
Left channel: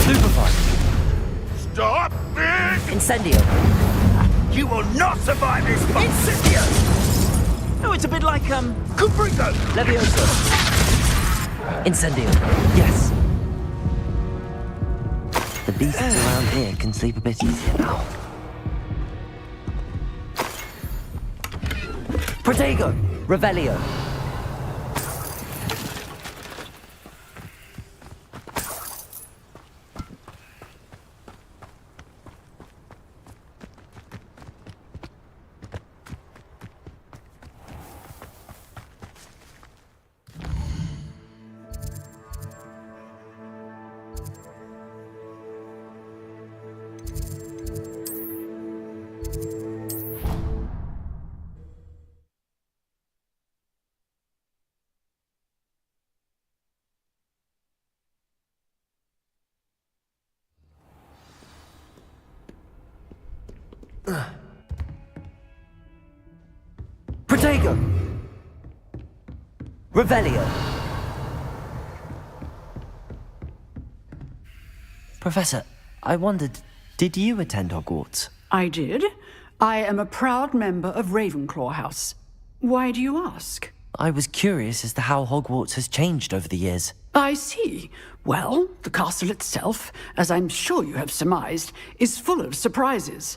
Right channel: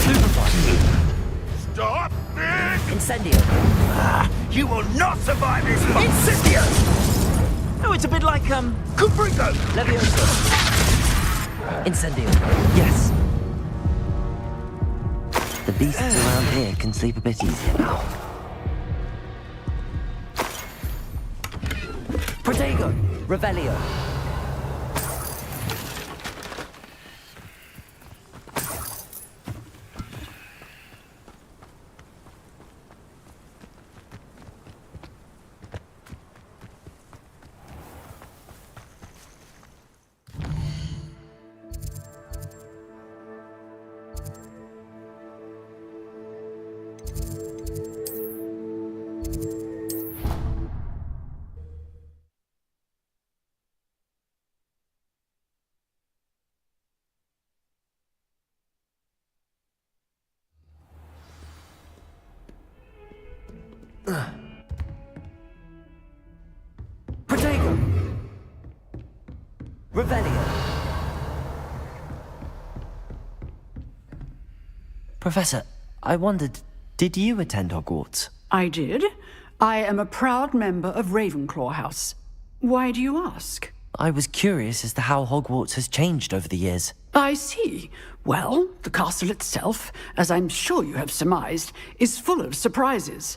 Stupefy! Stop this! Incendio! You will not survive this fight! Incendio! Oh, it's a bit like, Confringo! Levioso! Incendio! Yes! The beasts around here can sleep a bit easier now. Protego! Revelio! Protego! Revelio! Professor, I wondered, did you attend Hogwarts? I did. I am a proud member of Ravenclaw House. Why do you ask? I was curious as to how Hogwarts has changed over the years. I see. Well, the castle itself, as I'm sure you have surmised, is full of surprises.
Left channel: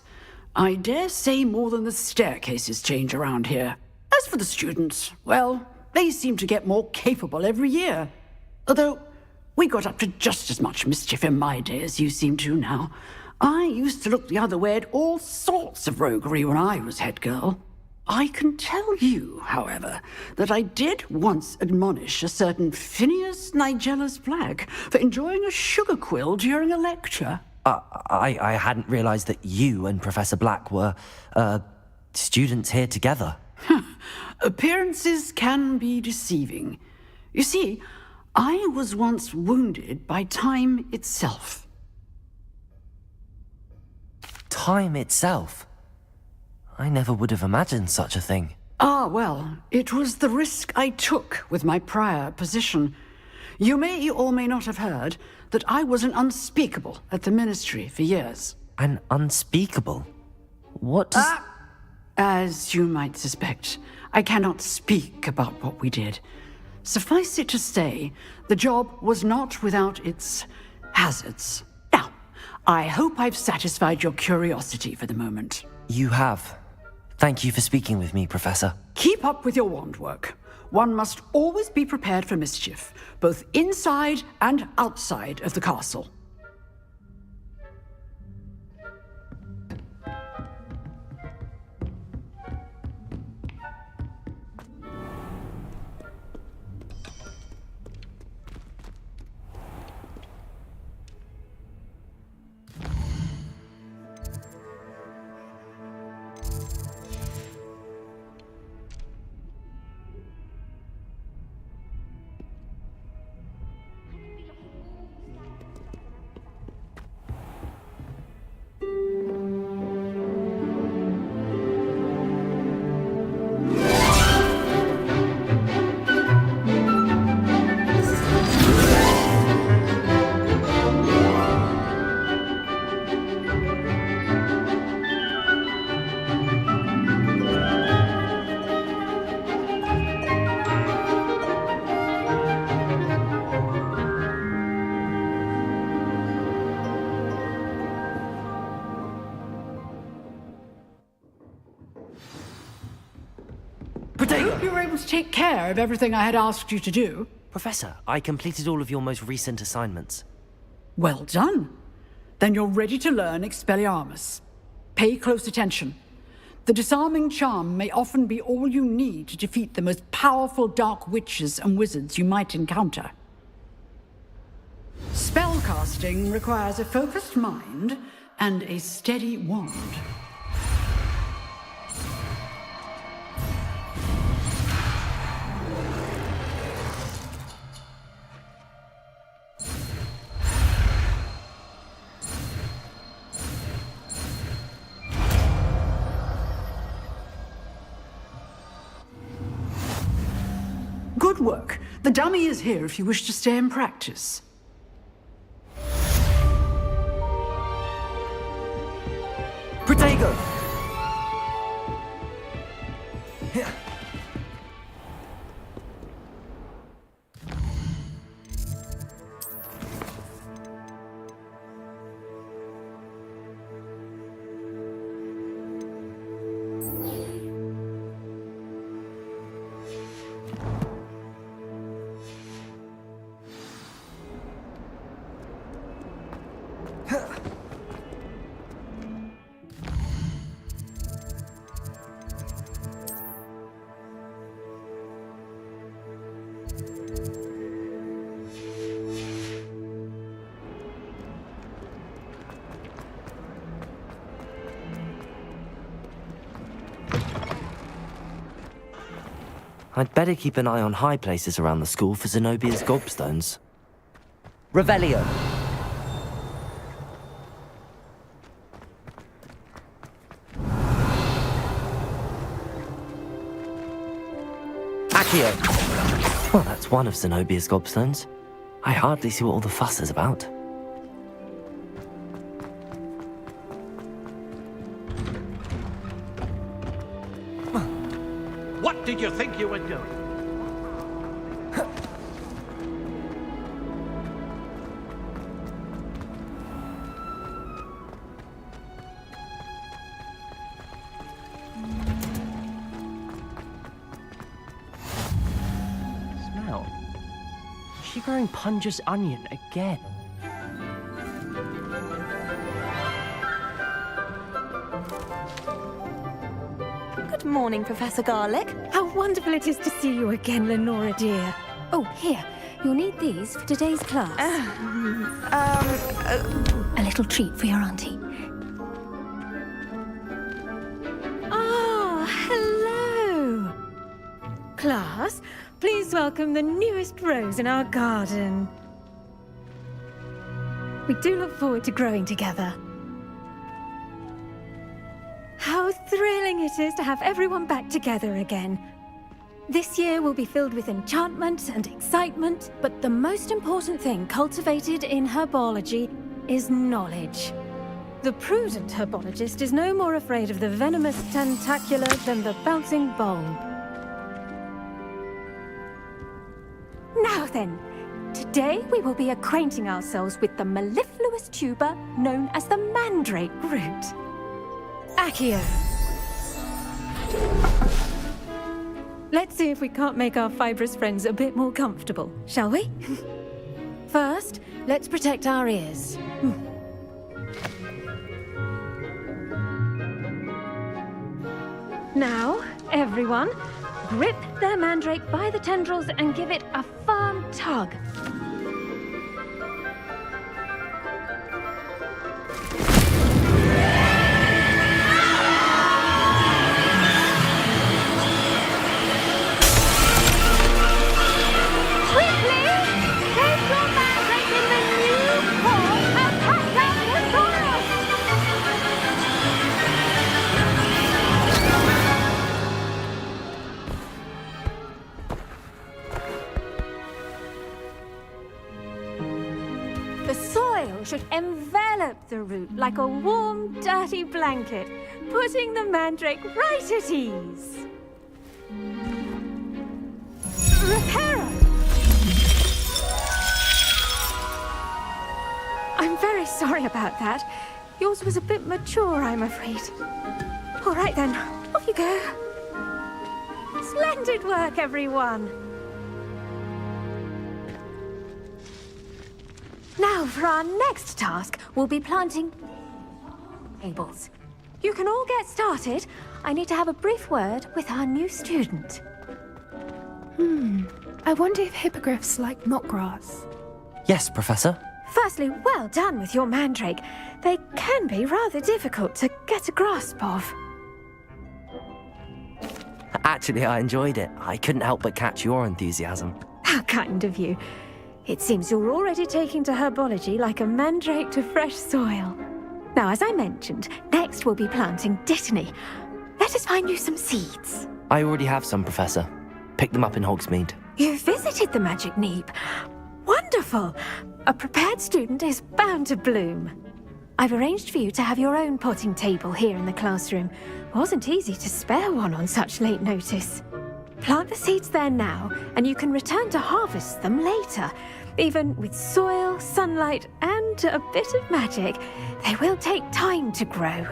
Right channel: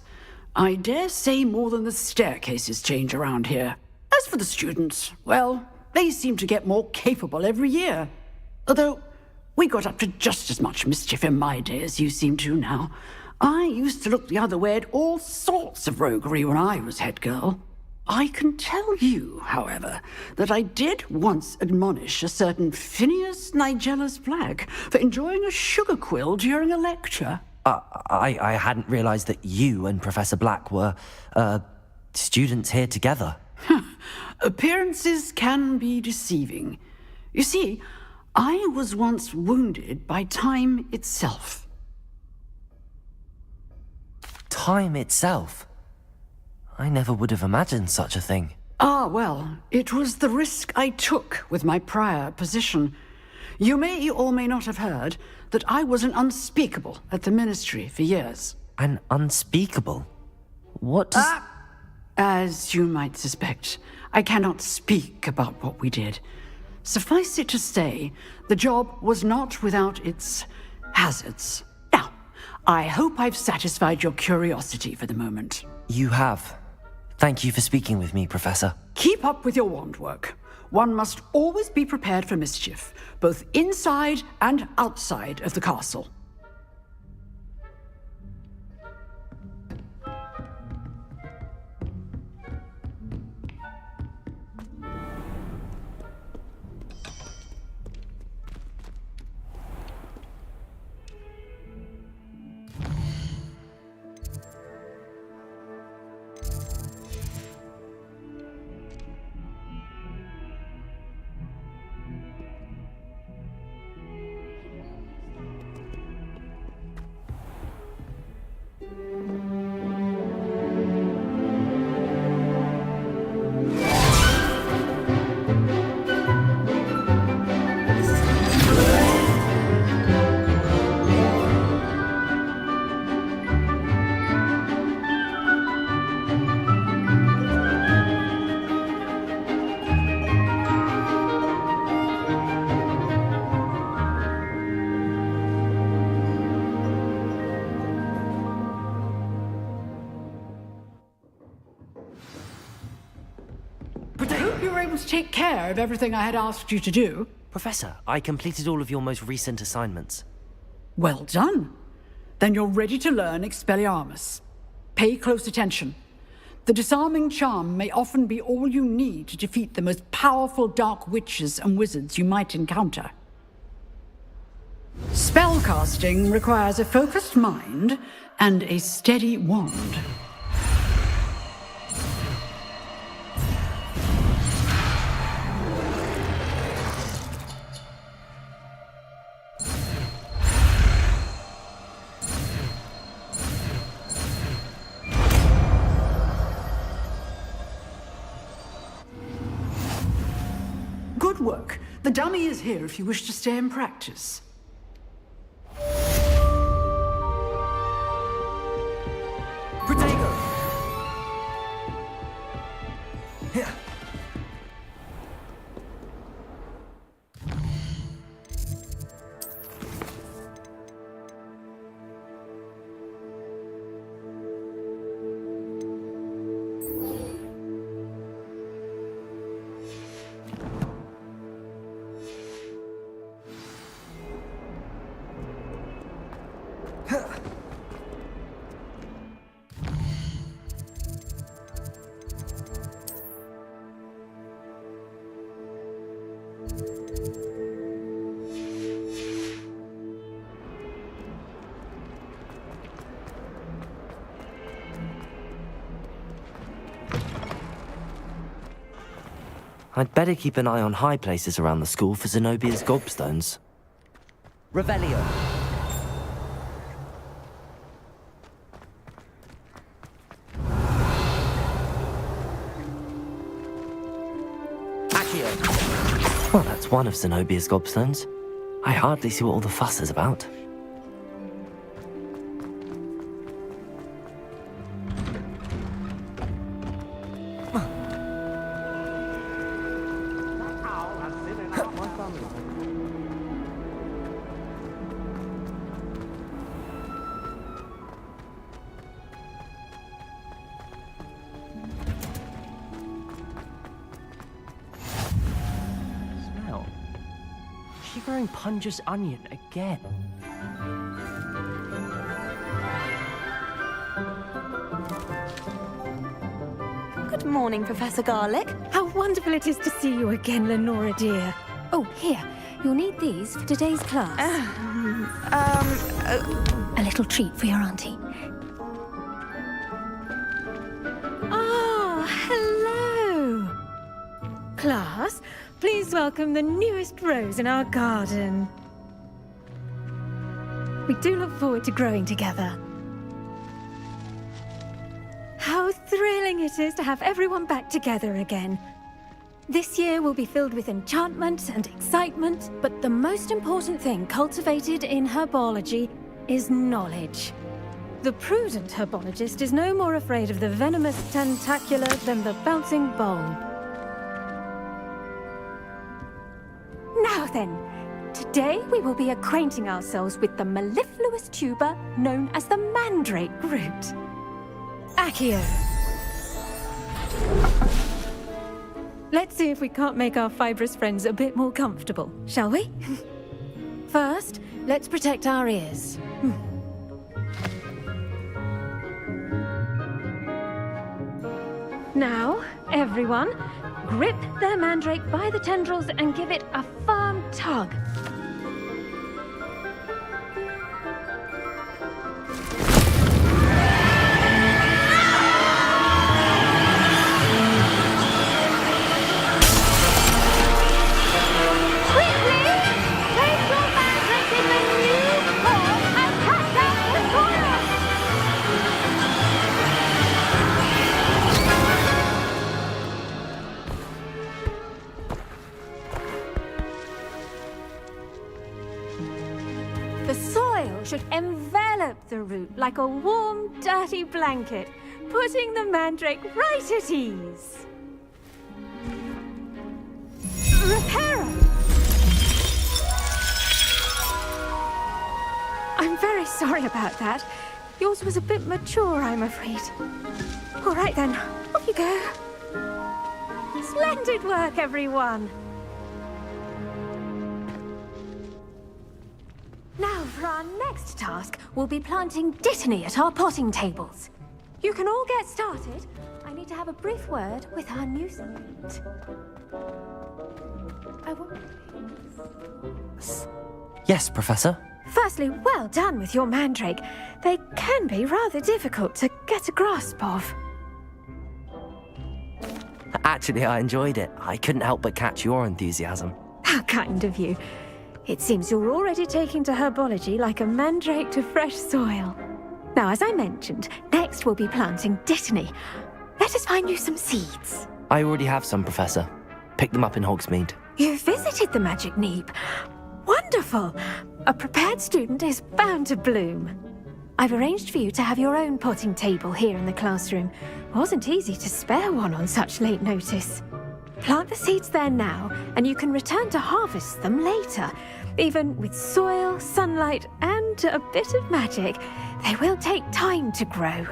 I dare say more than the staircases change around here. As for the students, well, they seem to get more capable every year. Although, we got up to just as much mischief in my day as you seem to now. I used to look the other way at all sorts of roguery when I was head girl. I can tell you, however, that I did once admonish a certain Phineas Nigellus Black for enjoying a sugar quill during a lecture. I hadn't realized that you and Professor Black were, students here together. Appearances can be deceiving. You see, I was once wounded by time itself. Time itself? I never would have imagined such a thing. Ah, well, it was the risk I took with my prior position. You may or may not have heard that I was an unspeakable at the Ministry for years. An unspeakable? What does... As you might suspect, I cannot speak about what we did. Suffice it to say, the job was not without its hazards. Now, I hope I've satisfied your curiosity for the moment. You have. Thank you for speaking with me, Professor. Keep up with your wand work. One must always be prepared for mischief, both inside and outside of the castle. I hope you were able to take care of everything I had asked you to do. Professor, I completed all of your most recent assignments. Well done. Then you're ready to learn Expelliarmus. Pay close attention. The disarming charm may often be all you need to defeat the most powerful dark witches and wizards you might encounter. Spellcasting requires a focused mind and a steady wand. Good work. The dummy is here if you wish to stay and practice. Protego! Here. I'd better keep an eye on high places around the school for Zenobia's gobstones. Revelio. Accio. Well, that's one of Zenobia's gobstones. I hardly see what all the fuss is about. What did you think you were doing? Smell. Is she growing Punja's onion again? Good Good morning, Professor Garlick. How wonderful it is to see you again, Lenora dear. Oh, here. You'll need these for today's class. A little treat for your auntie. Oh, hello! Class, please welcome the newest rose in our garden. We do look forward to growing together. How thrilling it is to have everyone back together again. This year will be filled with enchantment and excitement, but the most important thing cultivated in herbology is knowledge. The prudent herbologist is no more afraid of the venomous tentacula than the bouncing bulb. Now then, today we will be acquainting ourselves with the mellifluous tuber known as the mandrake root. Accio. Let's see if we can't make our fibrous friends a bit more comfortable, shall we? First, let's protect our ears. Now, everyone, grip their mandrake by the tendrils and give it a firm tug. The soil should envelop the root like a warm, dirty blanket, putting the mandrake right at ease. Reparo! I'm very sorry about that. Yours was a bit mature, I'm afraid. All right then, off you go. Splendid work, everyone. Now, for our next task, we'll be planting dittany at our potting tables. You can all get started. I need to have a brief word with our new student. I wonder if hippogriffs like knotgrass. Yes, Professor. Firstly, well done with your mandrake. They can be rather difficult to get a grasp of. Actually, I enjoyed it. I couldn't help but catch your enthusiasm. How kind of you. It seems you're already taking to herbology like a mandrake to fresh soil. Now, as I mentioned, next we'll be planting dittany. Let us find you some seeds. I already have some, Professor. Picked them up in Hogsmeade. You visited the Magic Neep. Wonderful! A prepared student is bound to bloom. I've arranged for you to have your own potting table here in the classroom. Wasn't easy to spare one on such late notice. Plant the seeds there now, and you can return to harvest them later. Even with soil, sunlight, and a bit of magic, they will take time to grow.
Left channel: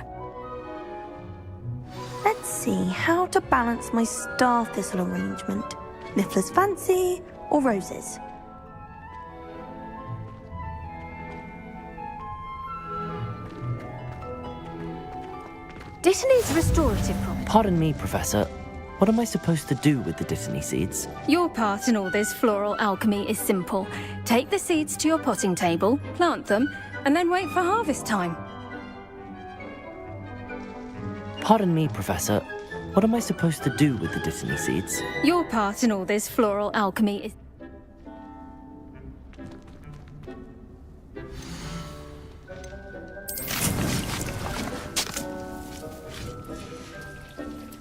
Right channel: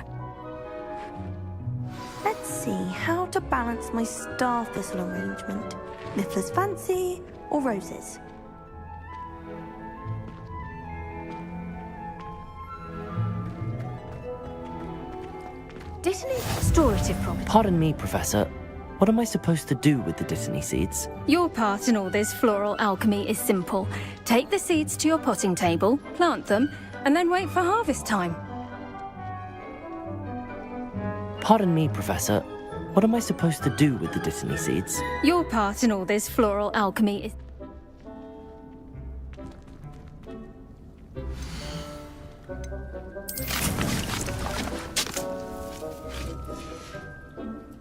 Let's see how to balance my star thistle arrangement. Miffler's Fancy or roses? Dittany's restorative property. Pardon me, Professor. What am I supposed to do with the dittany seeds? Your part in all this floral alchemy is simple. Take the seeds to your potting table, plant them, and then wait for harvest time. Pardon me, Professor. What am I supposed to do with the dittany seeds? Your part in all this floral alchemy is...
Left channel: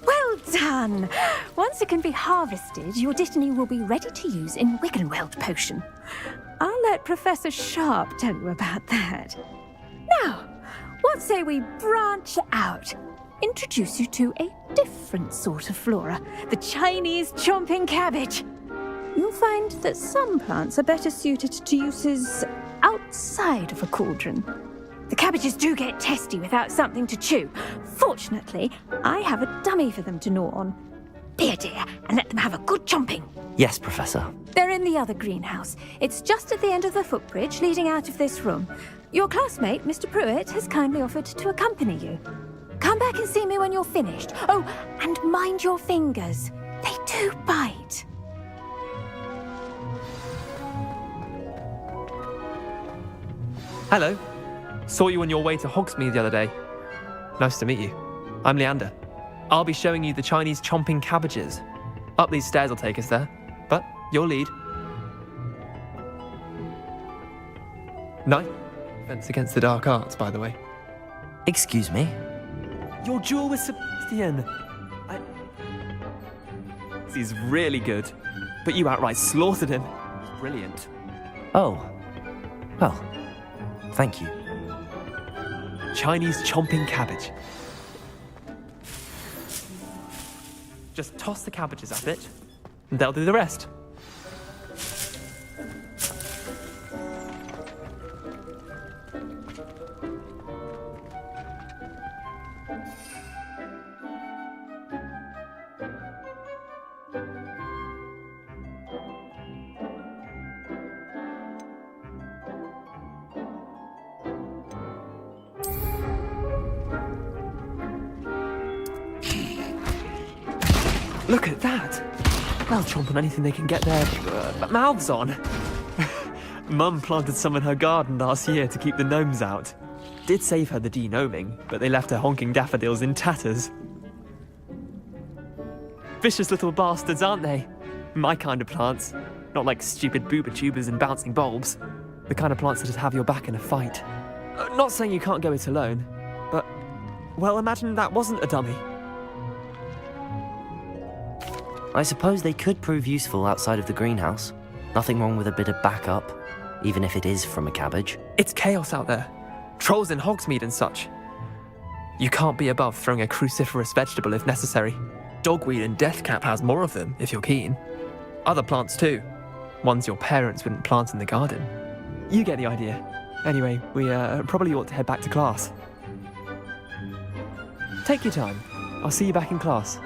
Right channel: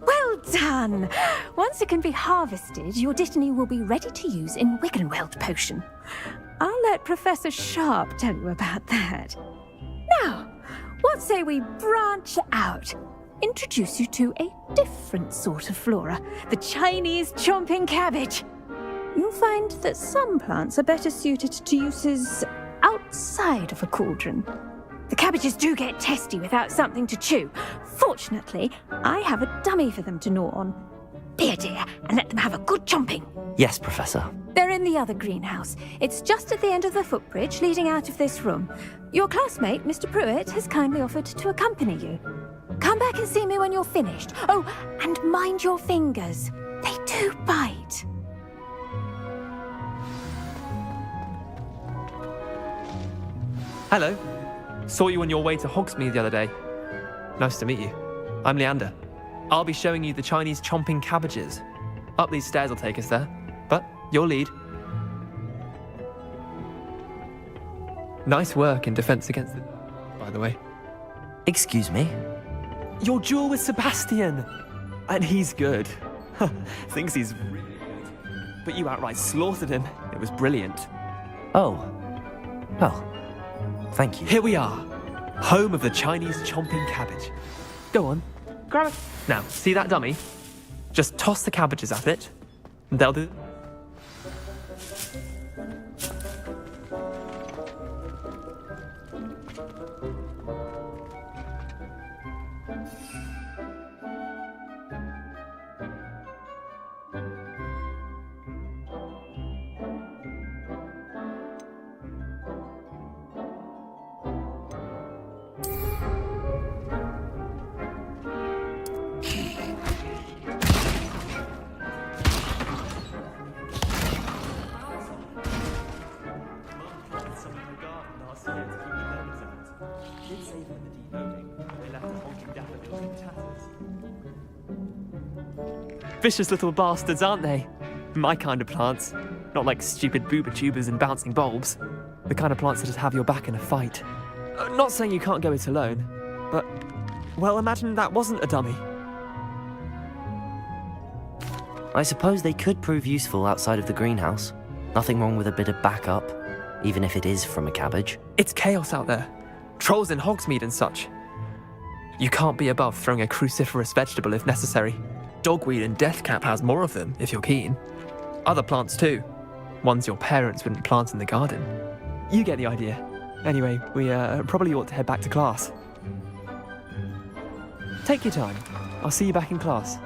Well done! Once it can be harvested, your dittany will be ready to use in Wiggenweld potion. I'll let Professor Sharp tell you about that. Now, what say we branch out? Introduce you to a different sort of flora, the Chinese chomping cabbage. You'll find that some plants are better suited to uses outside of a cauldron. The cabbages do get testy without something to chew. Fortunately, I have a dummy for them to gnaw on. Be a dear and let them have a good chomping. Yes, Professor. They're in the other greenhouse. It's just at the end of the footbridge leading out of this room. Your classmate, Mr. Pruitt, has kindly offered to accompany you. Come back and see me when you're finished. Oh, and mind your fingers. They do bite. Hello. Saw you on your way to Hogsmeade the other day. Nice to meet you. I'm Leander. I'll be showing you the Chinese chomping cabbages. Up these stairs will take us there, but you'll lead. Nice work in Defense Against the Dark Arts, by the way. Excuse me? Your duel with Sebastian! And he's good. Thinks he's really good. But you outright slaughtered him. It was brilliant. Oh. Well, thank you. Here we are. Home of the Chinese chomping cabbage. Go on, grab it. Now, see that dummy? Just toss the cabbages at it, and they'll do the rest. Look at that! They'll chomp on anything they can get their mouths on. Mum planted some in her garden last year to keep the gnomes out. Did save her the de-gnoming, but they left her honking daffodils in tatters. Vicious little bastards, aren't they? My kind of plants. Not like stupid booba tubers and bouncing bulbs. The kind of plants that just have your back in a fight. Not saying you can't go it alone, but, well, imagine that wasn't a dummy. I suppose they could prove useful outside of the greenhouse. Nothing wrong with a bit of backup, even if it is from a cabbage. It's chaos out there. Trolls in Hogsmeade and such. You can't be above throwing a cruciferous vegetable if necessary. Dogweed and deathcap has more of them, if you're keen. Other plants too. Ones your parents wouldn't plant in the garden. You get the idea. Anyway, we probably ought to head back to class. Take your time. I'll see you back in class.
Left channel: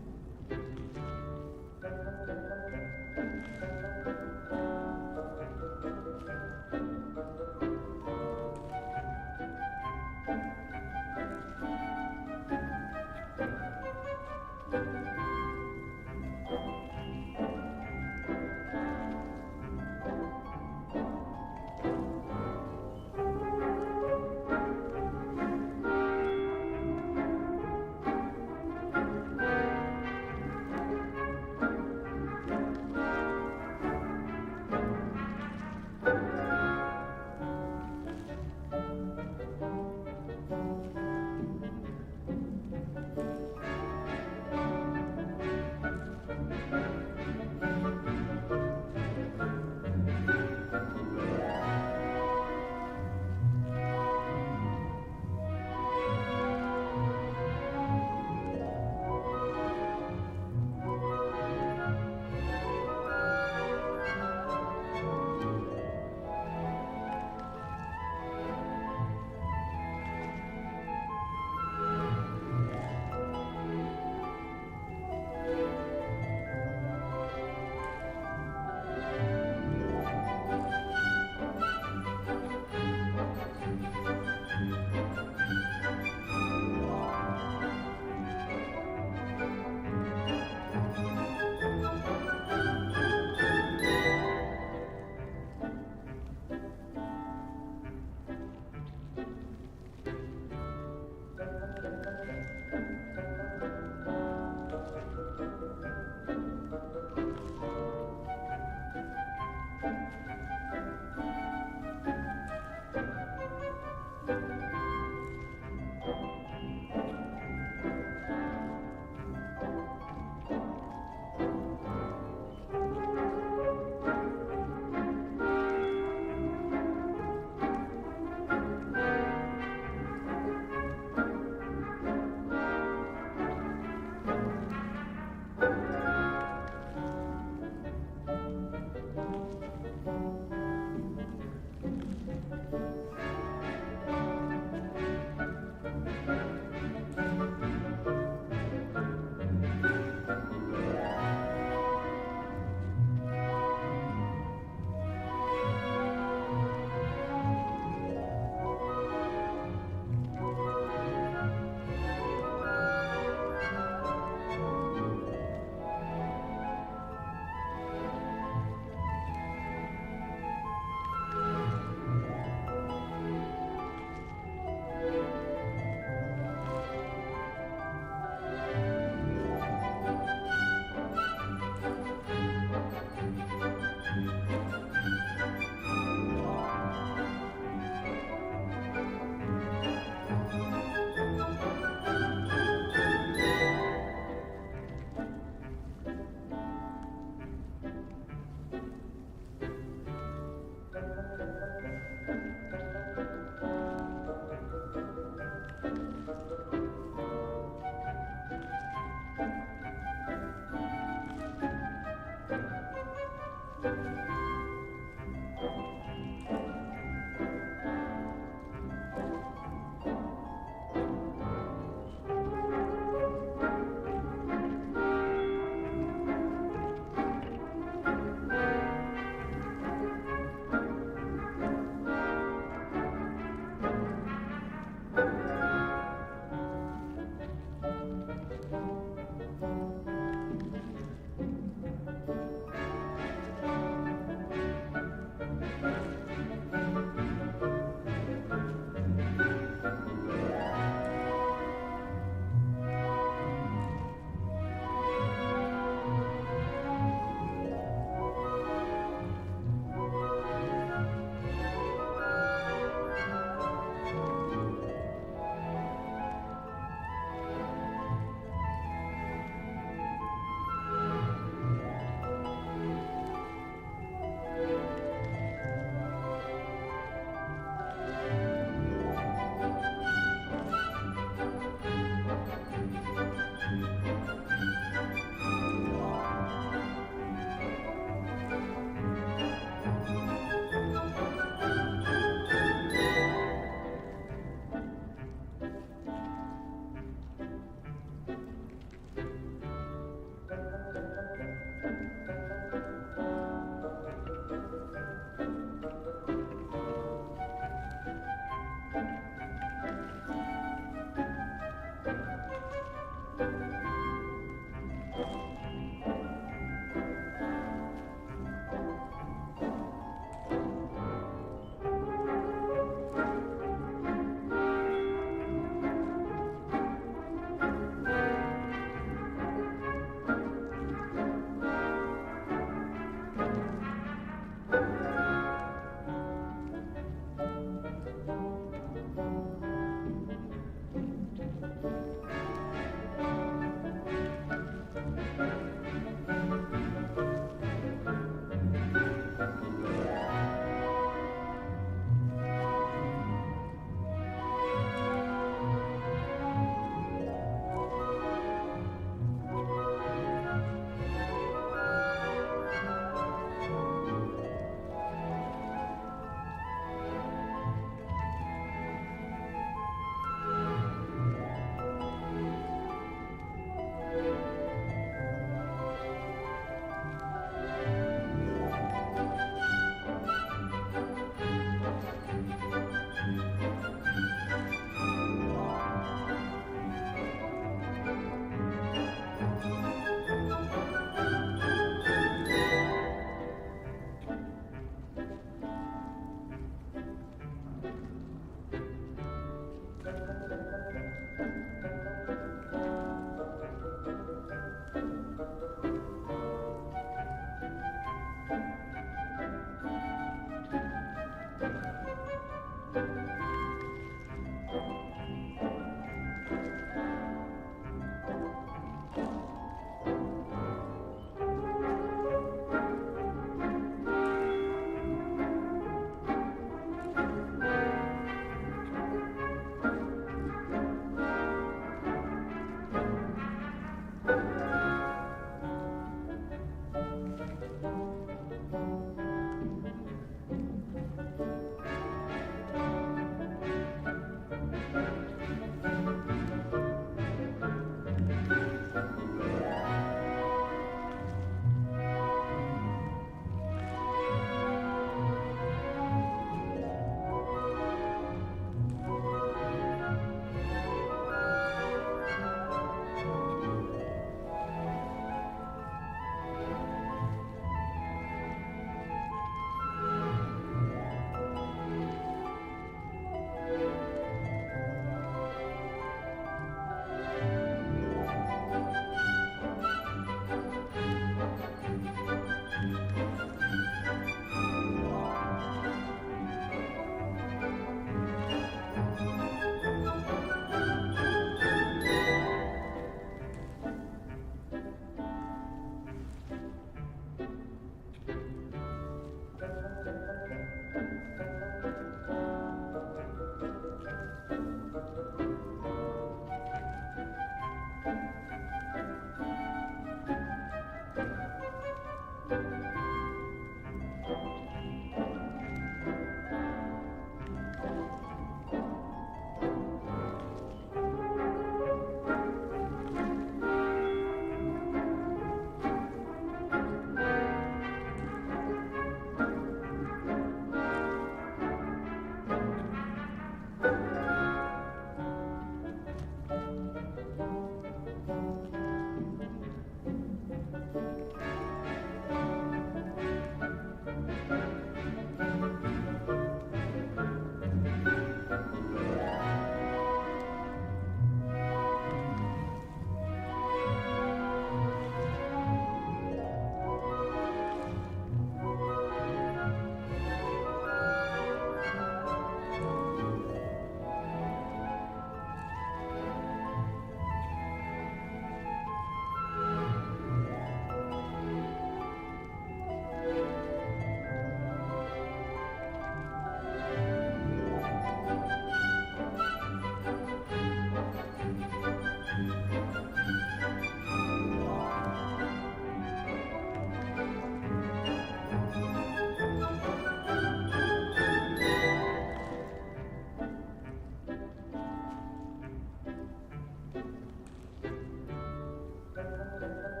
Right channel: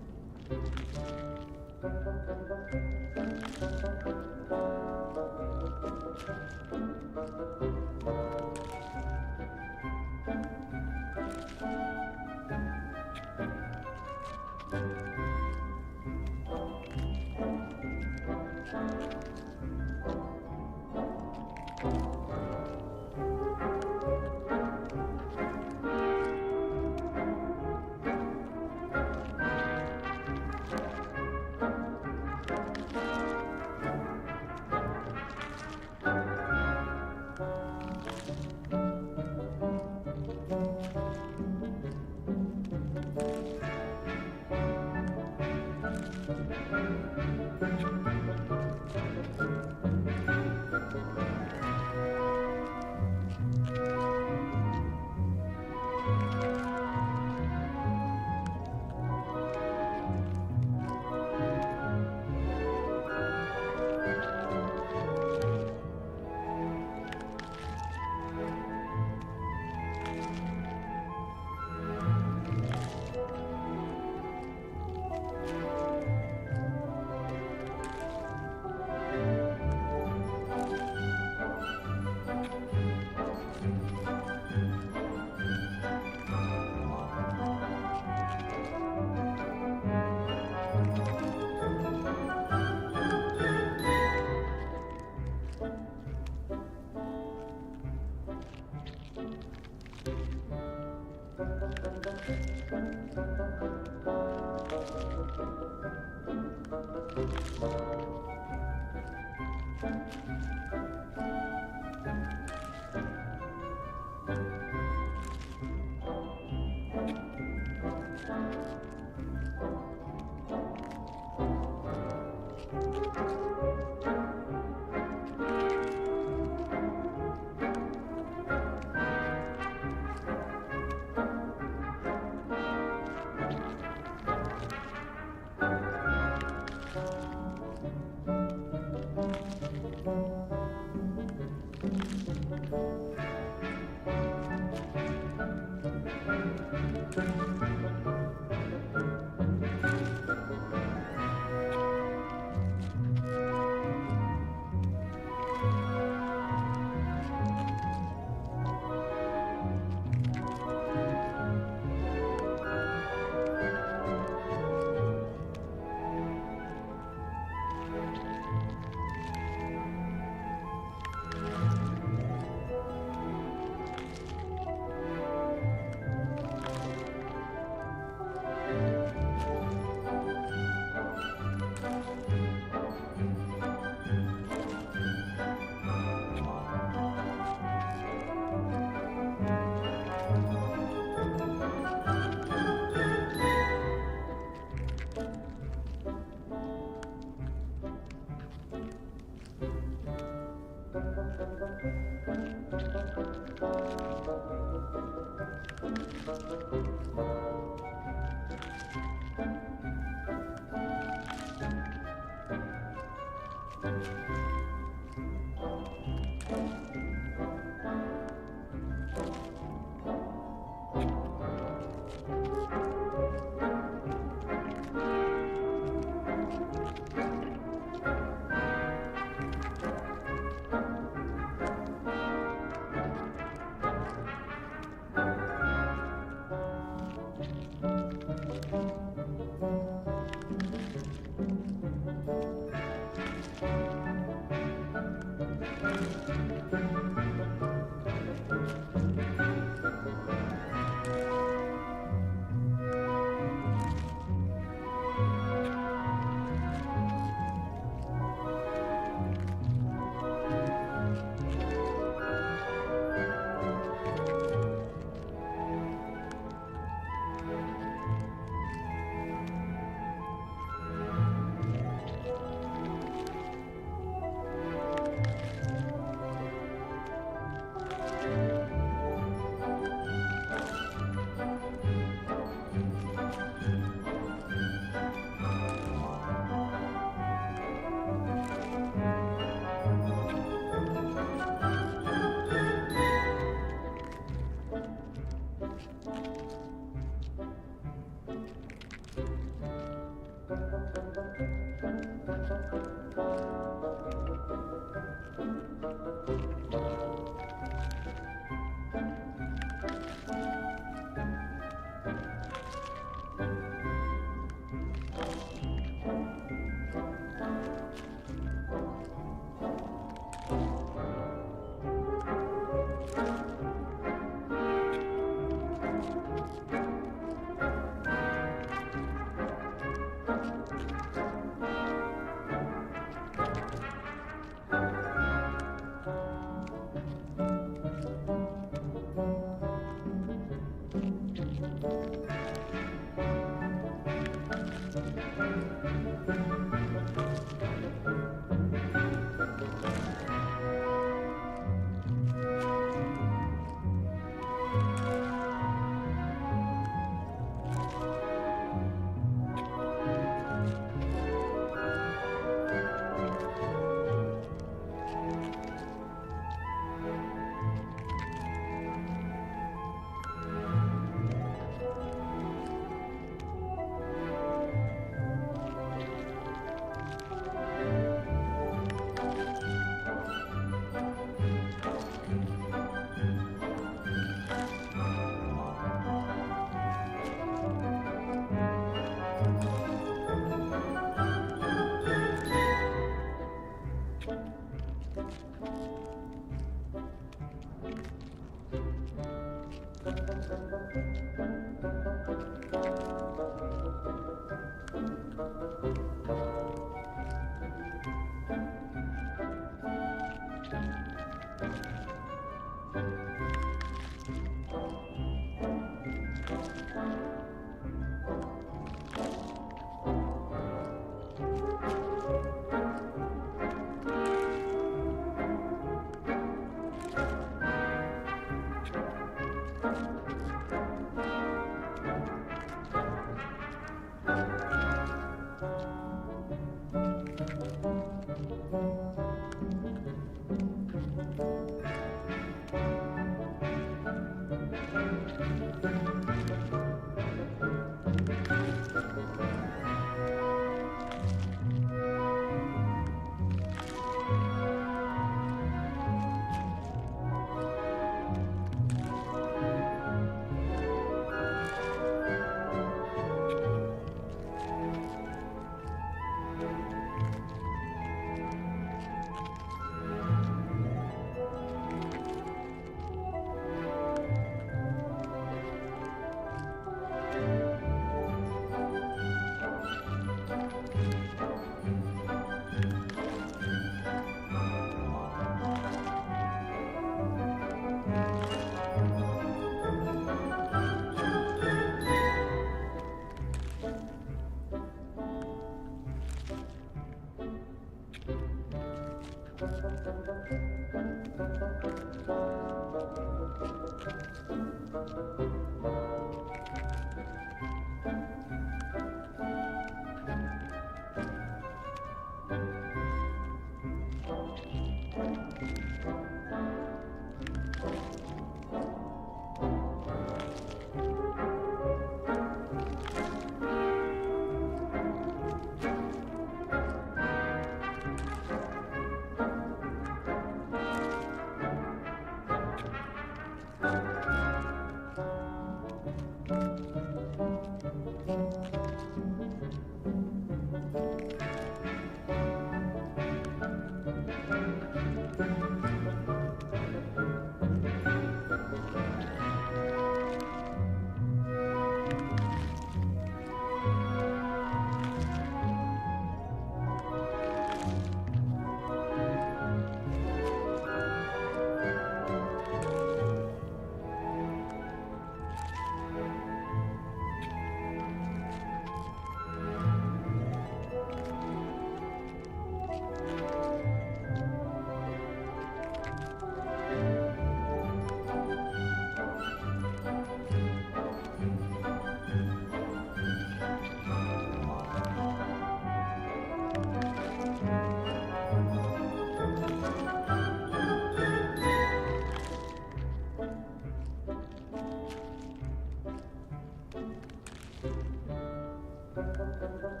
you.